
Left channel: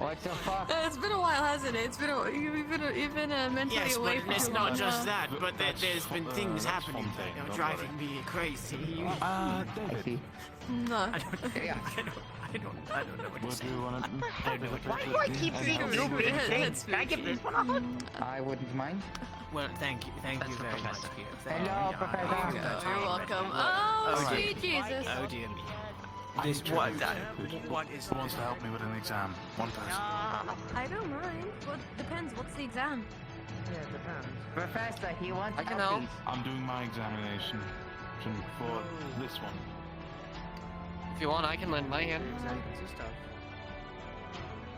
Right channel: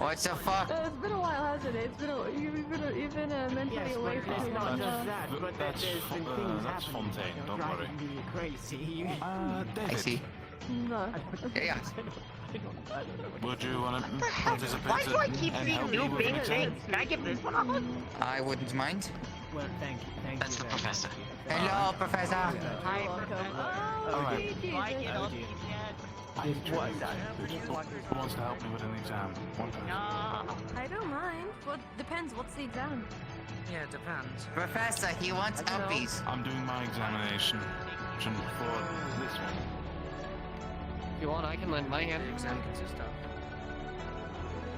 What the fuck? It's been a while, hasn't it? You've been mentally Yes, away but it's from not it. just that, but that there's been things happening that are driving me crazy. I see. No. Yeah. Would you wanna... Why do I keep seeing new big things? Can I give this one a hug? I wouldn't mind. Well, thank you very much. Hello, Professor. You're welcome. Oh, Alright. sweet Jesus. Oh dear. This what is... Who wants to help me with an exam? One person. I don't mind. What depends? What's the exam? Yeah, it depends. Professor, he wants uppies. I'm doing my examination for this one. If you want, I can lend my hand. Exam consist of.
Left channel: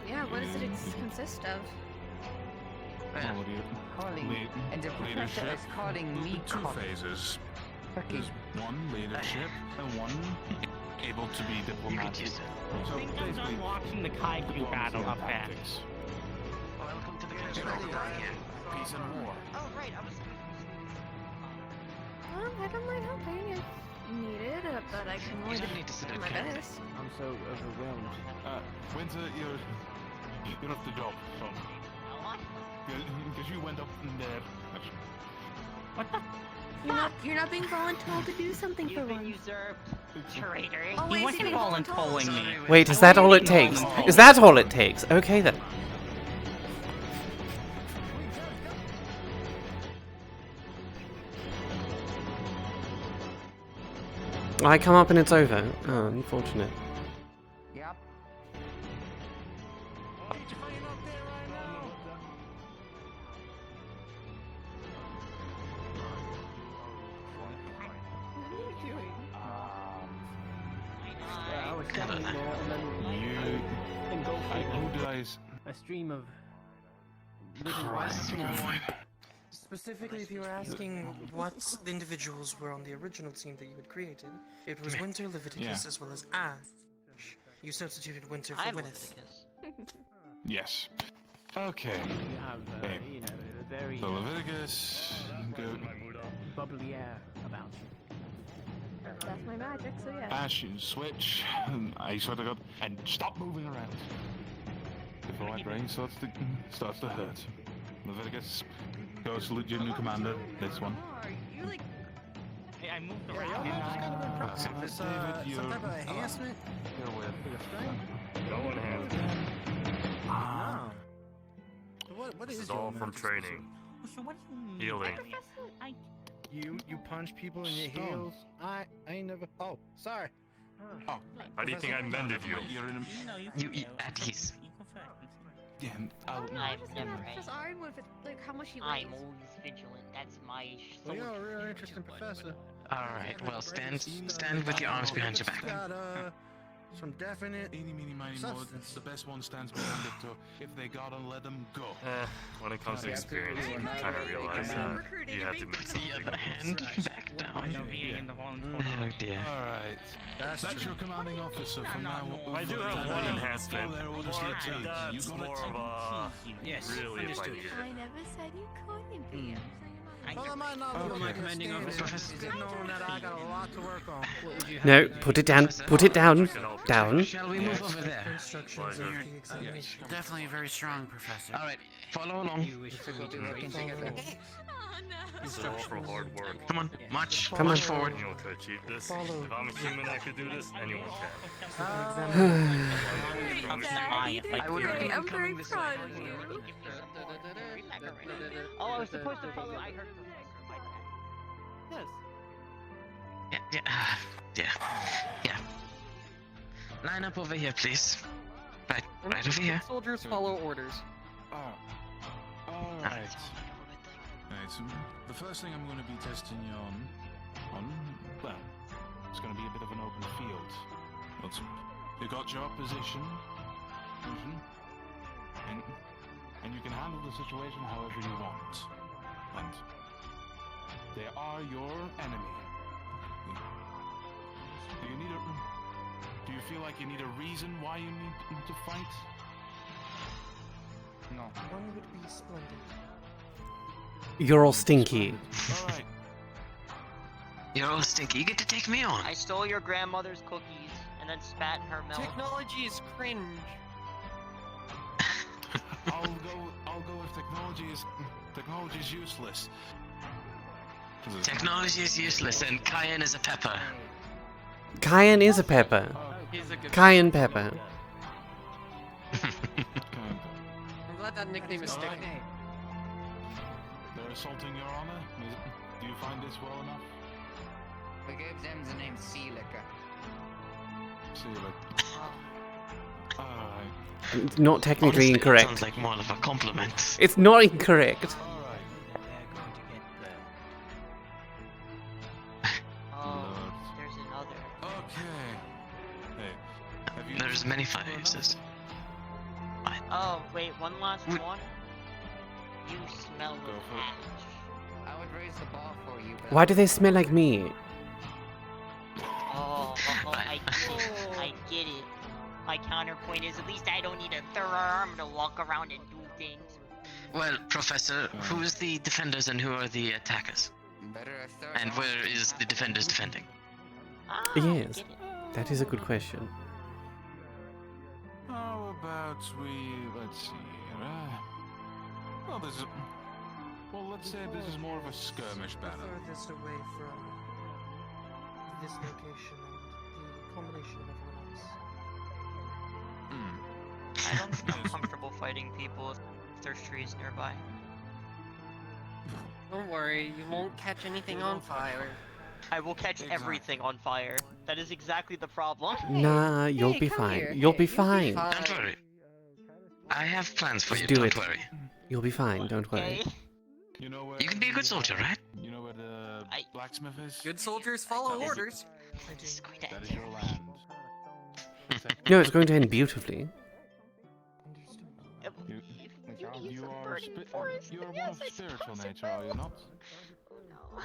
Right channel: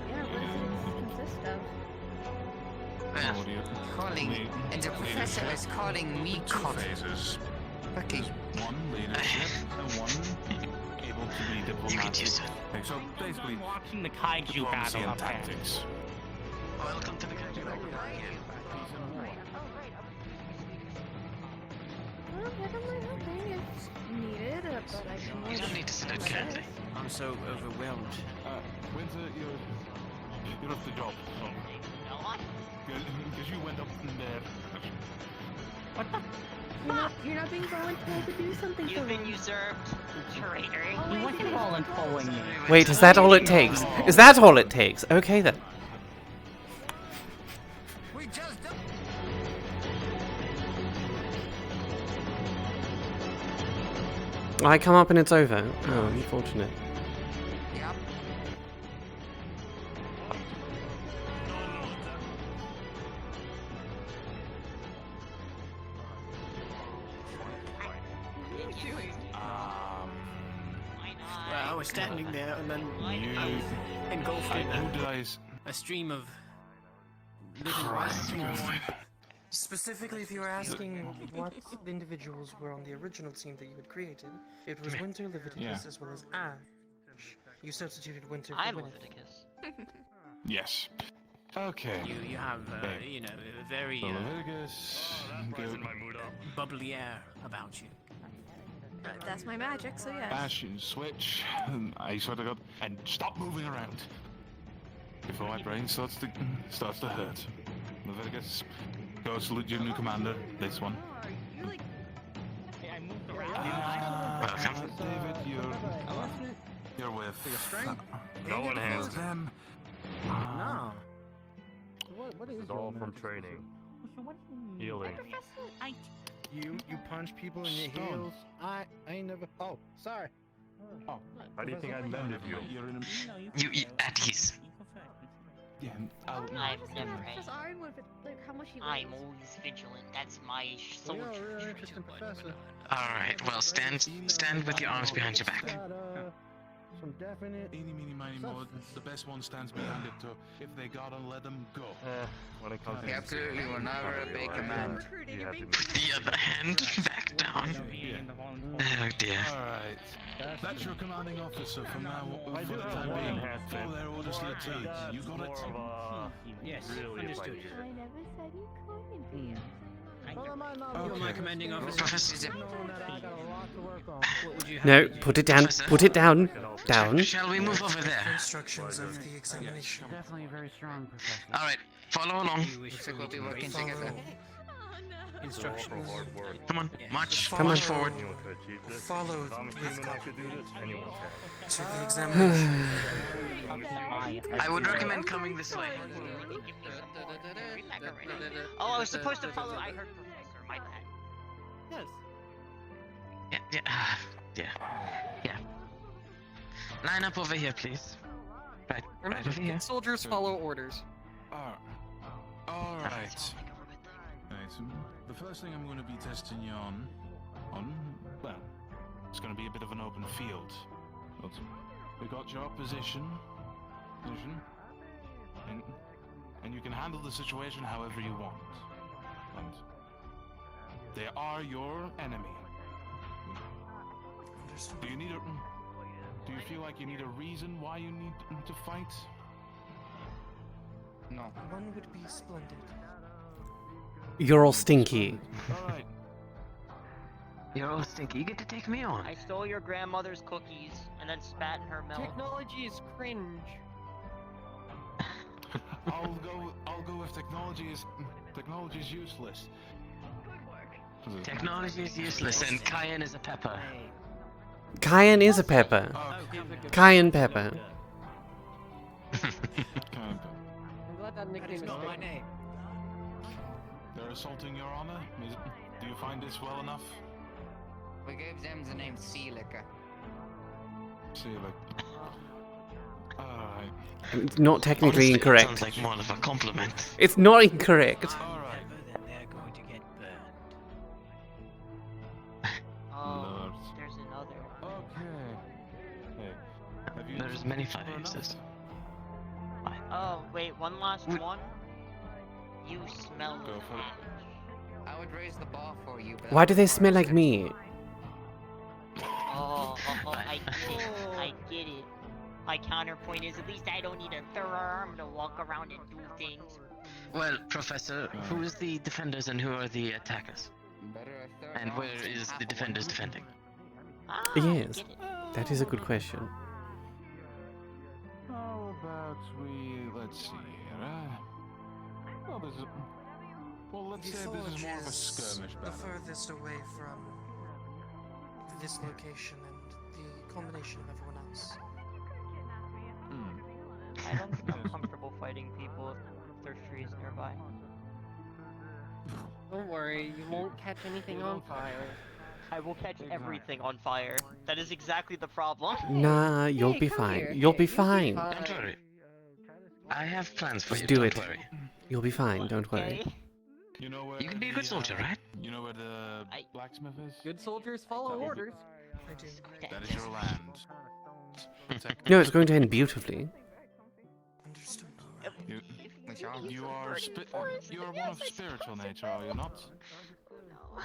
Yeah, what does it consist of? Calling, and the professor is calling me Two phases. Okay. One leadership and one able to be diplomatic. So basically, Watching the kaiju battle up there. Welcome to the country. Peace and war. Well, I don't mind helping if needed, but I can You don't need to sit always down. this. I'm so overwhelmed. Winter, you're off the job. So. Because you went up in there. What the? You're not being voluntold to do something for You've been once. usurped. Traitor. He wasn't volunteering me. Wait, is that all it takes? Is that all it takes? Okay then. I come up and it's over. Oh, unfortunate. I was standing there and then engulfed in a stream of little small Specifically, if you were asking what individuals were on the original team that you had created, it was Winter, Leviticus, as well as Ash. You substituted Winter for I'm Gwyneth. Leviticus. Yes. Okay. You have, Hey. a very So Leviticus, go. bubbly air about you. That's my magic, so yeah. Bash, you switch. I swear to God, and stop moving around before my brain starts to hurt. Leviticus, go salute your new commander. This one. Hey, I moved around. David, you're with. No one hands me. No. What This is is all from training. Healing. You punch people in your Stone. heels? I ain't never. Oh, sorry. How do you think I mended you? You at ease. Yeah, I don't know, I I've just never gonna had- Professor Ironwood, like how much he I'm weighs. always vigilant. That's my You're a soldier. really interesting professor. Alright, well, stand with your arms behind your back. Got, some definite. Eeny, meeny, miny, mo. The best one stands behind it, so if they gotta let them go. When it comes to Yeah, experience, absolutely, I'm we're not trying to gonna make realize them that you had to Put the other hand back down. Oh dear. Alright. That's your commanding officer from now on. I do have time one being. enhancement. Follow their orders to the T. You got it? Yes, Really, if I understood. need it. I never said you couldn't be. You're my commanding officer. What would you have No, me do? put it down. Put it down. Down. Shall we move over there? Instructions of the examination. Definitely a very strong professor. Alright, follow along. You wish to we do working together. This is all for hard work. Come on, march. Come on. March forward. Anyone could achieve this. If I'm human that could do this, anyone can. So the examination. I would recommend coming this way. Oh, I was supposed to follow. I heard Professor. My bad. Yeah. Yeah. Line up over here, please. Right over here. Soldiers follow orders. Alright. Alright, so the first thing I'm going to be testing you well, it's going to be a bit of an open field. But you got your opposition, and you can handle the situation however you want. And they are your enemy. Do you feel like you need a reason why you need to fight? No. One would be splendid. You're all stinky. Alright. You're all stinky. You get to take me on. I stole your grandmother's cookies and then spat in her milk. Technology is cringe. I'll go if technology is useless. Technology is useless and cayenne is a pepper. Cayenne is a pepper. Cayenne pepper. I'm glad that nickname is sticking. They're assaulting your honor? Do you find this well enough? We gave them the name Sea Liquor. See, alright. It's not technically Honestly, incorrect. Sounds like more of a compliment. It's not incorrect. Oh, there's another. There's many fires. Oh, wait, one last one? You smell Go like for it. ash. I would raise the bar for you, but Why do they smell like me? Oh, I get it. I get it. My counterpoint is at least I don't need a third arm to walk around and do things. Well, Professor, who's the defenders and who are the attackers? better a third And arm. where is the defenders defending? Ah, Yes, get it. that is a good question. How about let's see here, well, let's say this is more of a skirmish The battle. furthest away from this location and the culmination of everyone else. I don't feel comfortable fighting people if there's trees nearby. Don't worry, you won't catch anything on fire. I will catch everything on fire. That is exactly the problem. Nah, you'll be fine. You'll be fine. Don't worry. I have plans for Just you, do don't it. worry. You'll be fine, don't worry. You know where You can be a good soldier, right? You know where the blacksmith is? Good soldiers follow orders. I do. That is your land. No, it's going to end beautifully. You are You're one of spiritual nature, are you not? Oh no.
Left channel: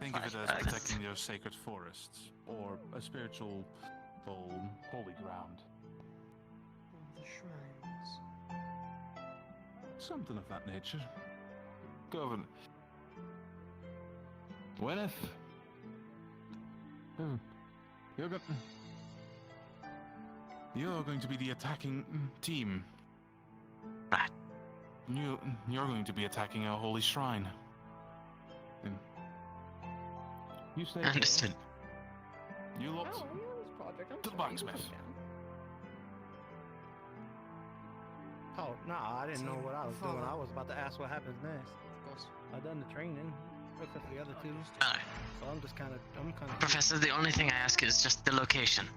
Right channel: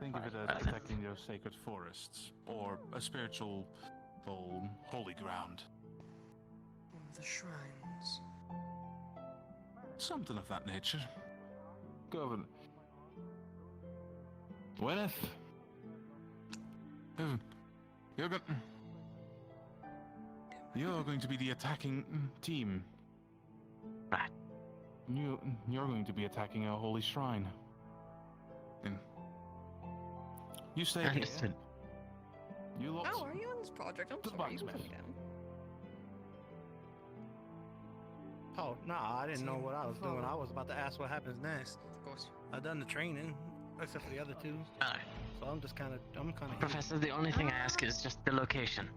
Think of it as protecting your sacred forests, or a spiritual, holy ground. The shrines. Something of that nature. Governor. Gwyneth. You're going to be the attacking team. You're going to be attacking our holy shrine. You stay here. Understood. You lot. How are you on this project? I'm To the sorry, you can blacksmith. come down. Oh, nah, I didn't know what I was doing. Follow. I was about to ask what happens next. Of course. I've done the training, except for the other two. So I'm kind of. Professor, the only thing I ask is just the location.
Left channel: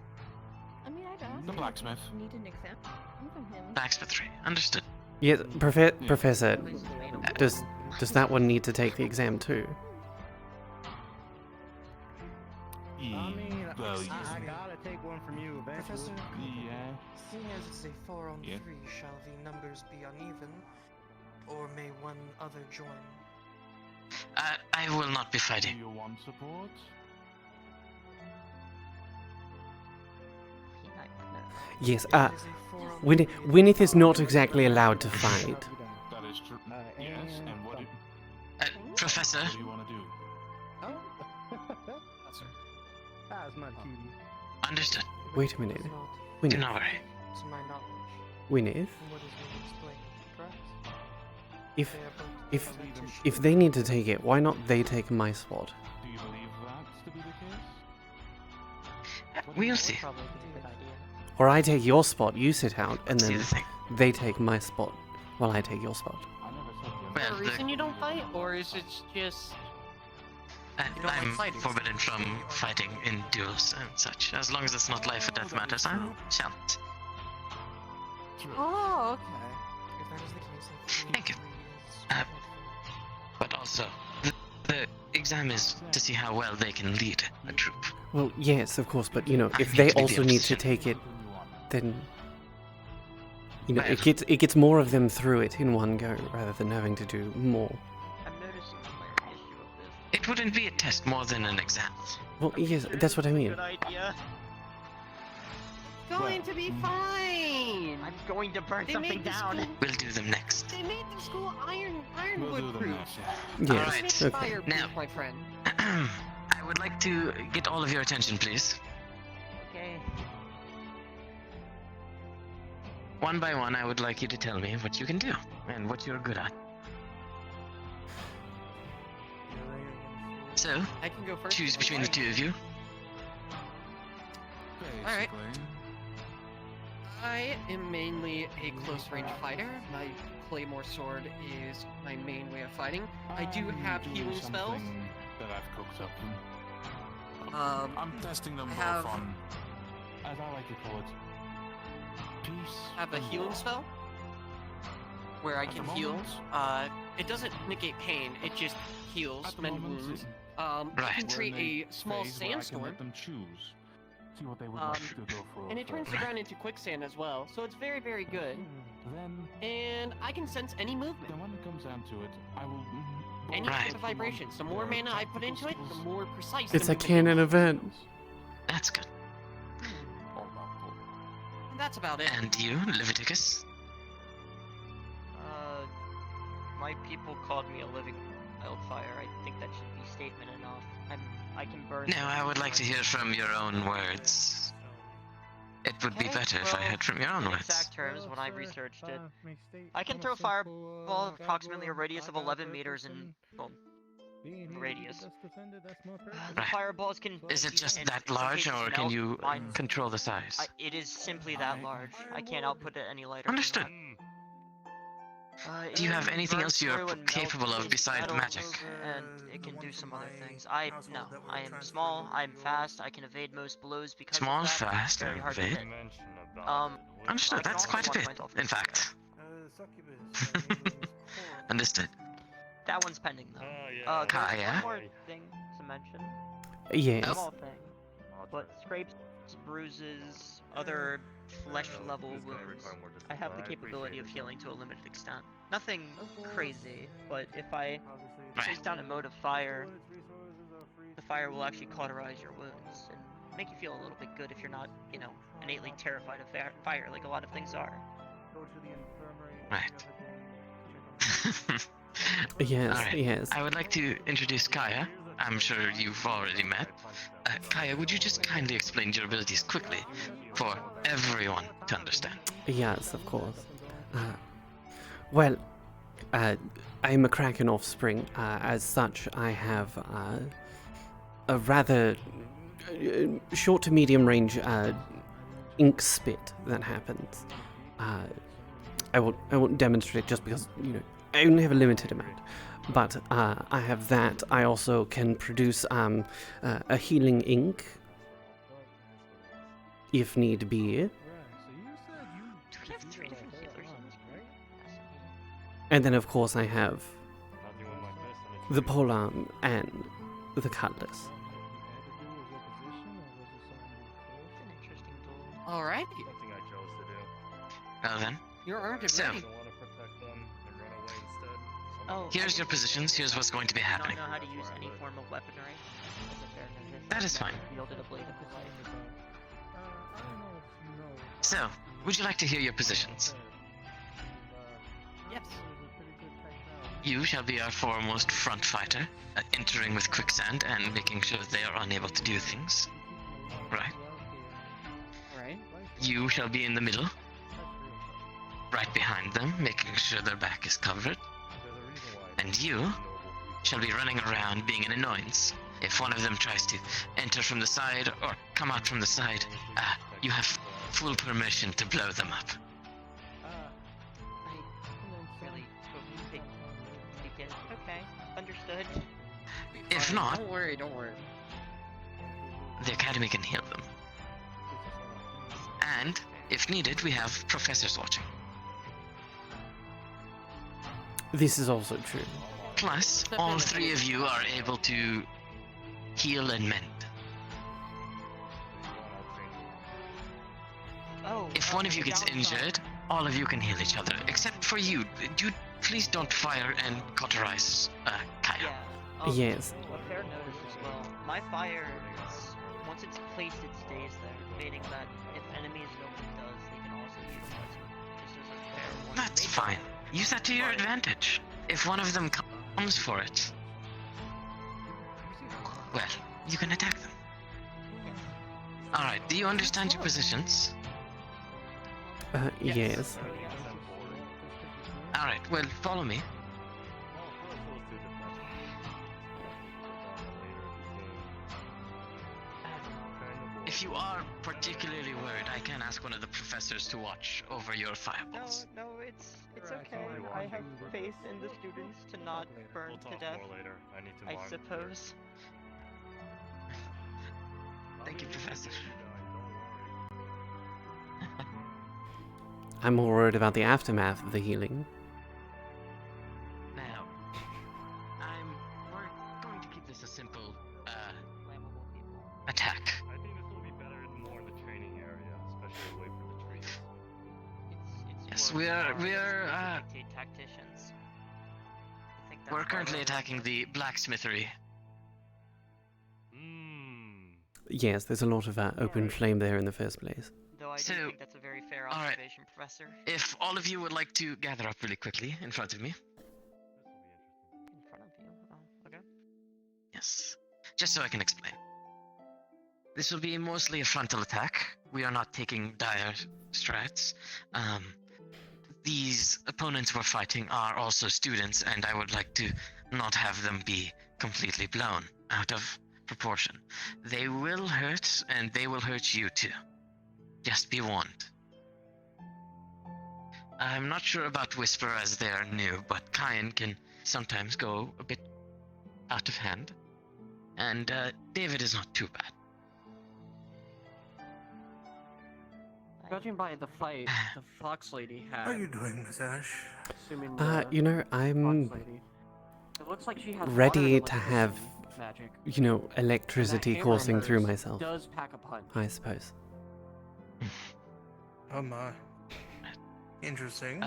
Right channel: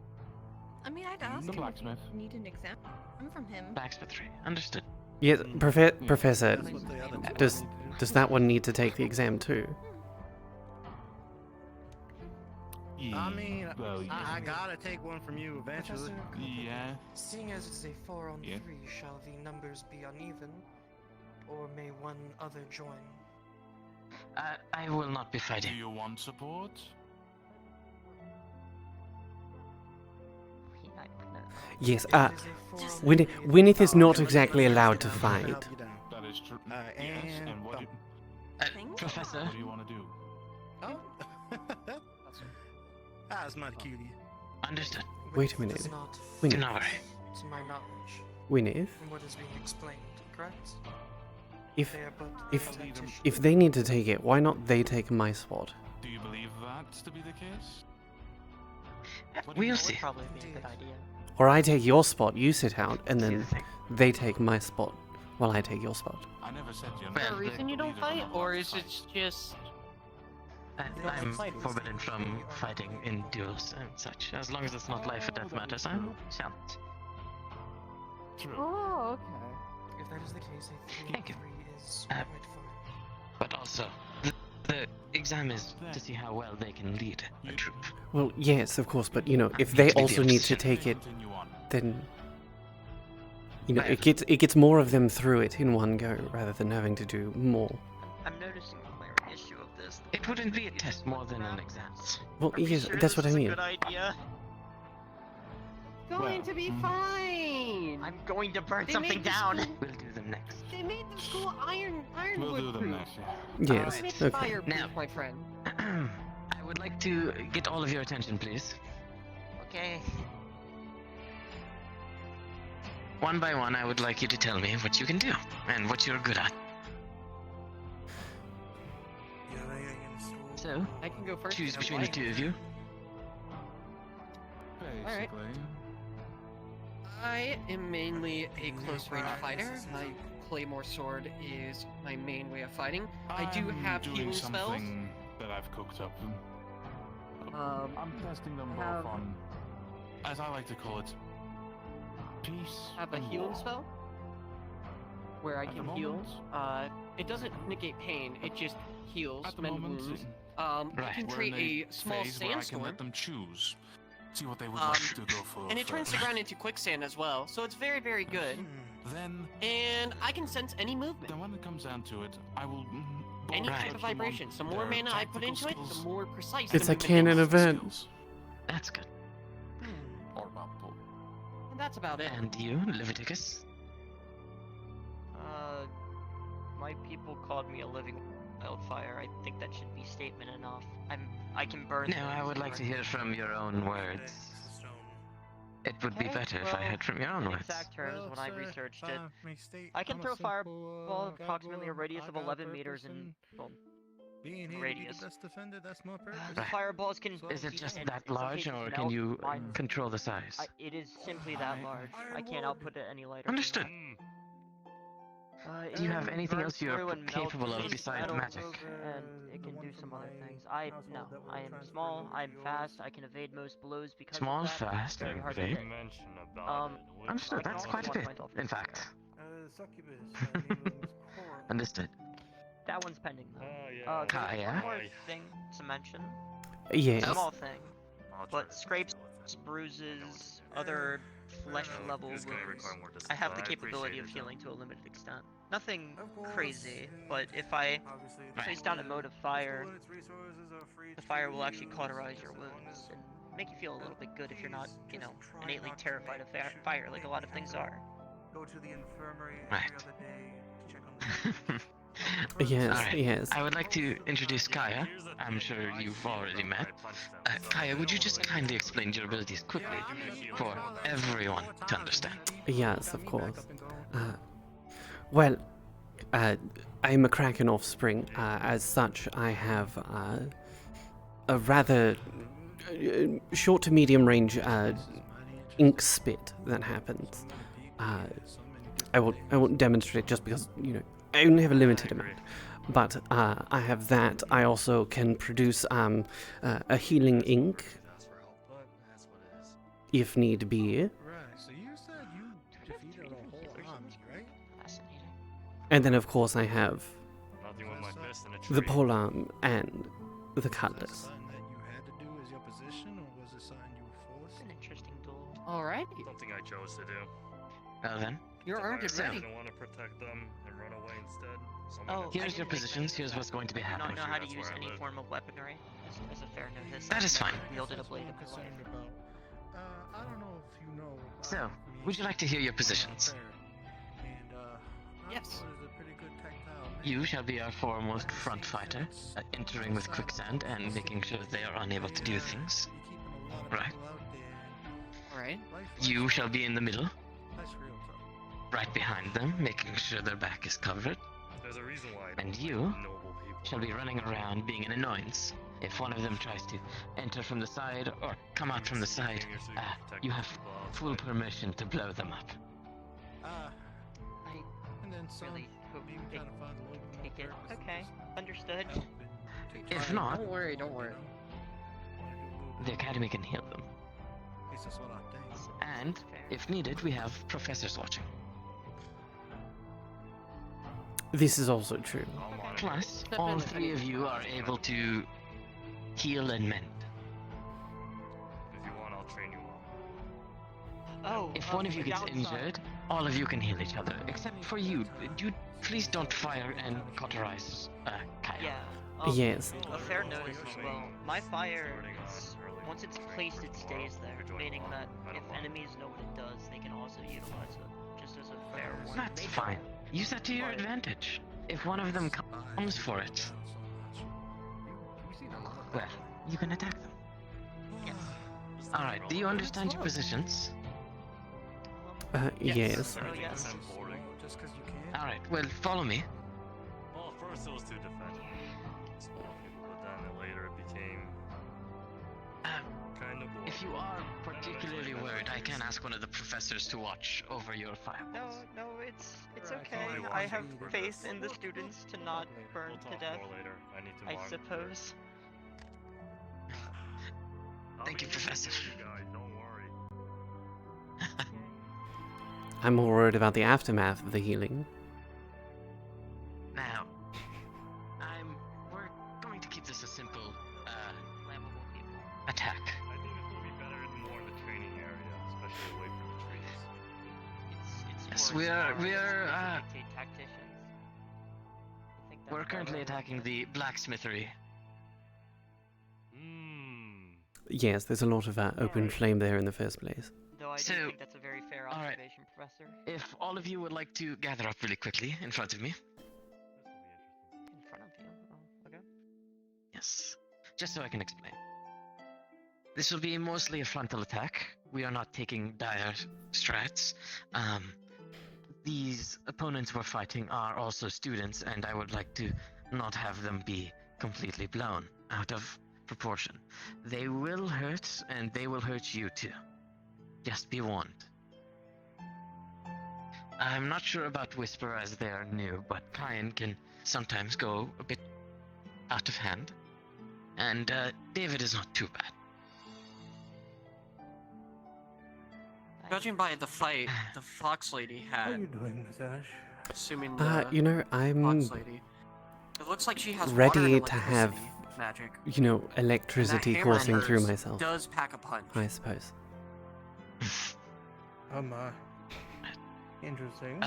I mean, I'd ask The him blacksmith. if you need an exam from him. Blacksmith 3. Understood. Yes, Professor, does that one need to take the exam too? I mean, Well, I gotta take one from you eventually. Professor Copeland, Yeah. seeing as it's a 4-on-3, Yeah. shall the numbers be uneven, or may one other join? I will not be Do fighting. you want support? Yes, Gwyneth is not exactly allowed to fight. That is true. Yes, and what do Professor? What do you want to do? Oh. That's my cutie. Understood. Wait a minute. Do Gwyneth. not worry. To my knowledge, Gwyneth, from what is being explained, correct? if They are but if politicians. if they need to take it, why not they take my spot? Do you believe that to be the case? We'll see. Probably be a good idea. Or I take your spot, you sit out, and then they take my spot while I take your spot. I never said you. Is there a reason you don't fight, or is it just? I'm forbidden from fighting in duels and such. As long as it's not life or death matters, I shan't. Oh, okay. If that is the case, I feel Thank you. 3 is quite fun. But also, the exam is to see how well they can lead a troop. Well, yes, of course, but you know, if need they to be the also need to opposition. take it, then you know, it gets more of them through it in one go rather than having to do more. I'm noticing a clear issue of this. It wouldn't be a test more than an exam. Well, yes, that's what I mean. Good idea. Going to be fine. I'm going to burn They something made the down. school- We'll do them next. They made the school We'll ironwood do them proof. next. Yes, It's okay. fireproof, Now- my friend. I would like to get all of your attention, please. Okay. One by one, I would like you to tell me what you can do and what you're good at. So, I can go first. choose if between you the two of you. Alright. Basically. I am mainly a close-range fighter. My claymore sword is my main way of fighting. I do I'm have doing healing spells. something that I've cooked up. I'm testing them have- both on, as I like to call it, peace I have a and healing war. spell where I At the can heal. moment- It doesn't negate pain. It just heals At the mend moment, wounds. Right. I can we're create in a small phase where I can sandstorm. let them choose. See what they would like to go for. And it turns the ground into quicksand as well, so it's very, very good. Then, And I can sense any movement, then when it comes down to it, I will. any Right. type of vibrations. The more mana I put into it, the more precise. It's the a movement canon is. event. That's good. And that's about it. And you, Leviticus? My people called me a living wildfire. I think that should be statement enough. I can burn. No, I would like to hear from your own words. It would be better if I heard from your own In words. exact terms, when I researched it, I can throw fireball approximately a radius of 11 meters in radius. The fireballs can. Is it just and that in some large, cases or can melt you mine. control the size? It is simply that large. I can't output it any lighter. Understood. Do you have anything else you're capable of besides magic? And it can do some other things. I am small. I'm fast. I can evade most blows because Small, of that. fast, Very and hard to evade? hit. Understood, I can that's also quite a bit, watch myself. in fact. Succubus. Understood. That one's pending though. Kaia? There's one more thing to mention. Yes. Small thing. But scrapes, bruises, other flesh level wounds, I have the capability of healing to a limited extent. Nothing crazy, but if I place down a mode of fire, the fire will actually cauterize your wounds and make you feel a little bit good if you're not, you know, innately terrified of fire like a lot of things are. Right. Yes, Alright. yes. I would like to introduce Kaia. I'm sure you've already met. Kaia, would you just kindly explain your abilities quickly for everyone to understand? Yes, of course. Well, I'm a Kraken offspring. As such, I have a rather short to medium range ink spit that happens. I won't demonstrate just because, you know, I only have a limited amount. But I have that. I also can produce a healing ink if need be. And then, of course, I have the polearm and the cutlass. Alright. Something I chose to do. Well then. You're armed and ready. I want to protect them and run away instead. Oh, Here's your positions, here's what's going to be happening. I don't know how to use any form of weaponry as a fair novice. That is fine. I've wielded a blade in my life. So, would you like to hear your positions? Yes. You shall be our foremost front fighter, entering with quicksand and making sure they are unable to do things. Right? Alright. You shall be in the middle, right behind them, making sure their back is covered. And you shall be running around being an annoyance. If one of them tries to enter from the side or come out from the side, you have full permission to blow them up. I really hope they take it. Okay, understood. If not, Don't worry, don't worry. the Academy can heal them. And, if needed, we have professors watching. This is also true. Plus, all three of you are able to heal and mend. Oh, if one of you gets injured, all of you can heal each other. Except for you. Please don't fire and cauterize Kaia. Yeah. Yes. A fair notice as well. My fire, once it's placed, it stays there. Meaning that if enemies know what it does, they can also utilize it. Just as a fair one. That's fine. Use that to your advantage. If one of them comes for it, well, you can attack them. Yes. Alright, do you understand your positions? Yes. Alright, well, follow me. Well, first it was to defend them. But then later it became kind of If you are particularly worried, I can ask one of the professors to watch over your fireballs. No, it's okay. I have faith in the students to not burn We'll to talk death. more later. I need to I monitor. suppose. Thank you, Professor. I'm more worried about the aftermath of the healing. Now, we're going to keep this a simple, attack. I think this will be better in more of a training area, especially away from the trees. Yes, we are, tacticians. we're currently attacking the blacksmithery. Yes, there's a lot of open flame there in the first place. Though I do think that's a very fair observation, Professor. If all of you would like to gather up really quickly in front of me. In front of you? Okay. Yes. Just so I can explain. This will be mostly a frontal attack. We are not taking dire strats. These opponents we're fighting are also students, and I would like to not have them be completely blown out of proportion. They will hurt, and they will hurt you too. Just be warned. I'm not sure about Whisper as they're new, but Kaia can sometimes go a bit out of hand. And David is not too bad. Judging by the fight the Fox Lady had. How are you doing, Miss Ash? Assuming You know, I'm it looks like she has ready water to have, magic. you know, electricity And that coursing through hammer myself. does pack a punch. I suppose. Oh my. Interesting.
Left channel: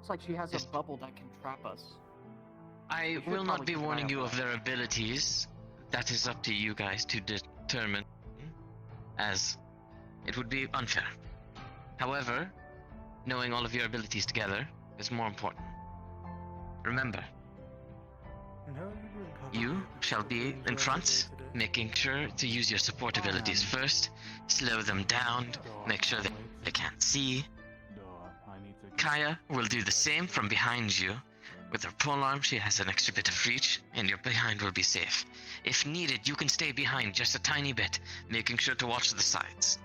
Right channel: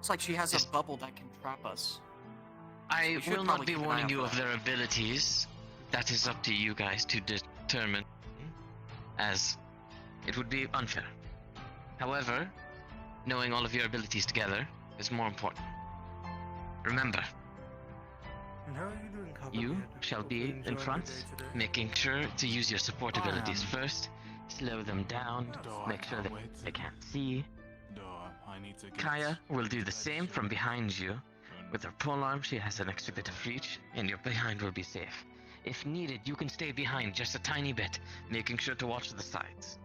It's like she has a bubble that can trap us. I should will not probably be keep an eye warning out you for of their abilities. That is up to you guys to determine, as it would be unfair. However, knowing all of your abilities together is more important. Remember, you shall be in front, making sure to use your support abilities first, slow them down, make sure that they can't see. Kaia will do the same from behind you. With her polearm, she has an extra bit of reach, and your behind will be safe. If needed, you can stay behind just a tiny bit, making sure to watch the sides.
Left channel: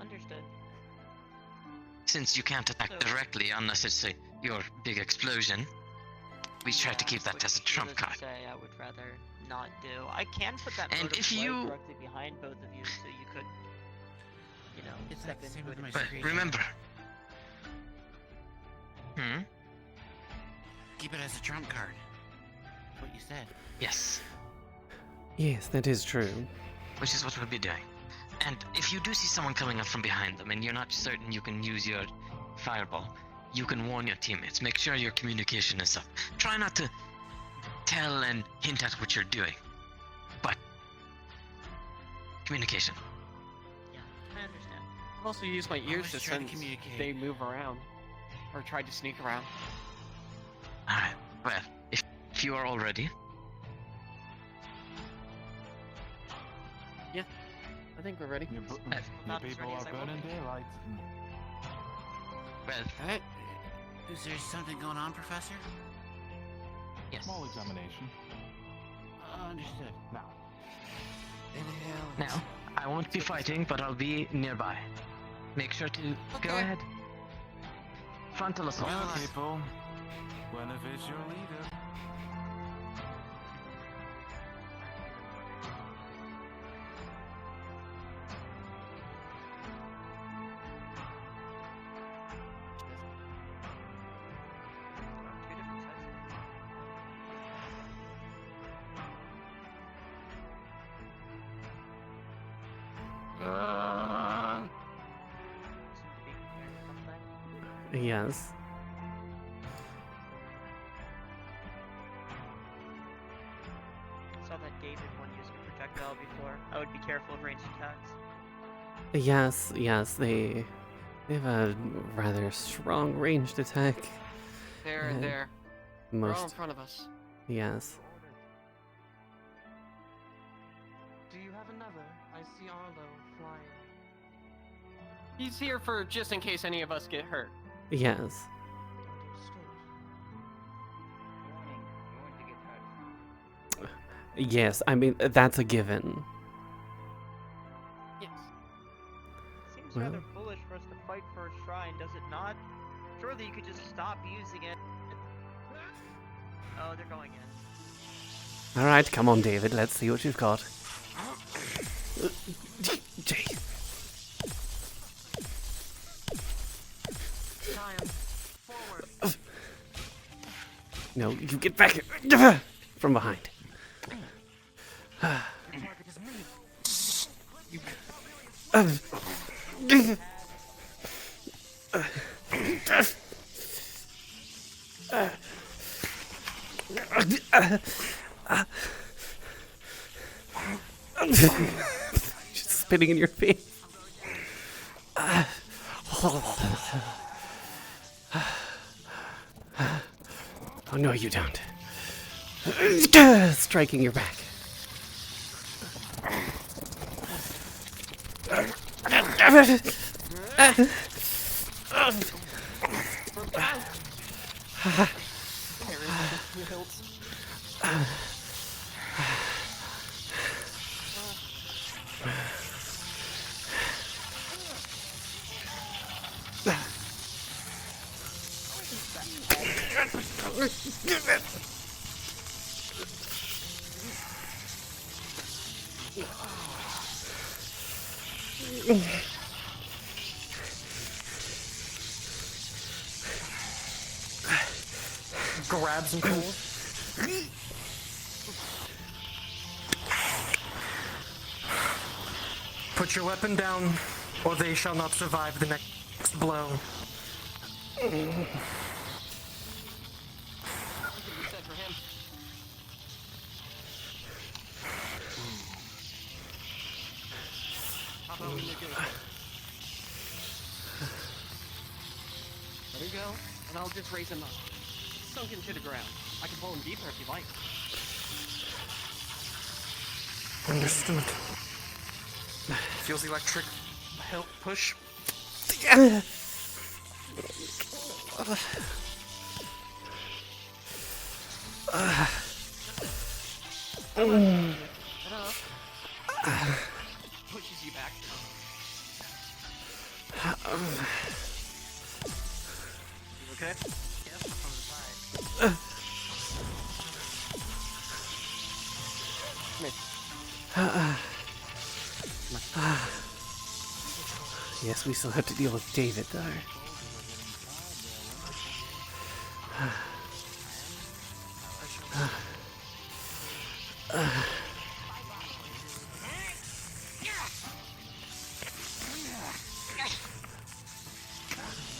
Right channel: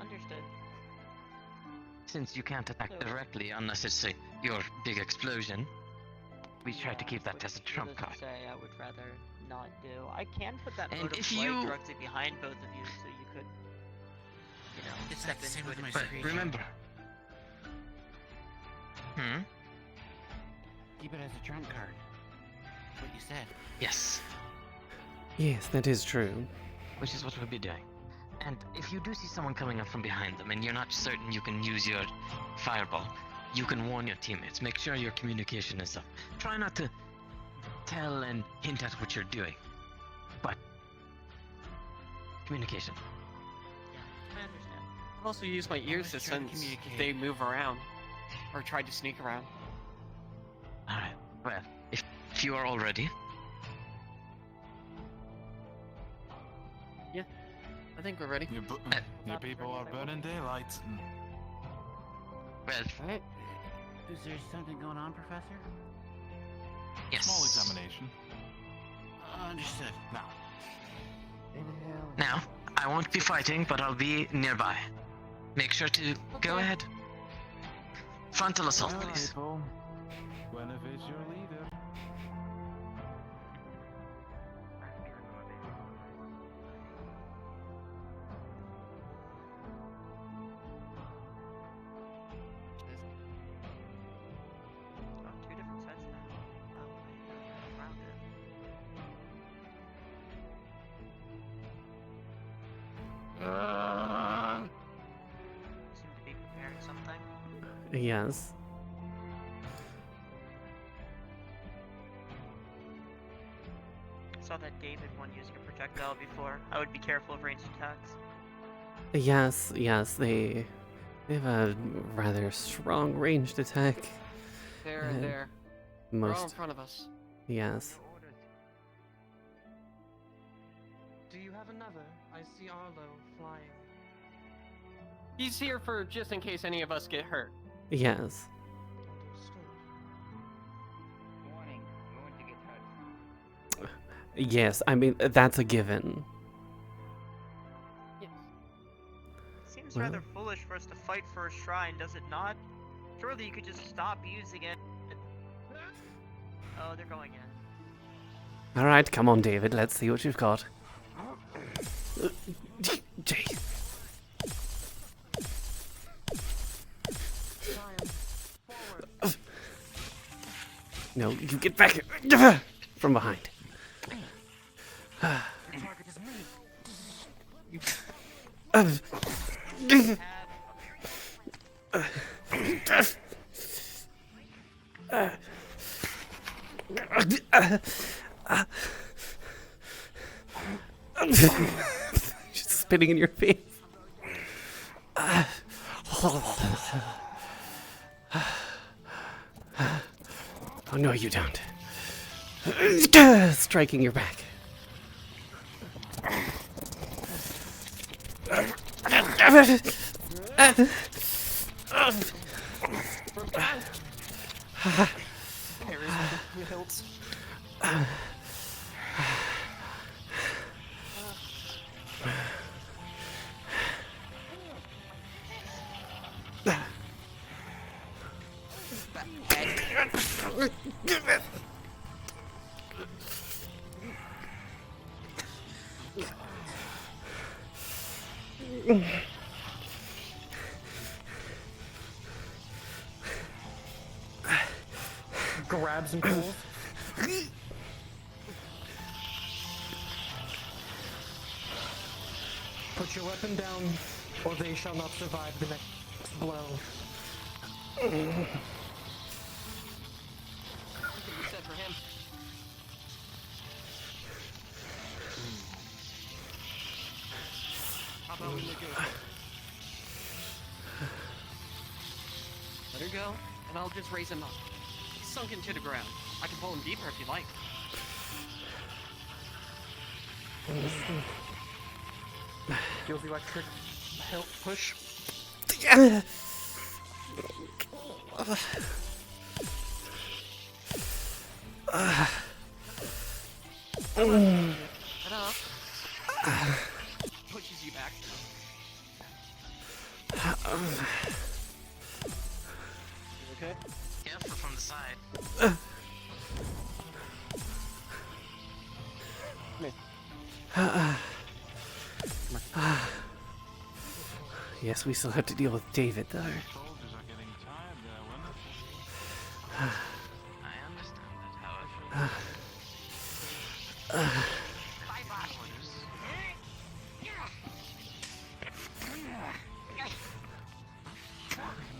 Understood. Since you can't attack directly unless it's your big explosion, we try to keep that as a trump card. Say I would rather not do. I can put that And mode of if flight you- directly behind both of you, so you could, step into it. But remember. Keep it as a trump card. That's what you said. Yes. Yes, that is true. Which is what we'll be doing. And if you do see someone coming up from behind them and you're not certain you can use your fireball, you can warn your teammates. Make sure your communication is up. Try not to tell and hint at what you're doing. But communication. Yeah, I understand. I'll also use my ears to Just trying to sense communicate. they move around. Or try to sneak around. Alright, well, if you are all ready, Yeah, I think we're ready. Your people are burning daylight. well, Alright. Is there something going on, Professor? yes. Small examination. Understood. Now. Inhale. Now, I won't be fighting, but I'll be nearby. Make sure to go ahead. Frontal assault, Well, please. people, Guinevere is your leader. Two different sides now. Seem to be preparing something. Yes. Saw that David one used a projectile before. I would be careful of ranged attacks. Yes, they have a rather strong ranged attack. There, Uh, there. They're all in Most, front of us. yes. Do you have another? I see Arlo flying. He's here for just in case any of us get hurt. Yes. Warning, you're going to get hurt. Yes, I mean, that's a given. Yes. Seems Well. rather foolish for us to fight for a shrine, does it not? Surely you could just stop using it. Oh, they're going in. Alright, come on, David, let's see what you've got. Jeez. No, you get back from behind. Just spitting in your face. Oh no, you don't. Striking your back. Grabs and pulls. Put your weapon down, or they shall not survive the next blow. Said for him. How about we negotiate? There you go, and I'll just raise him up. Sunk into the ground. I can pull him deeper if you like. Understood. Feels electric. Help push. Pushes you back. You okay? Yep, from the side. Yes, we still have to deal with David, though.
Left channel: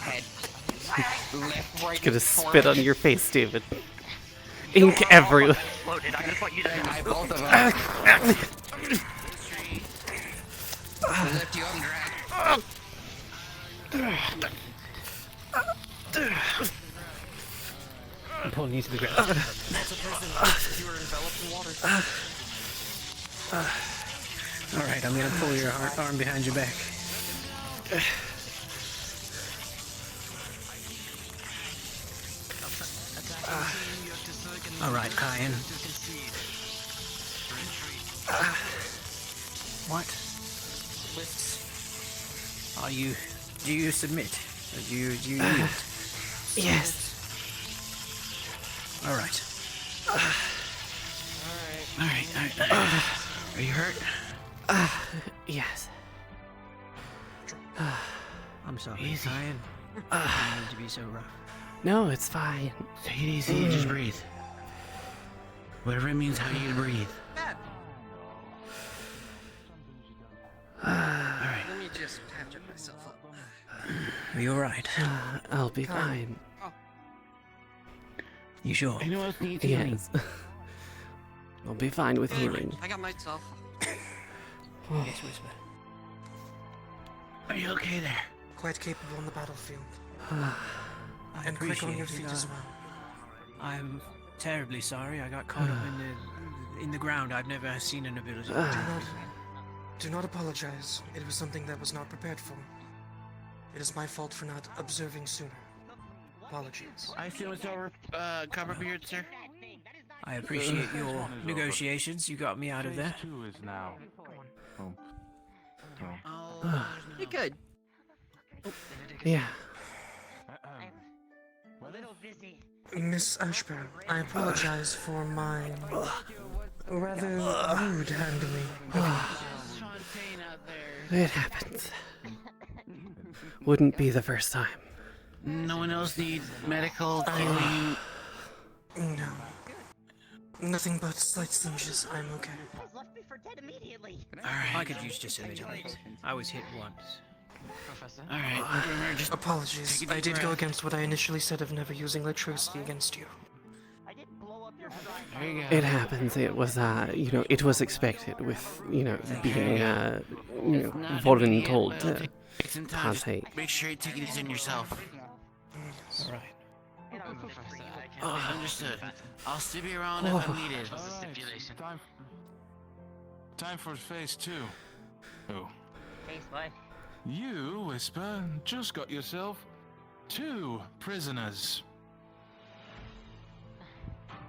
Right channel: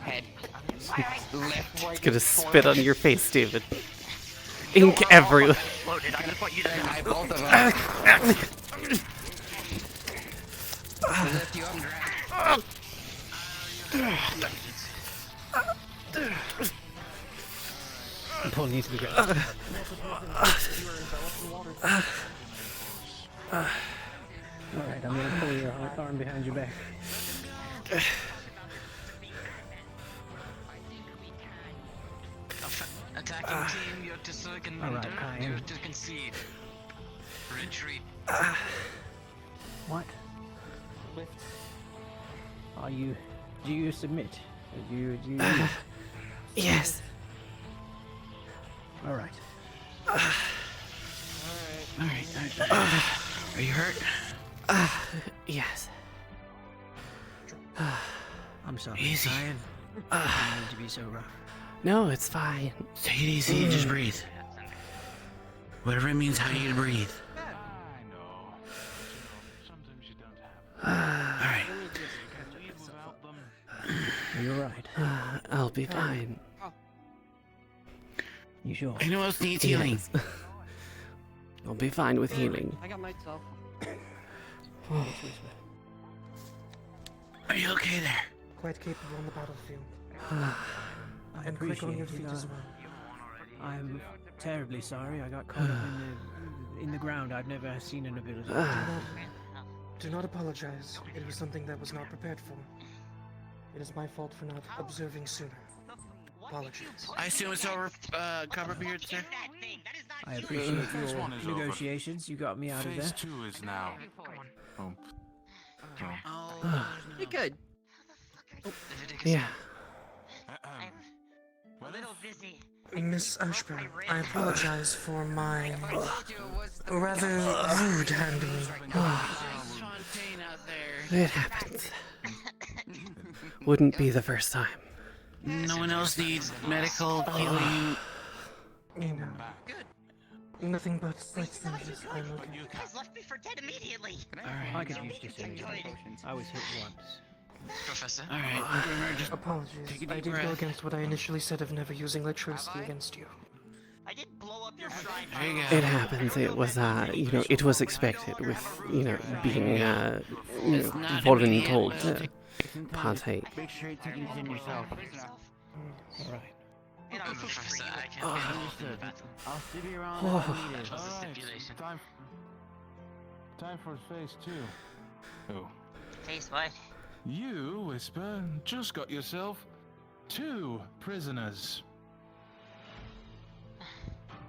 Head. Left, right. Gonna spit on your face, David. Ink everywhere. Loaded. I just want you to die both of I'm pulling you to the ground. Alright, I'm gonna pull your arm behind your back. Alright, Kaia. What? Are you... Do you submit? Do you yield? Yes. Alright. Alright. Are you hurt? Yes. I'm sorry, Easy. Kaia. I didn't mean to be so rough. No, it's fine. Take it easy, just breathe. Whatever it means, how you breathe. Alright. Are you alright? I'll be fine. You sure? Anyone else needs healing? Yes. I'll be fine with healing. I got myself. Are you okay there? Quite capable on the battlefield. I And quick on appreciate your you feet know. as well. I'm terribly sorry. I got caught up in the ground. I've never seen an ability. Do not apologize. It was something that was not prepared for. It is my fault for not observing sooner. Apologies. I assume it's over, Copperbeard, sir? I appreciate your negotiations. You got me out of there. Phase 2 is now. You're good. Yeah. A little busy. Miss Ashburn, I apologize for my rather rude handling. It happens. Wouldn't be the first time. No one else needs medical healing. No. Nothing but slight stitches. I'm okay. Left me for dead immediately. Alright, I could use just a minute. I was hit once. Professor? Alright, just Apologies. take a I deep did go breath. against what I initially said of never using electricity against you. There you go. It happens. It was, it was expected with, being, voluntold to partake. Make sure you take it easy on yourself. Alright. Professor, Understood. I'll still be around if needed. what's the stipulation? Time for phase 2. Oh. Face what? You, Whisper, just got yourself 2 prisoners.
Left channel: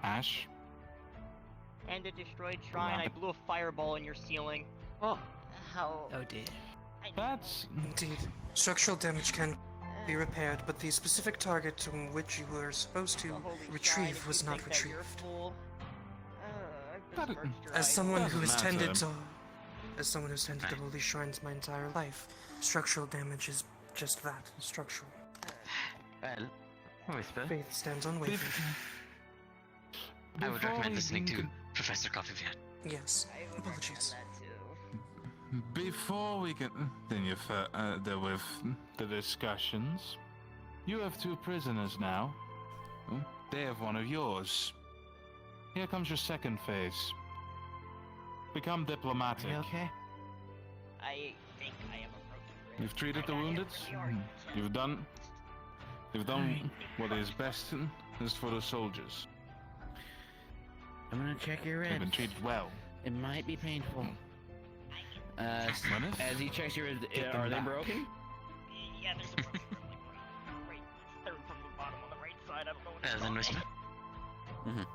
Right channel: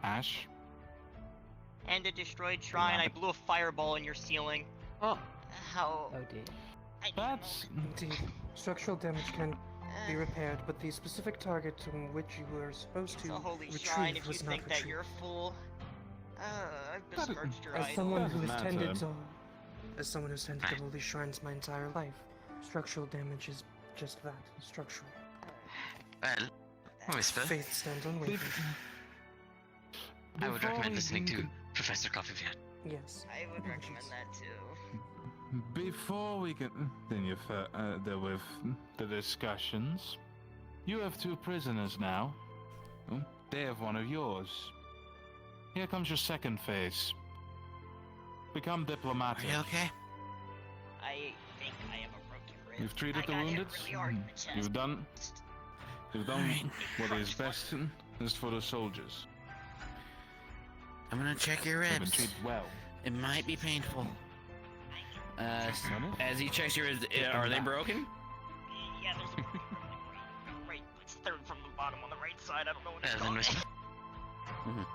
Ash? And a destroyed shrine. I blew a fireball in your ceiling. Oh. How? Oh dear. That's... Indeed. Structural damage can be repaired, but the specific target to which you were supposed to The holy shrine, retrieve if was you not think that retrieved. you're a fool. I've That- besmirched your As idol. someone who has Doesn't tended matter. to, as someone who's tended to holy shrines my entire life, structural damage is just that, structural. Well, Whisper, Faith stands unwavering. I would Before recommend we listening do to Professor Coffeefield. Yes. I would recommend Apologies. that too. Before we continue further with the discussions, you have 2 prisoners now. They have one of yours. Here comes your second phase. Become diplomatic. Are you okay? I think I have a broken rib. You've treated the wounded. You've done what is best for the soldiers. I'm gonna check your You've been ribs. treated well. It might be painful. As he checks your ribs, are they broken? Yeah, there's a broken rib, like right, third from the bottom on the right side. I don't know what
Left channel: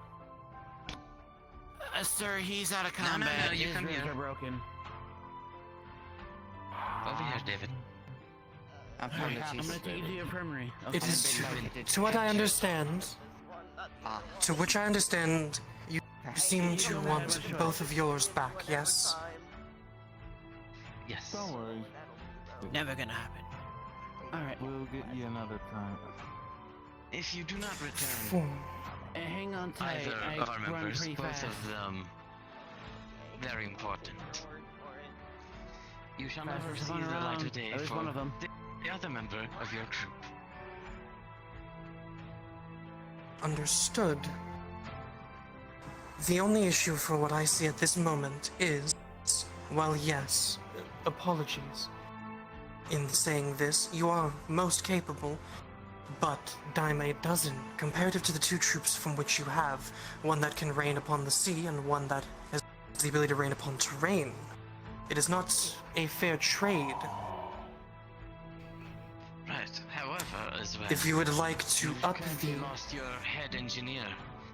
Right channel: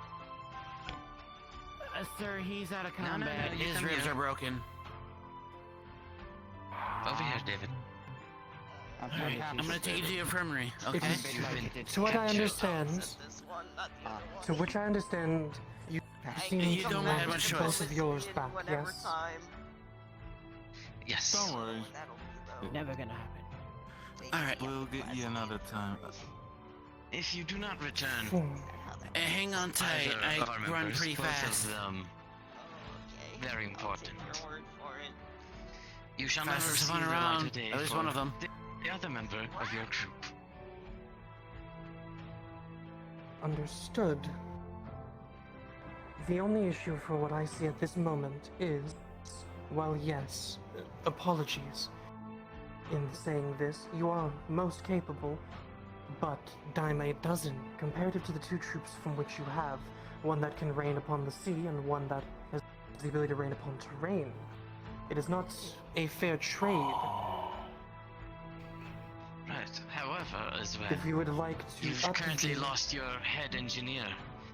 Sir, he's out of combat. No, you His come ribs here. are broken. Over here, David. Alright, I'm gonna take you to the infirmary. It Okay. is, to what I understand, to which I understand, you seem to don't have a want choice. both of yours back, yes? Yes. Don't worry. Never gonna happen. Alright. We'll get you another time. If you do not return, Four. Hang on tight. either of our I run members, pretty both fast. of them, very important. You shall never Fastest see one the light around. of day At least for one of them. the other member of your group. Understood. The only issue for what I see at this moment is, well, yes, apologies. In saying this, you are most capable, but dime a dozen, comparative to the 2 troops from which you have, one that can reign upon the sea and one that has the ability to reign upon terrain. It is not a fair trade. Right. However, as well, If you would like to you've up currently the... lost your head engineer,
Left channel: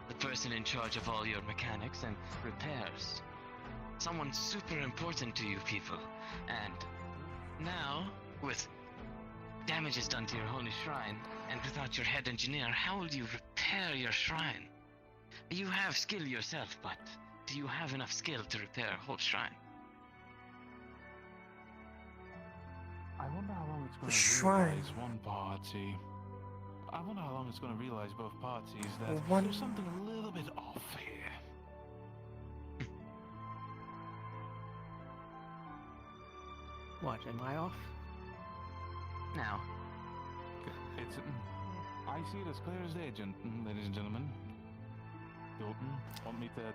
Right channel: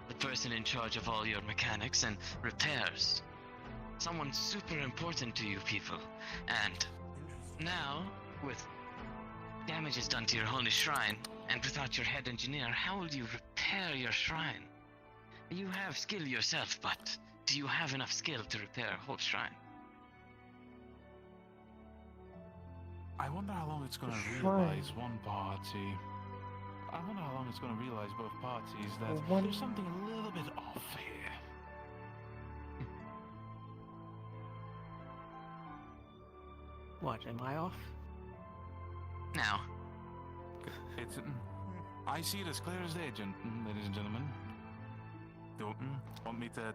the person in charge of all your mechanics and repairs. Someone super important to you people. And now, with damages done to your holy shrine, and without your head engineer, how will you repair your shrine? You have skill yourself, but do you have enough skill to repair a whole shrine? I wonder how long it's going to Shrine. realize one party. I wonder how long it's going to realize both parties that One- there's something a little bit off here. What, am I off? Now, It's. I see it as clear as day, ladies and gentlemen. You want me to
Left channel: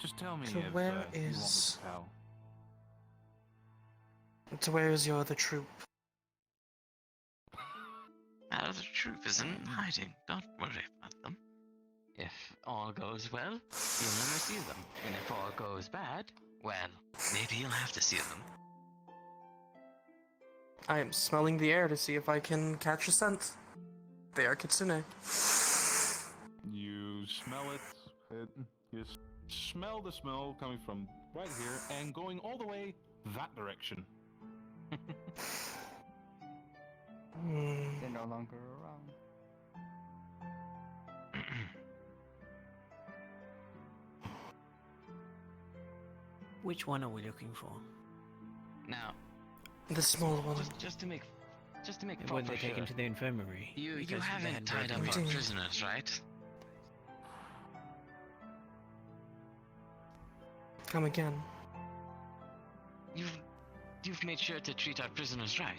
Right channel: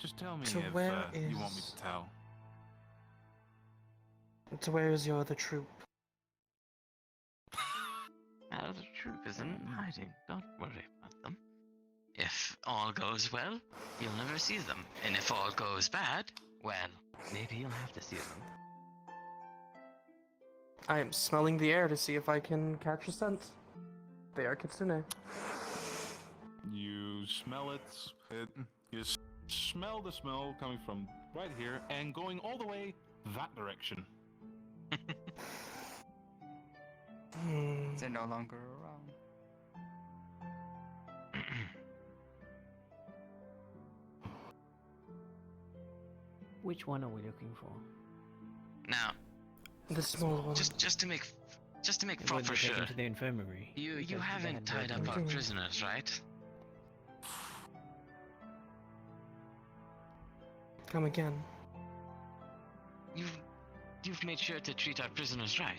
just tell me So if where you want me is- to tell. So where is your other troop? the troop is in hiding. Don't worry about them. If all goes well, you'll never see them. And if all goes bad, well, maybe you'll have to see them. I am smelling the air to see if I can catch a scent. They are Kitsune. You smell it. You smell the smell coming from right here and going all the way that direction. They're no longer around. Which one are we looking for? Now, The small one. just to make When proper they're sure, taken to the infirmary. you Because haven't then tied up our doing- prisoners, right? Come again. You've made sure to treat our prisoners right.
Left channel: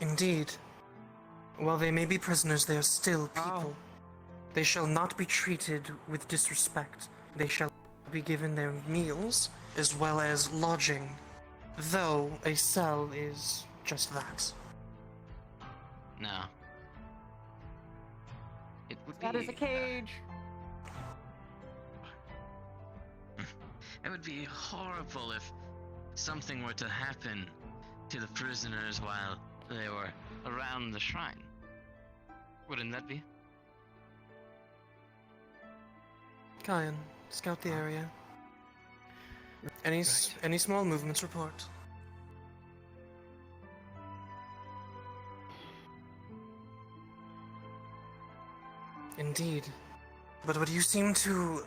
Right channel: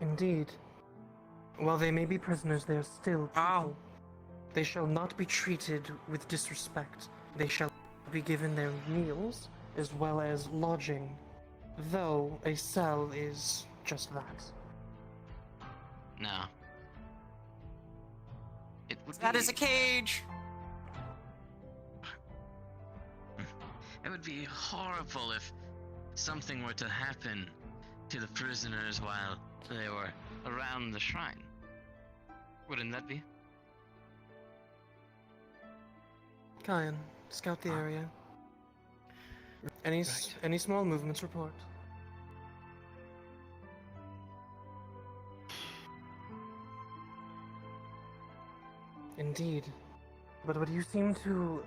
Indeed. While they may be prisoners, they are still people. They shall not be treated with disrespect. They shall be given their meals, as well as lodging. Though a cell is just that. Now, it would That be... is a cage! It would be horrible if something were to happen to the prisoners while they were around the shrine. Wouldn't that be? Kaia, scout the area. Any small movements report. Indeed. But what you seem to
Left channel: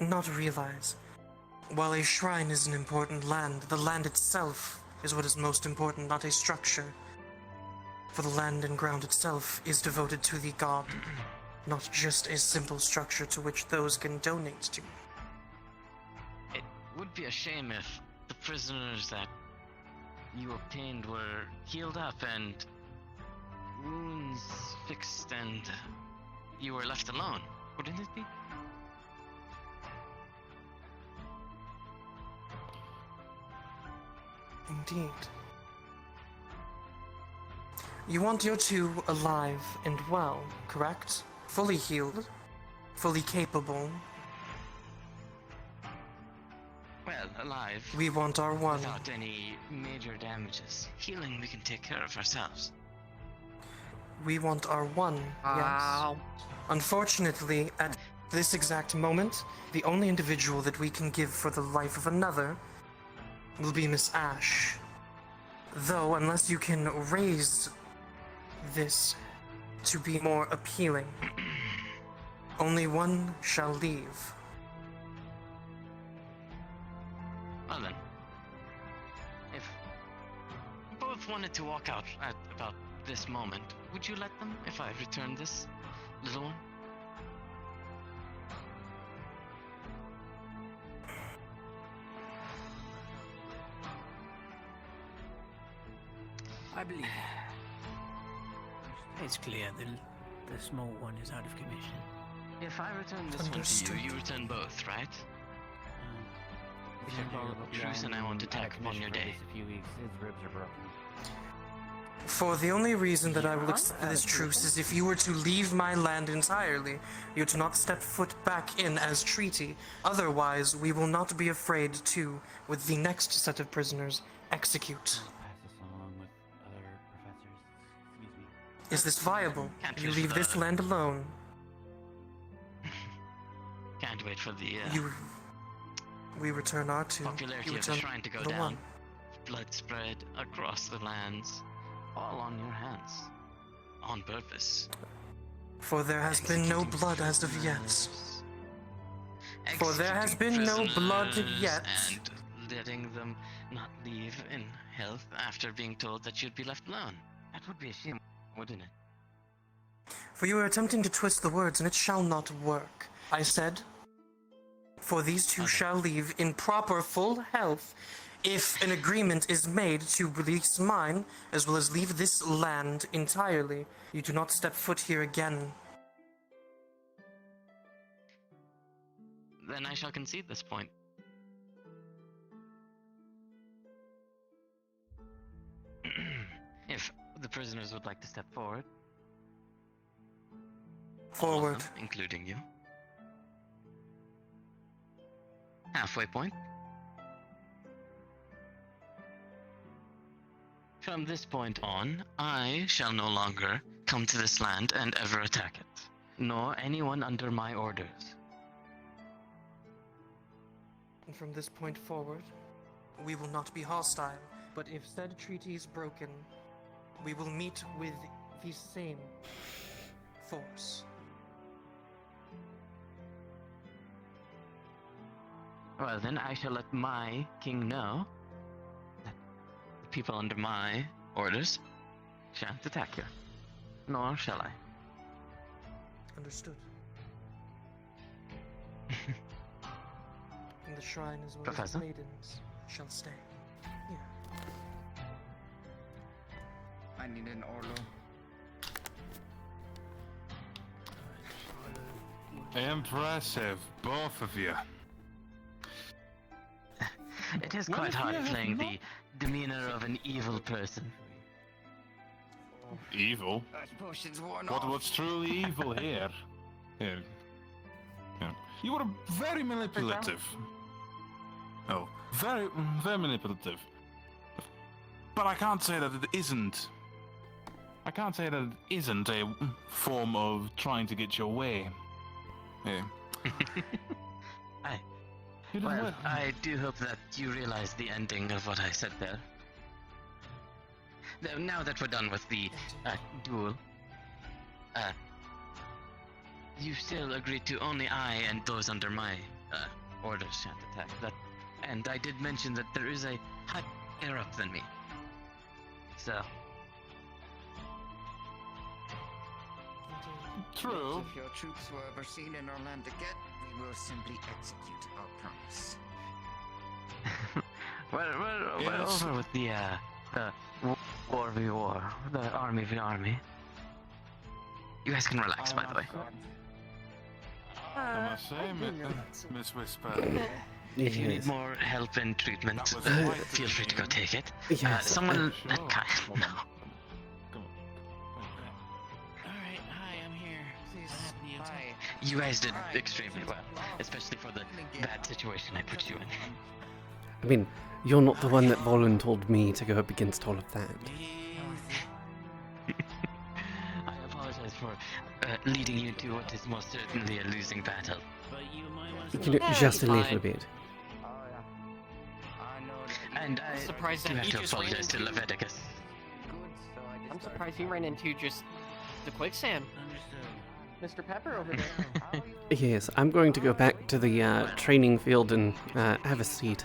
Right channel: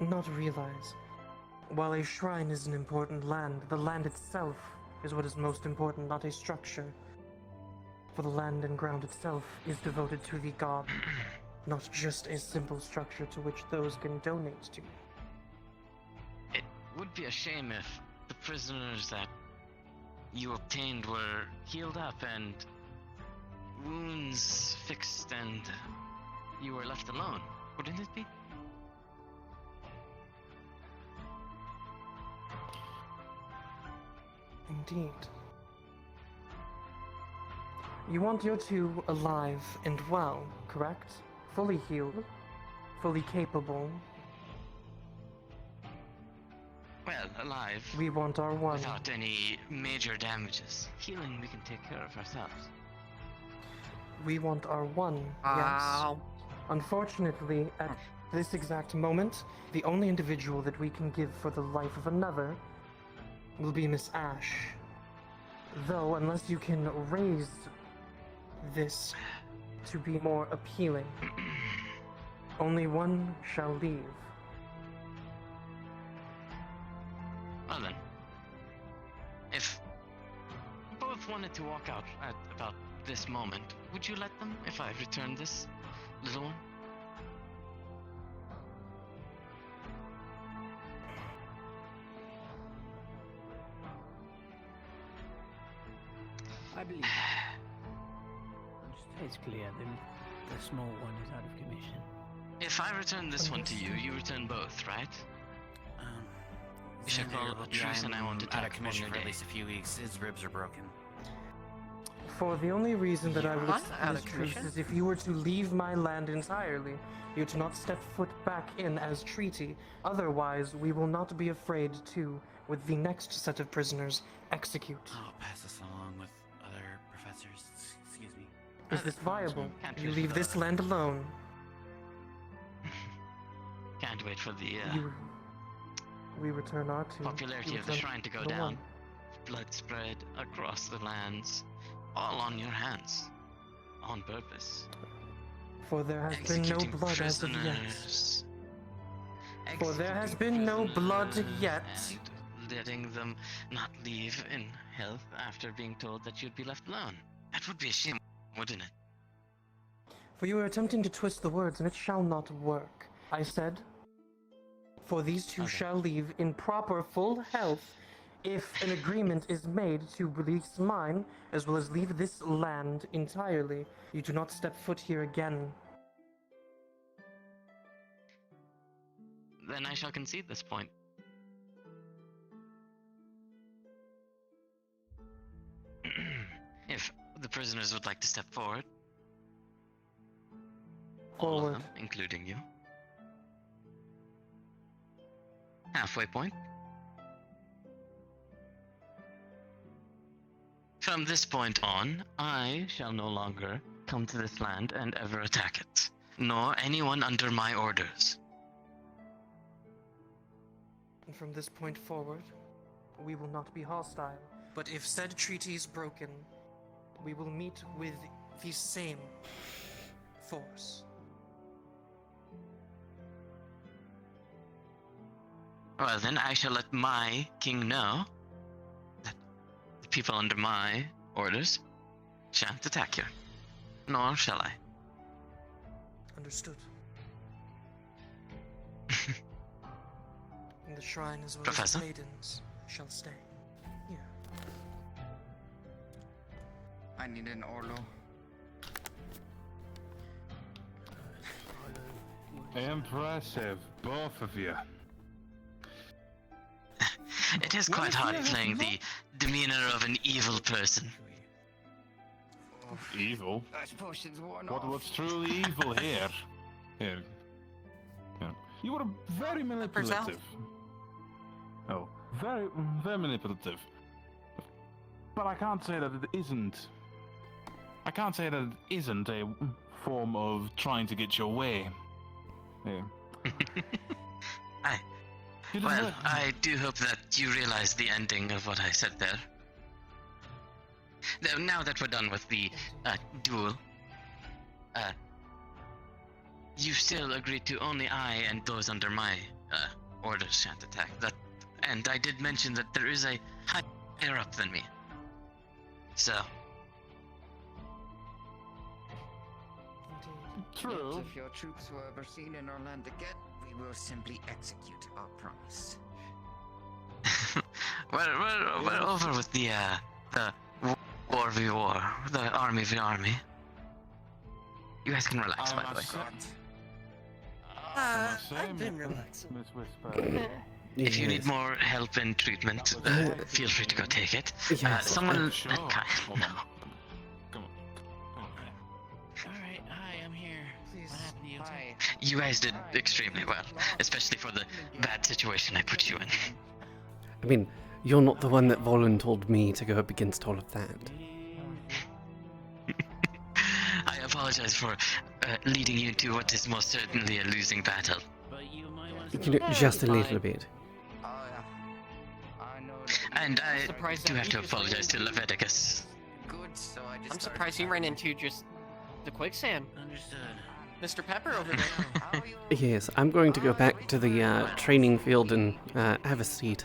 not realize, while a shrine is an important land, the land itself is what is most important, not a structure. For the land and ground itself is devoted to the god, not just a simple structure to which those can donate to. would be a shame if the prisoners that you obtained were healed up and wounds fixed and you were left alone, wouldn't it be? Indeed. You want your two alive and well, correct? Fully healed, fully capable. Well, alive. We want our one. Without any major damages. Healing we can take care of ourselves. We want our one, yes. Unfortunately, at this exact moment, the only individual that we can give for the life of another will be Miss Ash. Though, unless you can raise this to be more appealing, only one shall leave. Well then, if both wanted to walk out at about this moment, would you let them if I return this little one? I believe it's clear the small one is out of commission. If I return this one to you, you return both, right? You should call it a truce and I won't attack on your day. At least a few weeks, his ribs are broken. For the only reason that I will accept this truce is if you were to leave my land entirely. You to not step foot back in as treaty. Otherwise, we will not be afraid to, with the next set of prisoners, execute. I'll pass this along with other professors. Excuse me. Is this viable? You leave this land alone. Can't wait for the We return our two. popularity of the shrine to go down. Blood spread across the lands, all on your hands, on purpose. For there has been no blood as of yet. For there has Executing been no blood prisoners yet. And letting them not leave in health after being told that you'd be left alone. That would be a shame, wouldn't it? For you are attempting to twist the words, and it shall not work. I said, for these two shall leave in proper full health if an agreement is made to release mine, as well as leave this land entirely. You do not step foot here again. Then I shall concede this point. If the prisoners would like to step forward. All of them, including you. Halfway point. From this point on, I shall no longer come to this land and ever attack it, nor anyone under my orders. And from this point forward, we will not be hostile, but if said treaty is broken, we will meet with the same force. Well then, I shall let my king know that the people under my orders shan't attack you. Nor shall I. Understood. And the shrine as well as Professor? the maidens shall stay here. I need an Orlo. Impressive, both of you. It is quite hard playing the demeanor of an evil person. Evil? That potion's worn But off. what's truly evil here? Here. Yeah. You are very manipulative. Oh, very manipulative. But I can't say that it isn't. I can't say that it isn't a form of trying to get your way. Yeah. Well, I do hope that you realize the ending of what I said there. Now that we're done with the duel, you still agreed to only I and those under my orders shan't attack. And I did mention that there is a higher up than me. So. True. If your troops were ever seen in our land again, we will simply execute our promise. we're over with the war v war, the army v army. You guys can relax, by the way. I must say, Miss Whisper. If you need more help and treatment, feel free to go take it. Yes, Someone sure. at Kaia. No. Alright, hi, I'm here. What happened to you? Hi. You guys did extremely well, especially for the bad situation I put you in. I mean, you're not the one that volunteered me to go up against all of that. I apologize for leading you to what is most certainly a losing battle. But you might want You know, just a little bit. And I surprised do that have you to just apologize to Leviticus. I'm surprised you ran into just the quicksand. Understood. Mr. Pepper over there. Yes, I'm going to go back to the training field and have a seat.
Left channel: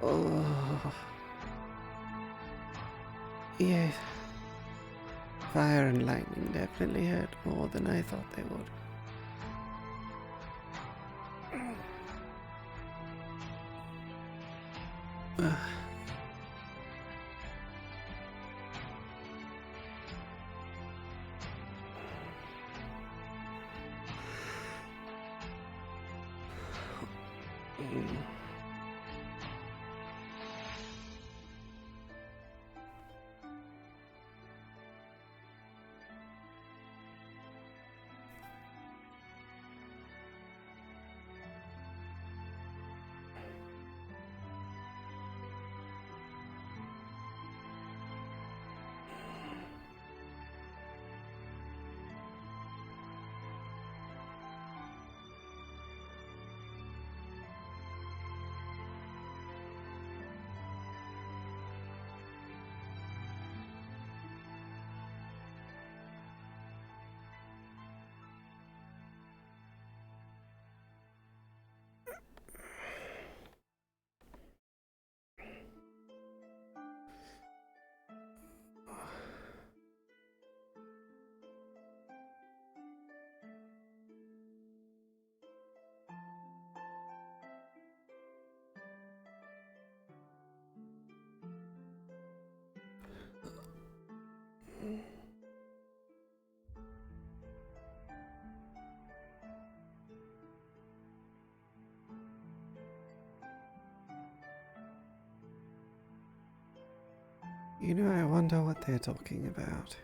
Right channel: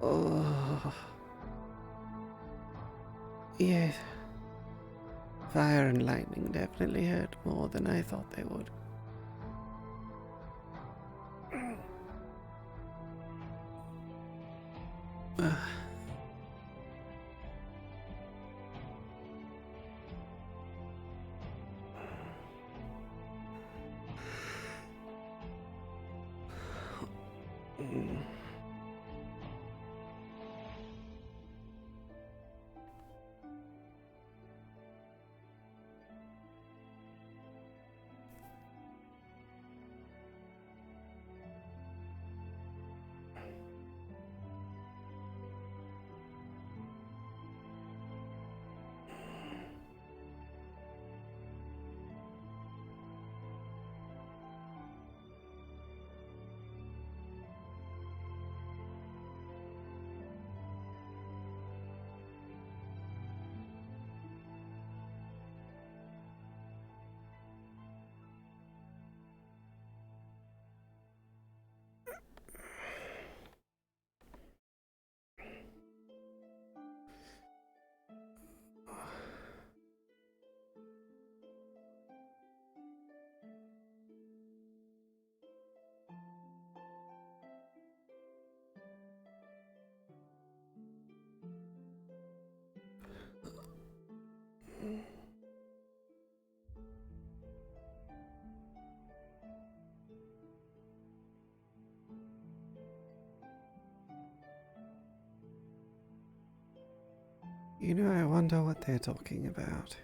Oh. Yes. Fire and lightning definitely hurt more than I thought they would. You know, I wonder what they're talking about.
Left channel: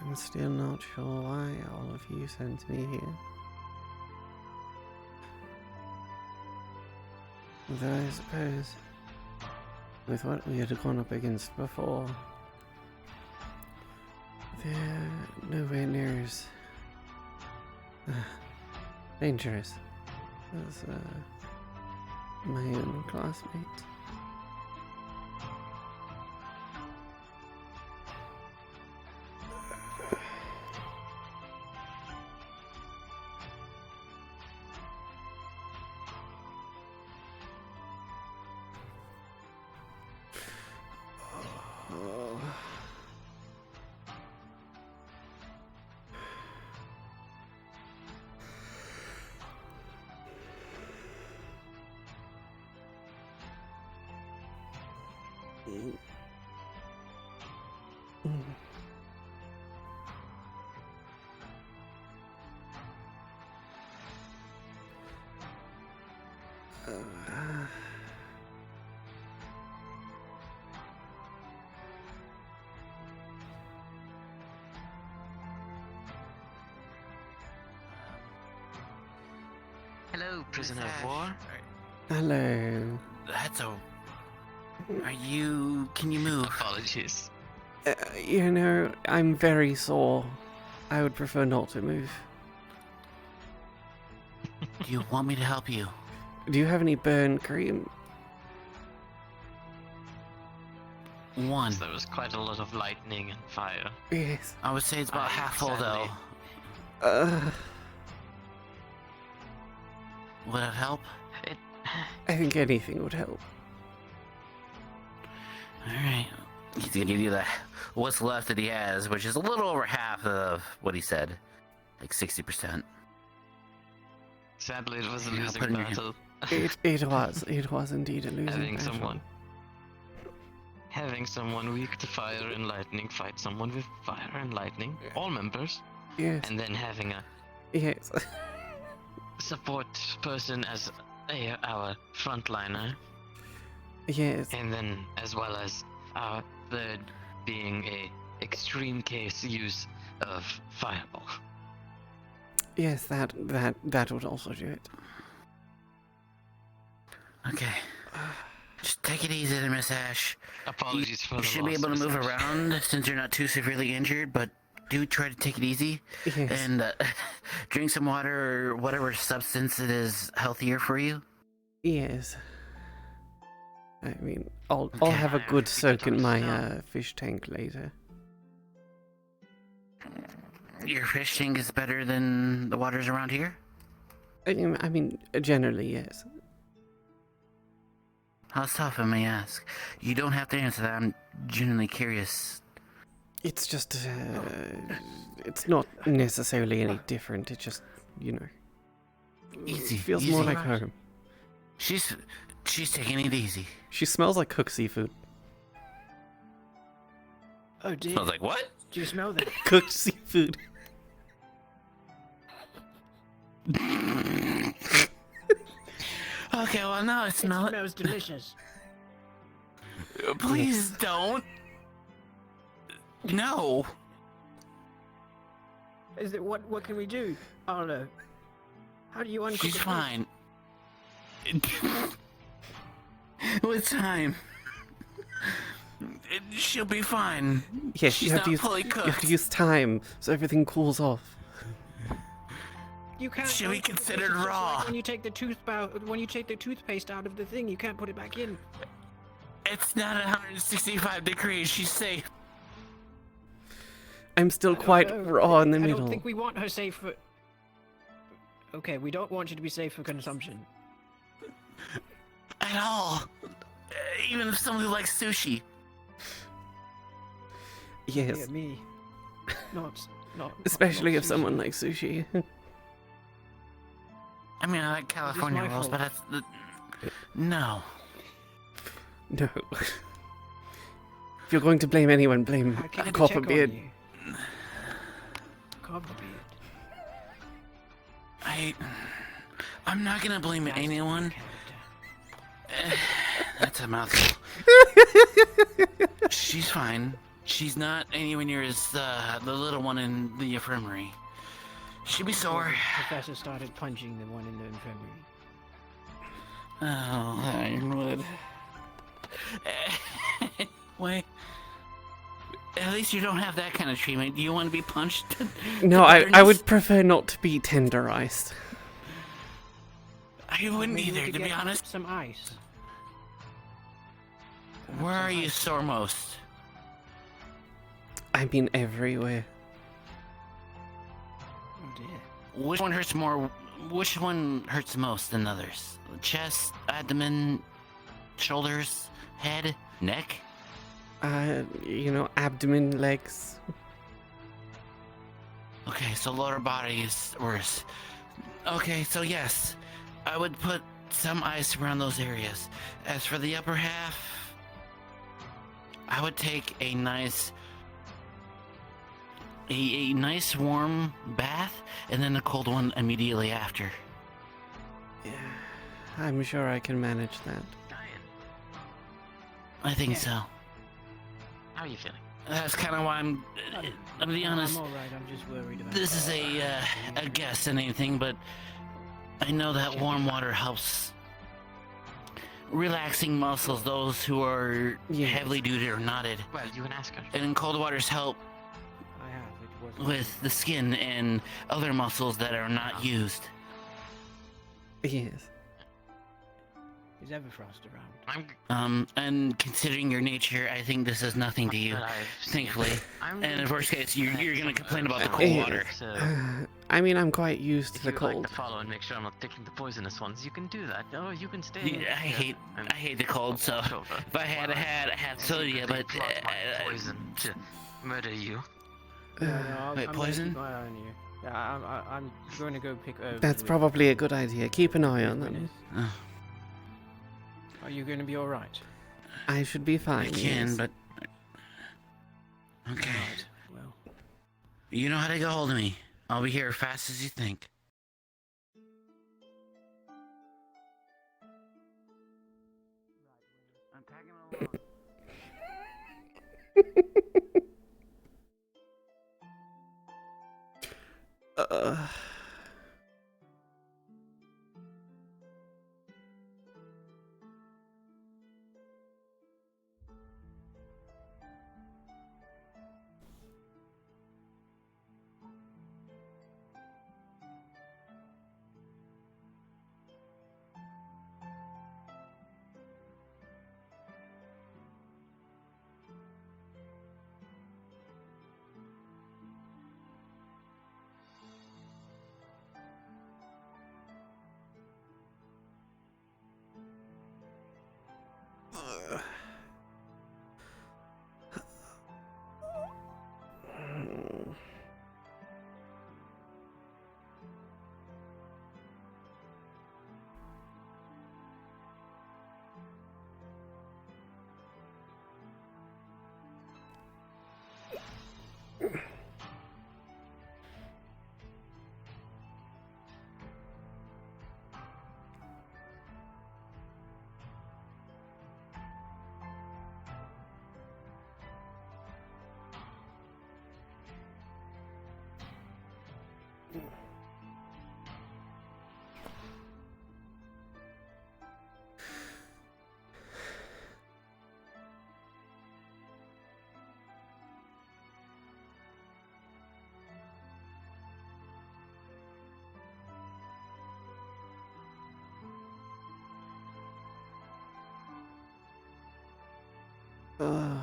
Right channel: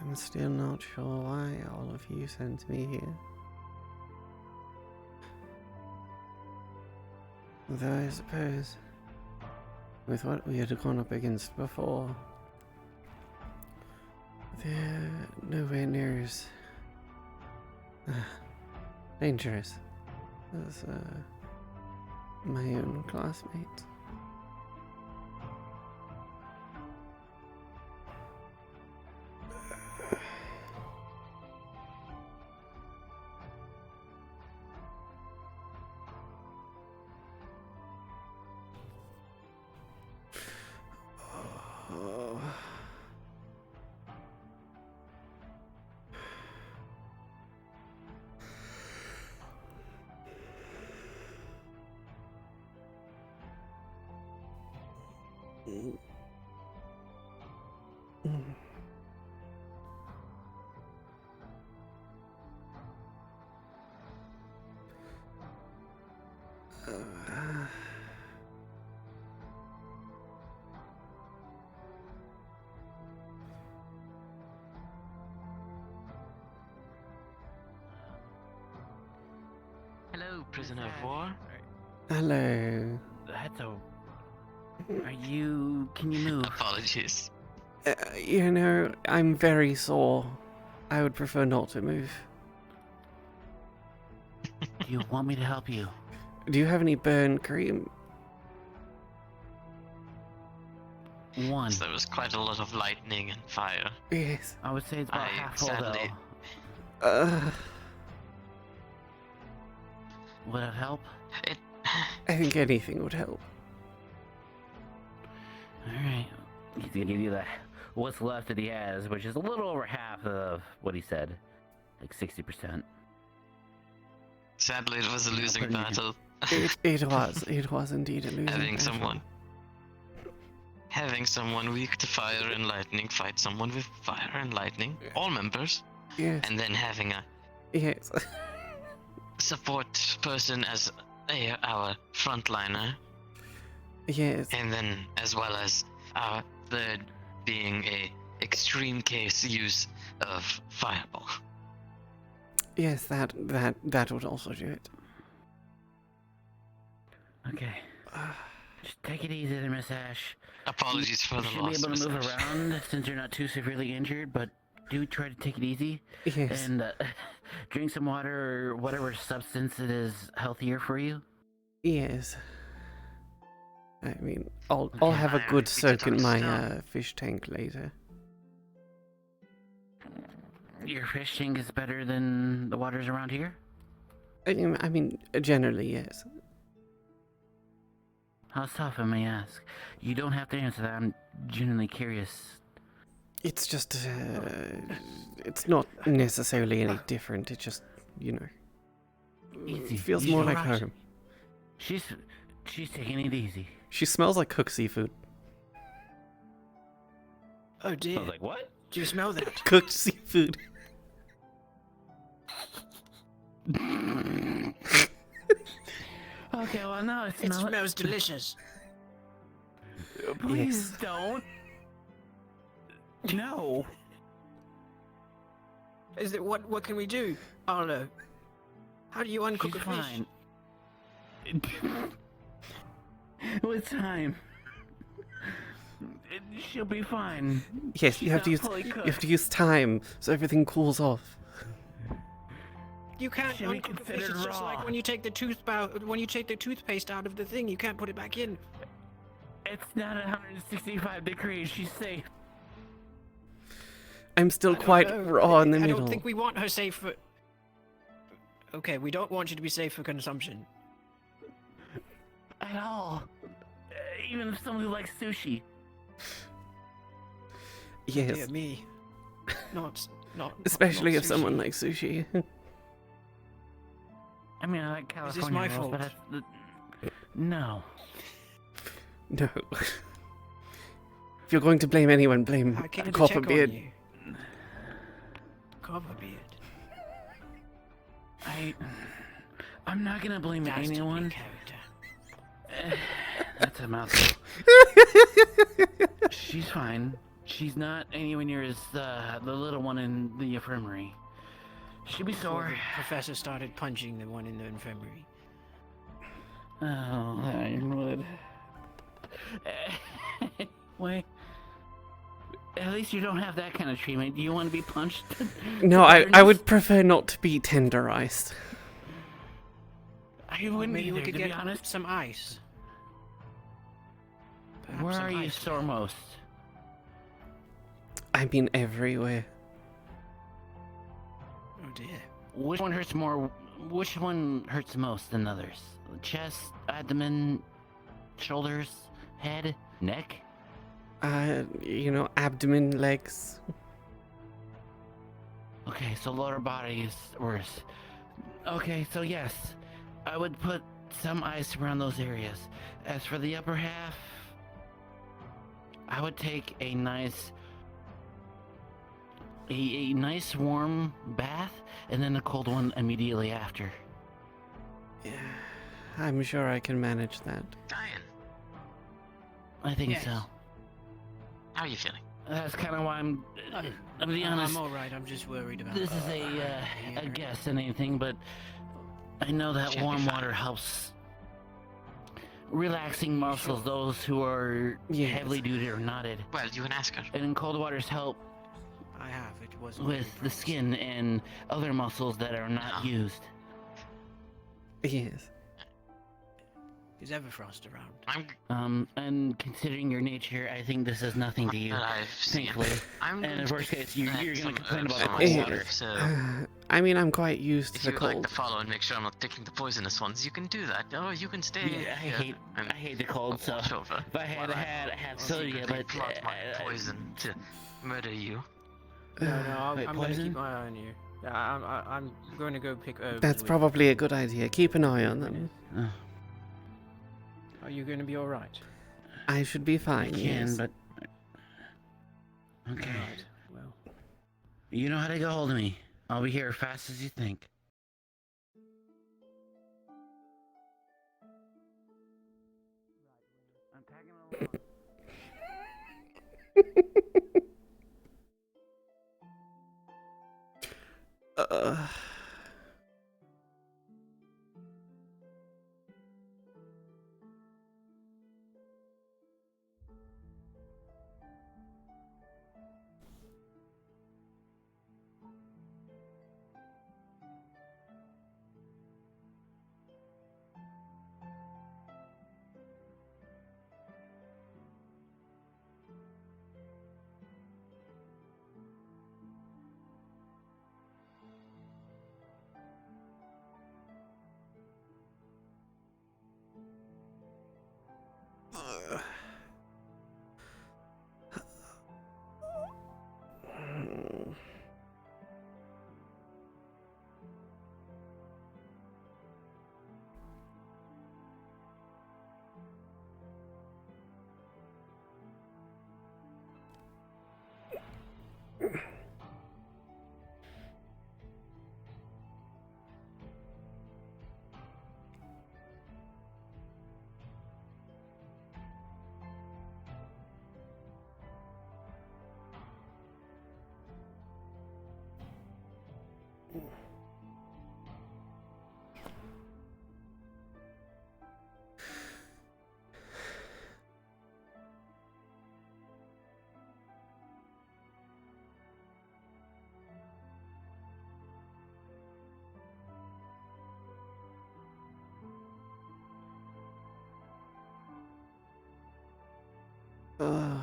I'm still not sure why all of you sent me here. Although I suppose, with what we had gone up against before, they're nowhere near as dangerous as my own classmates. Hello, prisoner of war. Hello. That's a... Are you... Can you move? Apologies. You know, I'm very sore. I would prefer not to move. Do you want me to help you? Do you have any burn cream? One. So there was quite a lot of lightning and fire. Yes. I would say it's about half full, though. Would it help? I think anything would help. Alright. He's gonna give you the what's left that he has, which is a little over half of what he said. Like 60%. Sadly, it was a losing battle. It was indeed a losing battle. Having someone weak to fire and lightning fight someone with fire and lightning, all members. Yes. And then having a support person as our frontliner. Yes. And then as well as our third being a extreme case use of fireball. Yes, that would also do it. Okay. Just take it easy there, Miss Ash. Apologies for the loss. You should be able to move Miss Ash. around since you're not too severely injured, but do try to take it easy. Yes. And drink some water or whatever substance it is healthier for you. Yes. I mean, I'll have a good soak in my fish tank later. Your fish tank is better than the waters around here? I mean, generally, yes. How tough, I may ask? You don't have to answer that. I'm genuinely curious. It's just, it's not necessarily any different. It just, Easy. feels easy. more like home. She's taking it easy. She smells like cooked seafood. Oh dear. Smells like what? Do you smell that? Cooked seafood. Okay, well, no, It smells delicious. Please don't. No. Is it what can we do, Arlo? How do you uncook She's a fish? fine. With time. She'll be fine. Yes, She's you have to use time so everything cools off. You can't. Should be uncook a fish, considered it's just raw. like when you take the toothpaste out of the thing, you can't put it back in. It's not 165 degrees. She's safe. I'm still quite raw in the I middle. don't think we want her safe for. Okay, we don't want you to be safe for consumption. At all. Even if somebody likes sushi. Yes. Dear me. Not. Especially not if someone likes sushi. I mean, I like California rolls, but that's no. No. If you're going to blame anyone, blame Copperbeard. Copperbeard. I'm not gonna blame anyone. That's a mouthful. She's fine. She's not anywhere near as the little one in the infirmary. She'll be sore. The professor started punching the one in the infirmary. Oh, Ironwood. Wait. At least you don't have that kind of treatment. Do you want to be punched? No, I would prefer not to be tenderized. I wouldn't Maybe we either, could to be get honest. Some ice. Where some are you ice. sore most? I mean, everywhere. Oh dear. Which one hurts more? Which one hurts most than others? Chest, abdomen, shoulders, head, neck? Abdomen, legs. Okay, so lower body is worse. Okay, so yes, I would put some ice around those areas. As for the upper half, I would take a nice warm bath and then a cold one immediately after. Yeah, I'm sure I can manage that. I think so. How are you feeling? That's kind of why I'll be honest. I'm alright, I'm just worried about This is a guess and anything, but I know that warm water helps relaxing muscles, those who are heavily duty or knotted. Well, you can ask her. And cold waters help I have. It was with the skin and other muscles that are not used. Yes. Is Everfrost around? And considering your nature, I think this is nothing to you. Thankfully. And in worst case, you're gonna complain about the cold water. I mean, I'm quite used to If the you would like cold. to follow and make sure I'm not taking the poisonous ones, you can do that. Or you can stay. Yeah, I hate the cold, so if I had soda, but plot my poison to murder you. No, Wait, I'm gonna poison? keep my eye on you. Yeah, I'm going to go pick herbs. That's with- probably a good idea. Keep an eye on them. Are you going to be all right? I should be fine. I can, yes. but okay. Alright, well. You know how to get hold of me. I'll be here as fast as you think. Uh, uh.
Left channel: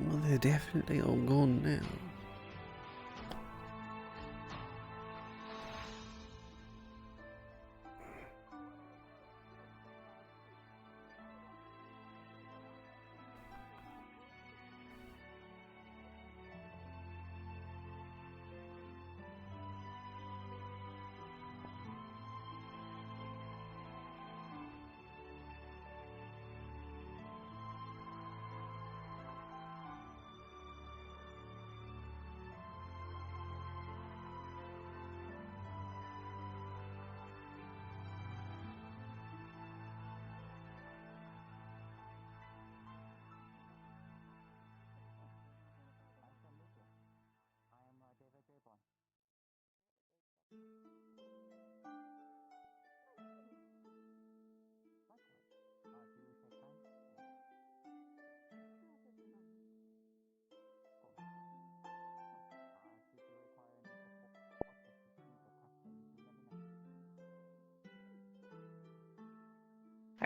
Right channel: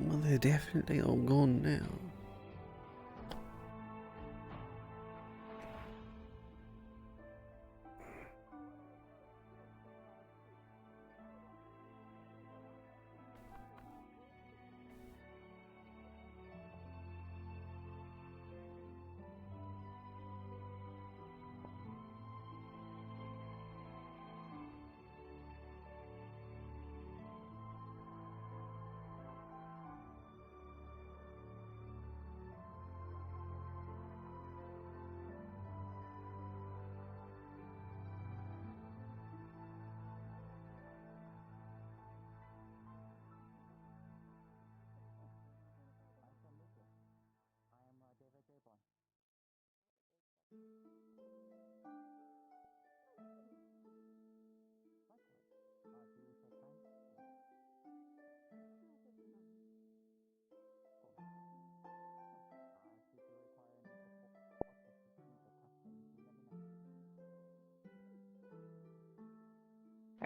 Well, they're definitely all gone now.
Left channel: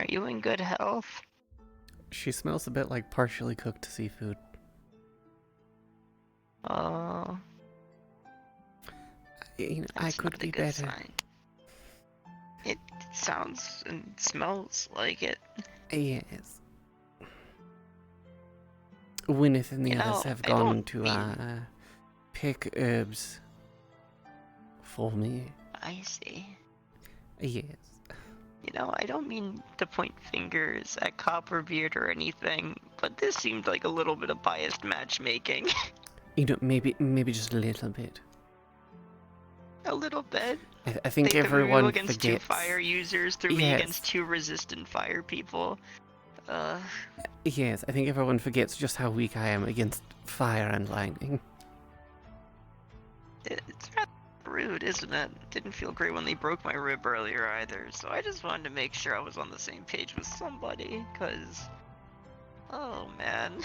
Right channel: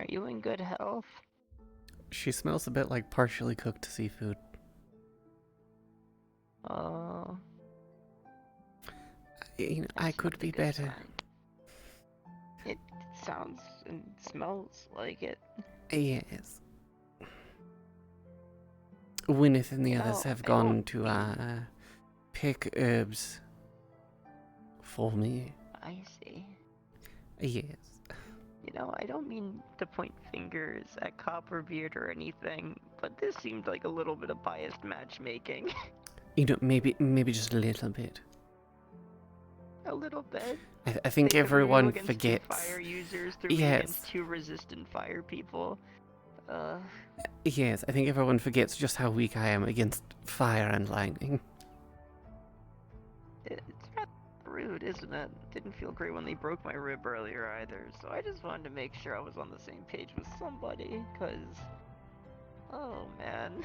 Are you in good health? She smells a bit like partially cooked seafood. I could be better. Sign. It sounds and smells like it. Yes. Gwyneth and the others have gone to pick herbs for me. I see. Yes. You know, I don't mean to point fingers at Copperbeard or anything, but this seemed like a little bit of biased matchmaking. Maybe just a little bit. A little bit. I think they everyone against forgets. 2 fire users threw me against 2 resistant fire people. Yes, I think everyone forgets just how weak I am against fire and lightning. It's rather rude, isn't it? Didn't feel great when they broke my rib earlier either, so I just wanted to make sure I was on the same page with somebody, cause... Oh, man.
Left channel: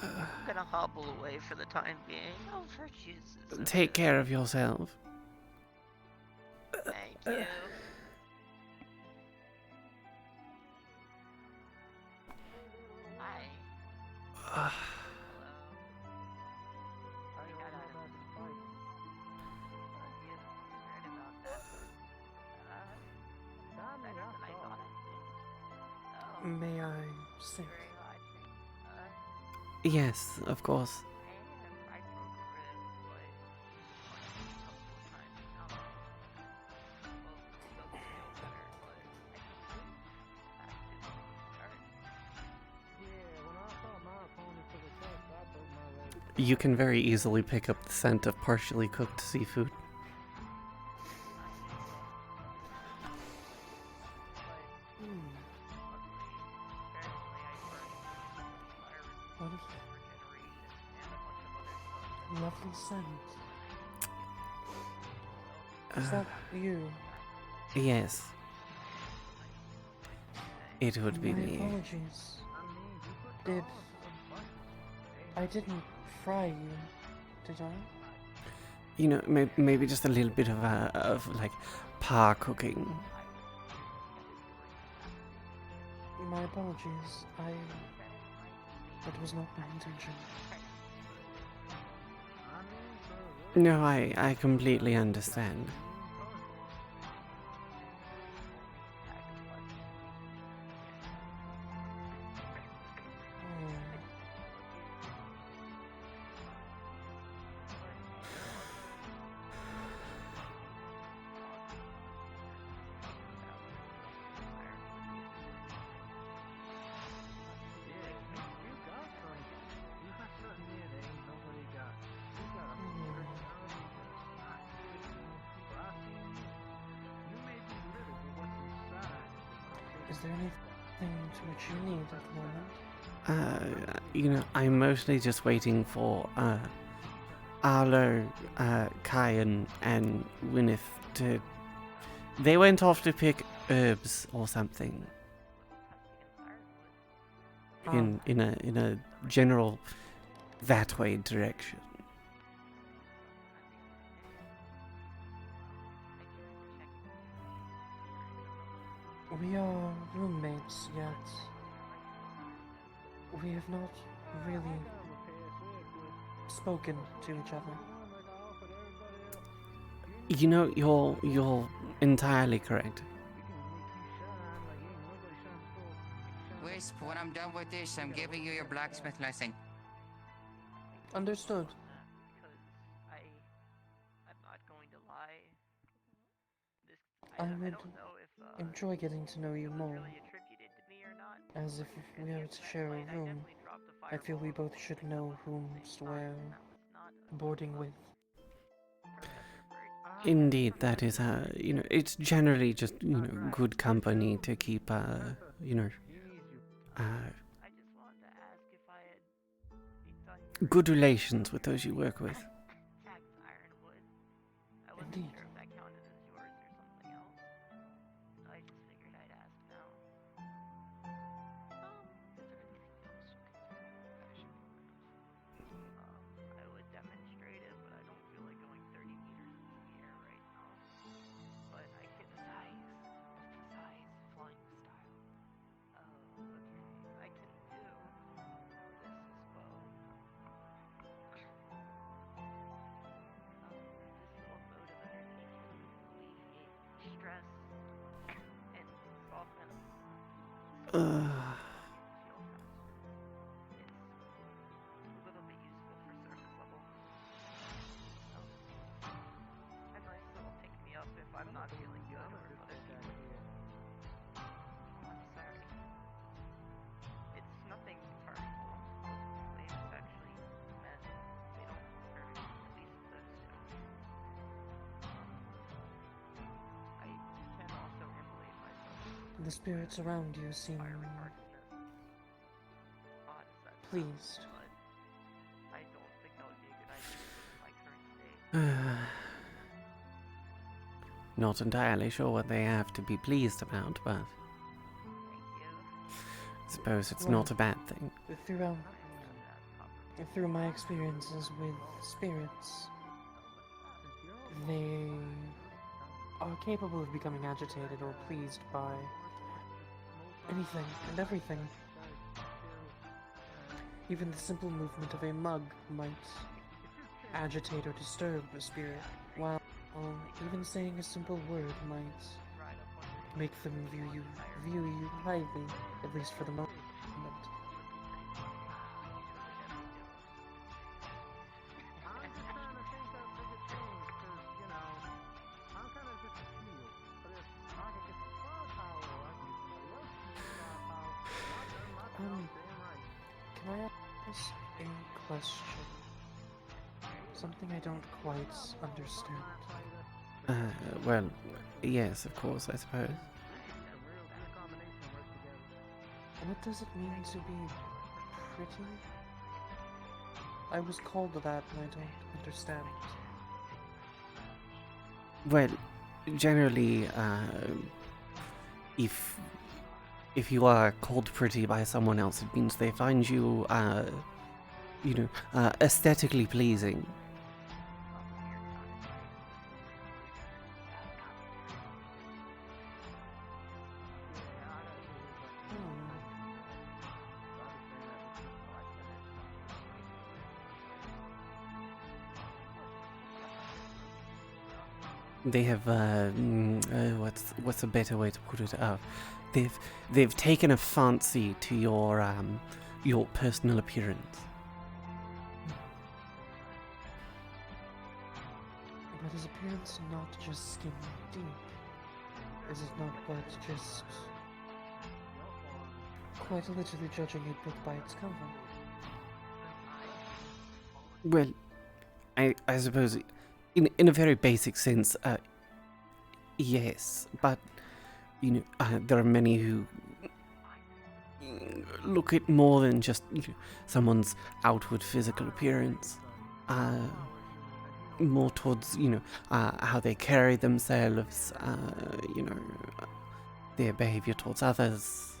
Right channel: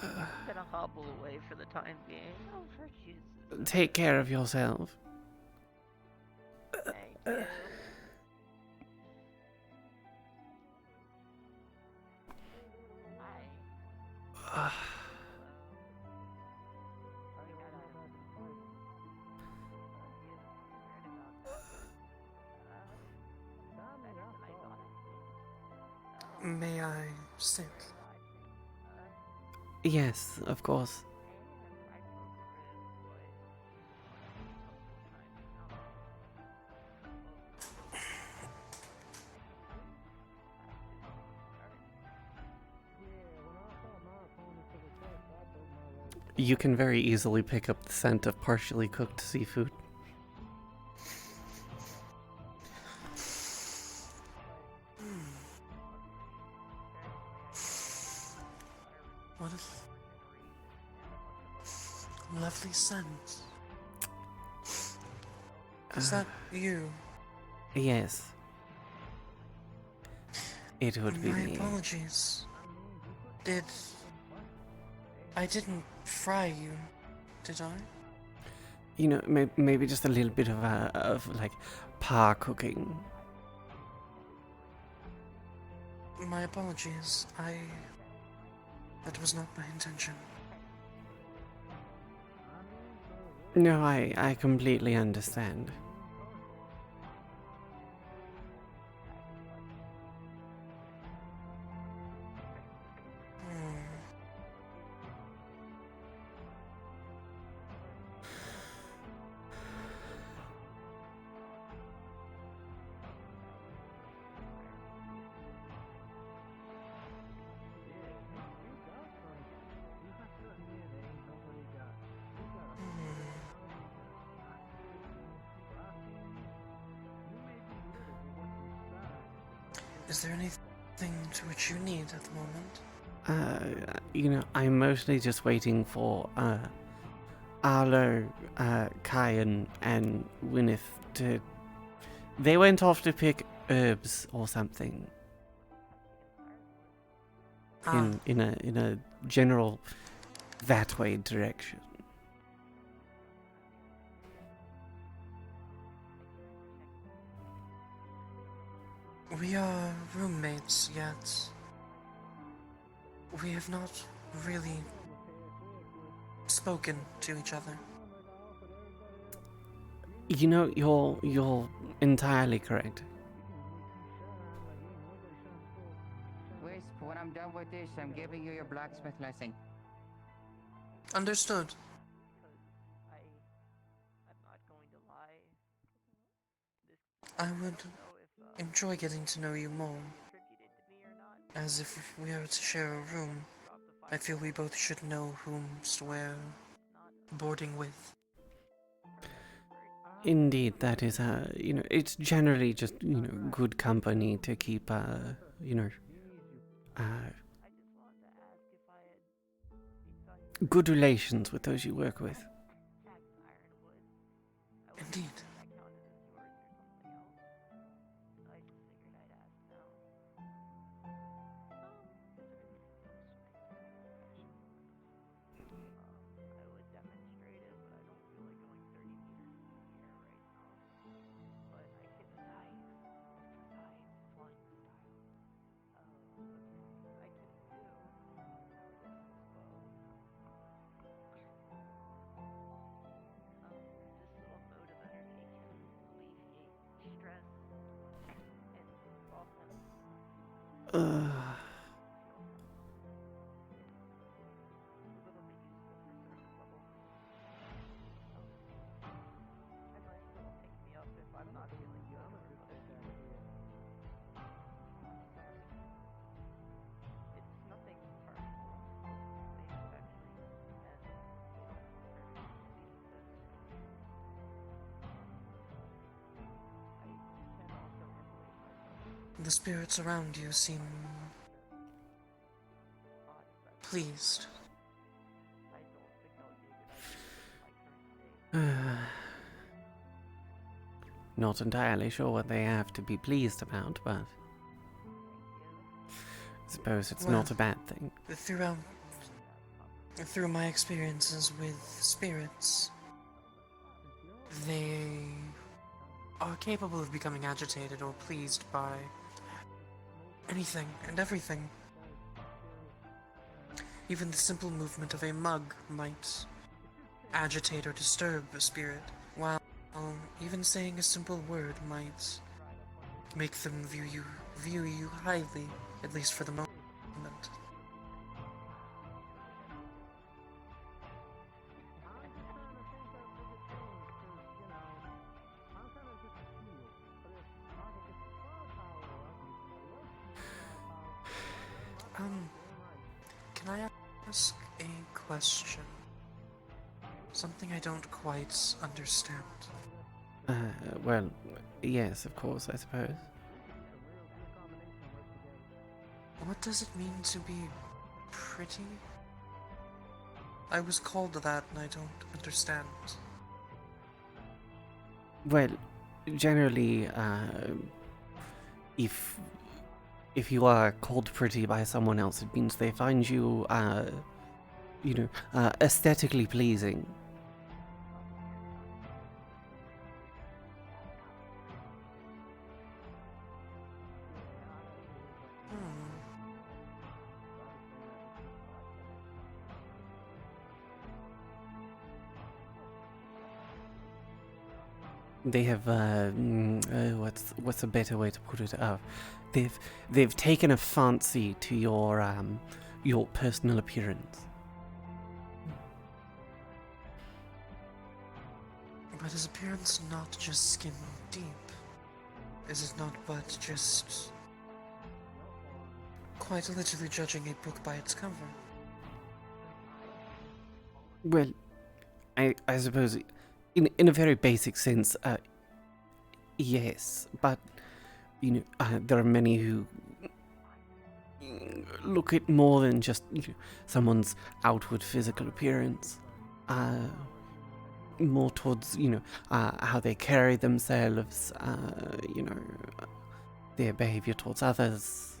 I'm gonna hobble away for the time being. Oh, for Jesus. Take care of yourself. Thank you. May I sit? Yes, of course. You can very easily pick up the scent of partially cooked seafood. What a lovely scent. Is that you? Yes. It would be My me. apologies. I didn't fry you, did I? Maybe just a little bit of like par cooking. My apologies. That was not my intention. No, I completely understand. Is there anything to which you need at the moment? I'm mostly just waiting for Arlo, Kaia, and Gwyneth to... They went off to pick herbs or something. In a general that way direction. We are roommates, yet we have not really spoken to each other. You're entirely correct. Wisp, when I'm done with this, I'm giving you your blacksmith lesson. Understood. I would enjoy getting to know you more. As if we are to share a room, I feel we both should know whom we're boarding with. Indeed, that is, it's generally just, good company to keep, good relations with those you work with. Indeed. The spirits around you seem pleased. Not entirely sure what they have to be pleased about, but I suppose it's not a bad thing. Through my experiences with spirits, they are capable of becoming agitated or pleased by anything and everything. Even the simple movement of a mug might agitate or disturb a spirit, while even saying a simple word might make them view you highly, at least for the moment. Can I ask a question? Something I don't quite understand. Well, yes, of course, I suppose. What does it mean to be pretty? I was called that and I don't understand. Well, generally, if you are called pretty by someone else, it means they find you, aesthetically pleasing. They have what's a better way to put it? They've taken a fancy to your personal appearance. But is appearance not just skin deep? Is it not but just quite literally judging a book by its cover? Well, I suppose in a very basic sense, yes, but there are many who look at more than just someone's outward physical appearance, more towards how they carry themselves, their behavior towards others.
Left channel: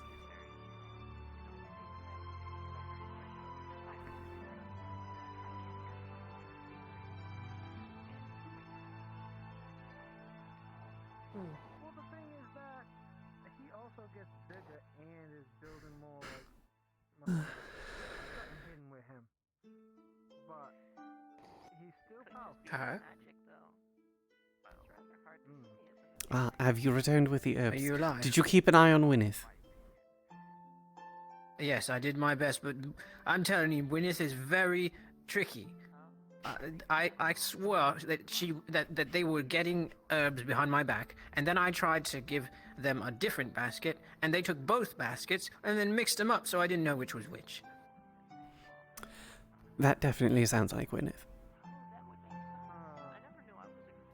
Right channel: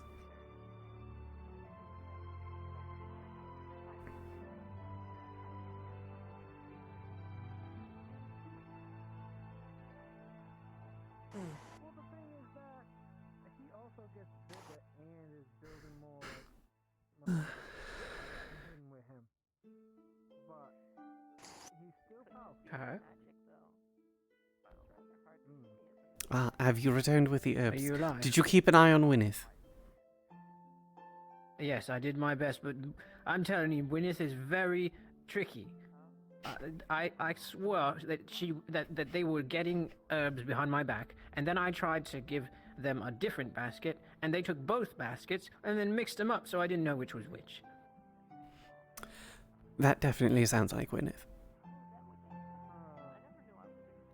Have you returned with the herbs? Are you alive? Did you keep an eye on Wynneth? Yes, I did my best, but I'm telling you, Wynneth is very tricky. I swore that they were getting herbs behind my back, and then I tried to give them a different basket, and they took both baskets and then mixed them up, so I didn't know which was which. That definitely sounds like Wynneth.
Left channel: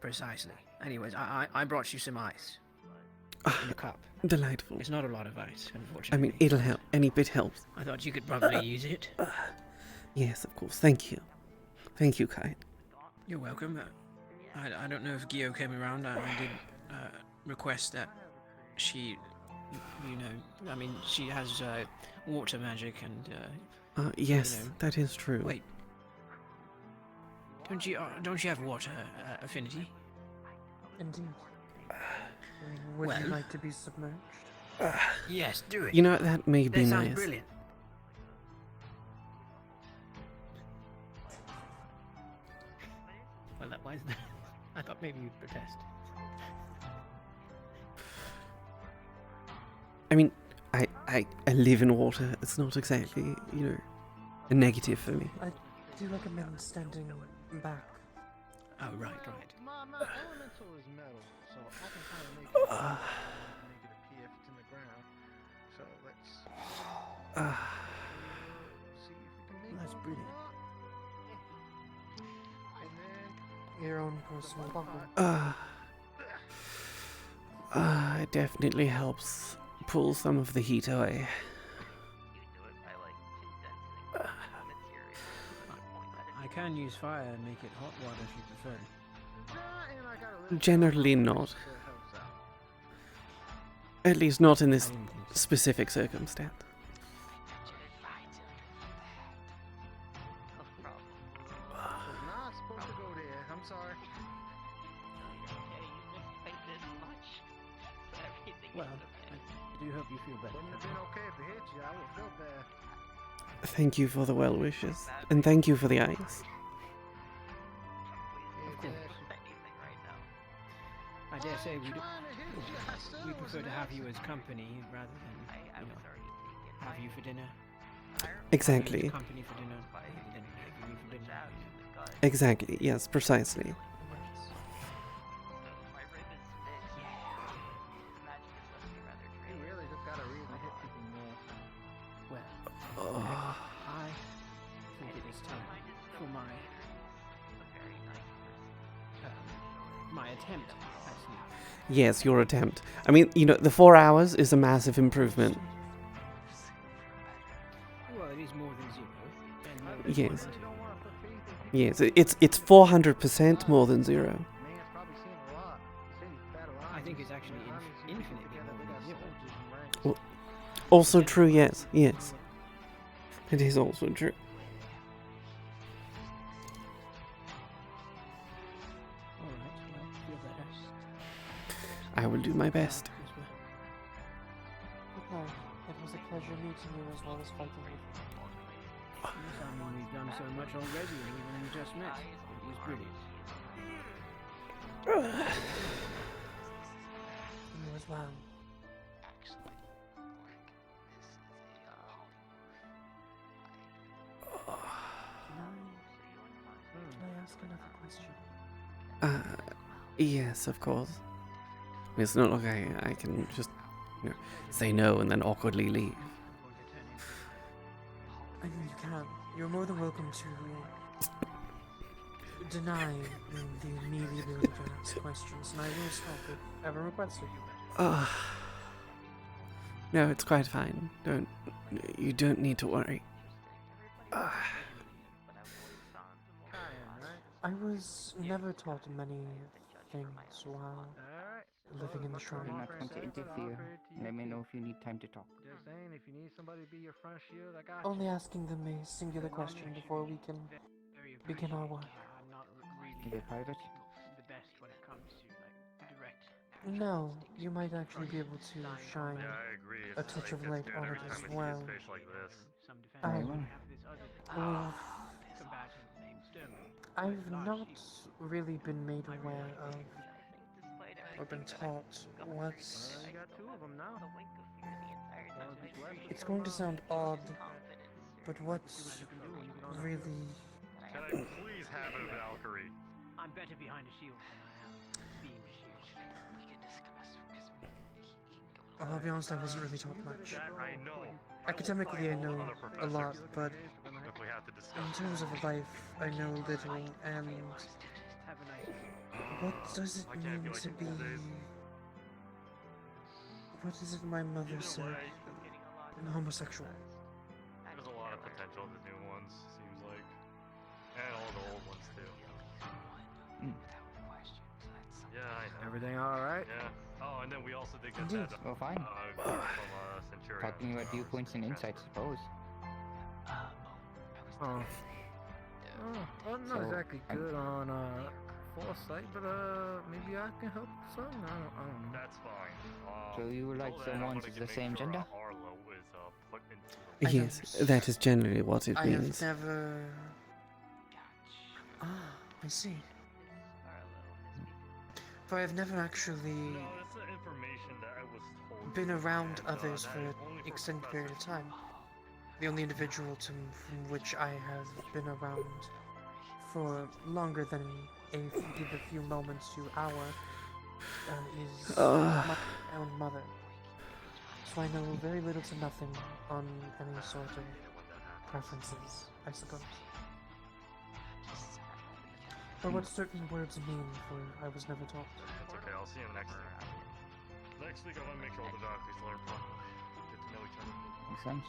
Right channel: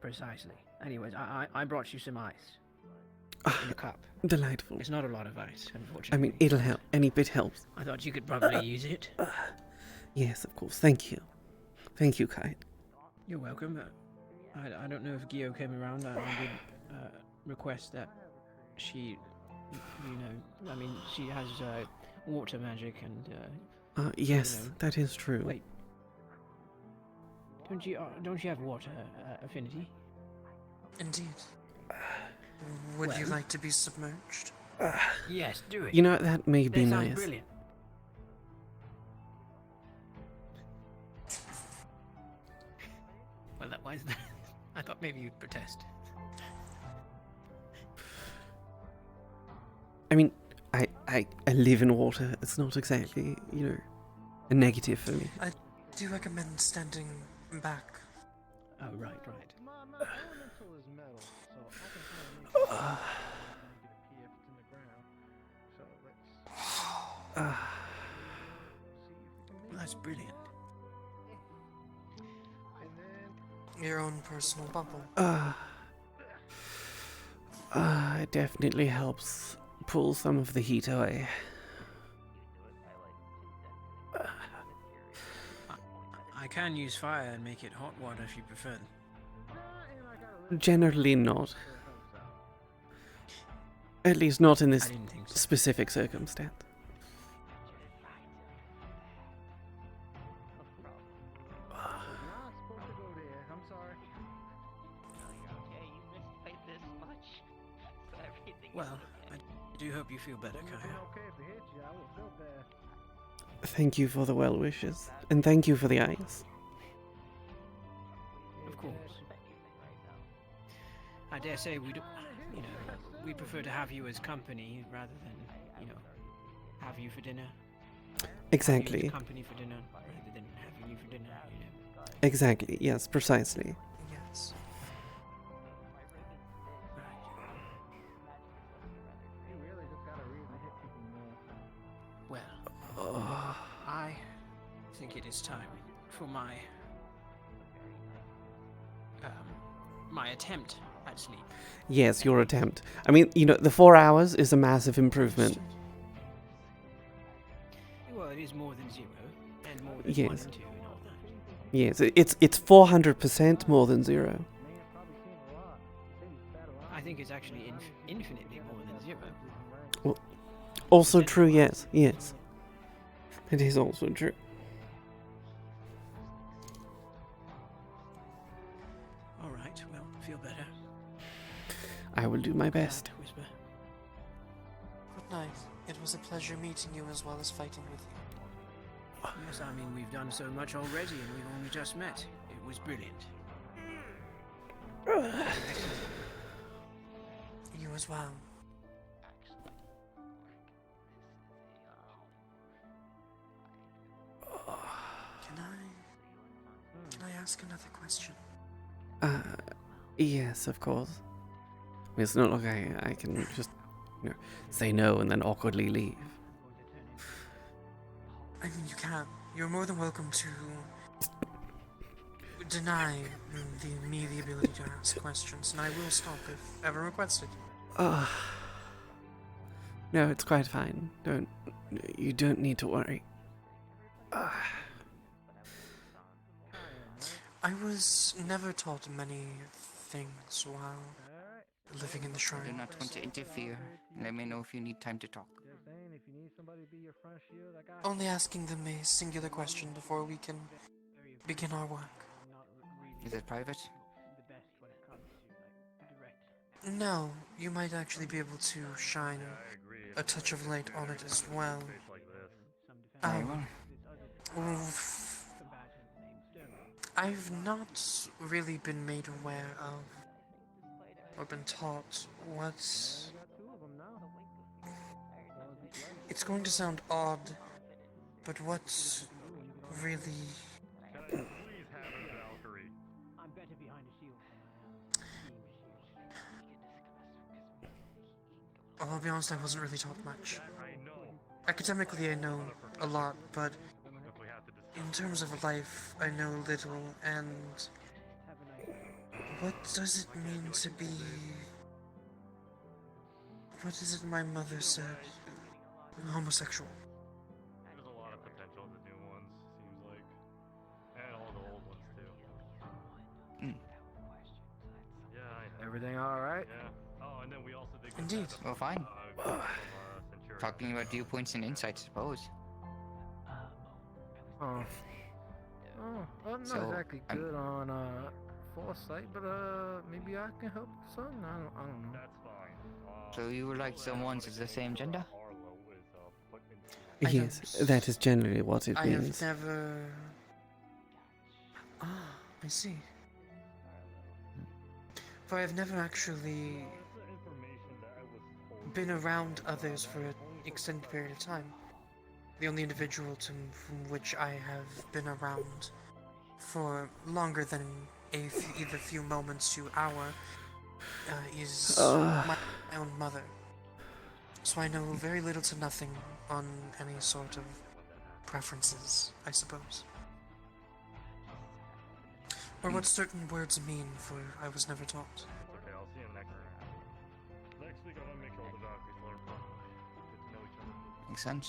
Precisely. Anyways, I brought you some ice. In a cup. Delightful. It's not a lot of ice, unfortunately. I mean, it'll help. Any bit helps. I thought you could probably use it. Yes, of course. Thank you. Thank you, Kai. You're welcome. I don't know if Gio came around. I did request that she, she has water magic and... yes, that is true. Wait. Don't you have water affinity? Indeed. Would you like to be submerged? Yes, do it. You know, that may be That nice. sounds brilliant. Well, why is that? I thought maybe you'd protest. I mean, I live in water. It's not exactly, a negative for me. I do recommend standing back. Oh, right. That's brilliant. Your own personal bubble. It definitely helps cool some of the heat away. I can use fire and make it hot water if you prefer. Generally not. At least not in this specific circumstance. Well, I do hope you feel better, Kaia. Thank you for the well wishes, and thank you for the ice. Of course. I dare say we prefer to have you as company rather than, have you for dinner. Exactly. Have you as company for dinner rather than having you for dinner. Exactly, yes, precisely. Well, I think it is time for my attempt at sleep. Yes, your attempt. I mean, the 4 hours is a massive improvement. Well, it is more than 0. And more than Yes. 1 and 2. Yes, it's 400% more than 0. I think it's actually infinitely more than 0. Well, also true, yes, yes. It is also true. Alright, well, feel better. I will do my best. Good night. It was a pleasure meeting you as well as fighting with you. Yes, I mean, we've done so much already and we've only just met. It was brilliant. You as well. Can I ask another question? Yes, of course. It's not like I can just, say no and then awkwardly leave. I mean, you can. You're more than welcome to deny the immediate ability to ask questions, and I will stop if ever requested. No, it's quite fine. You don't need to worry. I was never taught many things while living in the shrine. Do not want to interfere. Let me know if you need time to talk. Only asking them a singular question before we can begin our work. Is it private? No, you might actually be able to shine a touch of light on it as well. I've not really been made aware of or been taught what's... It's going to sound odd, but what's really... I'm better behind a shield than I am being shielded. I'll be honest, I wasn't really taught much. Academically, I know a lot, but in terms of life, I know little, and what does it mean to be... What is it my mother said? Homosexual. There's a lot of potential in the new ones, seems like. And all the old ones, too. Yeah, I know. Everything alright? Yeah. Oh, and then we also did get Indeed. that, Well, fine. Centurion. Talking about viewpoints and insights, I suppose. I'm not So, exactly good on foresight, but maybe I can help son. I don't know. That's fine. So you would like someone of the same gender? Yes, that is generally what it means. I have never... I see. For I have never actually been around others for an extended period of time. The only individual from which I have been around for longer than either few moments to hour is my own mother. So I know very little to nothing on any sort of preferences, I suppose. Or what certain words mean, for I was never taught. It's okay, I'll see him next Next week, I want to make sure all the Valkyries learn properly. Get to know each other. Makes sense.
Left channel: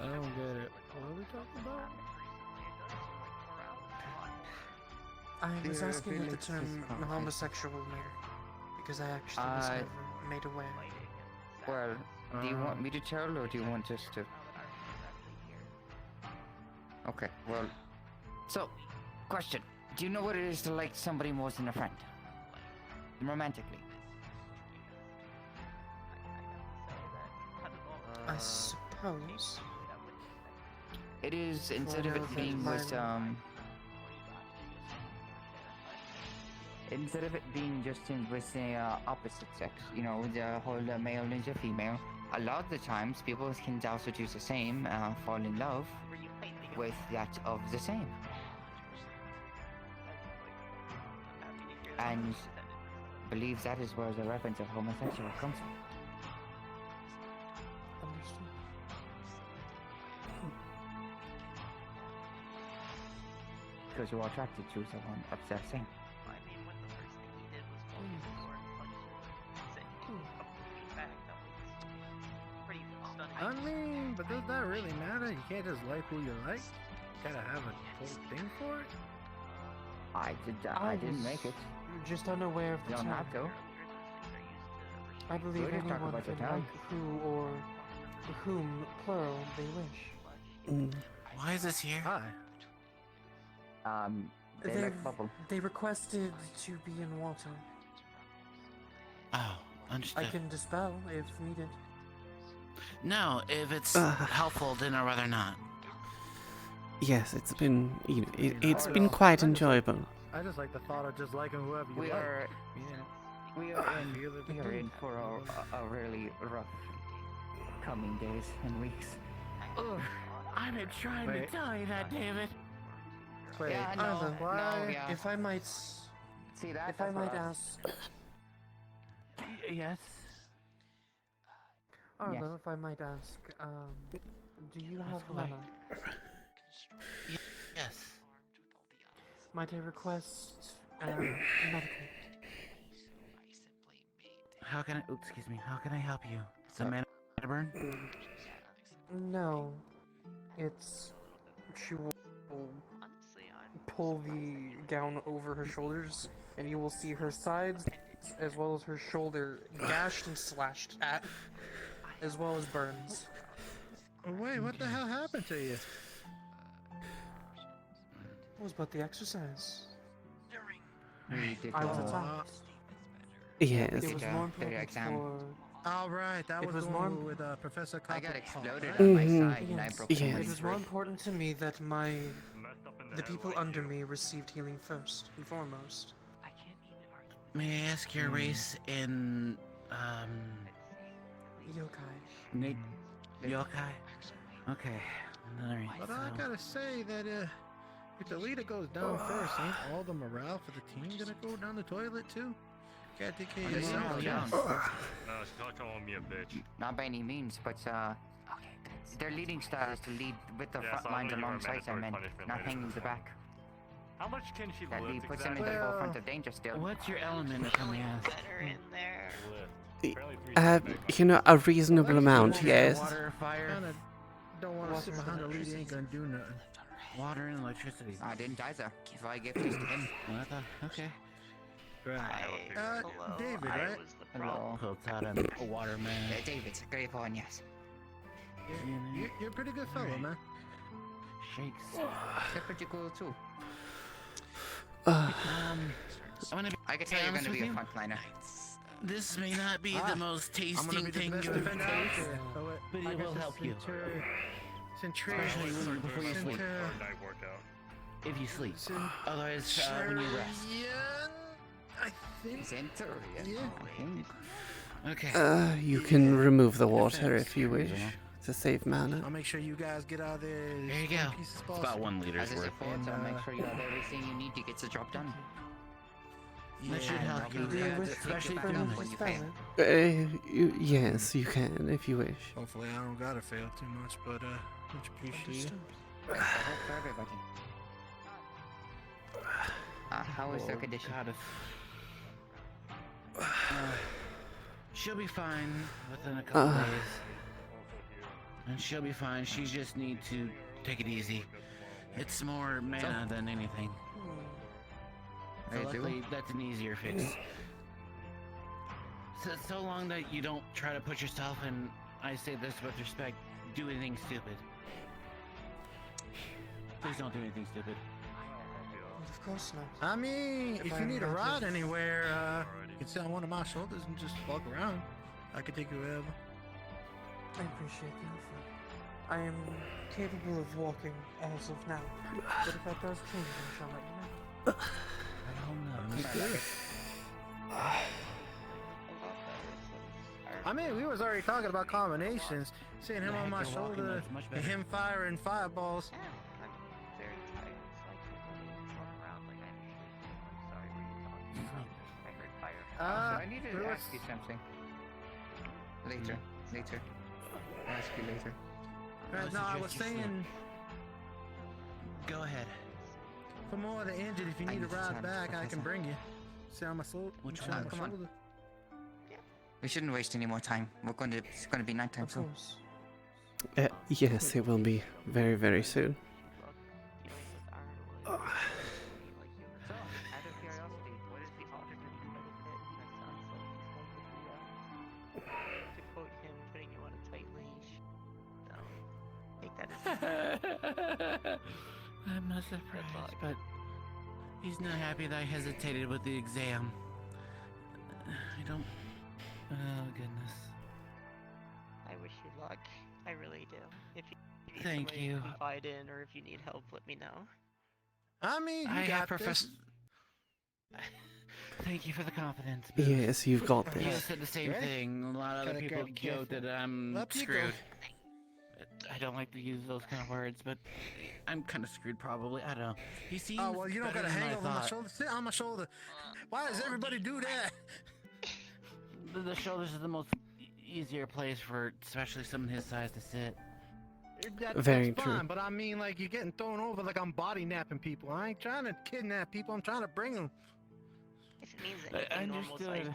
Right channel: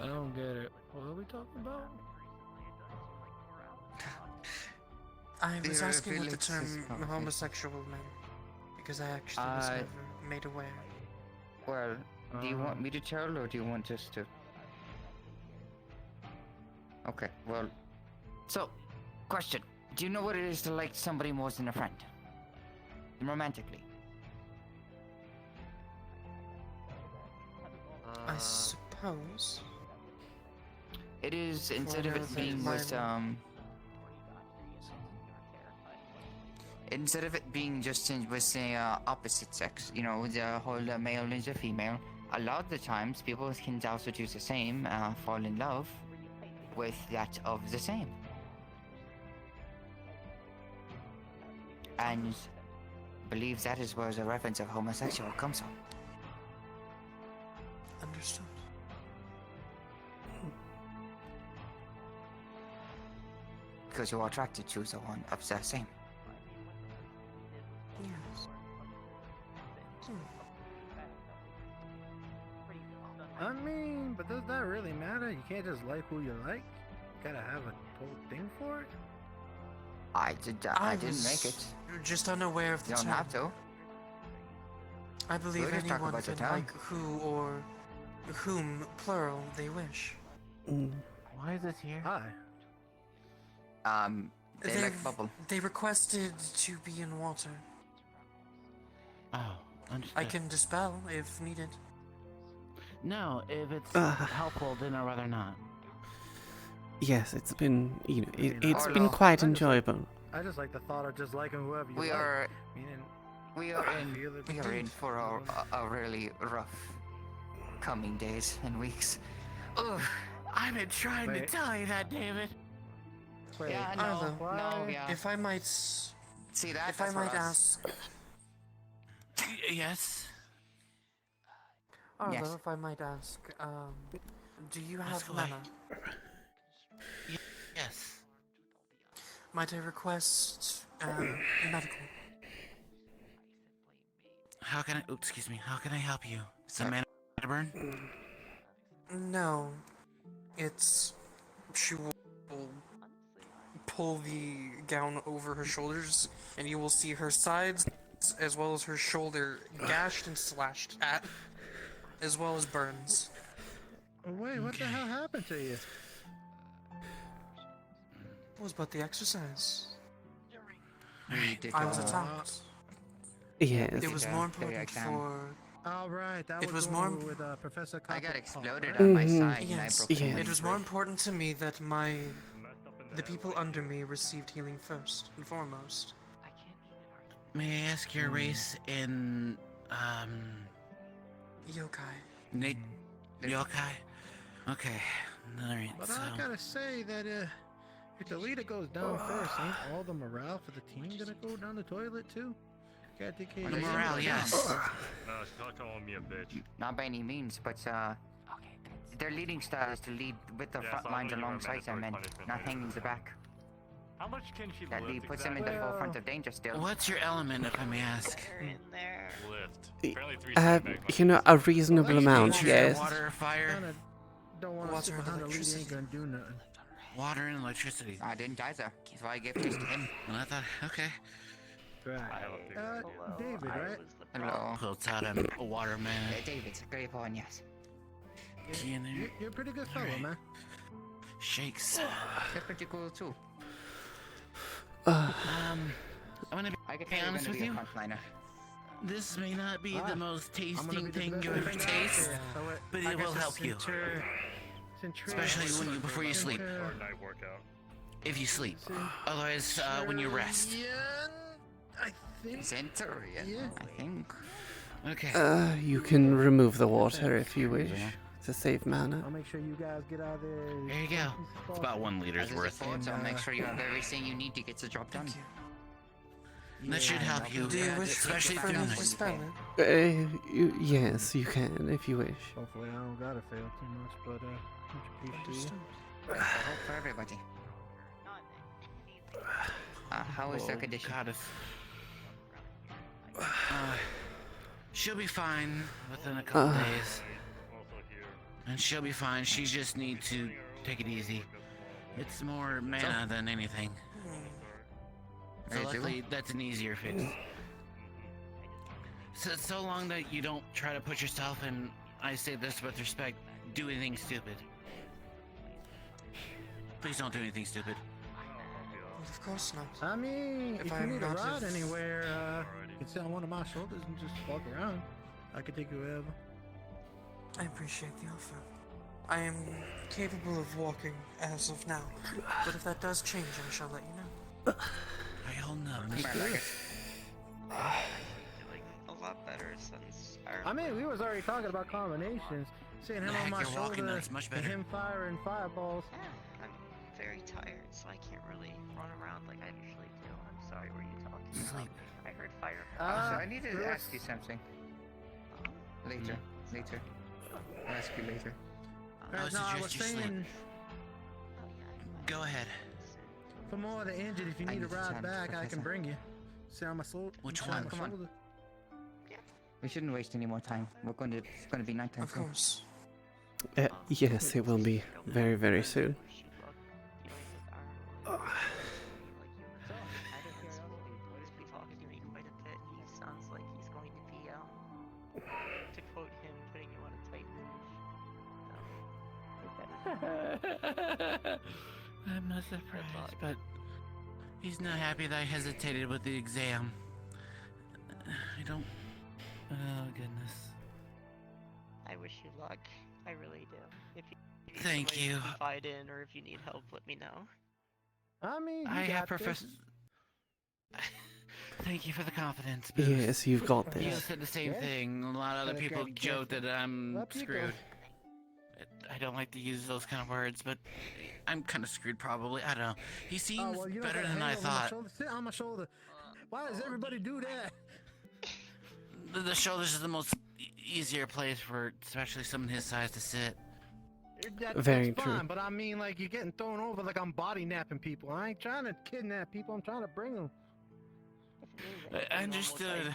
I don't get it. What are we talking about? I was Their asking what the abilities term is powerful. homosexual meant, because I actually was never made aware. Well, do you want me to tell, or do you want us to? Okay, well. So, question. Do you know what it is to like somebody more than a friend? Romantically. I suppose. It is, instead of Well, it being my- with, instead of it being just with the opposite sex, you know, the whole male and the female, a lot of the times people can also do the same, fall in love with that of the same. And believe that is where the reference of homosexual comes from. Understood. Because you are attracted to the one of the same. I mean, but does that really matter? You can't just like who you like. You gotta have a whole thing for it. I didn't make it. Just unaware of the You don't term. have to. I believe We'll just talk anyone about the can term. like who or whom, plural, they wish. Why is this here? Hi. They like bubble. They requested to be in water. Oh, understood. I can dispel if needed. No, if it's helpful, then I'd rather not. Yes, it's been, you know, it's I been don't- quite I just- enjoyable. I just like the thought of just liking whoever you We like. are- Meaning, We are in for a really rough coming days and weeks. Ugh. I've been trying Wait. to tell you that, David. Wait, Yeah, Arlo, no, yeah. If I might, See that? if I That's might for us. ask, Yes. Arlo, Yes. if I might ask, do you have go ahead. mana? Yes. Might I request medical? How can I? Oops, excuse me. How can I help you? Is the man to burn? No, it's she will pull the gown over her shoulders, and you will see her sides as well as her shoulder gashed and slashed at, as well as burns. Oh, wait, what the hell happened to you? It was but the exercise. Ridiculous. I was Oh, attacked. Yes. It was Did, more the important exam. for. All right, that It was was the more one with Professor I got Copper- exploded Oh, on my Mhm. side and I Yes, broke Yes. somebody's it was more rib. important to me that the people under me received healing first and foremost. May I ask your race in Yokai. Nate Yokai? Okay. Alright, But so I gotta say that if the leader goes down first, ain't all the morale for the team gonna go down the toilet too? Can't take care of They you. will go yes. down. Stop calling me a bitch. Not by any means, but their leading style is to lead with the Yes, front I'll lines give you a alongside them mandatory and punishment not later. hanging the back. How much can she That lift puts them in exactly? the forefront of danger still. what's your element, if I may ask? In there. Lift. Apparently 3 You know, a reasonable amount, Nature, yes. Water, fire, Kinda don't want to sit behind a leader, ain't gonna do nothing. water, and electricity. I didn't either. That's why I gave this to him. Well, I thought, okay. Right. David, right? Hello. Pulled out a waterman. David, great one, yes. You're a pretty good fellow, man. Shakes. They're pretty cool too. I'm gonna be, I can be tell you're honest gonna with be a you. frontliner. This may not be the most I'm gonna tasting be the thing best you'll defender out taste, there, so but I it guess will it's help you. Especially before you sleep. Or night workout. If you sleep. Otherwise, when you rest. I think. Centurion. Yeah. I think. Okay. You can remove the water if you wish to save mana. I'll make sure you guys get out there. There you go. It's about 1 liter's As is a worth. force, I'll make sure you have everything you need to get the job done. That should help you, Do you wish especially for through me the to night. spell it? Yes, you can if you wish. Hopefully, I don't gotta fail too much, but much appreciated. I hope for everybody. How is the condition? She'll be fine within a couple days. And she'll be fine. She just needs to take it easy. It's more mana than anything. So luckily, that's an easier fix. So long that you don't try to put yourself, and I say this with respect, do anything stupid. Please don't do anything stupid. Of course not. I mean, if you need a ride anywhere, you can sit on one of my shoulders and just walk around. I could take you wherever. I appreciate the offer. I am capable of walking as of now, but if that does change, I shall let you know. I all know. I mean, we was already talking about combinations. Seeing him on my shoulder and him firing fireballs. I'm very tired, so I can't really run around like I usually do. I'm sorry, were you talking about? I heard fire. I needed to ask you something. Later. I'll ask you later. Alright, no, I was saying, go ahead. for more of the injured, if you need a ride back, I can bring you. Sit on my shoulder. Which one? Come on. We shouldn't waste any more time. It's going to be nighttime soon. Yes, it will be very, very soon. To quote him, putting you on a tight leash. So, take that as I'm not surprised, but he's not happy that I hesitated with the exam. I don't... Oh, goodness. I wish you luck. I really do. If you need Thank somebody you. to confide in, or if you need help, let me know. I mean, I have Professor... Thank you for the confidence. Boots. Yes, you've got You this. said the same thing. A lot of other people joke that I'm screwed. I don't like to use those kind of words, but I'm kind of screwed probably. I don't know. He seems well, you don't better gotta than hang I over my thought. shoulder. Sit on my shoulder. Why does everybody do that? The shoulders is the most easier place for especially someone his size to sit. Very That's true. fine, but I mean, like, you're getting thrown over like I'm body napping people. I ain't trying to kidnap people. I'm trying to bring them. I understood.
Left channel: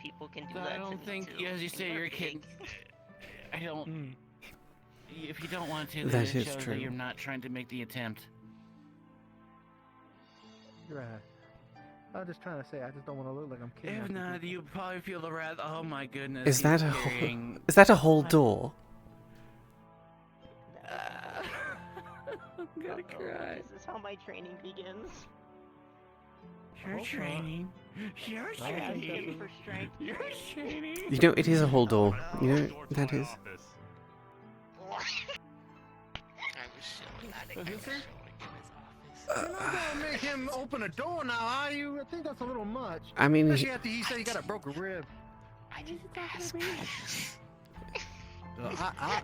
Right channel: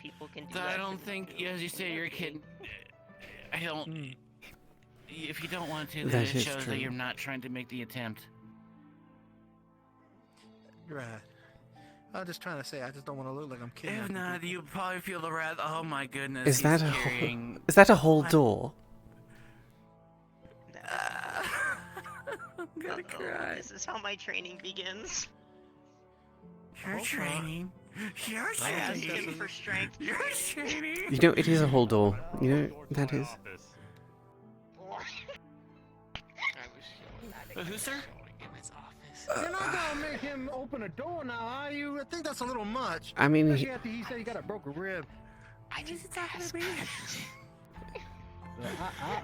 I don't think, as you say, you're a kid. I don't. If you don't want to, That then is it shows true. that you're not trying to make the attempt. You're right. I'm just trying to say, I just don't want to look like I'm kidnapping. If not, you probably feel the wrath. Oh my goodness. Is he's that a carrying- is that a whole door? I'm gonna cry. This is how my training begins. Your training. Your training. For strength. Your training. You know, it is a whole door. You know, that is. Who's sir? You're not gonna make him open a door now, are you? I think that's a little much. I mean, Especially after he said he got a broken rib. I just asked.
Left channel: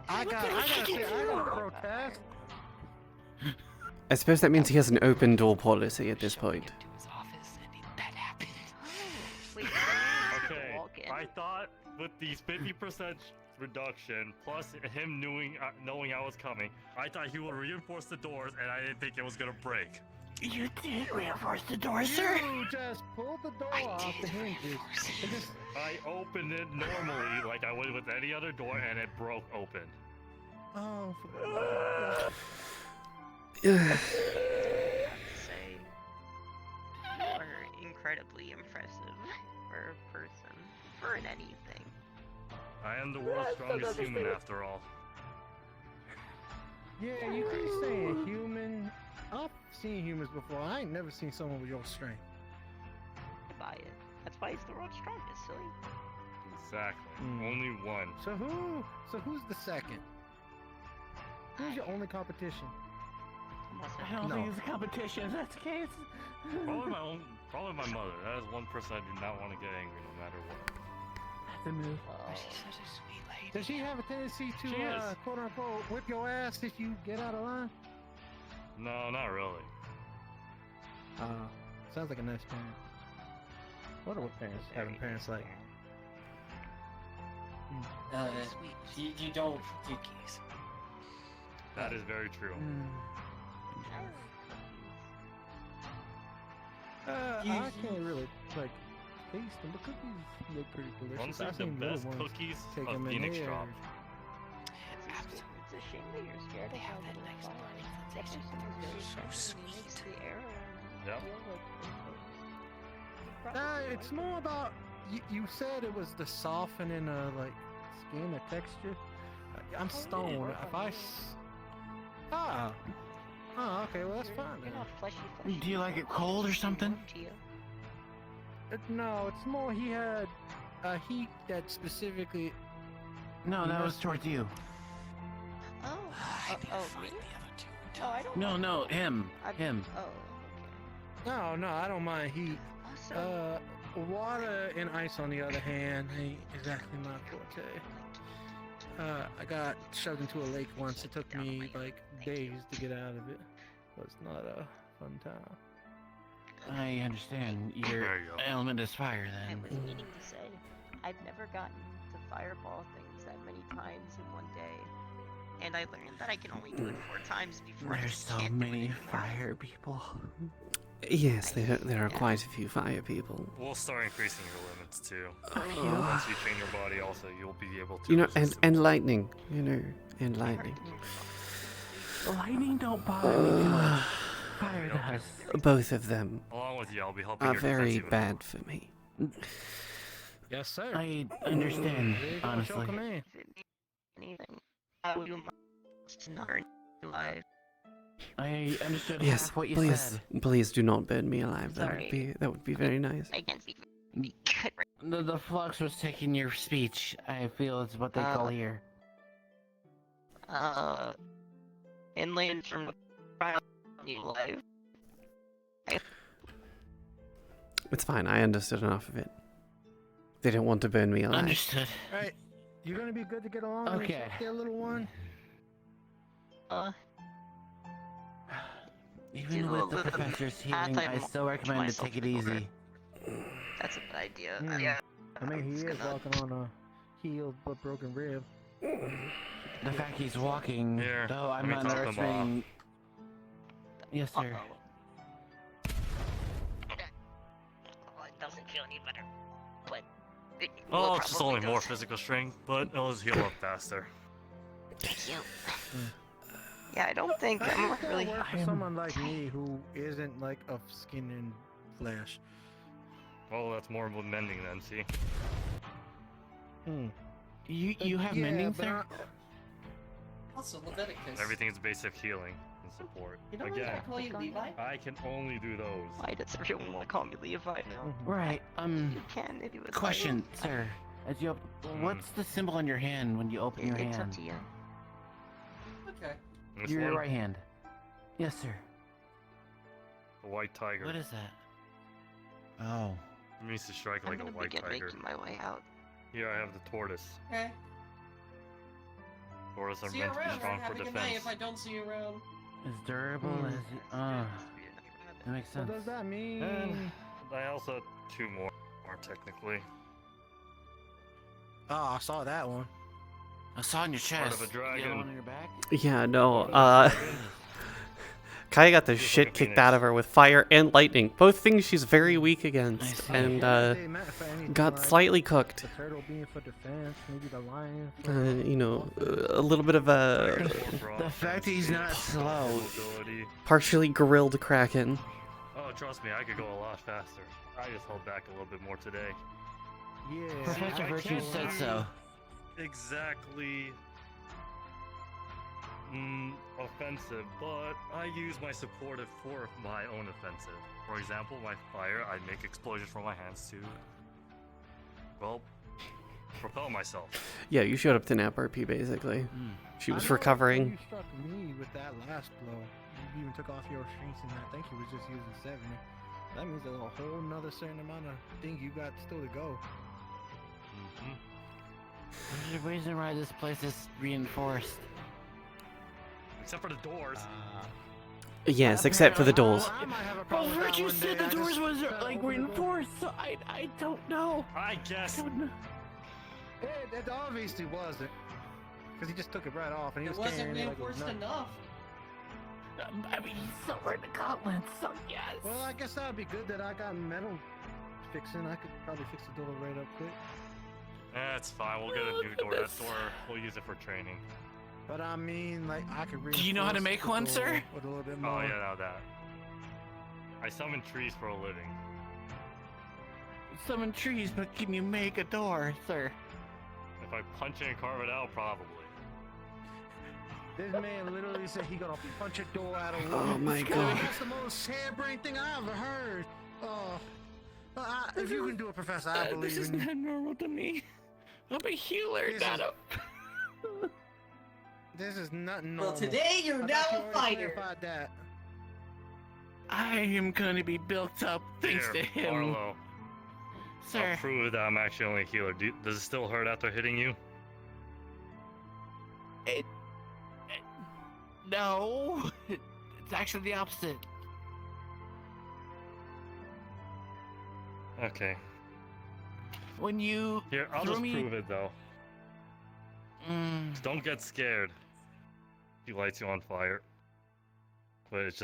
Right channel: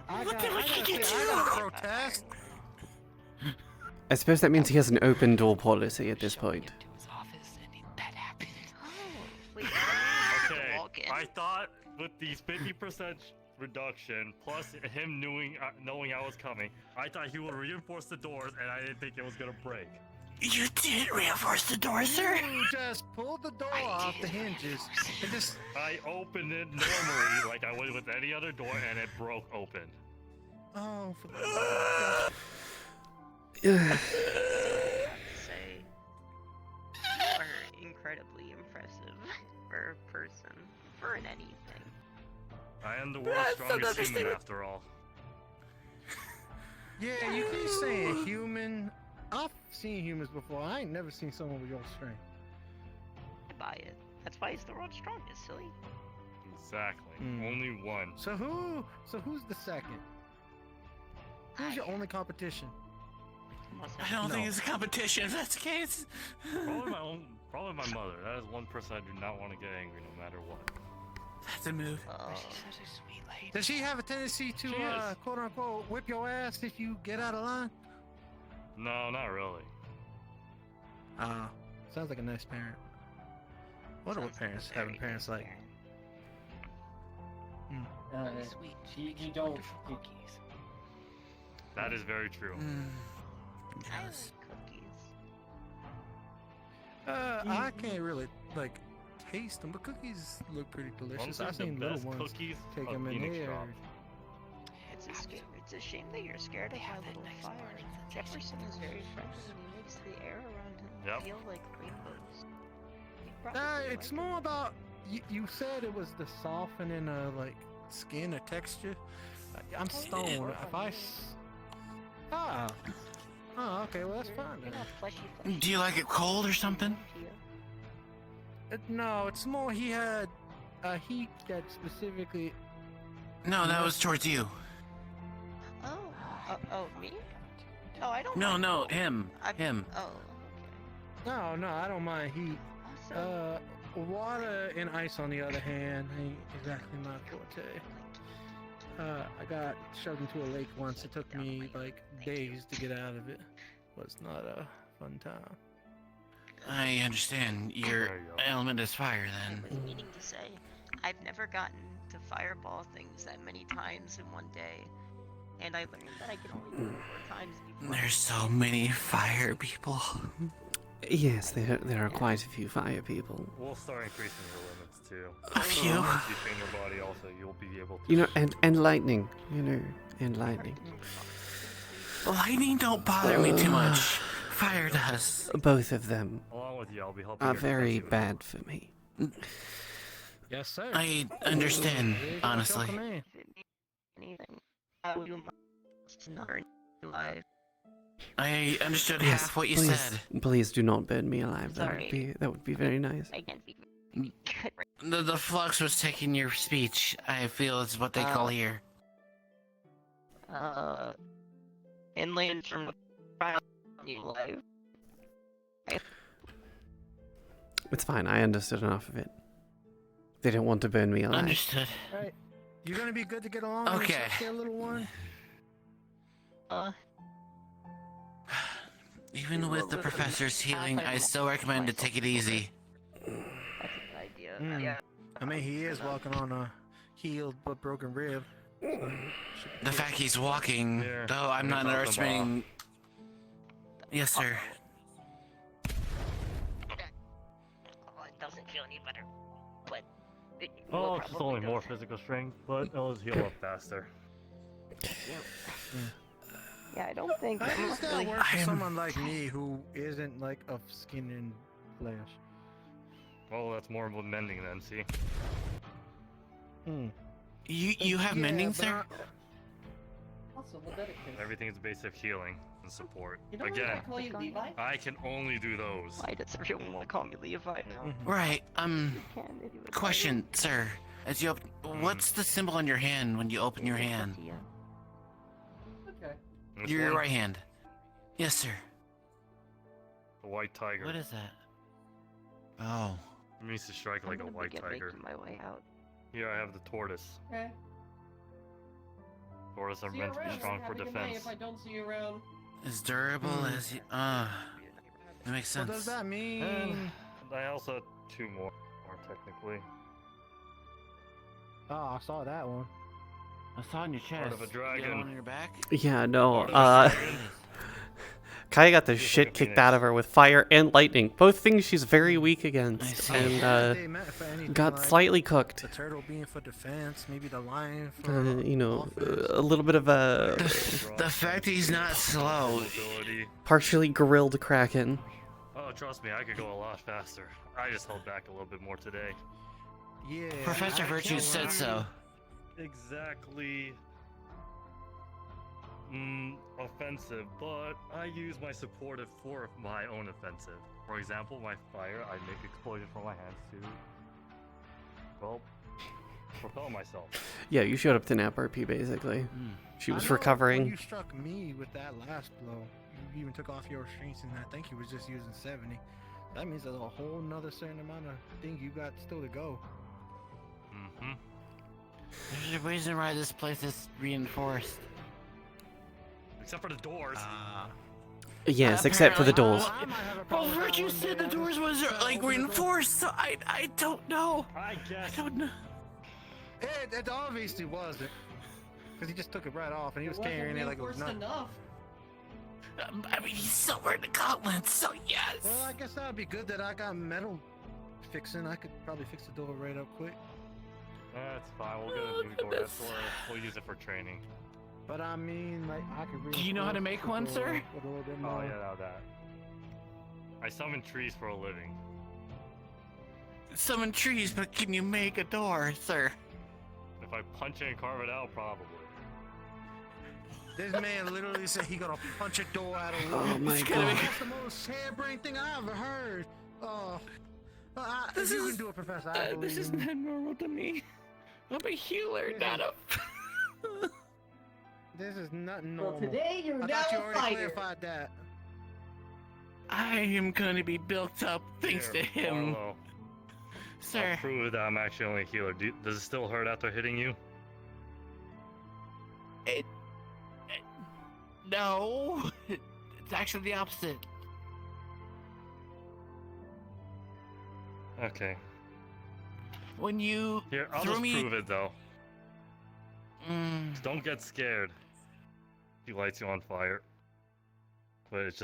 I gotta protest. I suppose that means he has an open door policy at this point. Okay, I thought with these 50% reduction plus him knowing I was coming, I thought he would reinforce the doors, and I didn't think it was gonna break. You did reinforce the door, sir. You just pulled the door off the hinges. I opened it normally, like I would with any other door, and it broke open. Oh, for Say, you are incredibly impressive for a person, for an anything. I am the world's strongest human, after all. Yeah, you keep saying human. I've seen humans before. I ain't never seen someone with your strength. I buy it. That's why he's the world's strongest, silly. Exactly. Only one. So who's the second? Who's your only competition? I don't think it's a competition if that's the case. Probably my mother. That is one person I do not want to get angry no matter what. That's a move. She's such a sweet lady. Does she have a tendency to She is. quote unquote whip your ass if you get out of line? No, not really. Sounds like a nice parent. What are parents having parents like? She don't cookies. That is very true. I can't really taste them, but cookies look pretty delicious. Honestly, I've the seen little best ones. cookies Take of them in Phoenix here. shop. It's a shame that you're scared. They have that nice burning sensation. Jefferson is very fresh. It makes the air around him Yep. feel like rainbows. You'd probably It's like more it. about you said it was the softening of like skin or texture. I'm stoned. If I oh, okay, well that's fine then. You're not fleshy. Do you like it cold or something? No, it's more he had a heat that specifically. No, that was towards you. Oh, me? No, I don't. No, him. Him. Oh, okay. No, I don't mind heat. Water and ice, on the other hand, ain't exactly my forte. I got shoved into a lake once. It took me like days to get out of it. Was not a fun time. I understand. Your element is fire I then. was meaning to say, I've never gotten to fireball things that many times in one day, and I learned that I can only do it 4 times before. There's so many fire people. Yes, there are quite a few fire people. We'll start increasing your limits too. A few? Once you train your body, also you'll be able to. You know, and lightning. You know, and lightning. Lightning don't bother me too much. Fire does. Both of them Along with you, I'll be helping are your very defensive bad for me. Yes, sir. I understand, There you go, honestly. show command. Anything. You must not earn life. I understood Yes, half what you please, said. please do not burn me alive. Sorry. That would be very nice. I can't speak. The flux was taking your speech. I feel it's what they call here. Inland from new life. It's fine. I understood enough of it. They don't want to burn me alive. Understood. Right, you're gonna be good to get along. Okay. Get a little one. Even with the professor's healing, I still recommend to take it easy. That's a good idea. Mm. Yeah. I mean, he is walking on a healed but broken rib. The fact he's walking, Here, though let I'm me not top them underestimating. Yes, sir. Oh, it doesn't feel any better. But it Oh, will it's just probably only more does. physical strength, but it'll just heal up faster. Yeah, I don't think I I'm think it's really. gonna work for someone like me who isn't like of skin and flesh. Oh, that's more with mending then, see? You have mending, sir? Also, Leviticus. Everything's basic healing and support. You don't Again, want to call you Levi? I can only do those. Why does everyone want to call me Levi now? Right. You can if you would Question, sir. As you what's the symbol on your hand when you open your It's up hand? to you. Okay. Which Your one? right hand. Yes, sir. The white tiger. What is that? Oh. It means to strike like a I'm gonna white begin tiger. making my way out. Here I have the tortoise. Okay. Tortoise are See you meant to be around. strong Have for a good night defense. if I don't see you around. As durable as you. That makes What sense. does that mean? And I also have 2 more technically. Oh, I saw that one. I saw on your chest. Part of a You dragon. got one on your back? Yeah, no. Kaia got the shit kicked out of her with fire and lightning, both things she's very weak against, and got slightly cooked. The turtle being for defense, maybe the lion for You know, a little bit of a The fact that he's not slow. Mobility. partially grilled kraken. Oh, trust me, I could go a lot faster. I just held back a little bit more today. Yeah. Professor I Virtue can't said do so. Exactly. Offensive, but I use my supportive for my own offensive. For example, my fire, I make explosions from my hands to, well, propel myself. Yeah, you showed up to nap RP basically. She was I know recovering. You struck me with that last blow. You even took off your strengths, and I think you was just using 70. That means there's a whole nother certain amount of thing you got still to go. Mm-hmm. There's a reason why this place is reinforced. Except for the doors. Yes, except for the doors. Well, Virtue said the doors was like reinforced, so I don't know. I guess. Don't know. It obviously wasn't. Because he just took it right off, and he was It wasn't carrying it like it was reinforced nothing. enough. I mean, he's somewhere in the gauntlets, so yes. Well, I guess that would be good that I got metal fixing. I could probably fix the door right up quick. It's fine. We'll get a new door. We'll use it for training. But I mean, like, I could. Do you know how to make one, sir? A little bit more. Oh yeah, I know that. I summon trees for a living. Summon trees, but can you make a door, sir? If I punch it and carve it out, probably. This man literally said he gonna punch a door out of wood. Oh my god. That's the most harebrained thing I ever heard. Oh, if you can do it, Professor, I believe This is in you. not normal to me. I'm a healer, not a... This is not normal. Well, today you're I now thought you a already fighter. clarified that. I am gonna be built up thanks to him. Arlo, Sir. I'll prove that I'm actually only a healer. Does it still hurt after hitting you? No. It's actually the opposite. Okay. When you Here, I'll threw just me... prove it though. Don't get scared. He lights you on fire. But it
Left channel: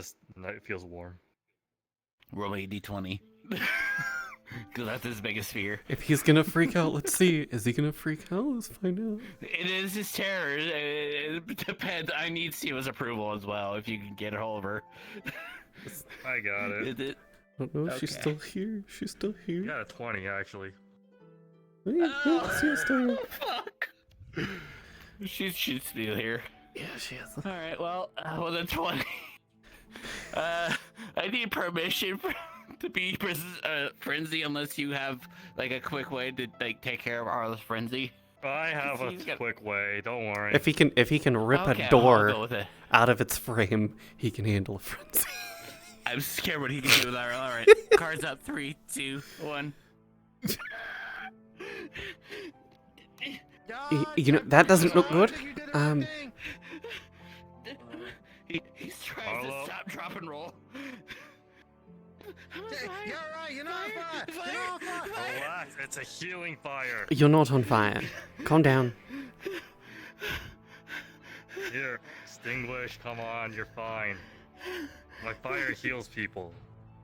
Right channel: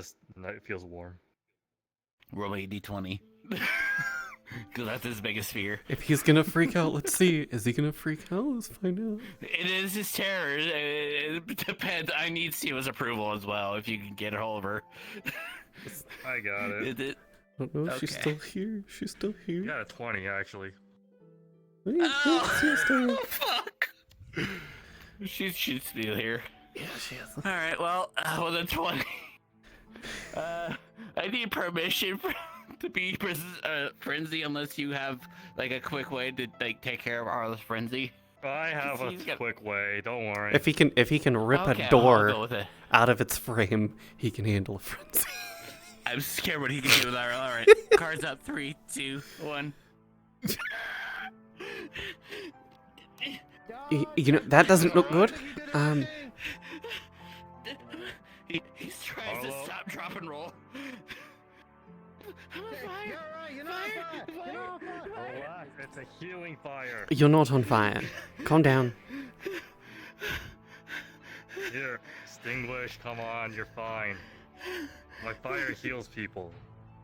feels warm. Roll a d20. Because that's his biggest fear. If he's gonna freak out, let's see. Is he gonna freak out? Let's find out. It is his terror. It depends. I need Siwa's approval as well, if you can get a hold of her. I got it. Oh no, she's still here. She's still here. You got a 20 actually. Yeah, she's still here. Fuck. She's still here. Yeah, she is. All right. Well, the 20. I need permission to be frenzy unless you have like a quick way to like take care of Arlo's frenzy. I have a quick way. Don't worry. If he can rip Okay, a I'll door go with it. out of its frame, he can handle a frenzy. I'm scared what he can do with that. All right. Cards up. 3, 2, 1. You know that doesn't look good. He's trying to stop, drop, and roll. Relax, it's a healing fire. You're not on fire. Calm down. Here, extinguish, come on, you're fine. My fire heals people.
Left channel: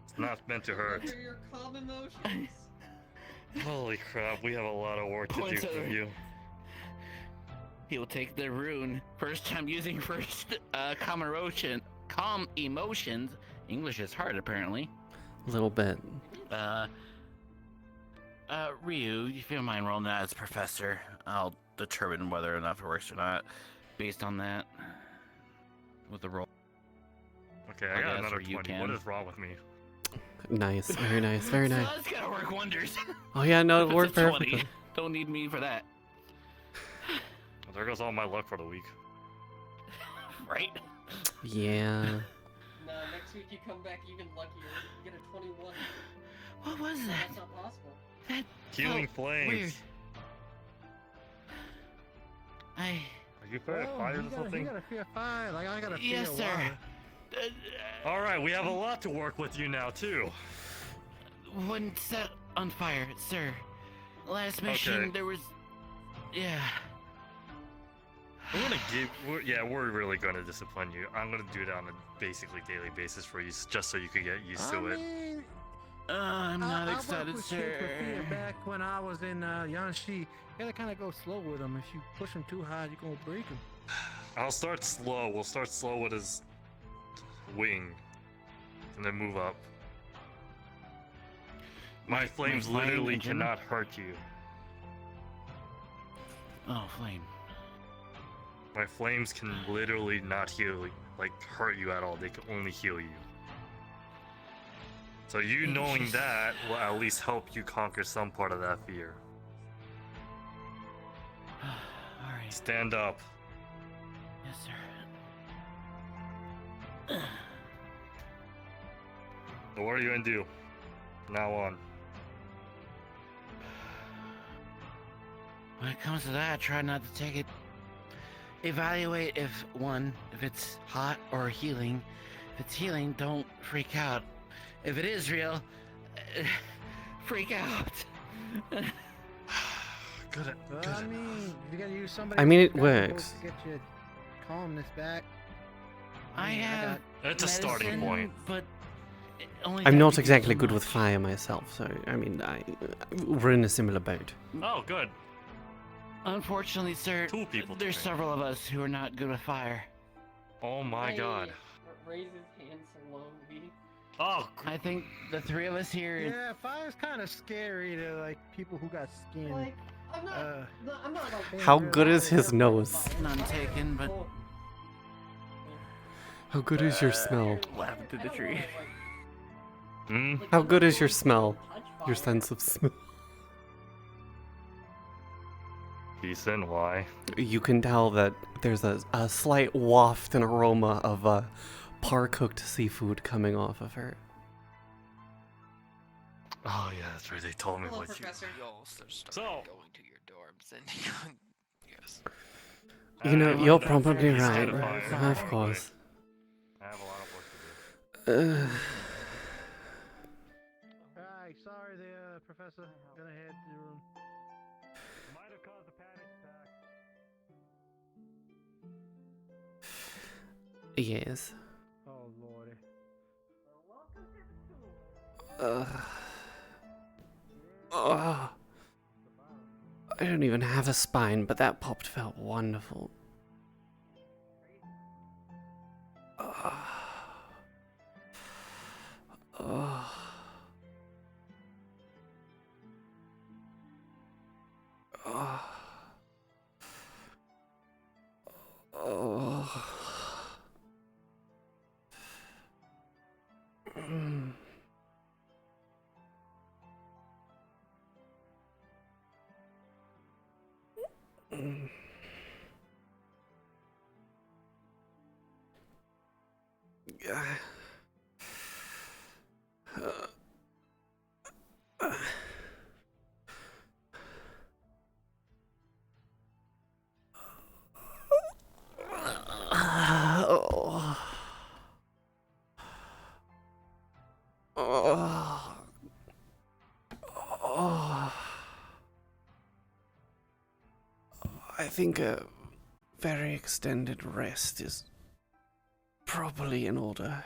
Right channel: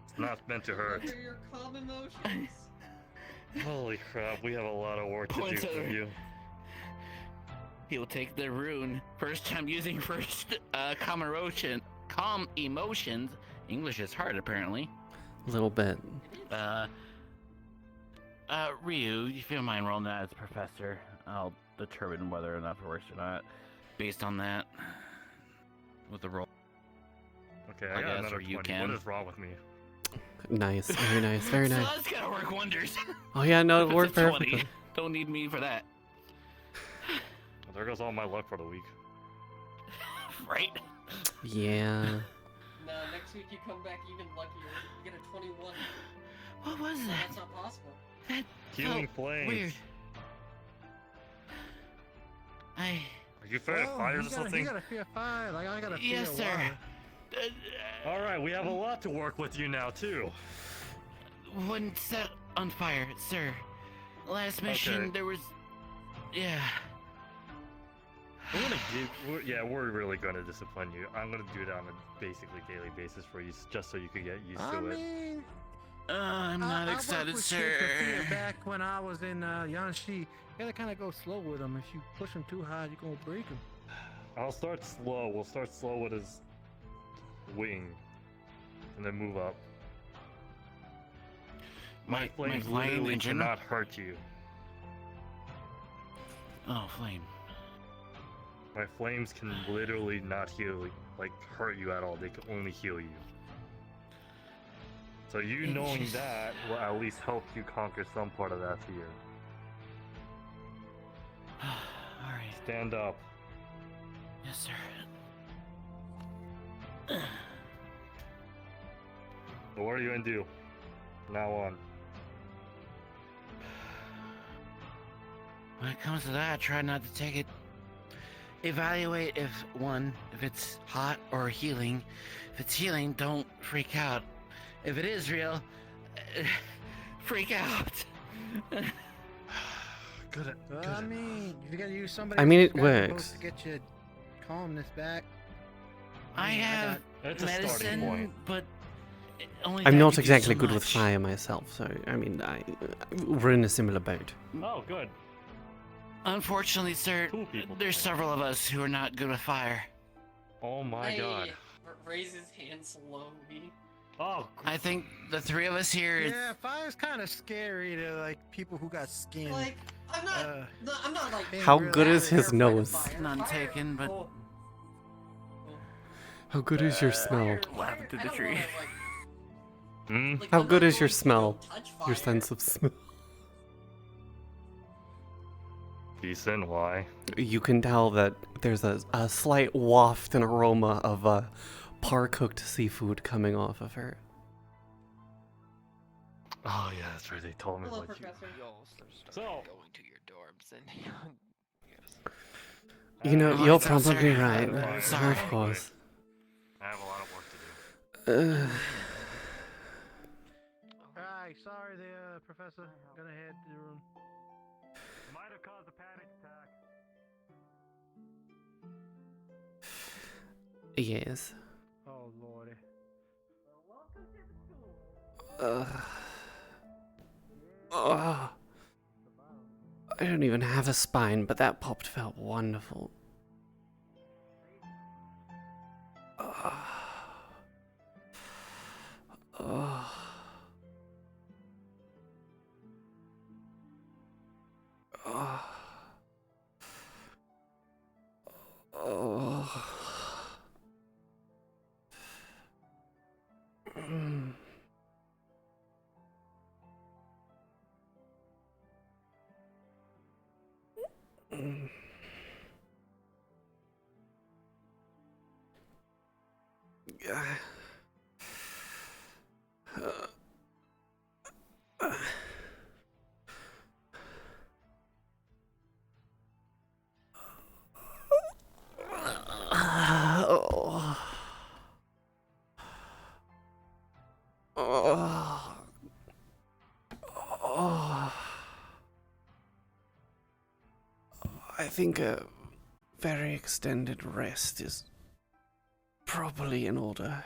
It's not meant to hurt. What are your calm emotions? Holy crap, we have a lot of work to do Points for over. you. He will take the rune. First time using calm emotions. English is hard, apparently. A little bit. Ryu, if you don't mind rolling that as professor, I'll determine whether or not it works or not, based on that. With the roll. Okay, I got guess, another or you 20. can. What is wrong with me? Nice. Very nice. Very nice. So that's gonna work wonders. Oh yeah, no, it If worked it's a 20, perfectly. Don't need me for that. Well, there goes all my luck for the week. Right? Yeah. No, next week you come back even luckier. You get a 21. What was that? That's not possible. That Healing felt flames. weird. Are you afraid of fires or something? You gotta fear fire. Like I gotta fear Yes, sir. water. Alright, we have a lot to work with you now, too. One set on fire, sir. Last mission, Okay. there was... Yeah. We're really gonna discipline you. I'm gonna do that on a basically daily basis for you, just so you can get used I to it. mean, I'm not I excited, worked with sir. kids with fear back when I was in Yanxi. You gotta kind of go slow with them. If you push them too high, you're gonna break them. I'll start slow. We'll start slow with his wing, and then move up. My flames flying literally engine? cannot hurt you. Oh, flame. My flames can literally not hurt you at all. They can only heal you. So you knowing that will at least help you conquer some part of that fear. Alright. Stand up. Yes, sir. So what are you gonna do? From now on. When it comes to that, I try not to take it. Evaluate if it's hot or healing. If it's healing, don't freak out. If it is real, freak out. Good. I mean, you gotta use somebody. I mean, it who's works. to get your calmness back. I mean, have It's a medicine, starting point. but only I'm that not you do exactly so good with much. fire myself, so I mean, we're in a similar boat. Oh, good. Unfortunately, sir, there's several of us who are not good with fire. Oh my god. Raise his hand slowly. Oh, I think the three of us here. Yeah, fire's kind of scary to like people who got skin. Like, I'm not like. How good is his nose? None taken, but. How good is your smell? What happened to the tree? How good is your smell? Your sense of smell? Decent, why? You can tell that there's a slight waft and aroma of par-cooked seafood coming off of her. Oh yeah, that's right. They told me Hello, what Professor. So, going to your dorms and yes. You know, you're probably serious right. empire, Of course. I have a lot of work to do. Alright, sorry there, Professor. Gonna head to your room. Might have caused a panic attack. Yes. Oh lordy. Oh. I don't even have a spine, but that popped felt wonderful. Oh. Oh. Oh. Oh. Mm. Mm. I think a very extended rest is probably in order.